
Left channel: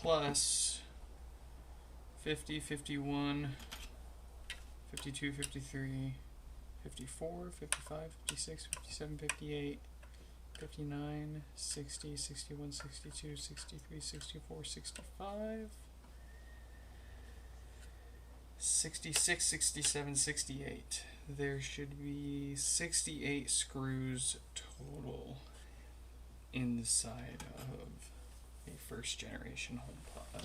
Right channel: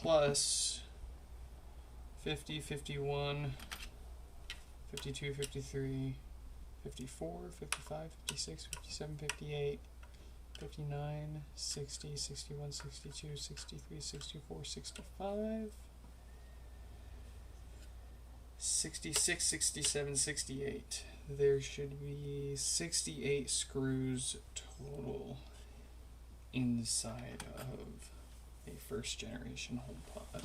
Plus 50, 51, 52, 53, 54, 55, 56, 57, 58, 59, 60, 61, 62, 63, 64, 65. 66, 67, 68. There should be 68 screws total inside of a first generation HomePod.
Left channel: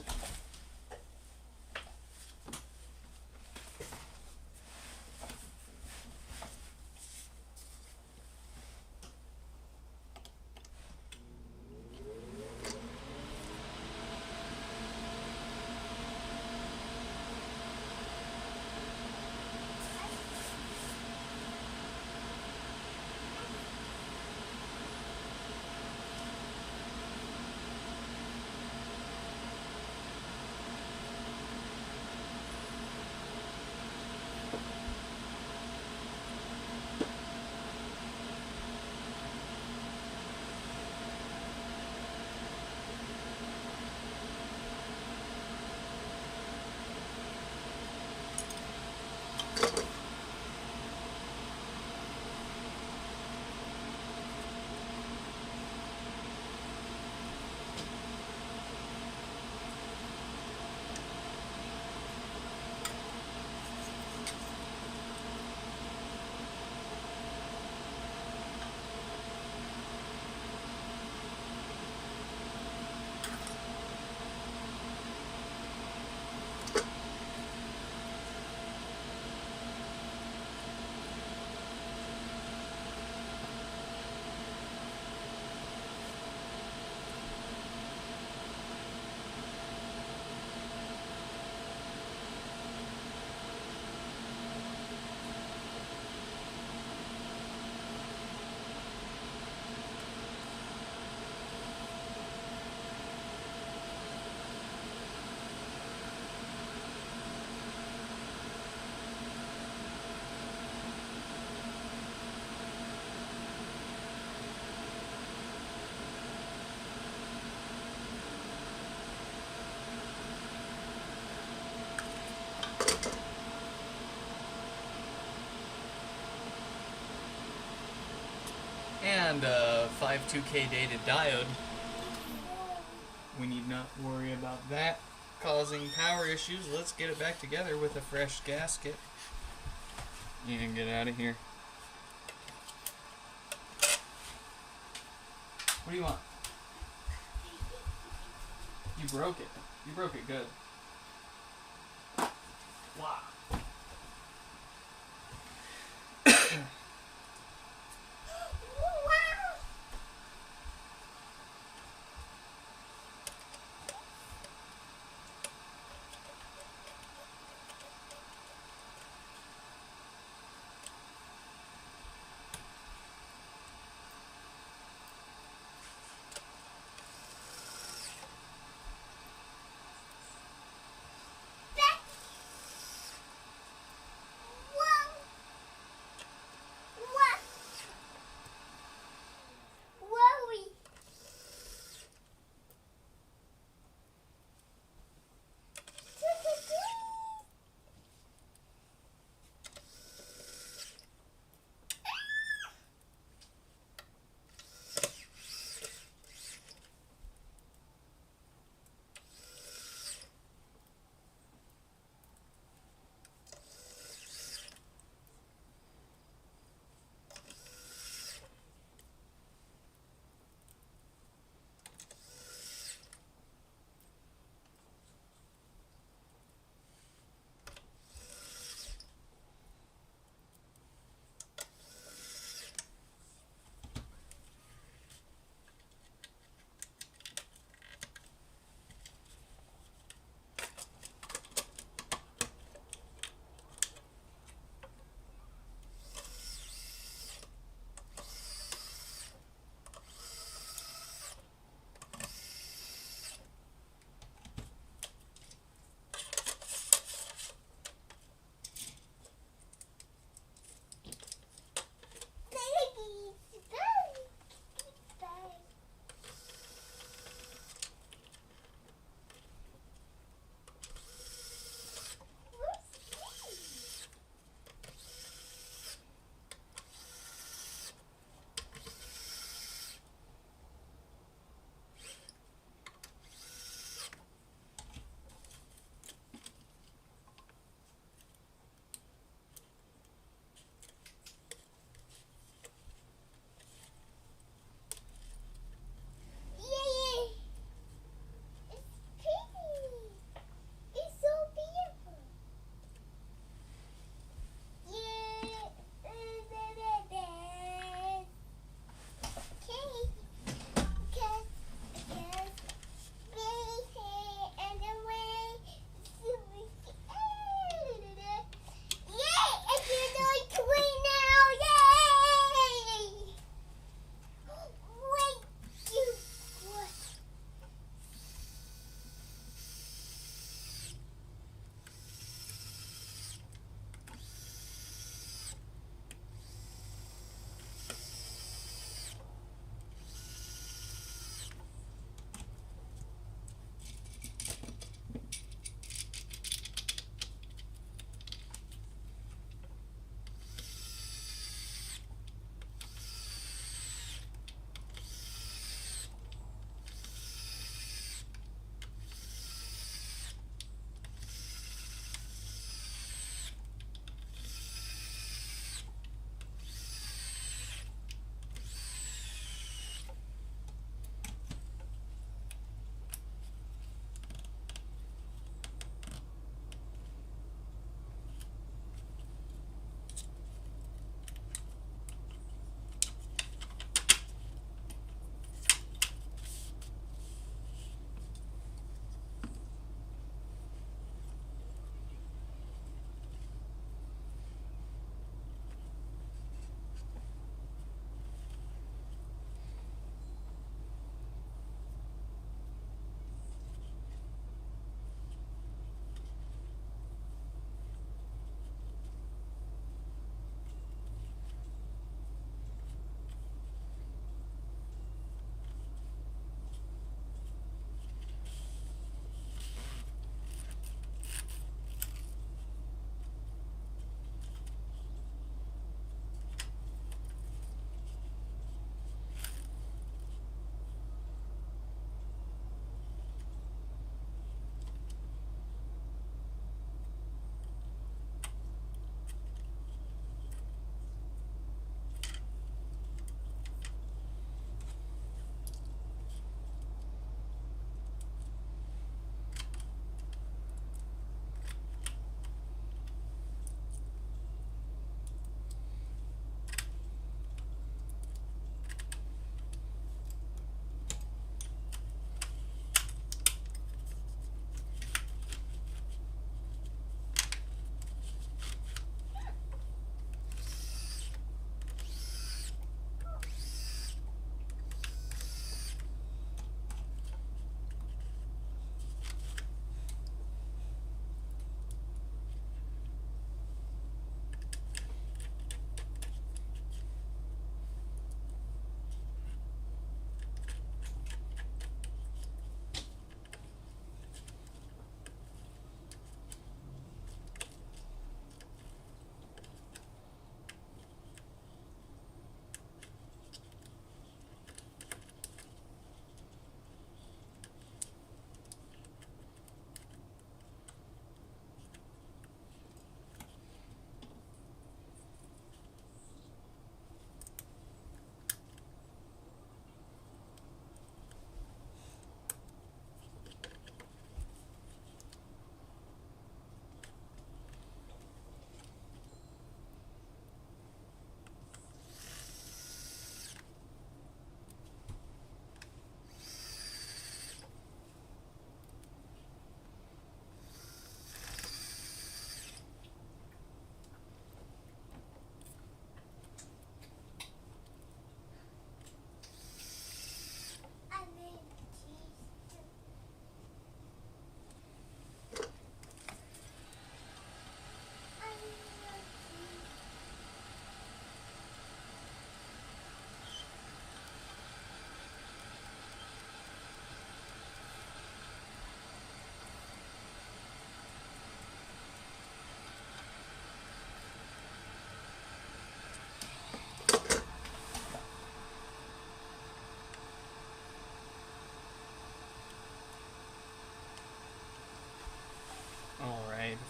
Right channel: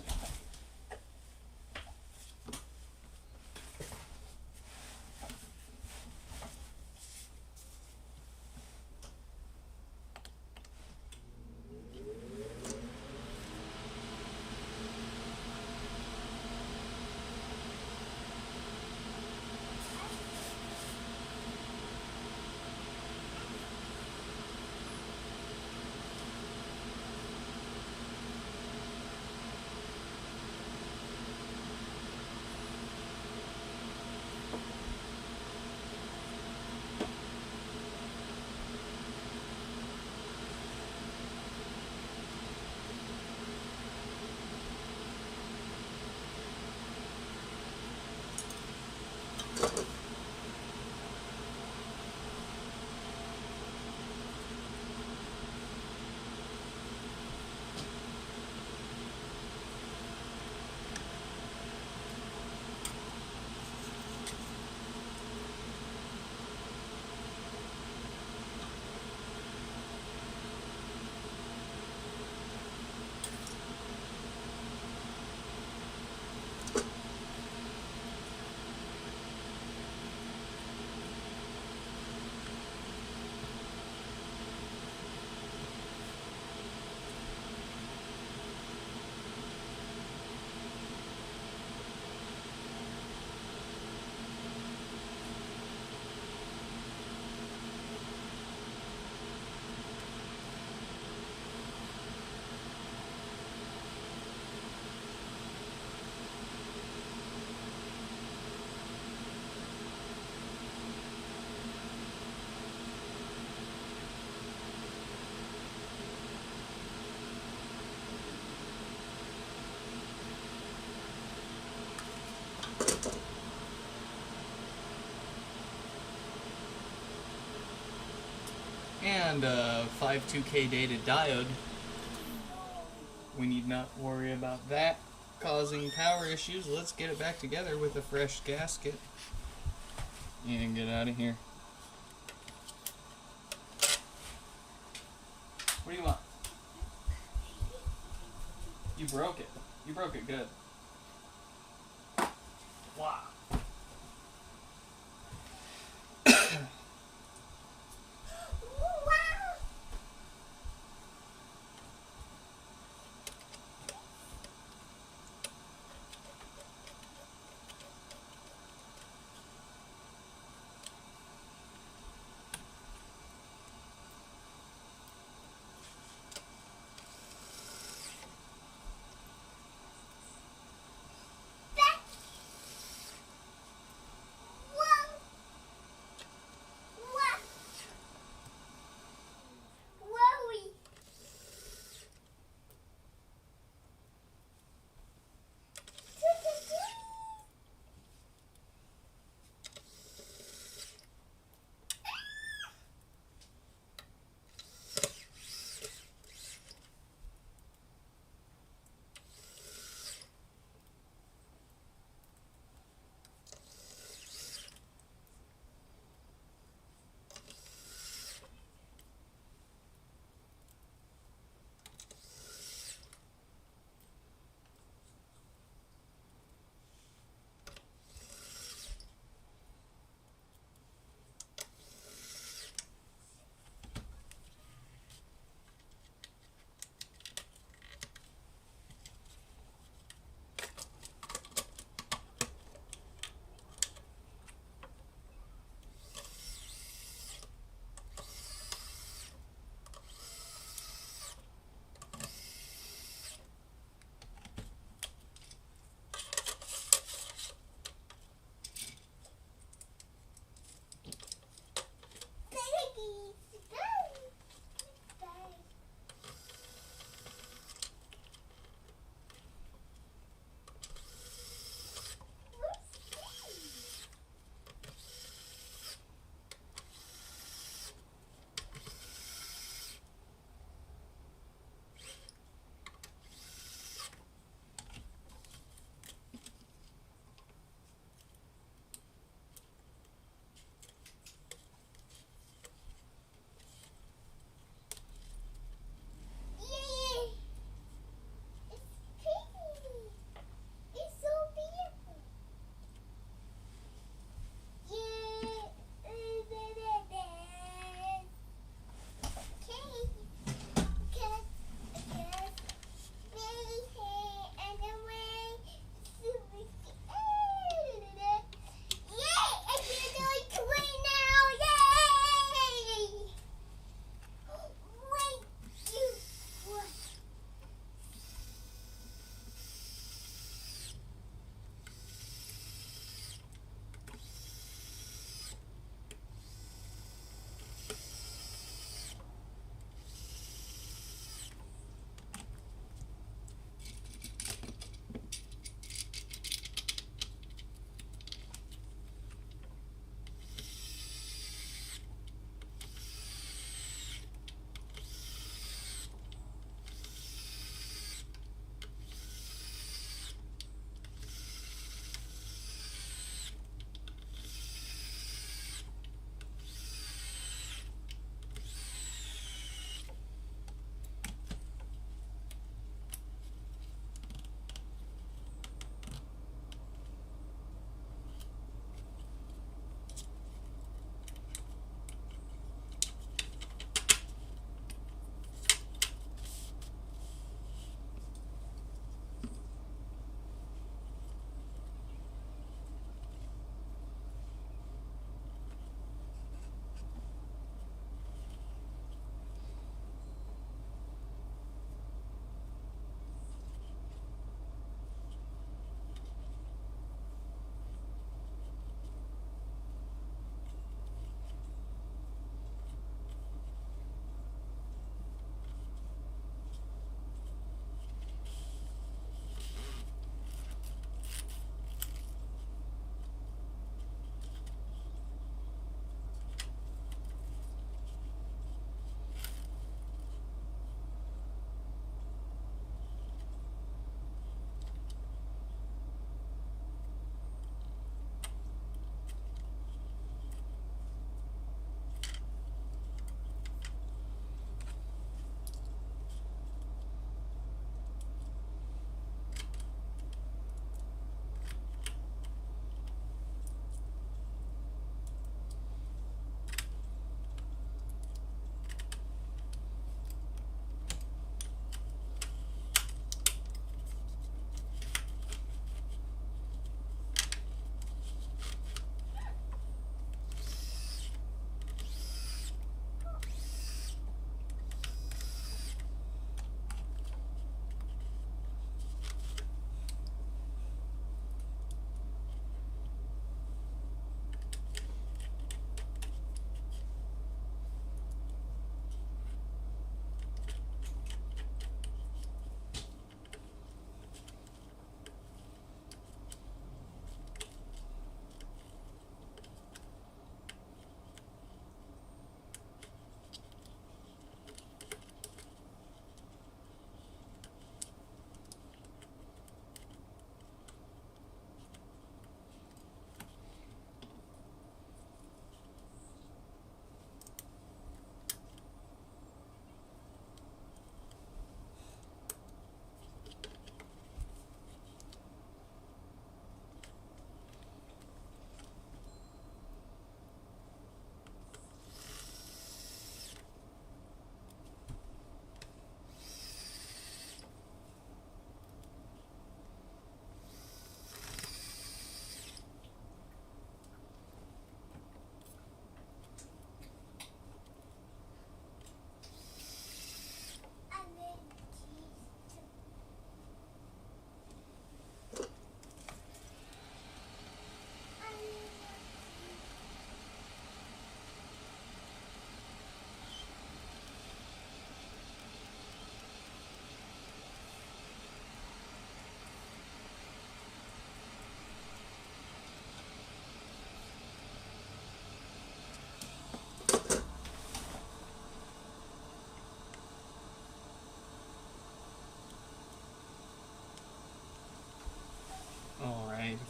And a 52K dated diode. We need not worry about that causing power issues. Let's get it back together with a fresh gasket and get out of here. What do you want? You broke it. You broke it good. Wow.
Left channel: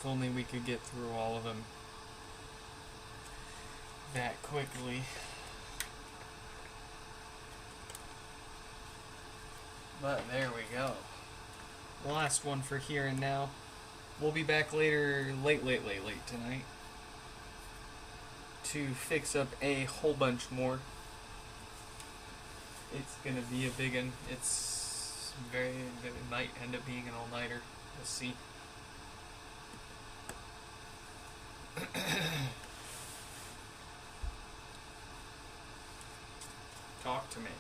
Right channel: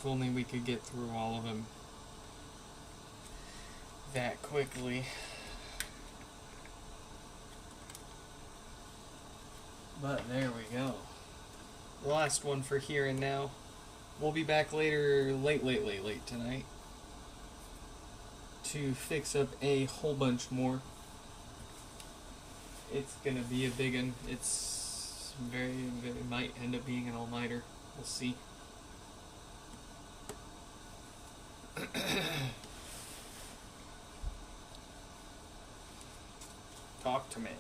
only we could get through all of them that quickly. But there we go. Last one for here and now. We'll be back later, late tonight to fix up a whole bunch more. It's gonna be a big one. It might end up being an all-nighter. We'll see. Talk to me.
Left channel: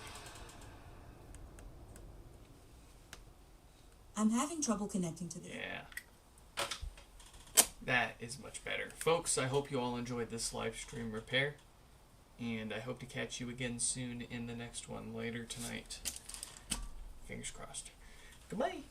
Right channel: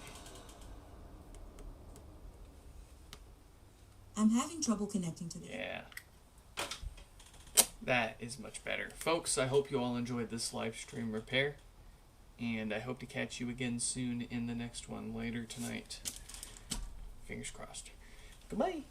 I'm having trouble connecting to the... Yeah. That is much better. Folks, I hope you all enjoyed this live stream repair. And I hope to catch you again soon in the next one later tonight. Fingers crossed. Goodbye.